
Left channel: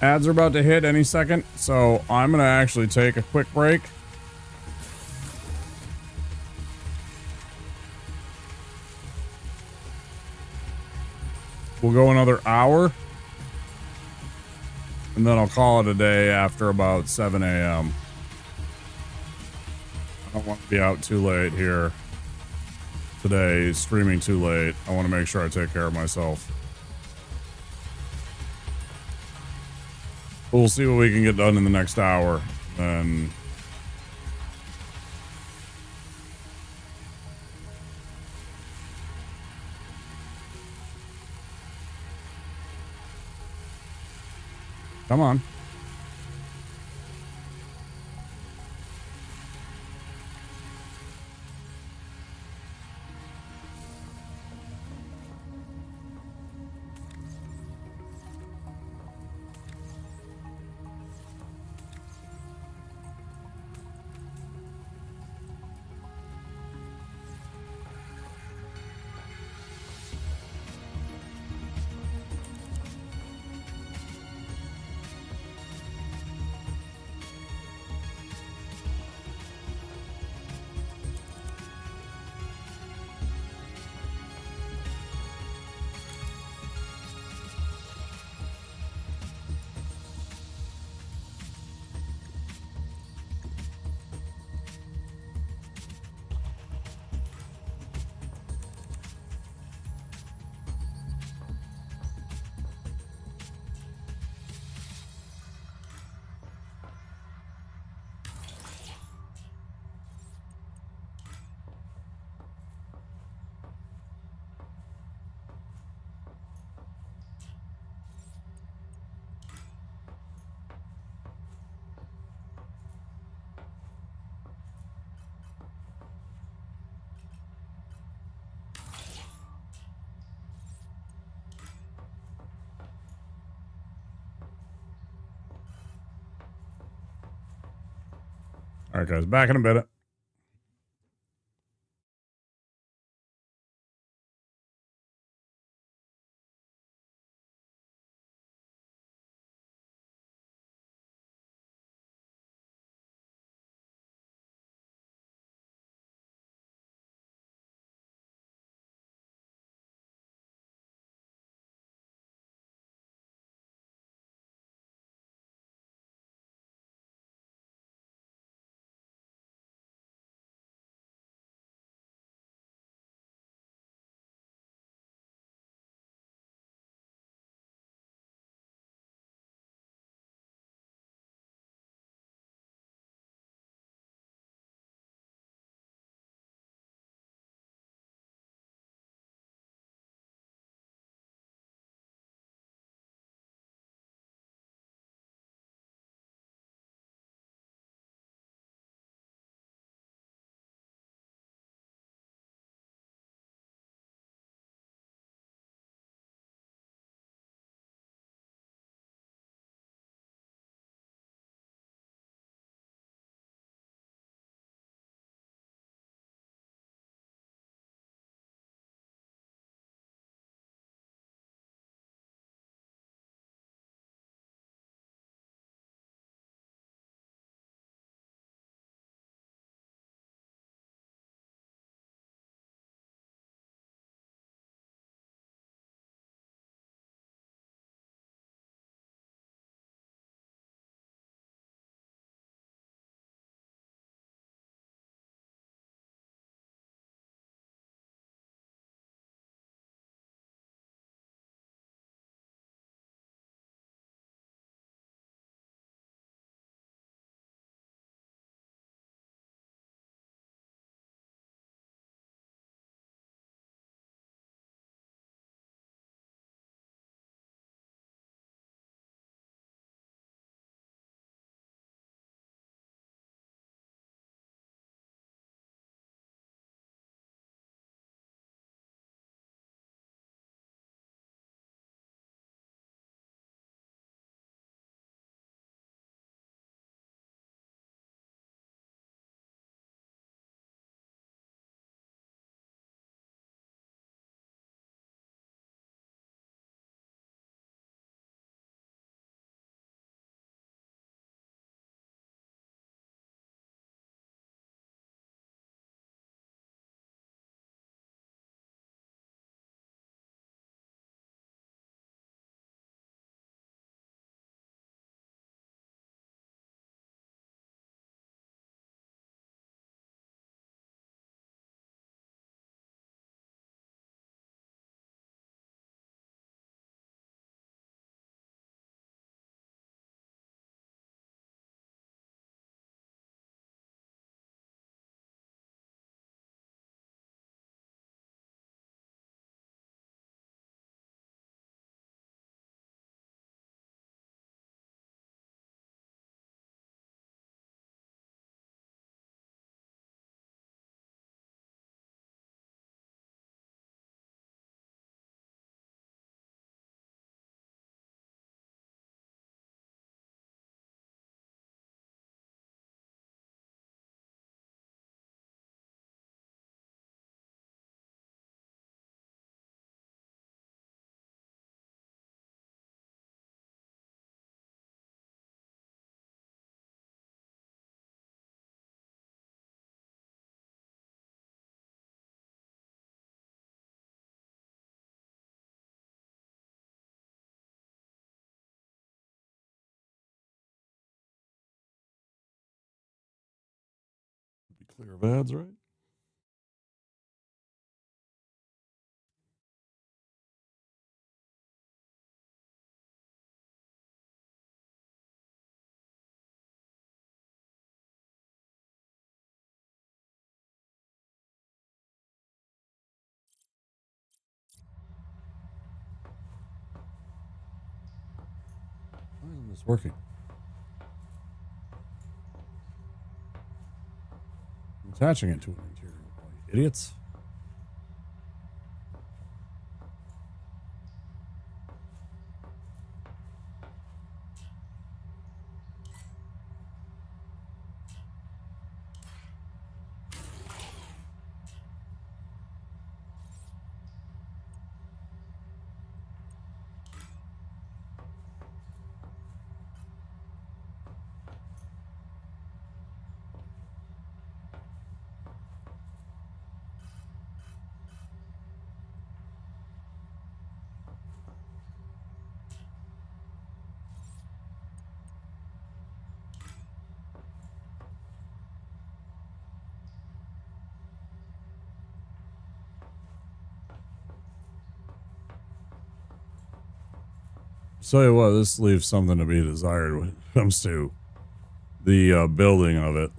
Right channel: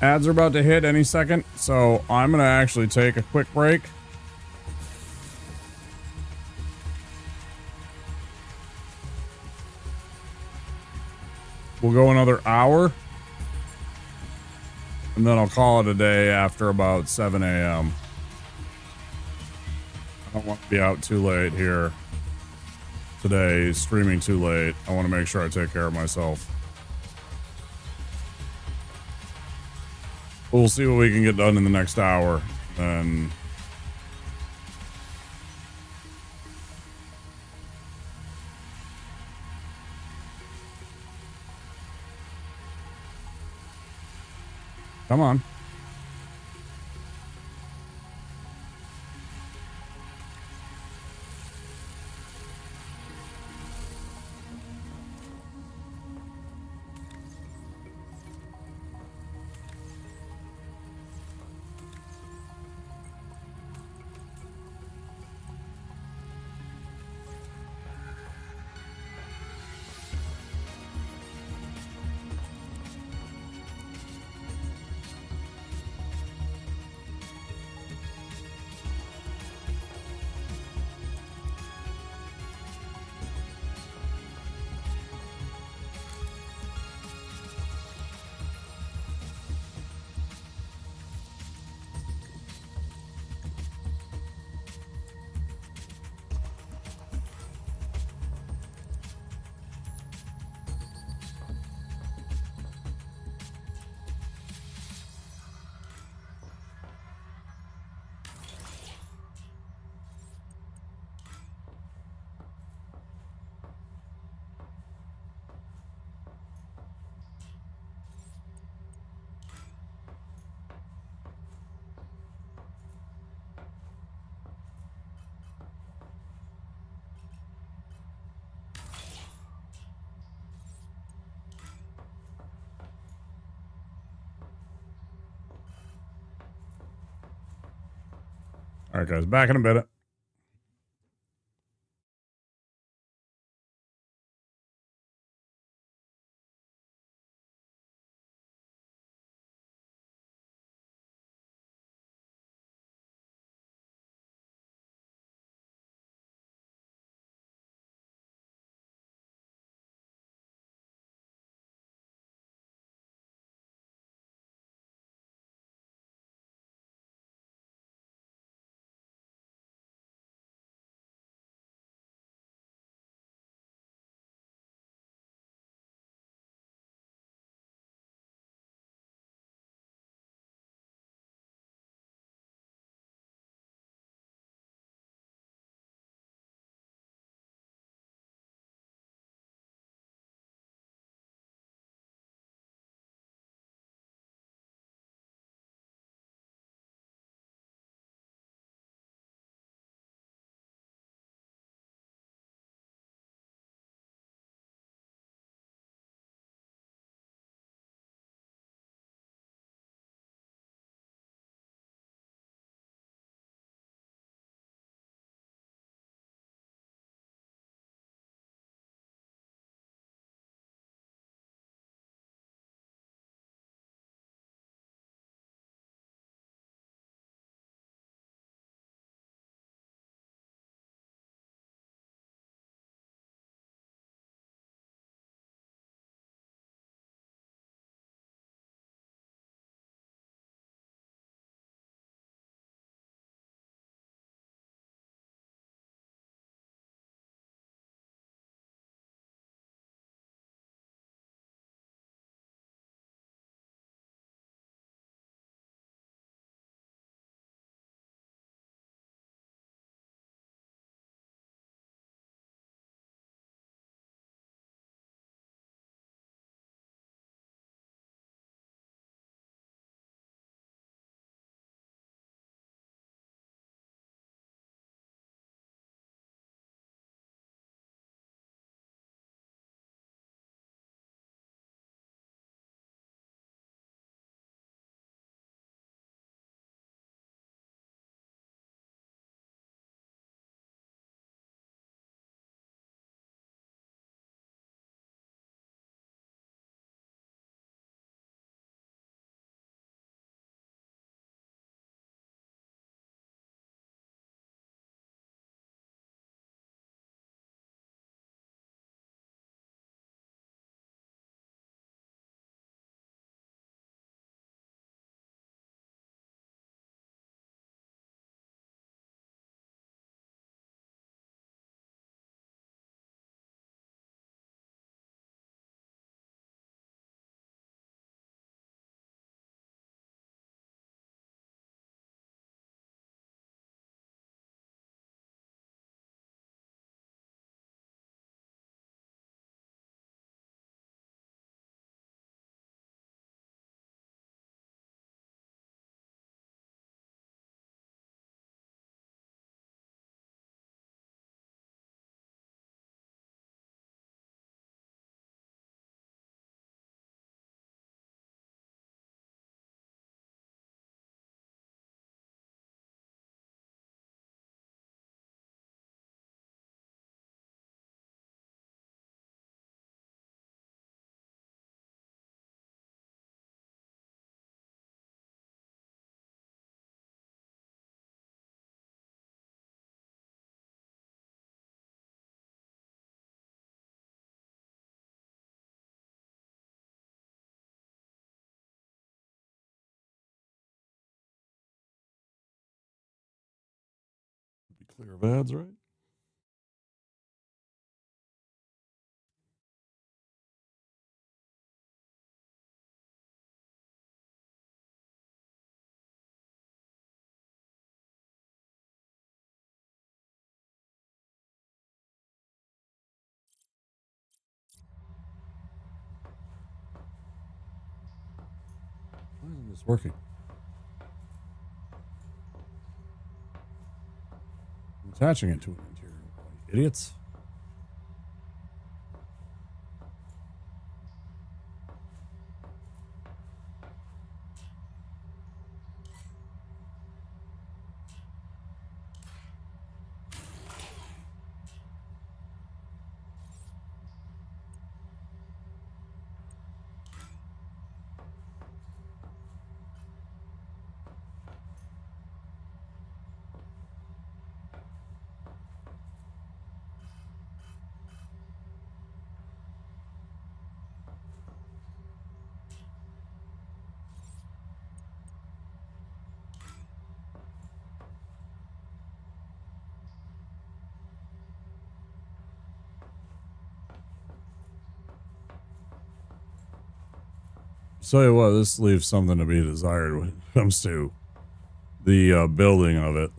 Ads are about to hit any second, so I'm gonna actually take a quick break. We'll go another hour, and then I'll call it a day after about 7 a.m. I don't want to be out too late here today, streaming too late. I want to make sure I take care of myself. We'll see what we can get done in the next hour, and come on. All right, guys, back in a minute. Be clear of ads, right? Why isn't this working? I'm attaching it to an interior wall, you idiots. tell you what, this leaves something to be desired when it comes to the building of it.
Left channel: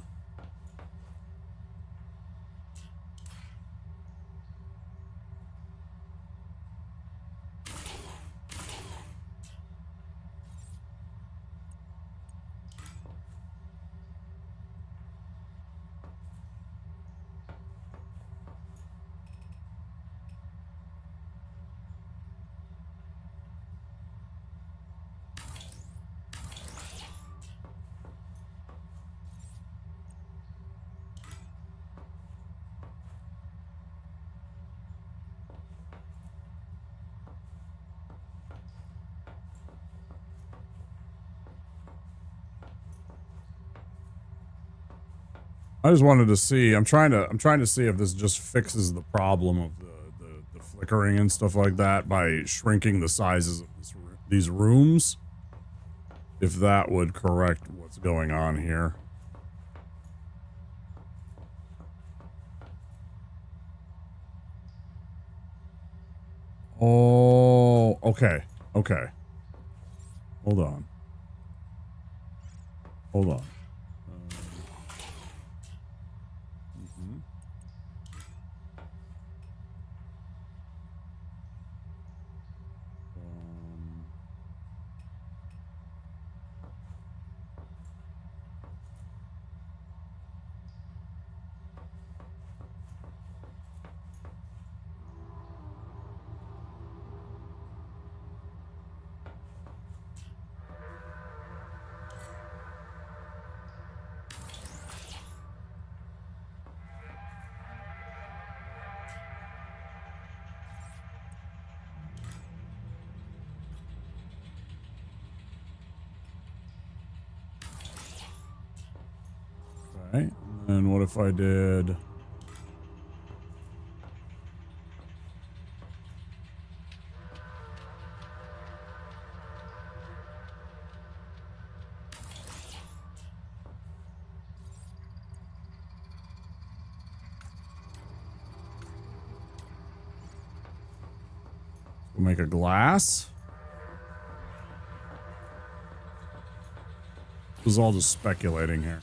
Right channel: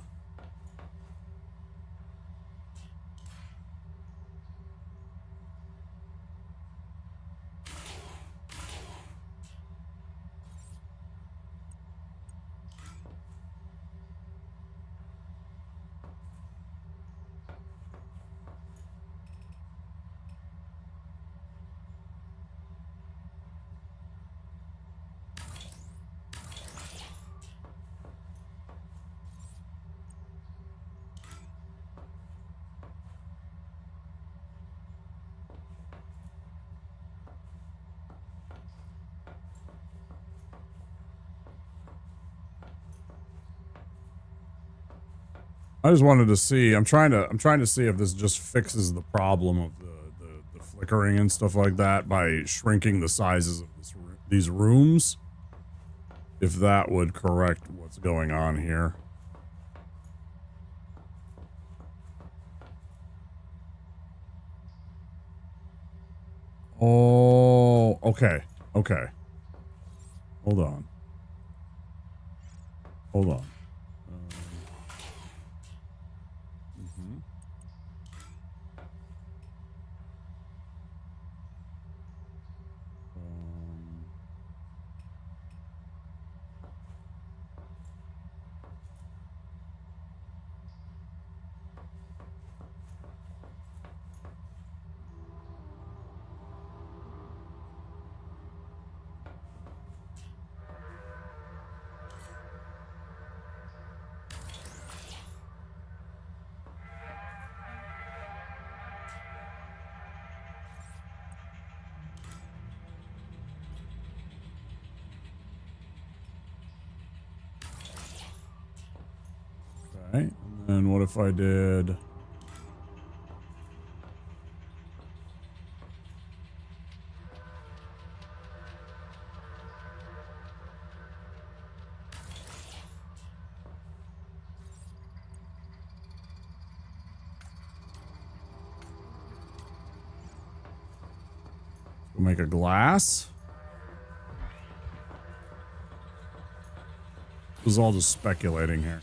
I just wanted to see. I'm trying to see if this just fixes the problem of the flickering and stuff like that by shrinking the sizes of these rooms. If that would correct what's going on here. Oh, okay. Okay. Hold on. Hold on. Mm-hmm. Okay, and then what if I did... We'll make a glass. This is all just speculating here.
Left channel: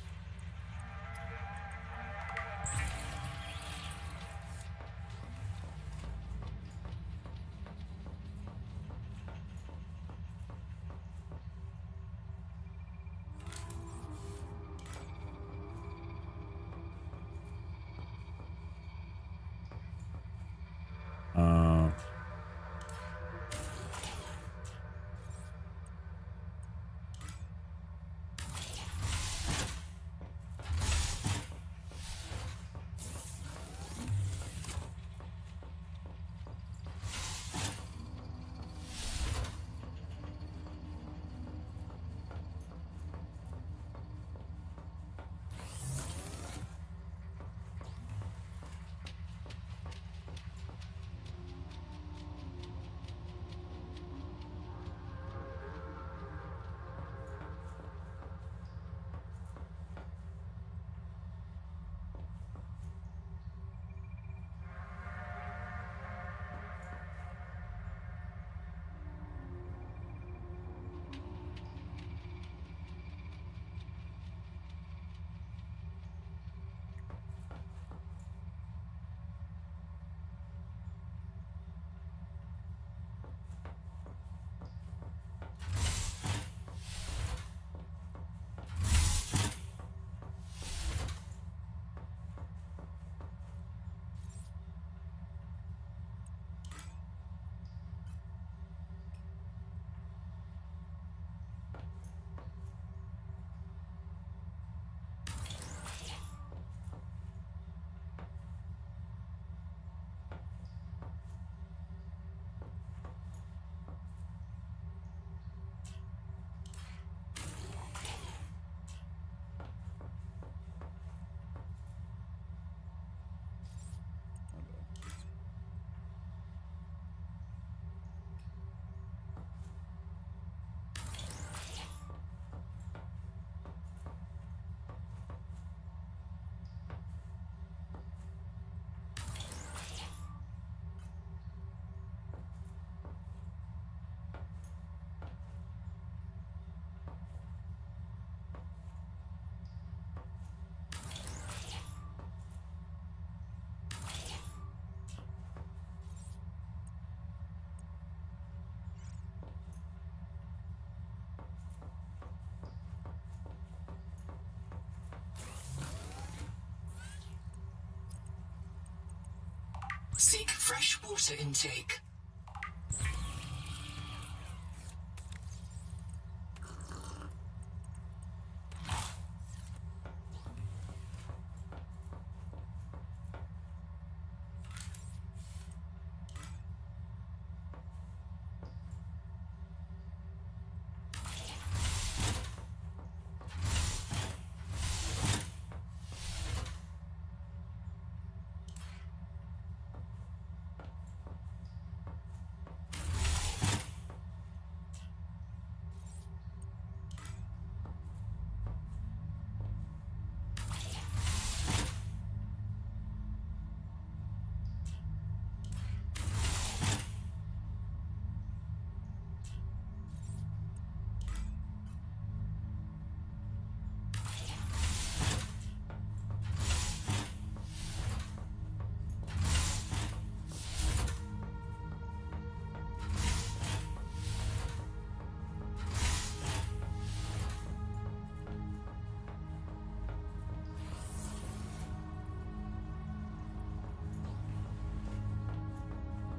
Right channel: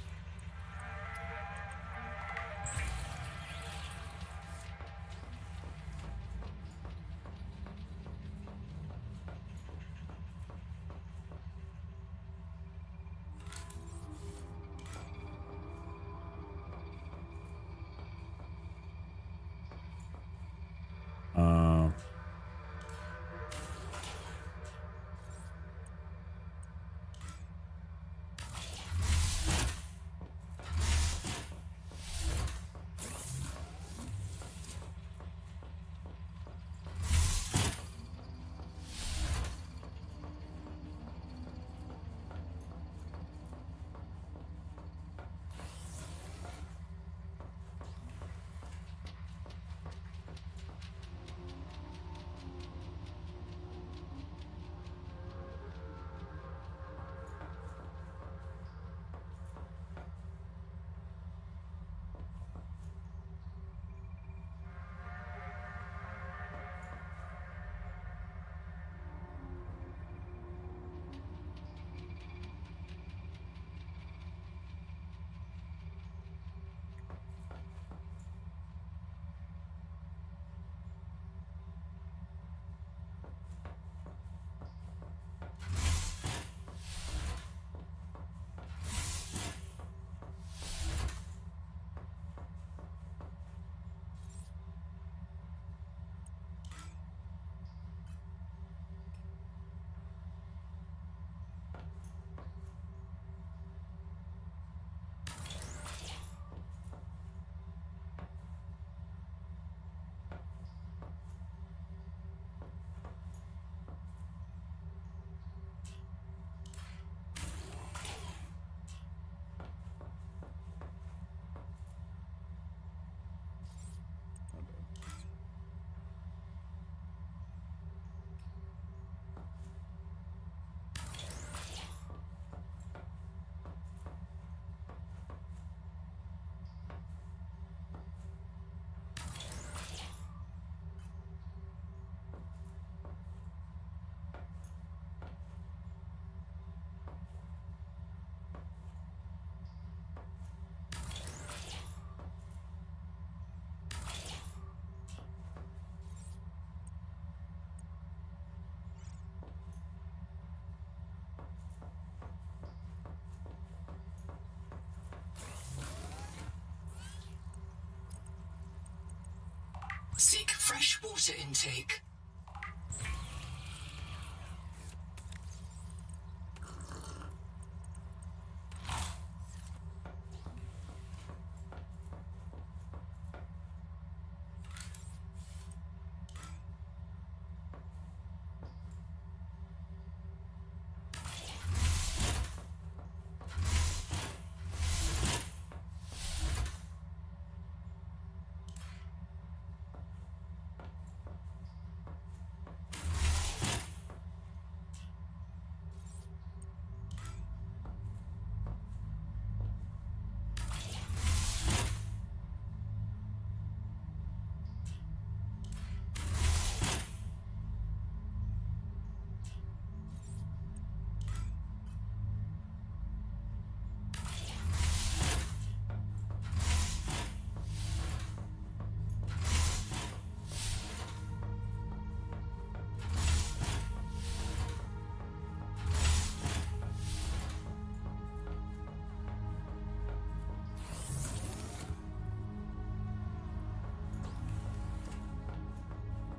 water intake.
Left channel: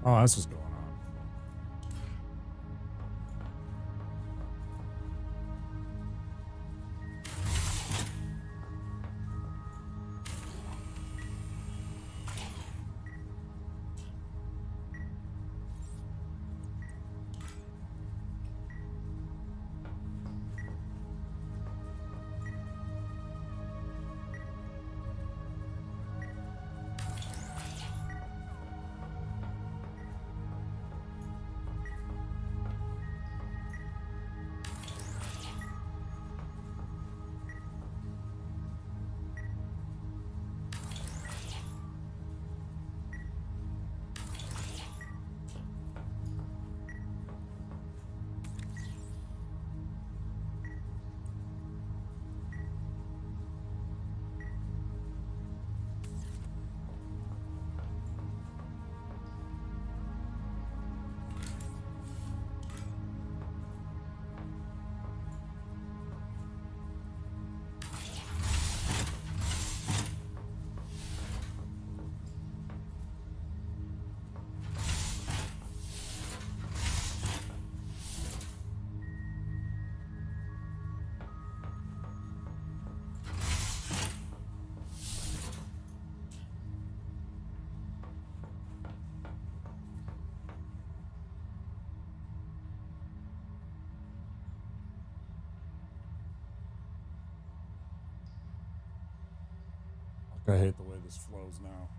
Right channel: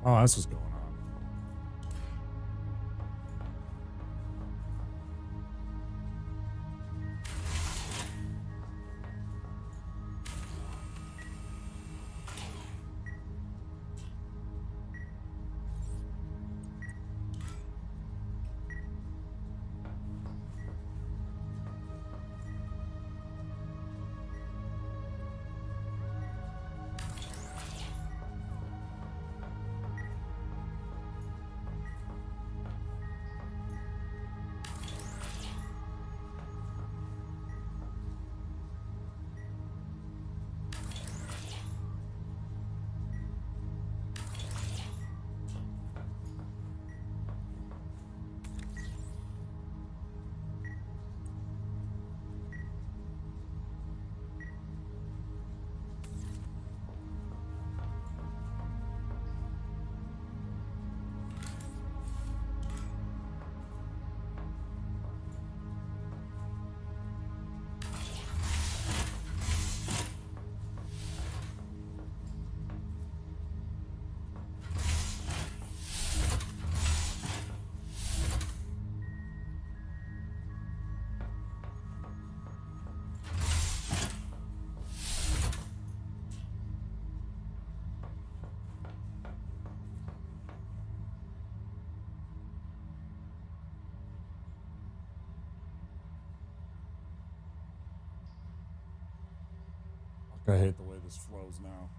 Oh, that's what's going on. I hate the way this flows now.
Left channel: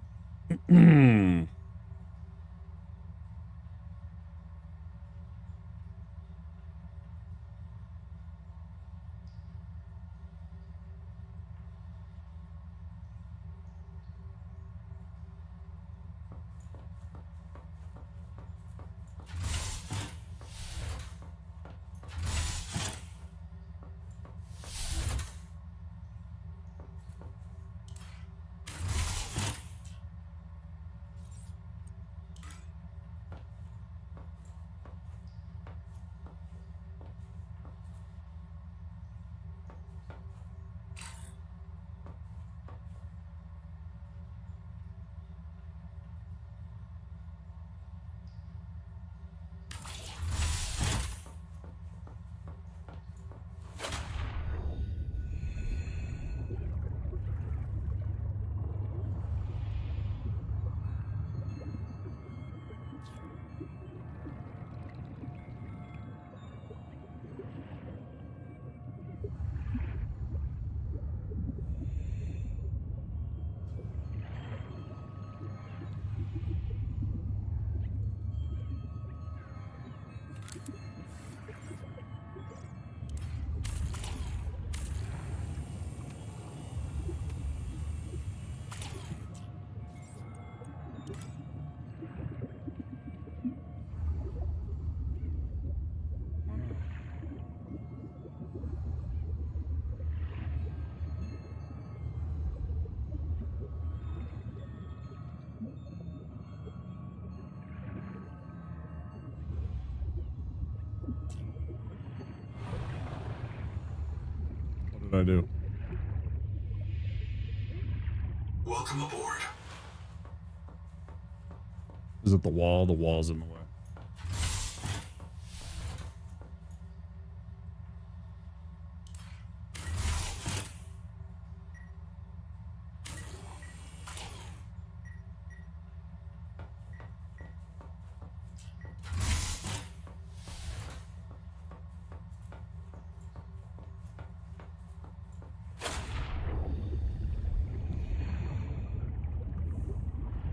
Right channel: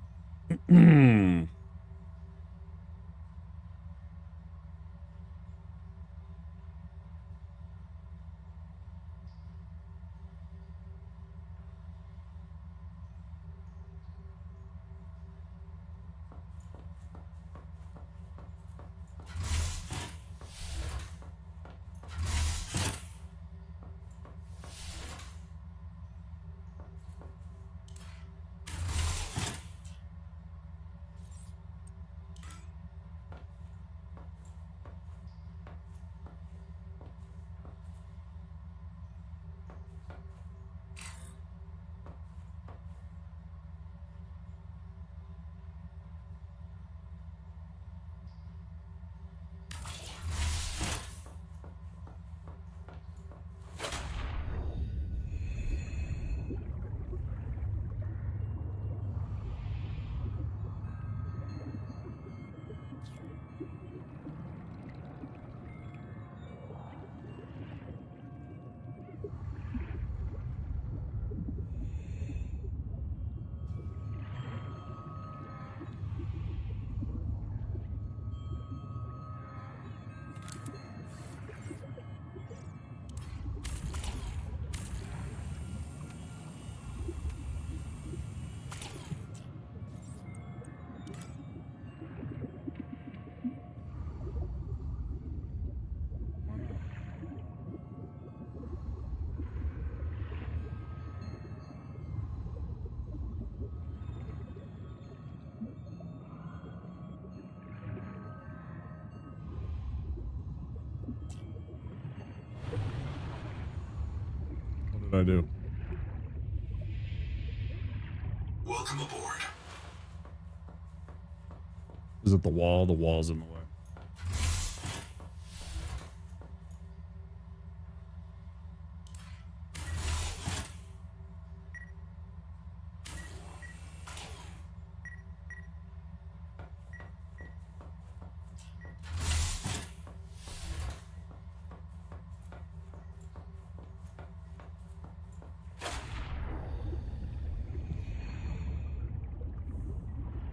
What did I do? Welcome aboard. Is it the wall? The wall's in the way.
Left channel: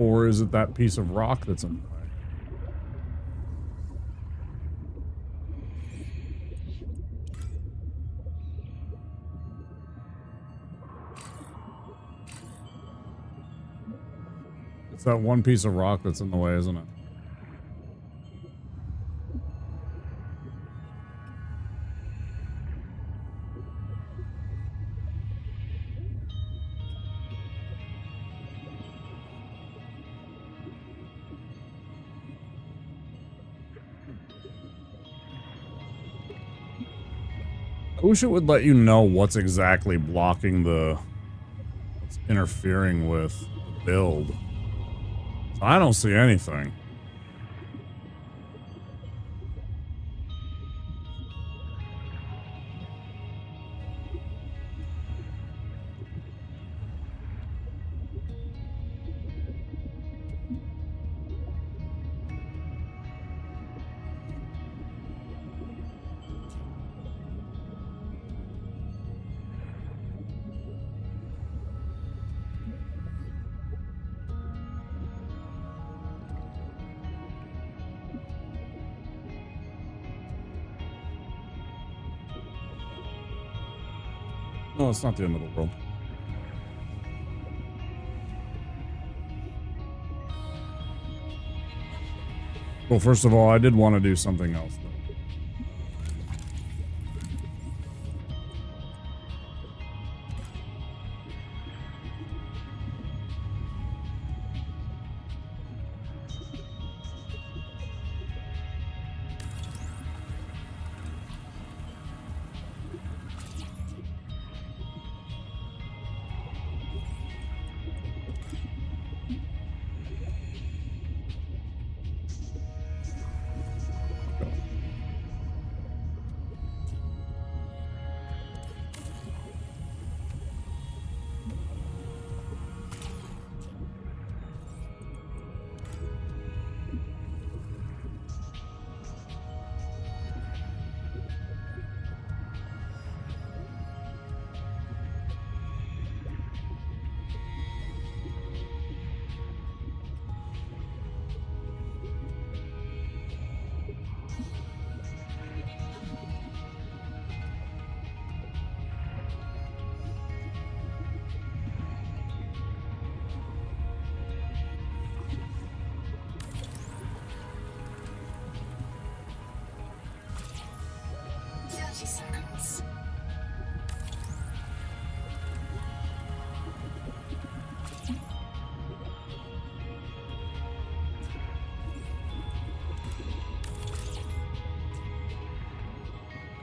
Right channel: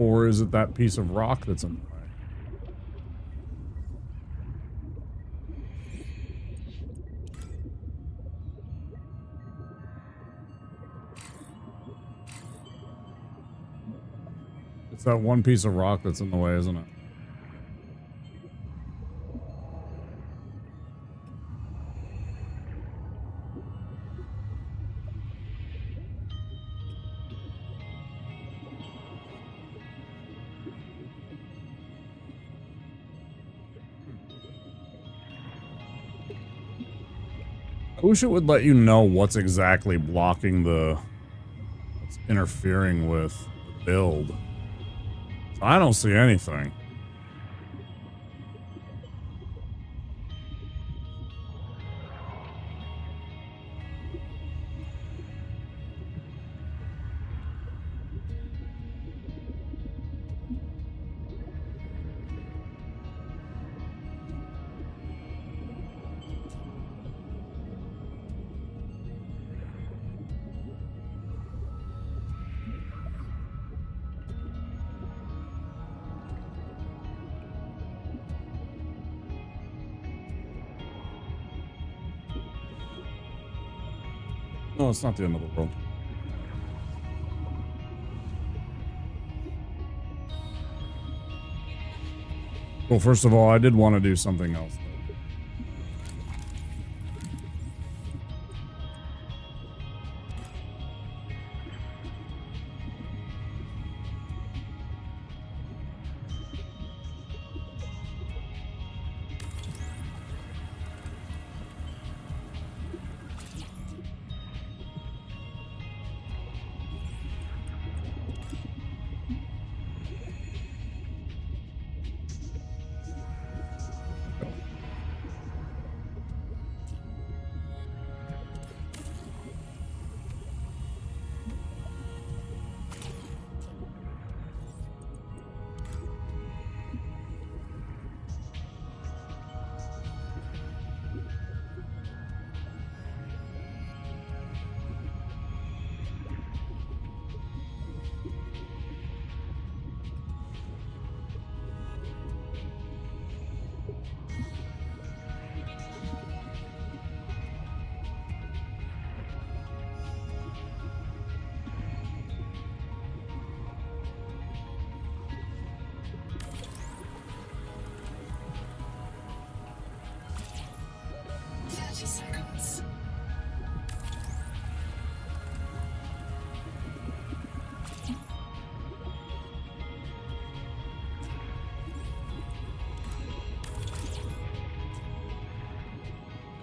Or is it that piece of rock that's in the way? It's that one piece of rock that's in the way, isn't it? I wish it would let you know what's exactly blocking what's interfering with the build. So I don't see anything. No, it's not the end of the world. Well, first of all, I did want to do something else, though.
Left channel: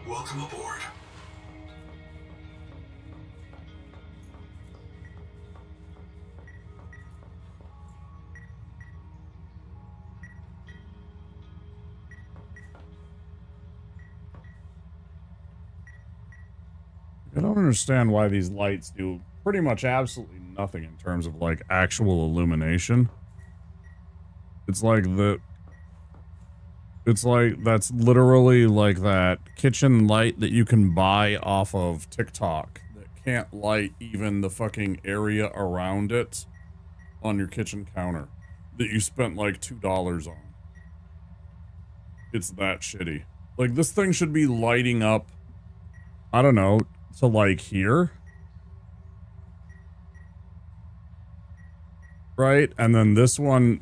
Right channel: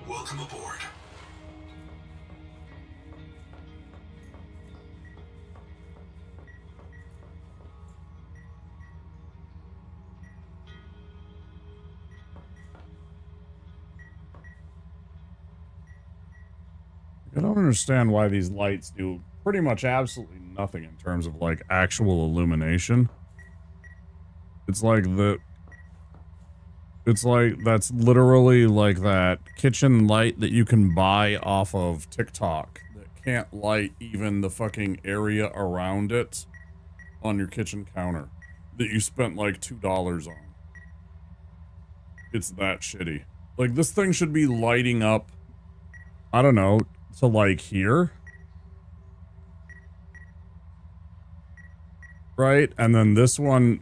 Welcome aboard. I don't understand why these lights do pretty much absolutely nothing in terms of like actual illumination. It's like that's literally like that kitchen light that you can buy off of TikTok that can't light even the fucking area around it on your kitchen counter that you spent like $2 on. It's that shitty. Like this thing should be lighting up, I don't know, to like here. Right? And then this one,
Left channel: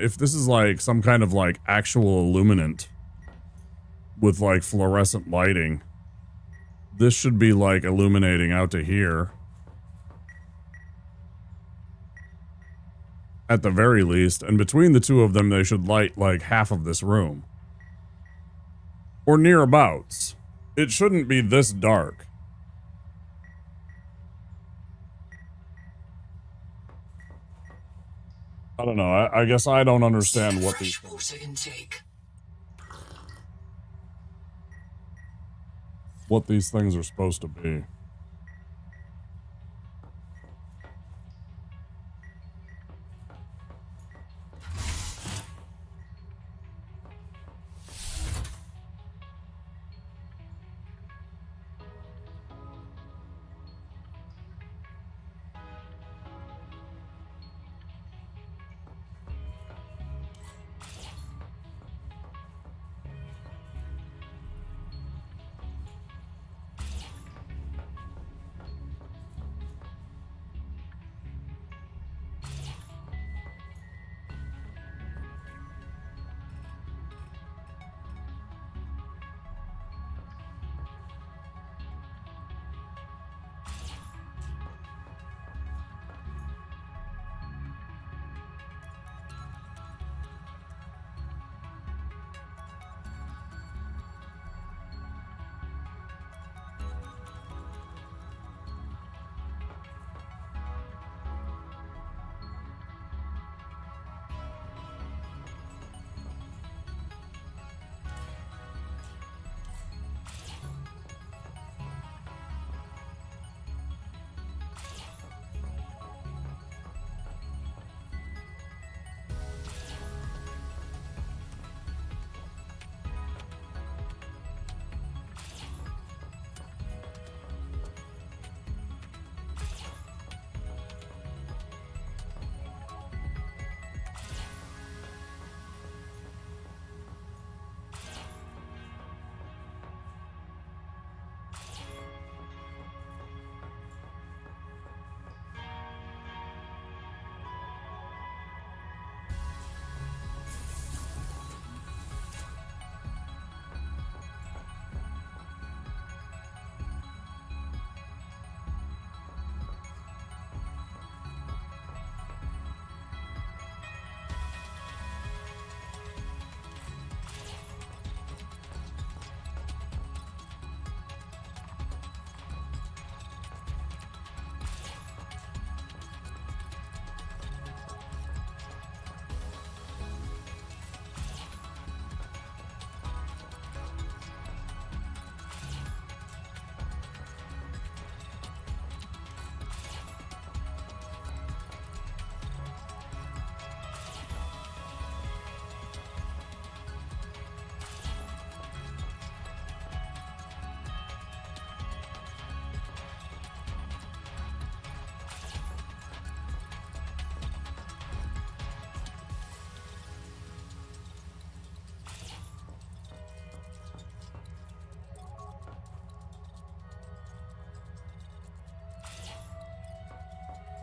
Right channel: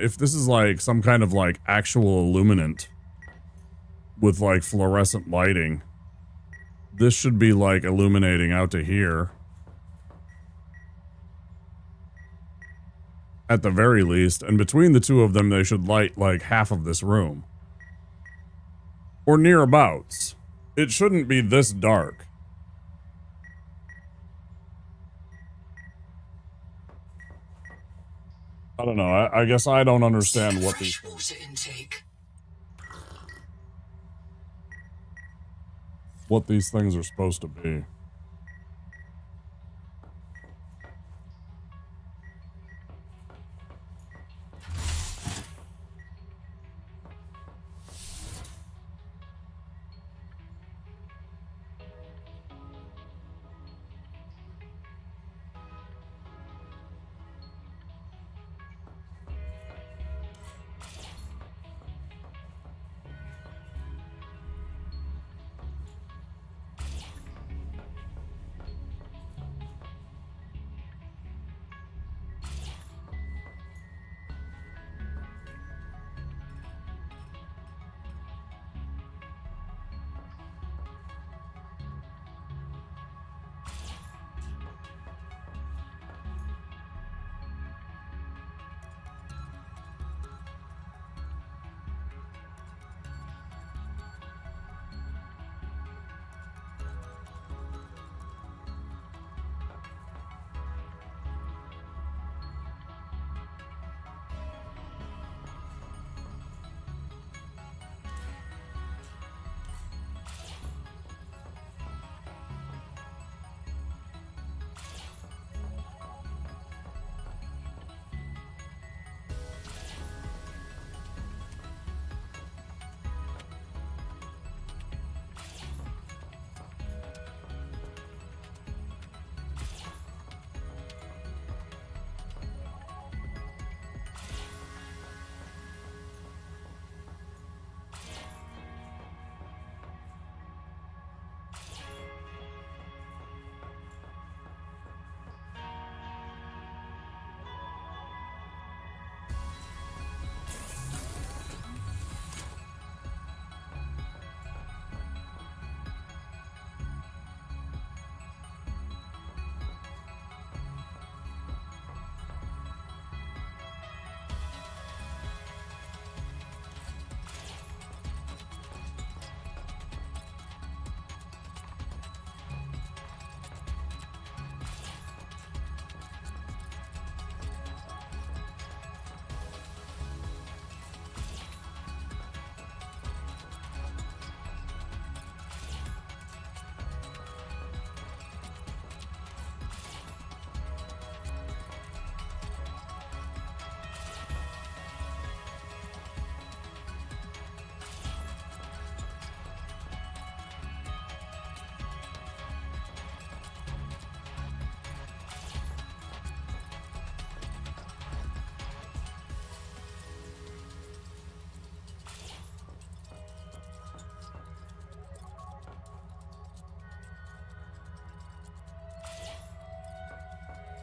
if this is like some kind of like actual illuminant with like fluorescent lighting, this should be like illuminating out to here. At the very least. And between the two of them, they should light like half of this room. Or nearabouts. It shouldn't be this dark. I don't know. I guess I don't understand what these things, Water intake. what these things are supposed to be.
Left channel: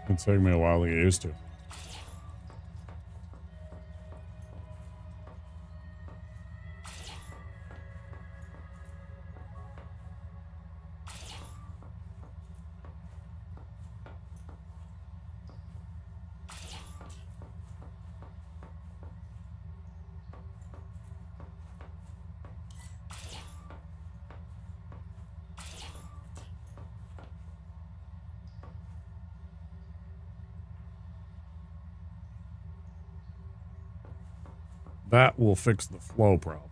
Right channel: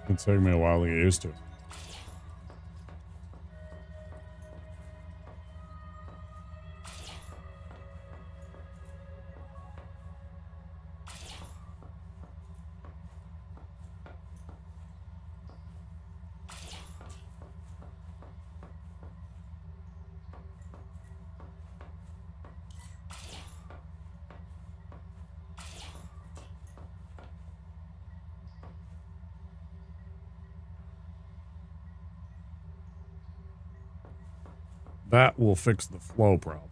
It'll take me a while to get used to. That will fix the flow problem.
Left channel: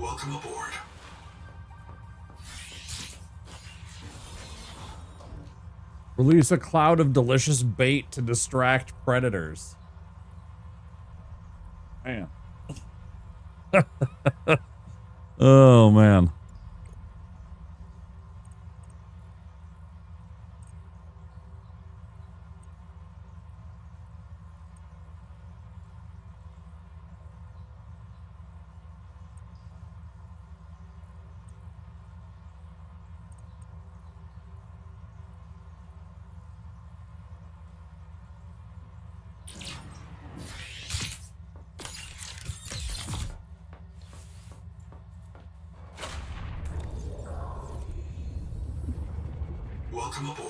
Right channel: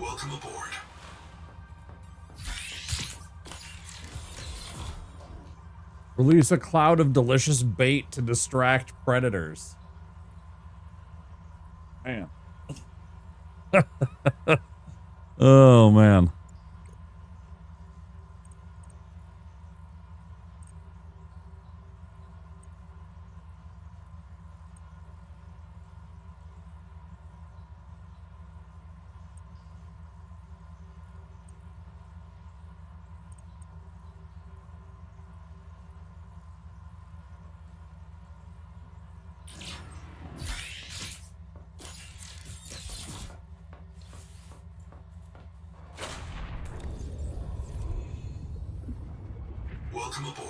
Welcome aboard. Release a cloud of delicious bait to distract predators. Man. Oh, man. Welcome aboard.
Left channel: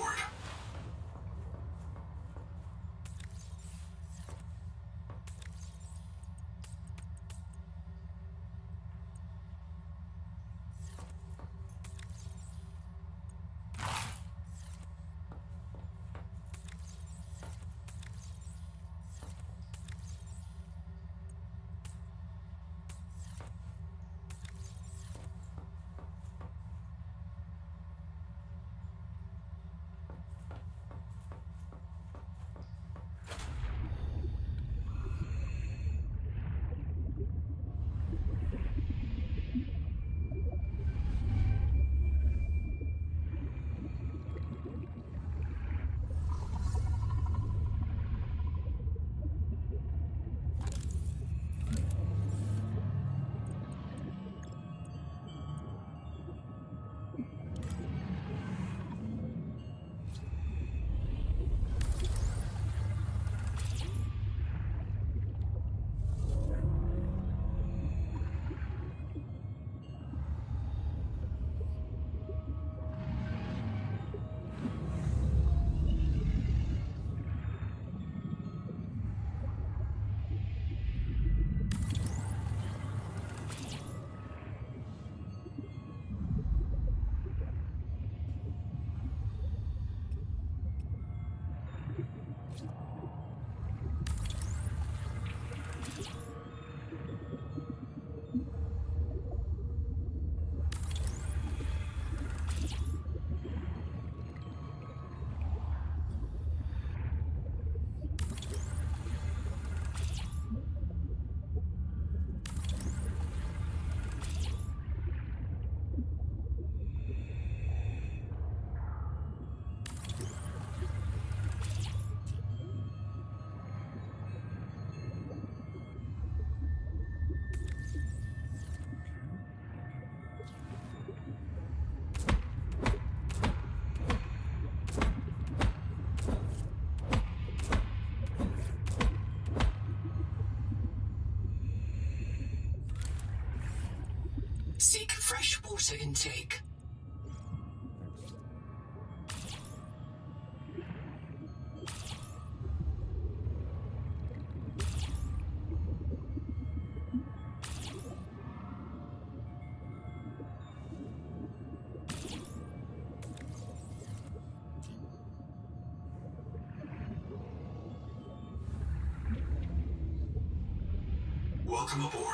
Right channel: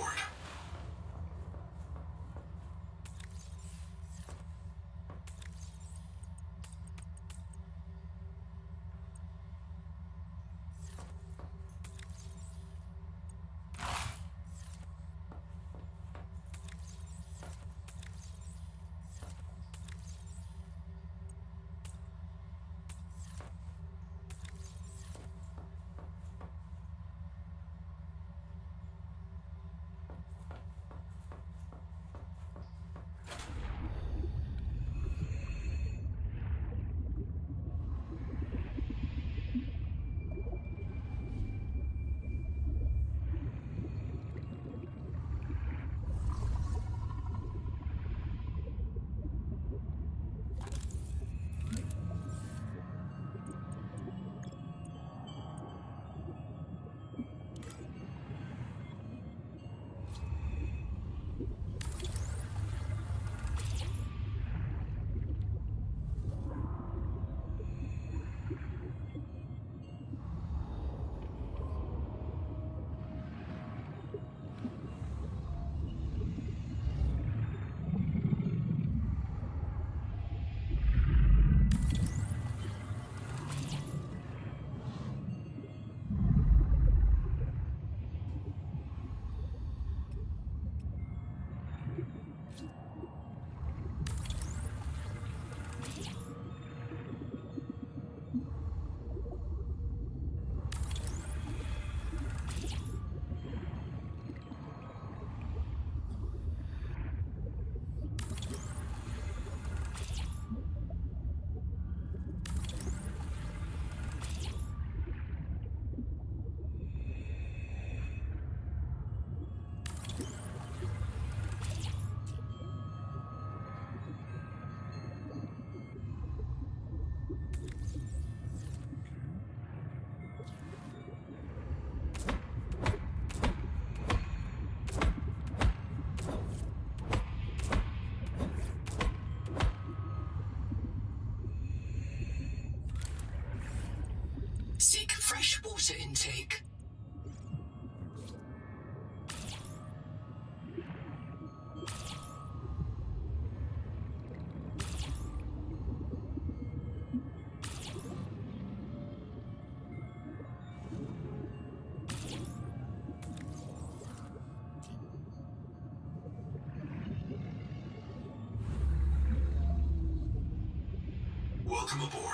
Seek fresh water intake. Welcome aboard.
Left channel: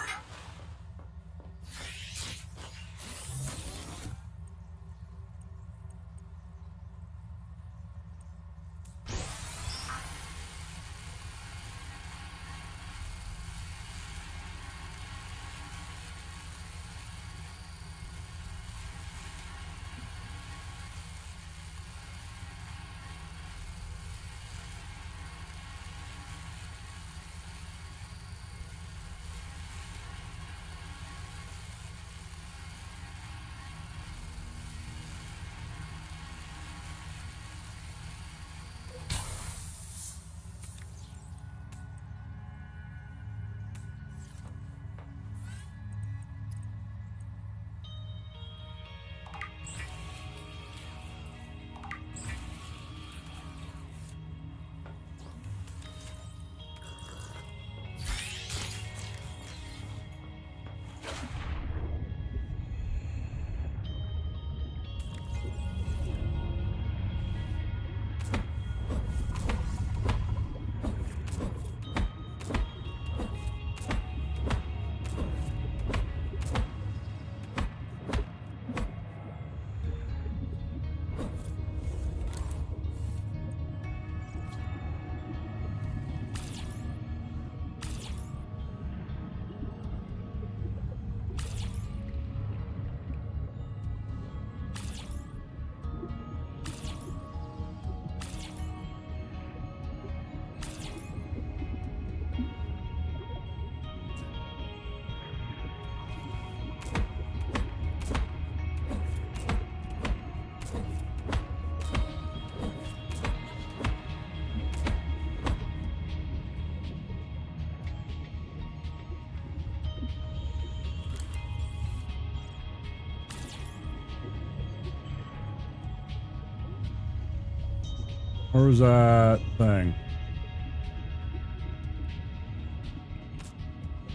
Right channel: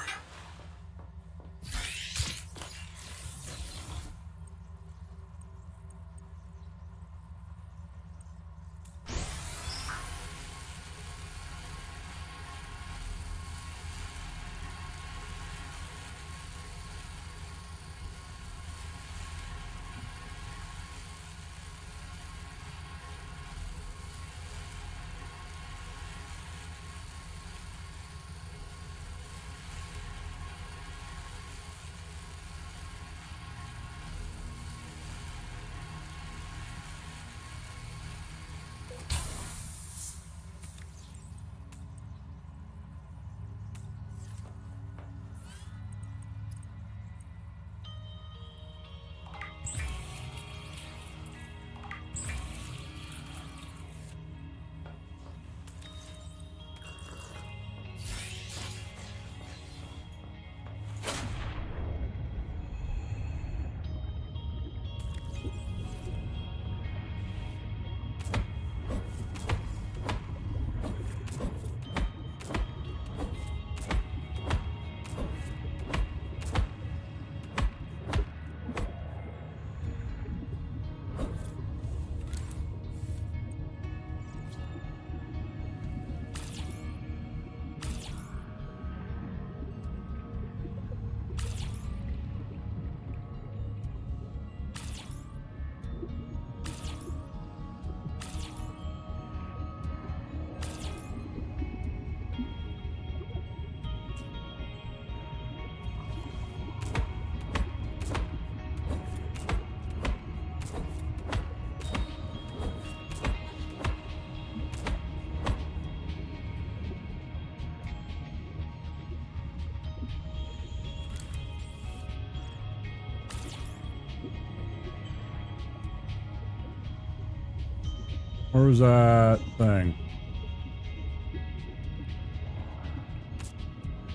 Where's that thing?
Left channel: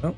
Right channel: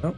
Yep.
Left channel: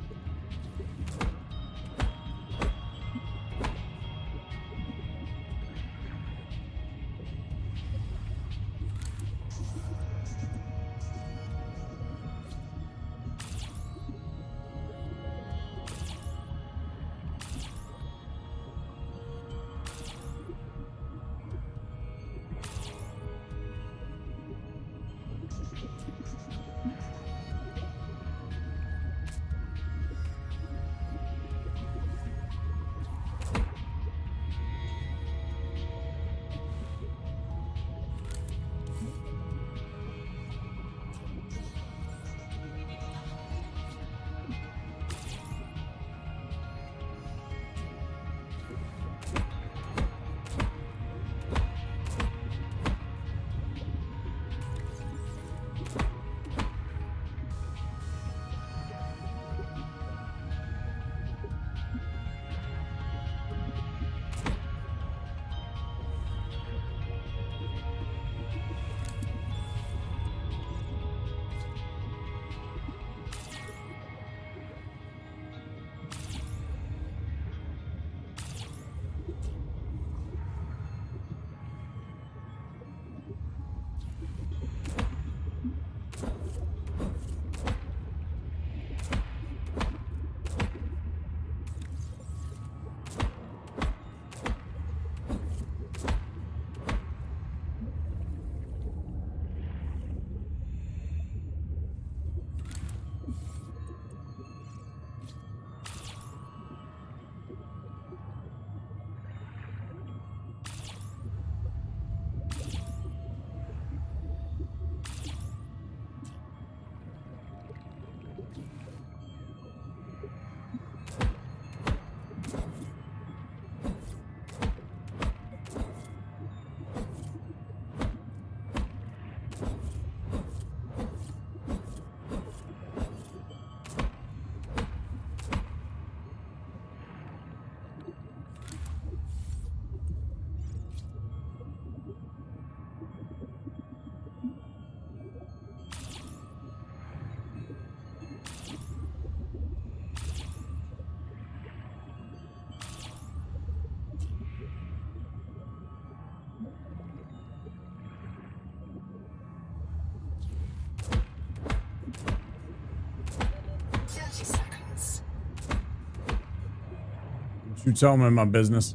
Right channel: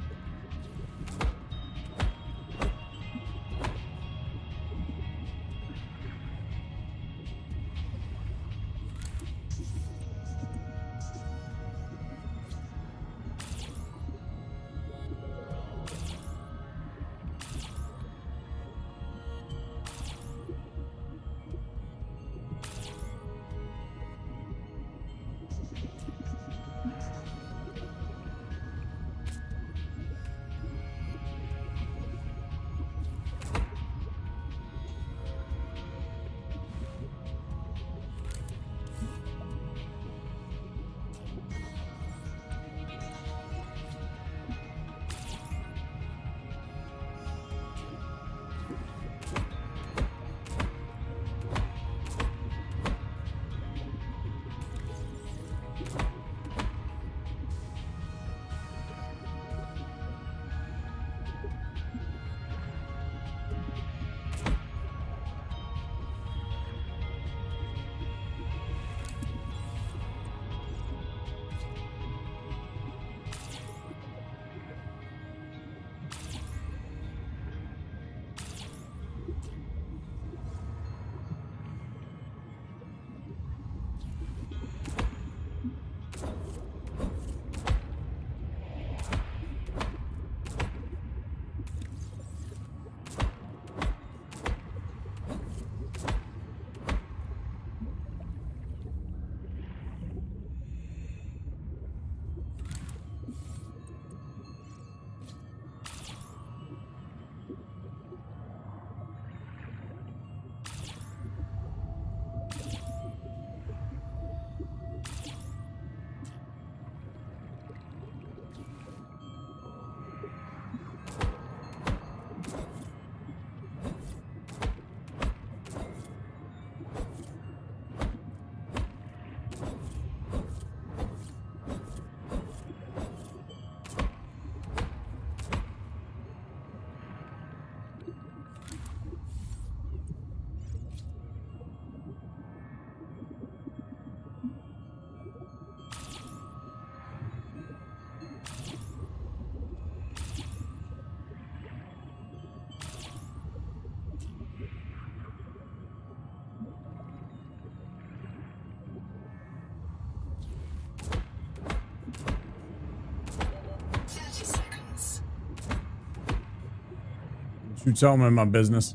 You tell me my business.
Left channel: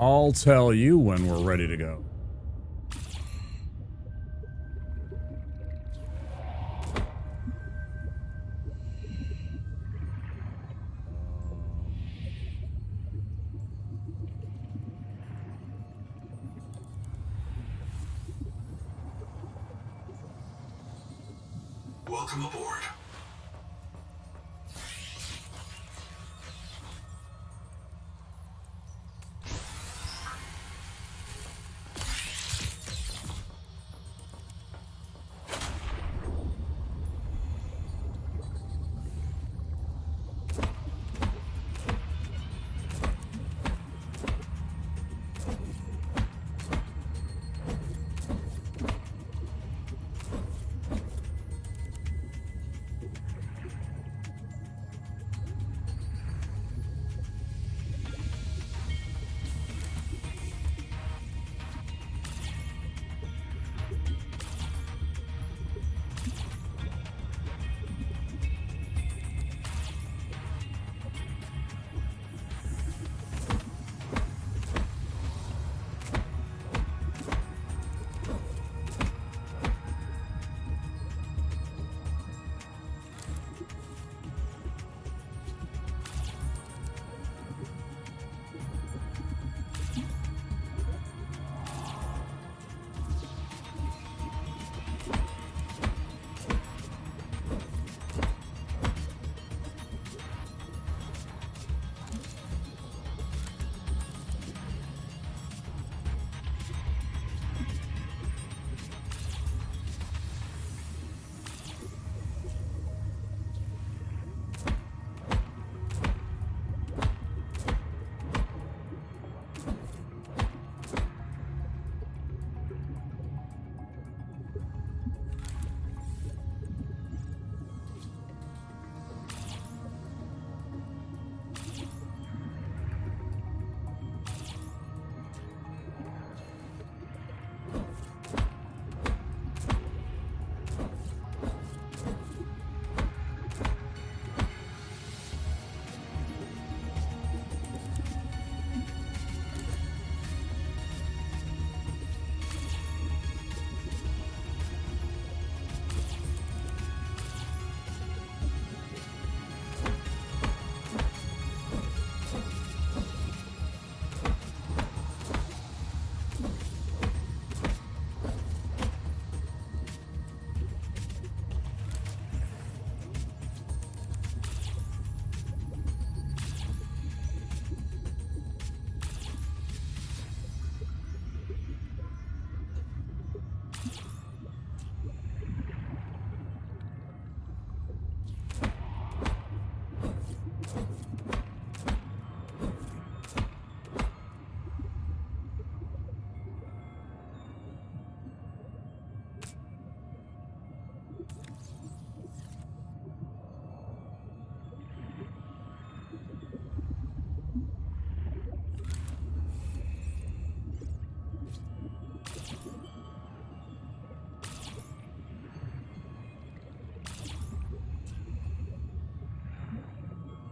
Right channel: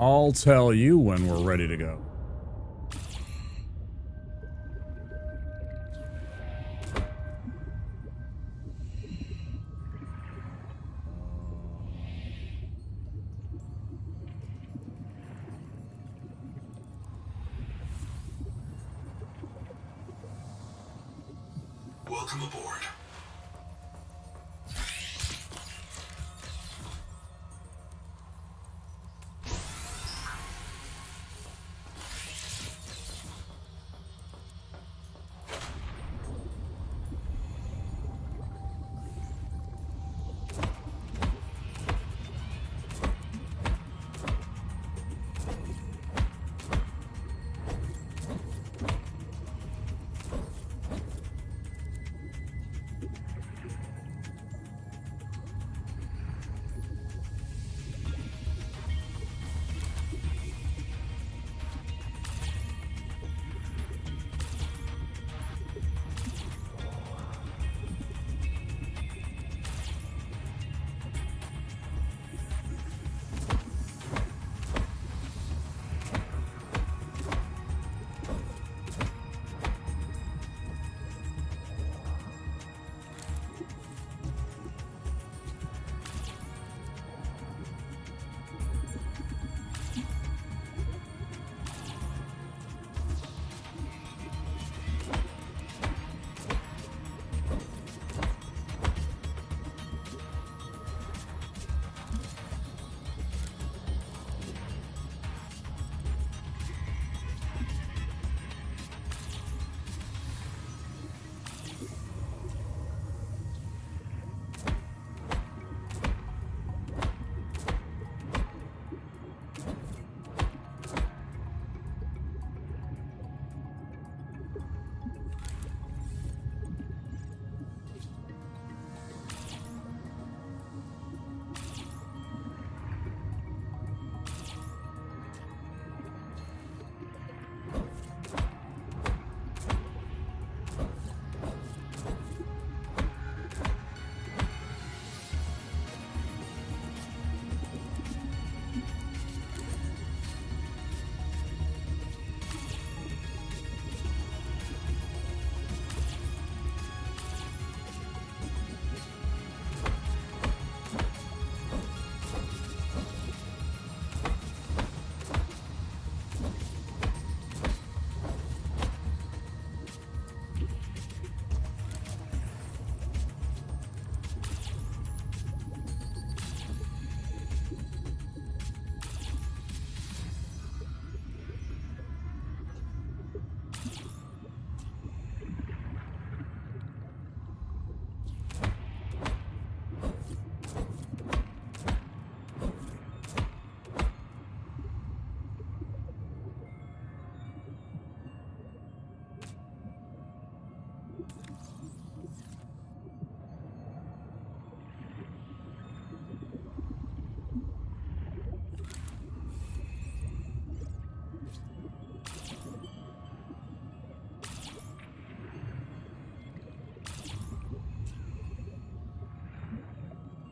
I'll tell you when we're ready to go. Welcome aboard.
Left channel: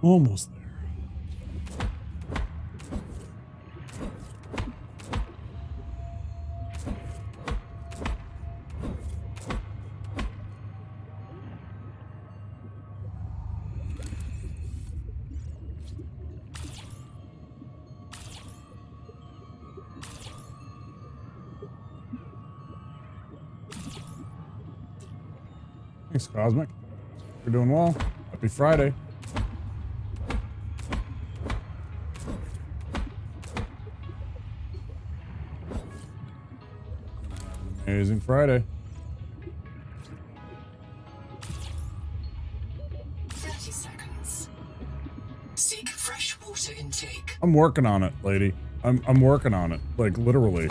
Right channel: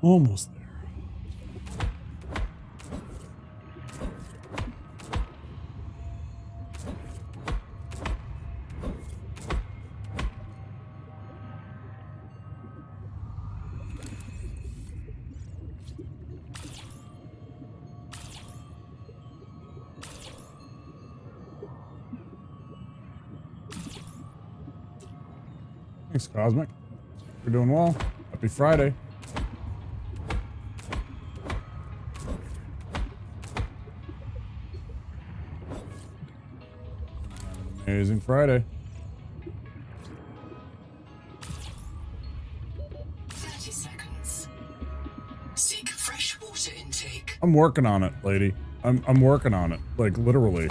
Almost there. Thanks, Cosmic. You're doing well. Happy Friday. Gonna have an amazing Friday. 30 seconds. Seek fresh water intake. I'm working on it, lady. I'm working on it. Like, literally.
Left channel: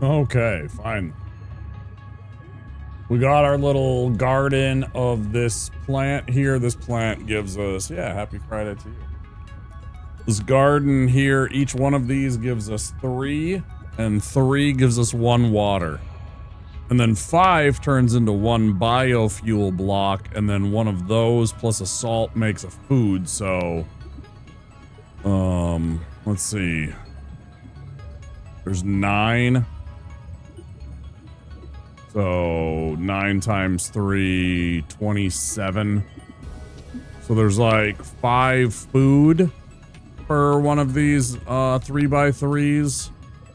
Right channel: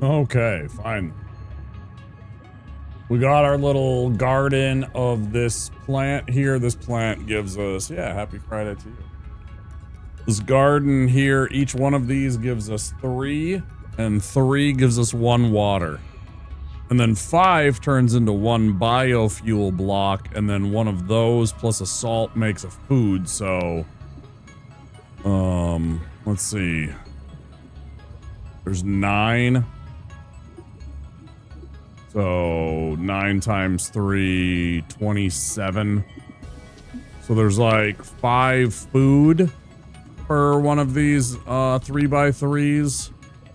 Okay, fine. We got our little garden of this plant here. This plant gives us, yeah, happy Friday to you. This garden here, each one of these gives us 3, and 3 gives us 1 water. And then 5 turns into 1 biofuel block, and then 1 of those plus a salt makes a food, so... let's see. There's 9. So 9 times 3, 27. So there's like 5 food per one of these 3x3s,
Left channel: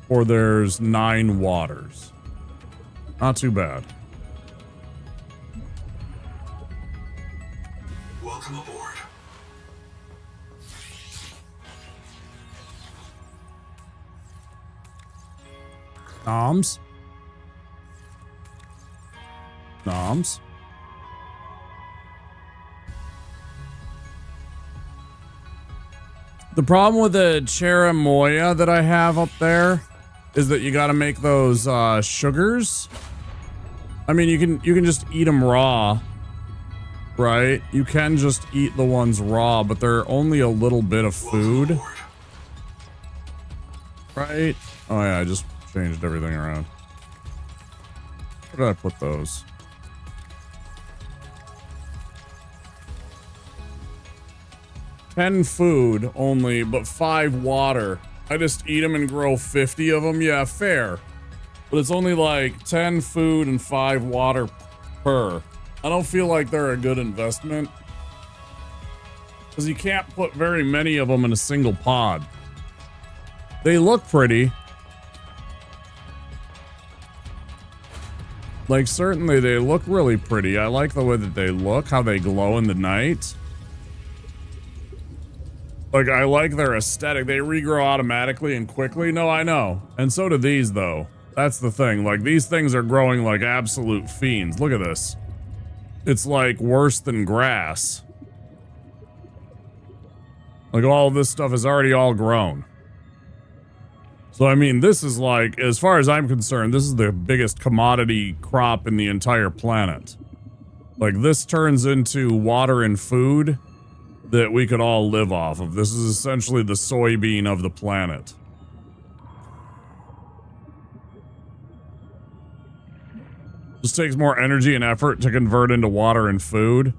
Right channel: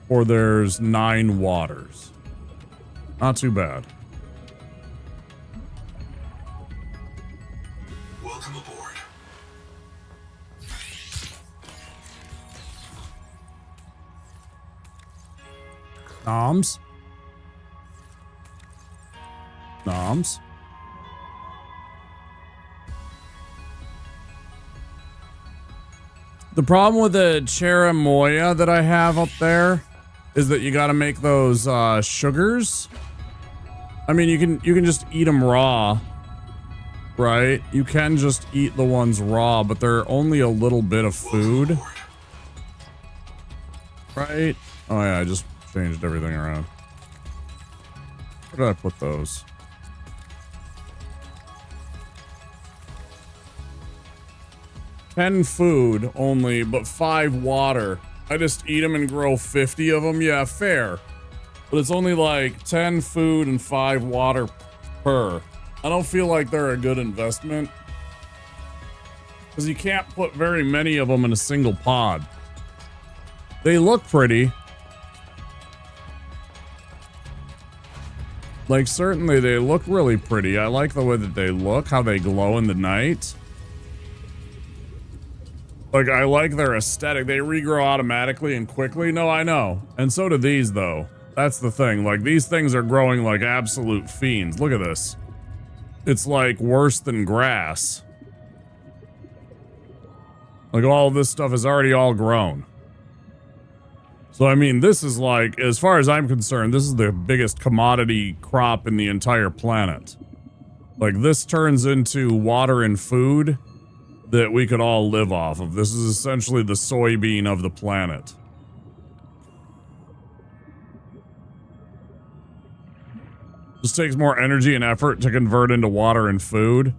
or there's 9 waters. Not too bad. Welcome aboard. Noms. Noms. The problem with the cherimoya that I have up there is that you got to make those sugars. I mean, you can just eat them raw, right? You can just eat the ones raw, but they're only a little bit of food, right? Oh yeah, I just changed everything around. Where did I put those? 10 food only, but 5 water. I just eat them and grow 50 of them. Yeah, fair. But it's only like 10 food and 5 water per. I don't feel like they're a good investment, because you can't put very many of them in a single pod. They look pretty. Like, certainly they look really pretty. I like the way that they look, how they glow in the night. Like, I like their aesthetic. They regrow automatically and quickly. No, I know. And so do these, though. That's the thing. Like, these things are growing like absolute fiends. Look at this. It's like worse than grass. Like, all this stuff is already all grown. So, I mean, this is like, as far as I'm concerned, this is the biggest commodity crop in the entire planet. Like, this turns into water and food that we could all live off of. This is essentially the soybean of the planet. Just takes more energy and effort to convert into water and food.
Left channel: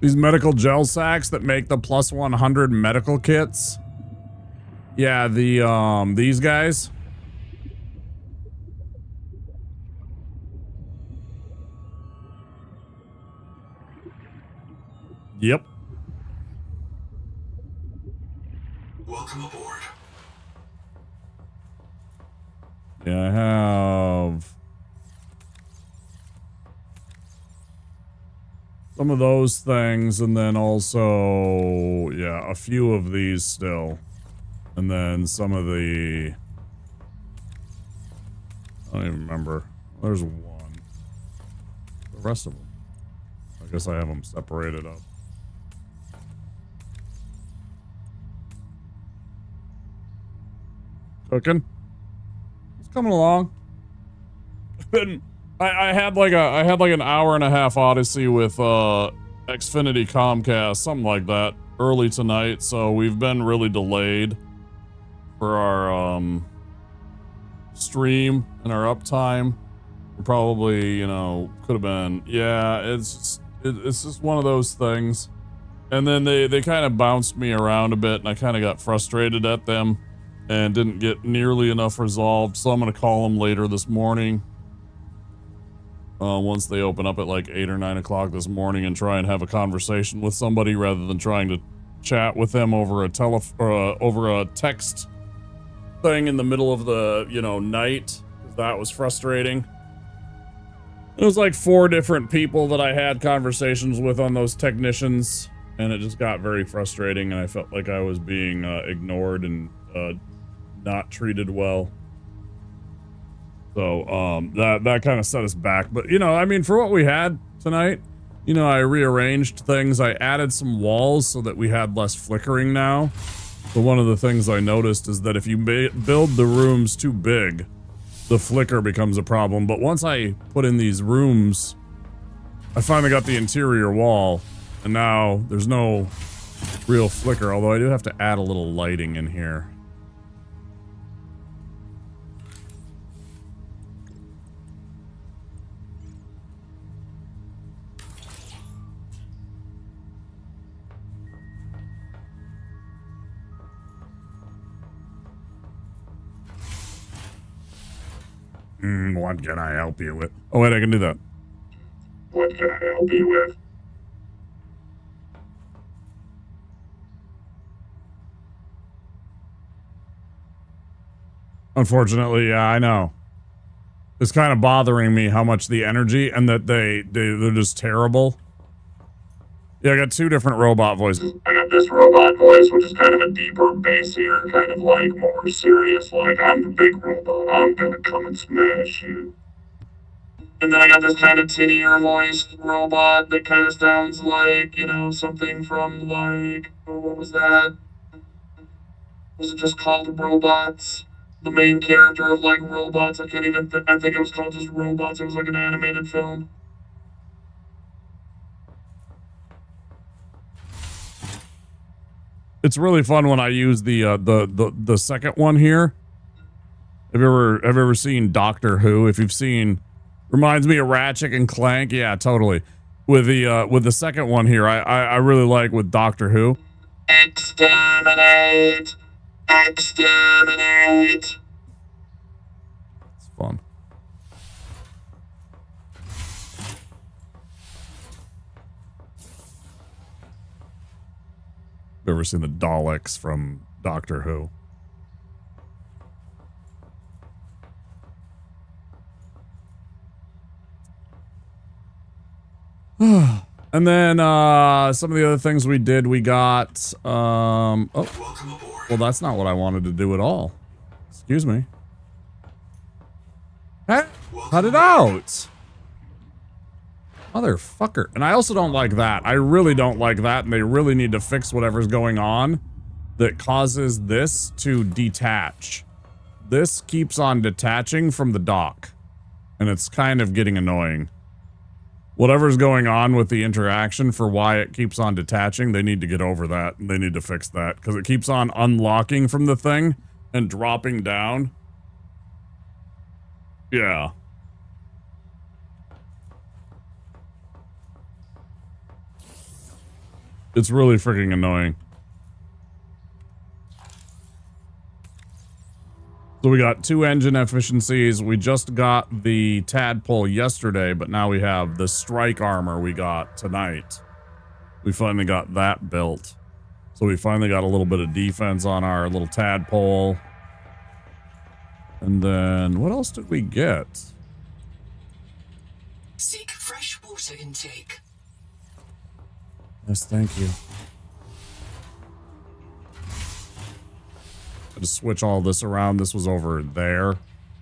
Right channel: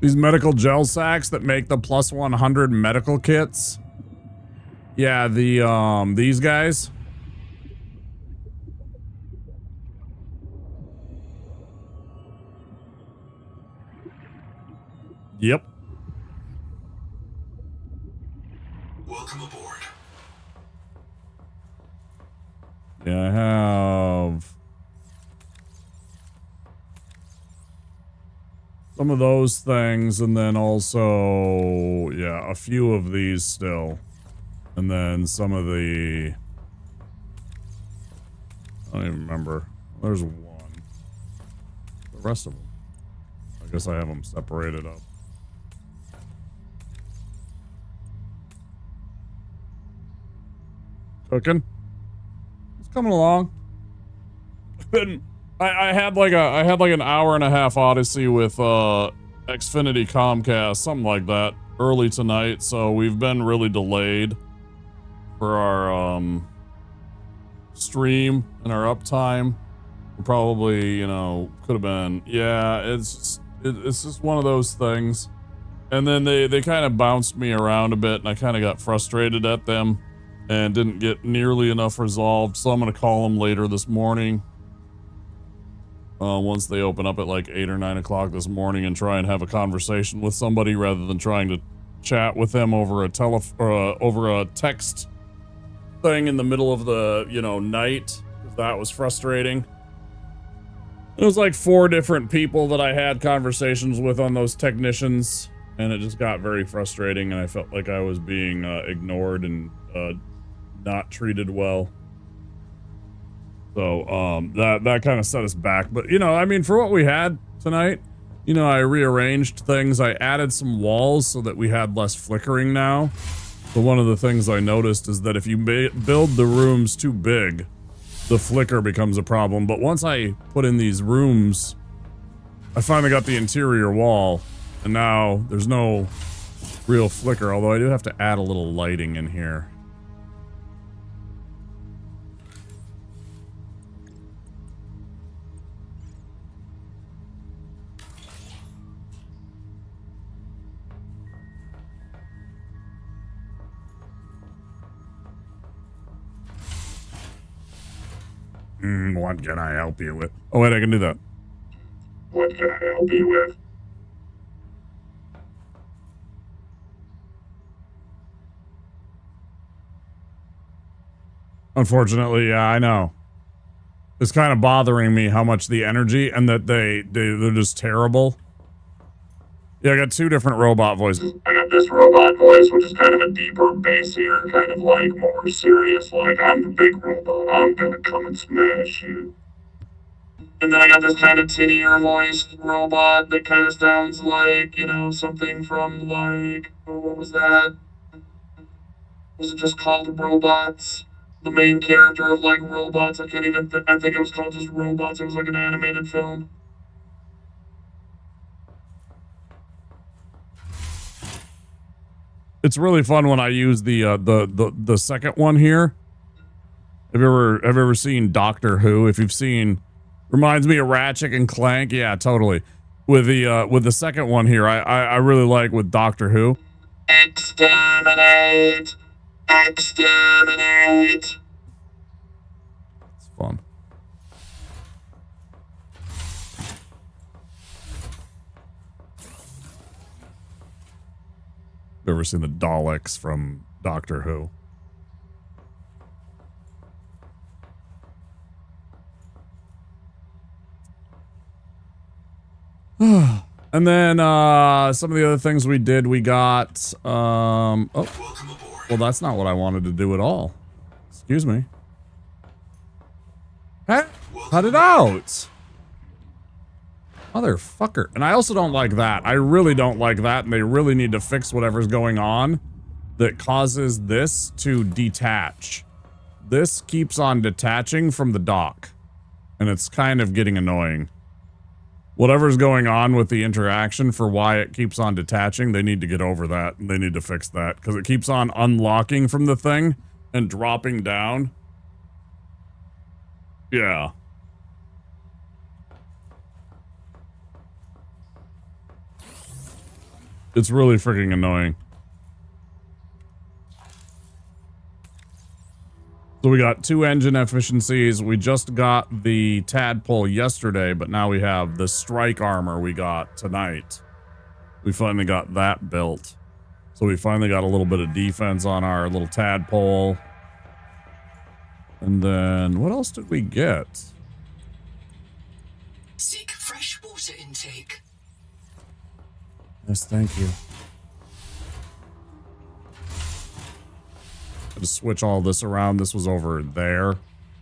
These medical gel sacks that make the plus 100 medical kits. Yeah, these guys. Yep. Welcome aboard. Yeah, I have some of those things, and then also, yeah, a few of these still. And then some of the... I don't even remember. There's one. The rest of them. I guess I have them separated up. Cooking. It's coming along. I had like an hour and a half odyssey with Xfinity Comcast, something like that, early tonight. So we've been really delayed for our stream and our uptime. Probably, you know, could have been. Yeah, it's just one of those things. And then they kind of bounced me around a bit, and I kind of got frustrated at them and didn't get nearly enough resolved. So I'm going to call them later this morning. Once they open up at like 8 or 9 o'clock this morning, and try and have a conversation with somebody rather than trying to chat with them over a over a text thing in the middle of the, you know, night, because that was frustrating. It was like 4 different people that I had conversations with on those technicians, and it just got very frustrating, and I felt like I was being ignored and not treated well. So that kind of set us back. But, you know, I mean, for what we had tonight, you know, I rearranged things. I added some walls so that we had less flickering now. So one of the things I noticed is that if you build the rooms too big, the flicker becomes a problem. But once I put in these rooms, I finally got the interior wall, and now there's no real flicker, although I do have to add a little lighting in here. What can I help you with? Oh, wait, I can do that. What can I help you with? Unfortunately, yeah, I know. It's kind of bothering me how much the energy, and that they're just terrible. Yeah, I got 2 different robot voices. I got this robot voice, which is kind of a deeper, bassier, kind of like more serious, like, I'm the big robot, I'm gonna come and smash you. And then I got this kind of tinnier voiced robot that kind of sounds like, you know, something from like, oh, what was that? Was it just called Robots? The main character of like Robots, I can't even I think it was called just Robots, it was like an animated film. It's really fun when I use the second one here. Have you ever seen Doctor Who? If you've seen, reminds me of Ratchet and Clank. Yeah, totally. With the second one here, I really like with Doctor Who. Exterminate! Exterminate! It's fun. Ever seen the Daleks from Doctor Who? And then some of the other things we did, we got oh, well, that's not what I wanted to do at all. Excuse me. Hey, cut it out. Motherfucker. And I also don't like that. I really don't like that, and they really need to fix whatever's going on that causes this to detach. This keeps on detaching from the dock, and it's kind of getting annoying. Whatever's going on with the interaction for why it keeps on detaching, they need to get over that. They need to fix that, because it keeps on unlocking from the thing and dropping down. Yeah. It's really freaking annoying. So we got 2 engine efficiencies. We just got the tadpole yesterday, but now we have the strike armor we got tonight. We finally got that built. So we finally got a little bit of defense on our little tadpole. And then what else did we get? Seek fresh water intake. Yes, thank you. I just switch all this around. This was over there.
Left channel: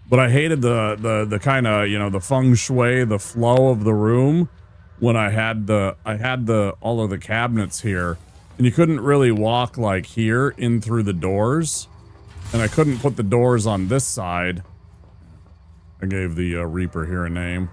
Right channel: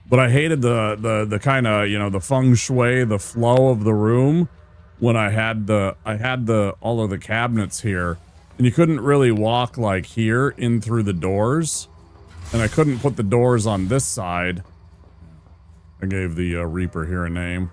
But I hated the kind of, you know, the feng shui, the flow of the room when I had all of the cabinets here. And you couldn't really walk like here in through the doors. And I couldn't put the doors on this side. I gave the Reaper here a name.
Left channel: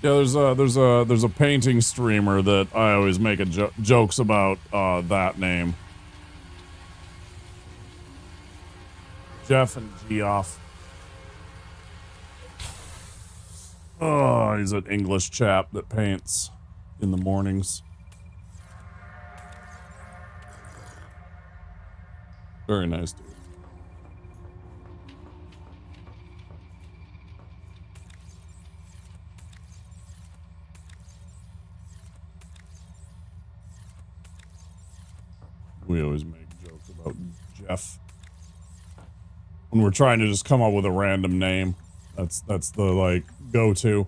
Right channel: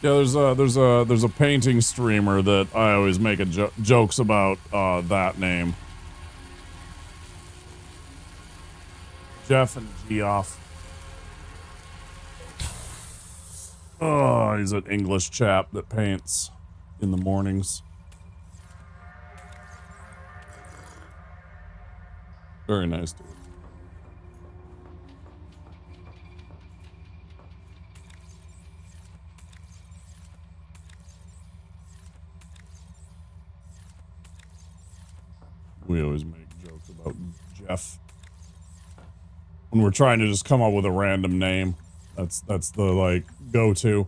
Yeah, there's a painting streamer that I always make jokes about that name. Jeff and Geoff. Oh, he's an English chap that paints in the mornings. Very nice dude. We always make jokes about Jeff when we're trying to just come up with a random name. That's the like go-to.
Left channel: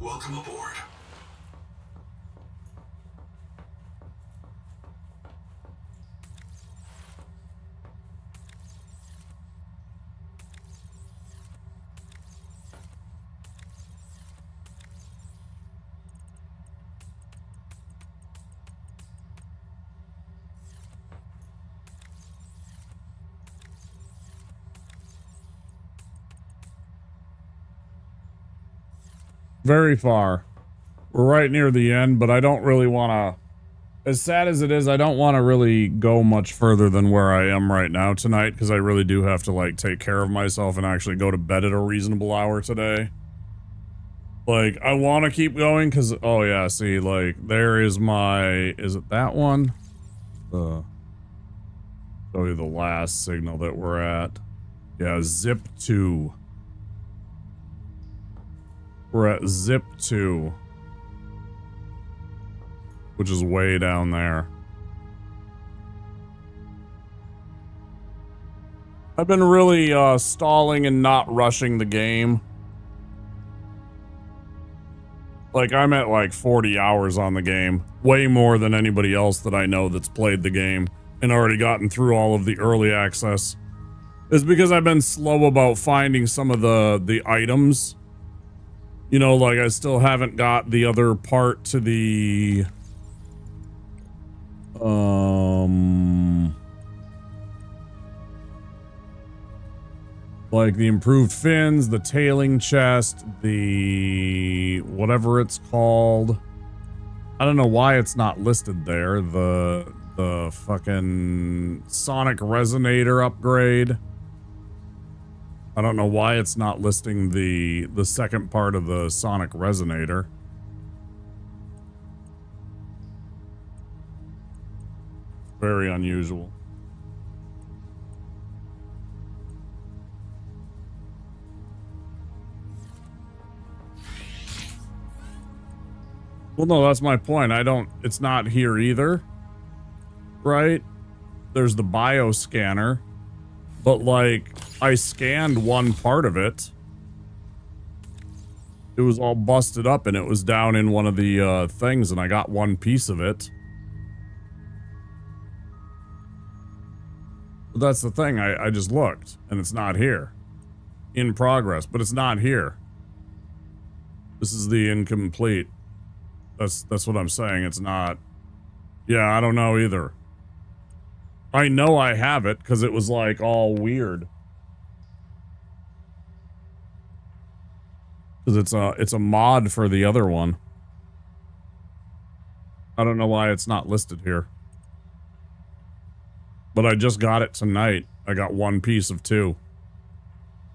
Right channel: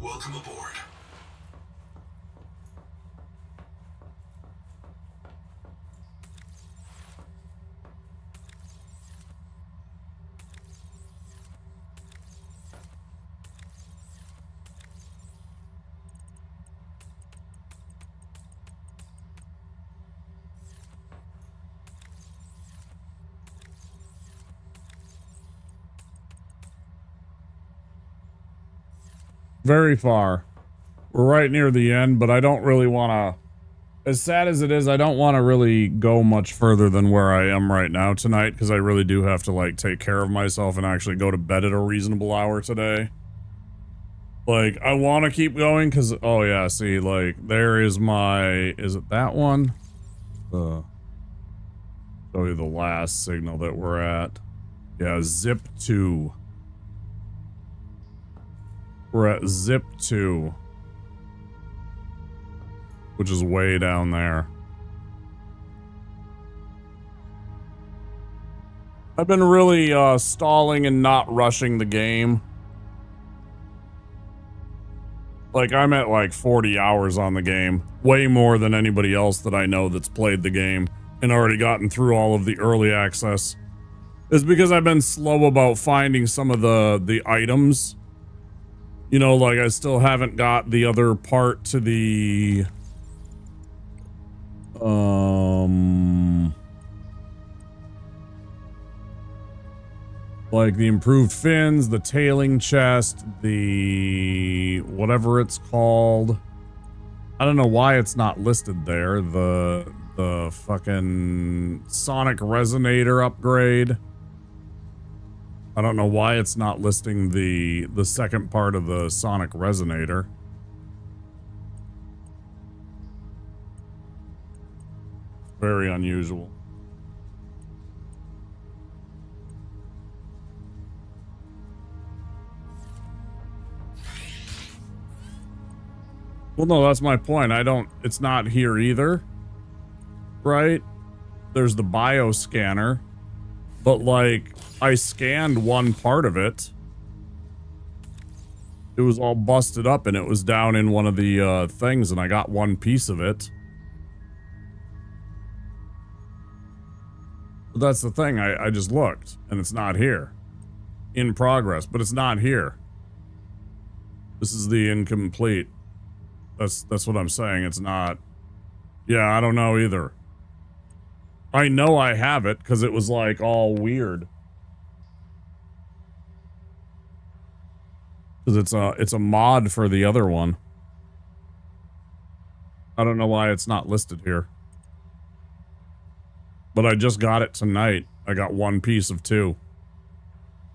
Welcome aboard. Very far. We're right near the end, but I don't really want to... As sad as it is, I don't want to really go much further than where I am right now tonight, because I really do have to, like, take care of myself and actually go to bed at a reasonable hour today. Like, I want to keep going, because... Oh, yeah, see, like, there is my... Is it that one? Show you the last signal that we're at. Yeah, Zip 2. We're at Zip 2. Which is way down there. I've been really stalling and not rushing the game Like, I'm at like 40 hours on the game. Way more than anybody else that I know that's played the game and already gotten through all of the early access. It's because I've been slow about finding some of the items. You know, like I still haven't got the other part to the... like the improved fins, the tailing chest, the whatever it's called. I don't know why it's not listed there. The fucking sonic resonator upgrade. I don't know why it's not listing the second part of the sonic resonator. Very unusual. Well, no, that's my point. It's not here either. Right? There's the bioscanner. But, like, I scanned one part of it. It was all busted up and it was down in one of the things and I got one piece of it. But that's the thing. I just looked and it's not here. In progress, but it's not here. This is the incomplete. That's what I'm saying. It's not. Yeah, I don't know either. I know I have it because it was like all weird. Because it's a mod for the other one. I don't know why it's not listed here. But I just got it tonight. I got one piece of two.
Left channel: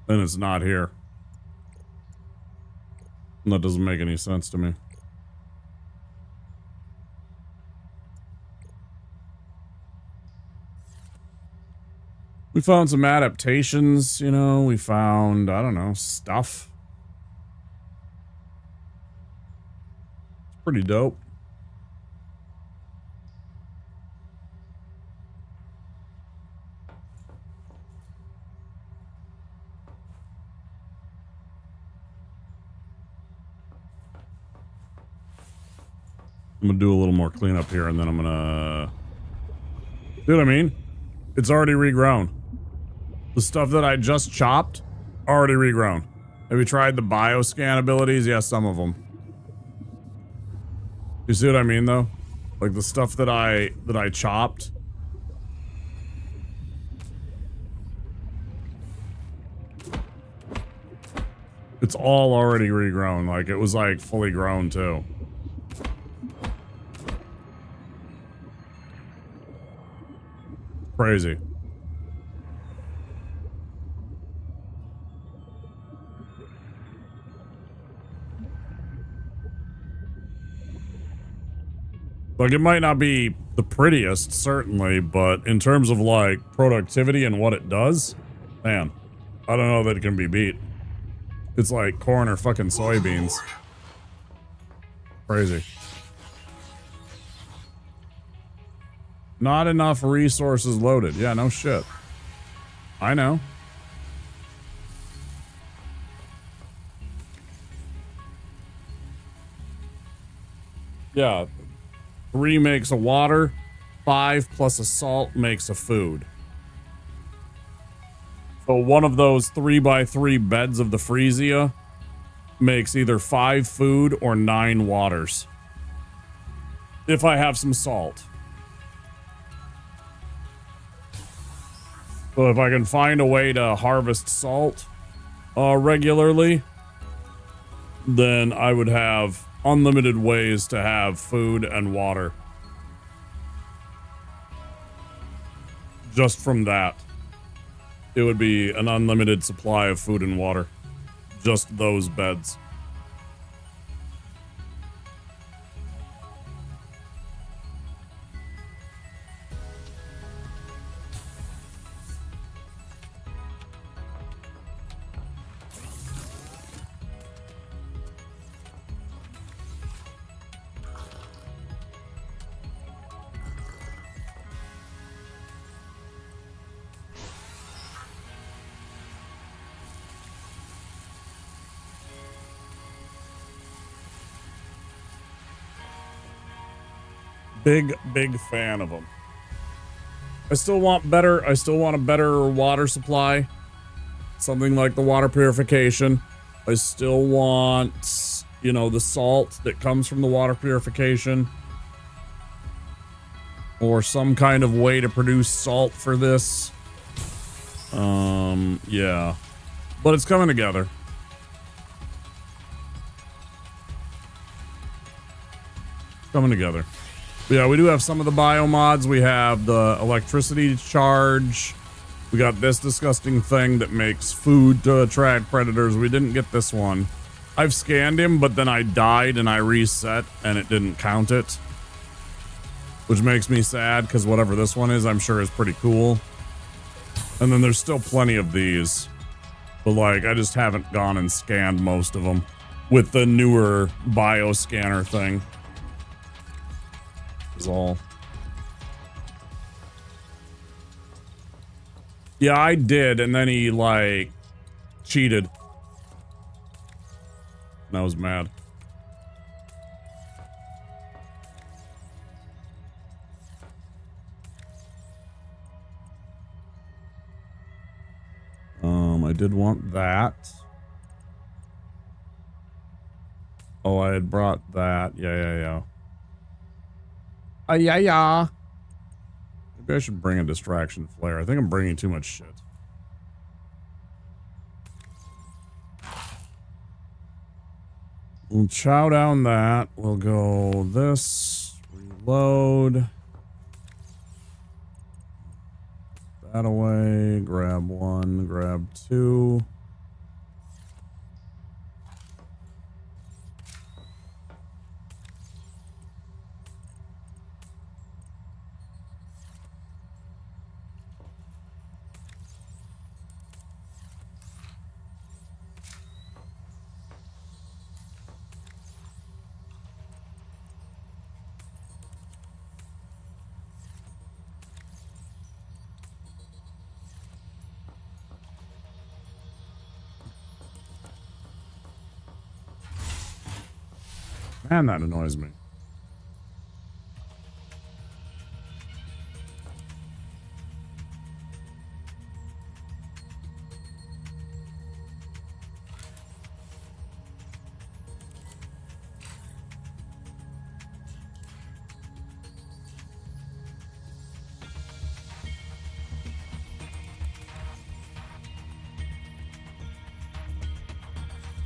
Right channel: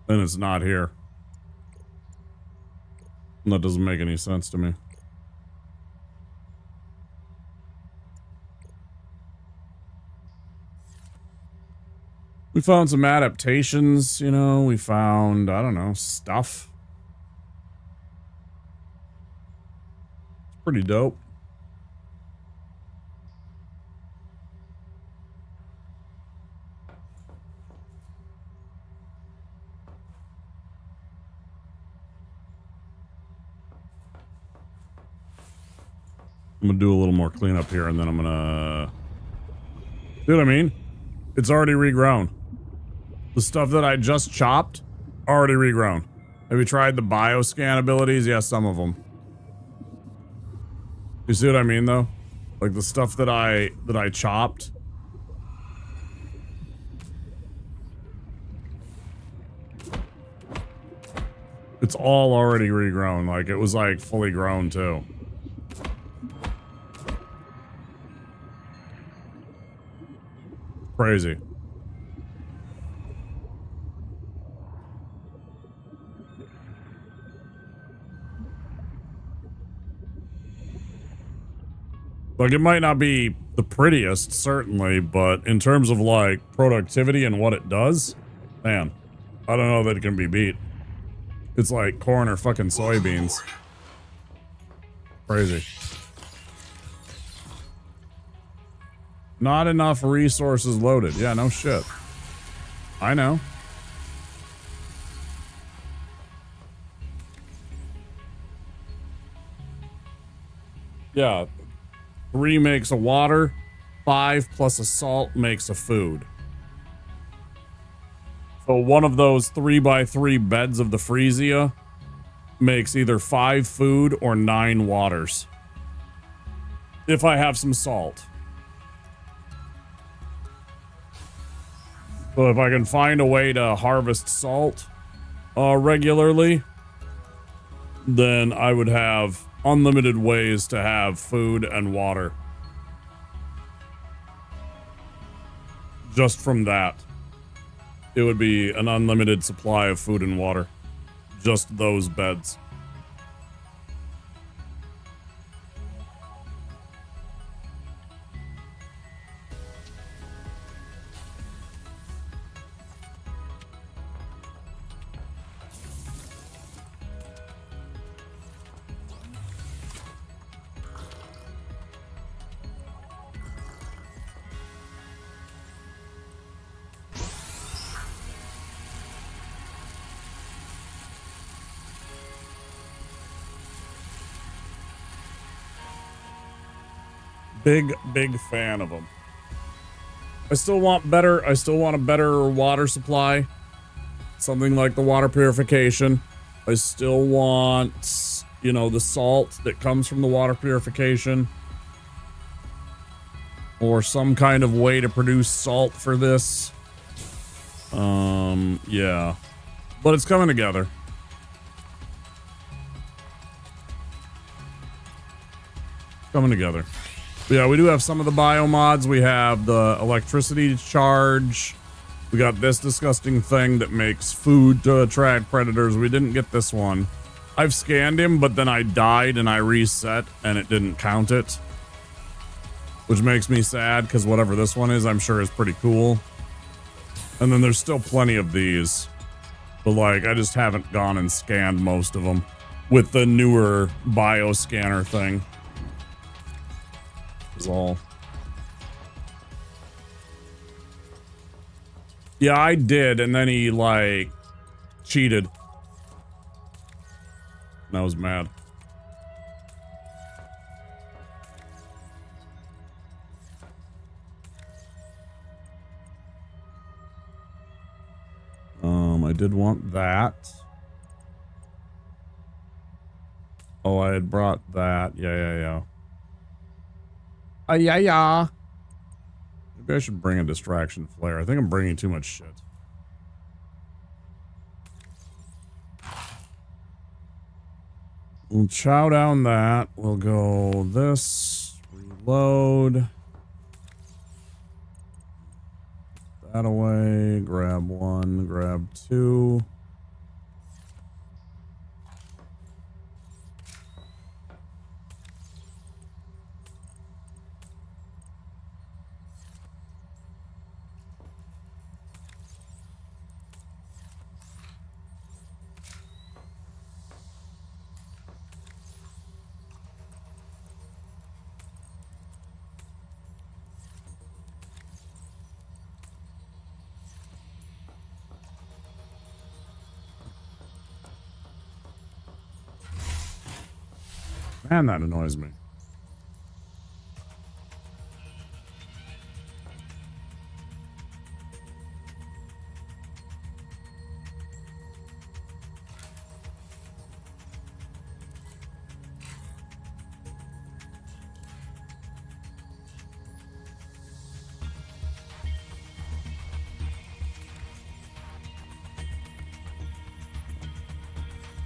And it's not here. And that doesn't make any sense to me. We found some adaptations, you know, we found, I don't know, stuff. It's pretty dope. I'm gonna do a little more cleanup here and then I'm gonna... See what I mean? It's already regrown. The stuff that I just chopped, already regrown. Have you tried the bioscan abilities? Yeah, some of them. You see what I mean, though? Like the stuff that I chopped. It's all already regrown. Like, it was, like, fully grown, too. Crazy. Like, it might not be the prettiest, certainly, but in terms of, like, productivity and what it does, man, I don't know that it can be beat. It's like corn or fucking soybeans. Crazy. Not enough resources loaded. Yeah, no shit. I know. Yeah. 3 makes a water. 5 plus a salt makes a food. So one of those 3x3 beds of the Freesia makes either 5 food or 9 waters. If I have some salt. So if I can find a way to harvest salt regularly, then I would have unlimited ways to have food and water. Just from that. It would be an unlimited supply of food and water. Just those beds. Big fan of them. I still want a better water supply. Something like the water purification. I still want, you know, the salt that comes from the water purification. Or some kind of way to produce salt for this. Yeah. But it's coming together. Coming together. But yeah, we do have some of the biomods. We have the electricity charge. We got this disgusting thing that makes food to attract predators. We didn't get this one. I've scanned him, but then I died and I reset and it didn't count it. Which makes me sad, because whatever this one is, I'm sure is pretty cool. And then there's still plenty of these. But like, I just haven't gone and scanned most of them. With the newer bioscanner thing. Is all. Yeah, I did, and then he, like, cheated. And I was mad. I did want that. Oh, I had brought that. Yeah. Yeah. Maybe I should bring a distraction flare. I think I'm bringing too much shit. We'll chow down that. We'll go this. Reload. That away. Grab one. Grab two. Man, that annoys me.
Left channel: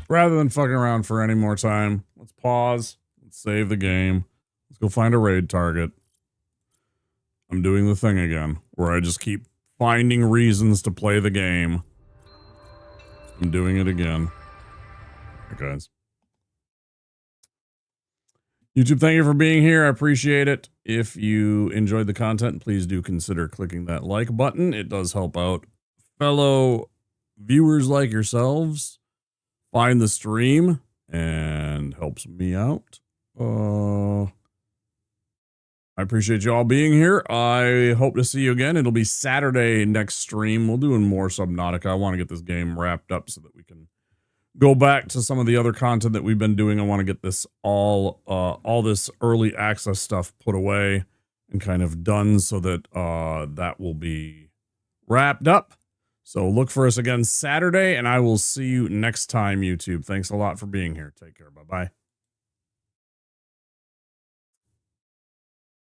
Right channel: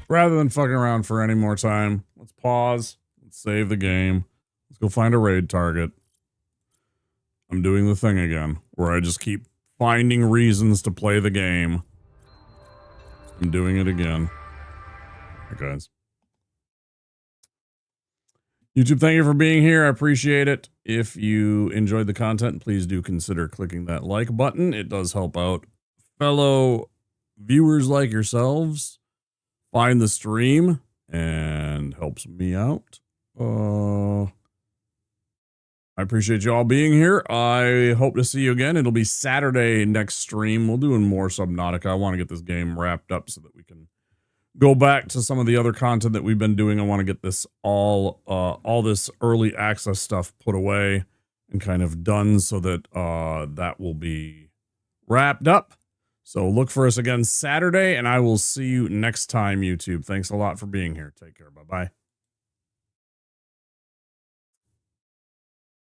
Rather than fucking around for any more time, let's pause. Let's save the game. Let's go find a raid target. I'm doing the thing again, where I just keep finding reasons to play the game. I'm doing it again. All right, guys. YouTube, thank you for being here. I appreciate it. If you enjoyed the content, please do consider clicking that like button. It does help out fellow viewers like yourselves find the stream and helps me out. I appreciate you all being here. I hope to see you again. It'll be Saturday next stream. We'll do more Subnautica. I want to get this game wrapped up so that we can go back to some of the other content that we've been doing. I want to get this all this early access stuff put away and kind of done so that that will be wrapped up. So look for us again Saturday, and I will see you next time, YouTube. Thanks a lot for being here. Take care. Bye-bye.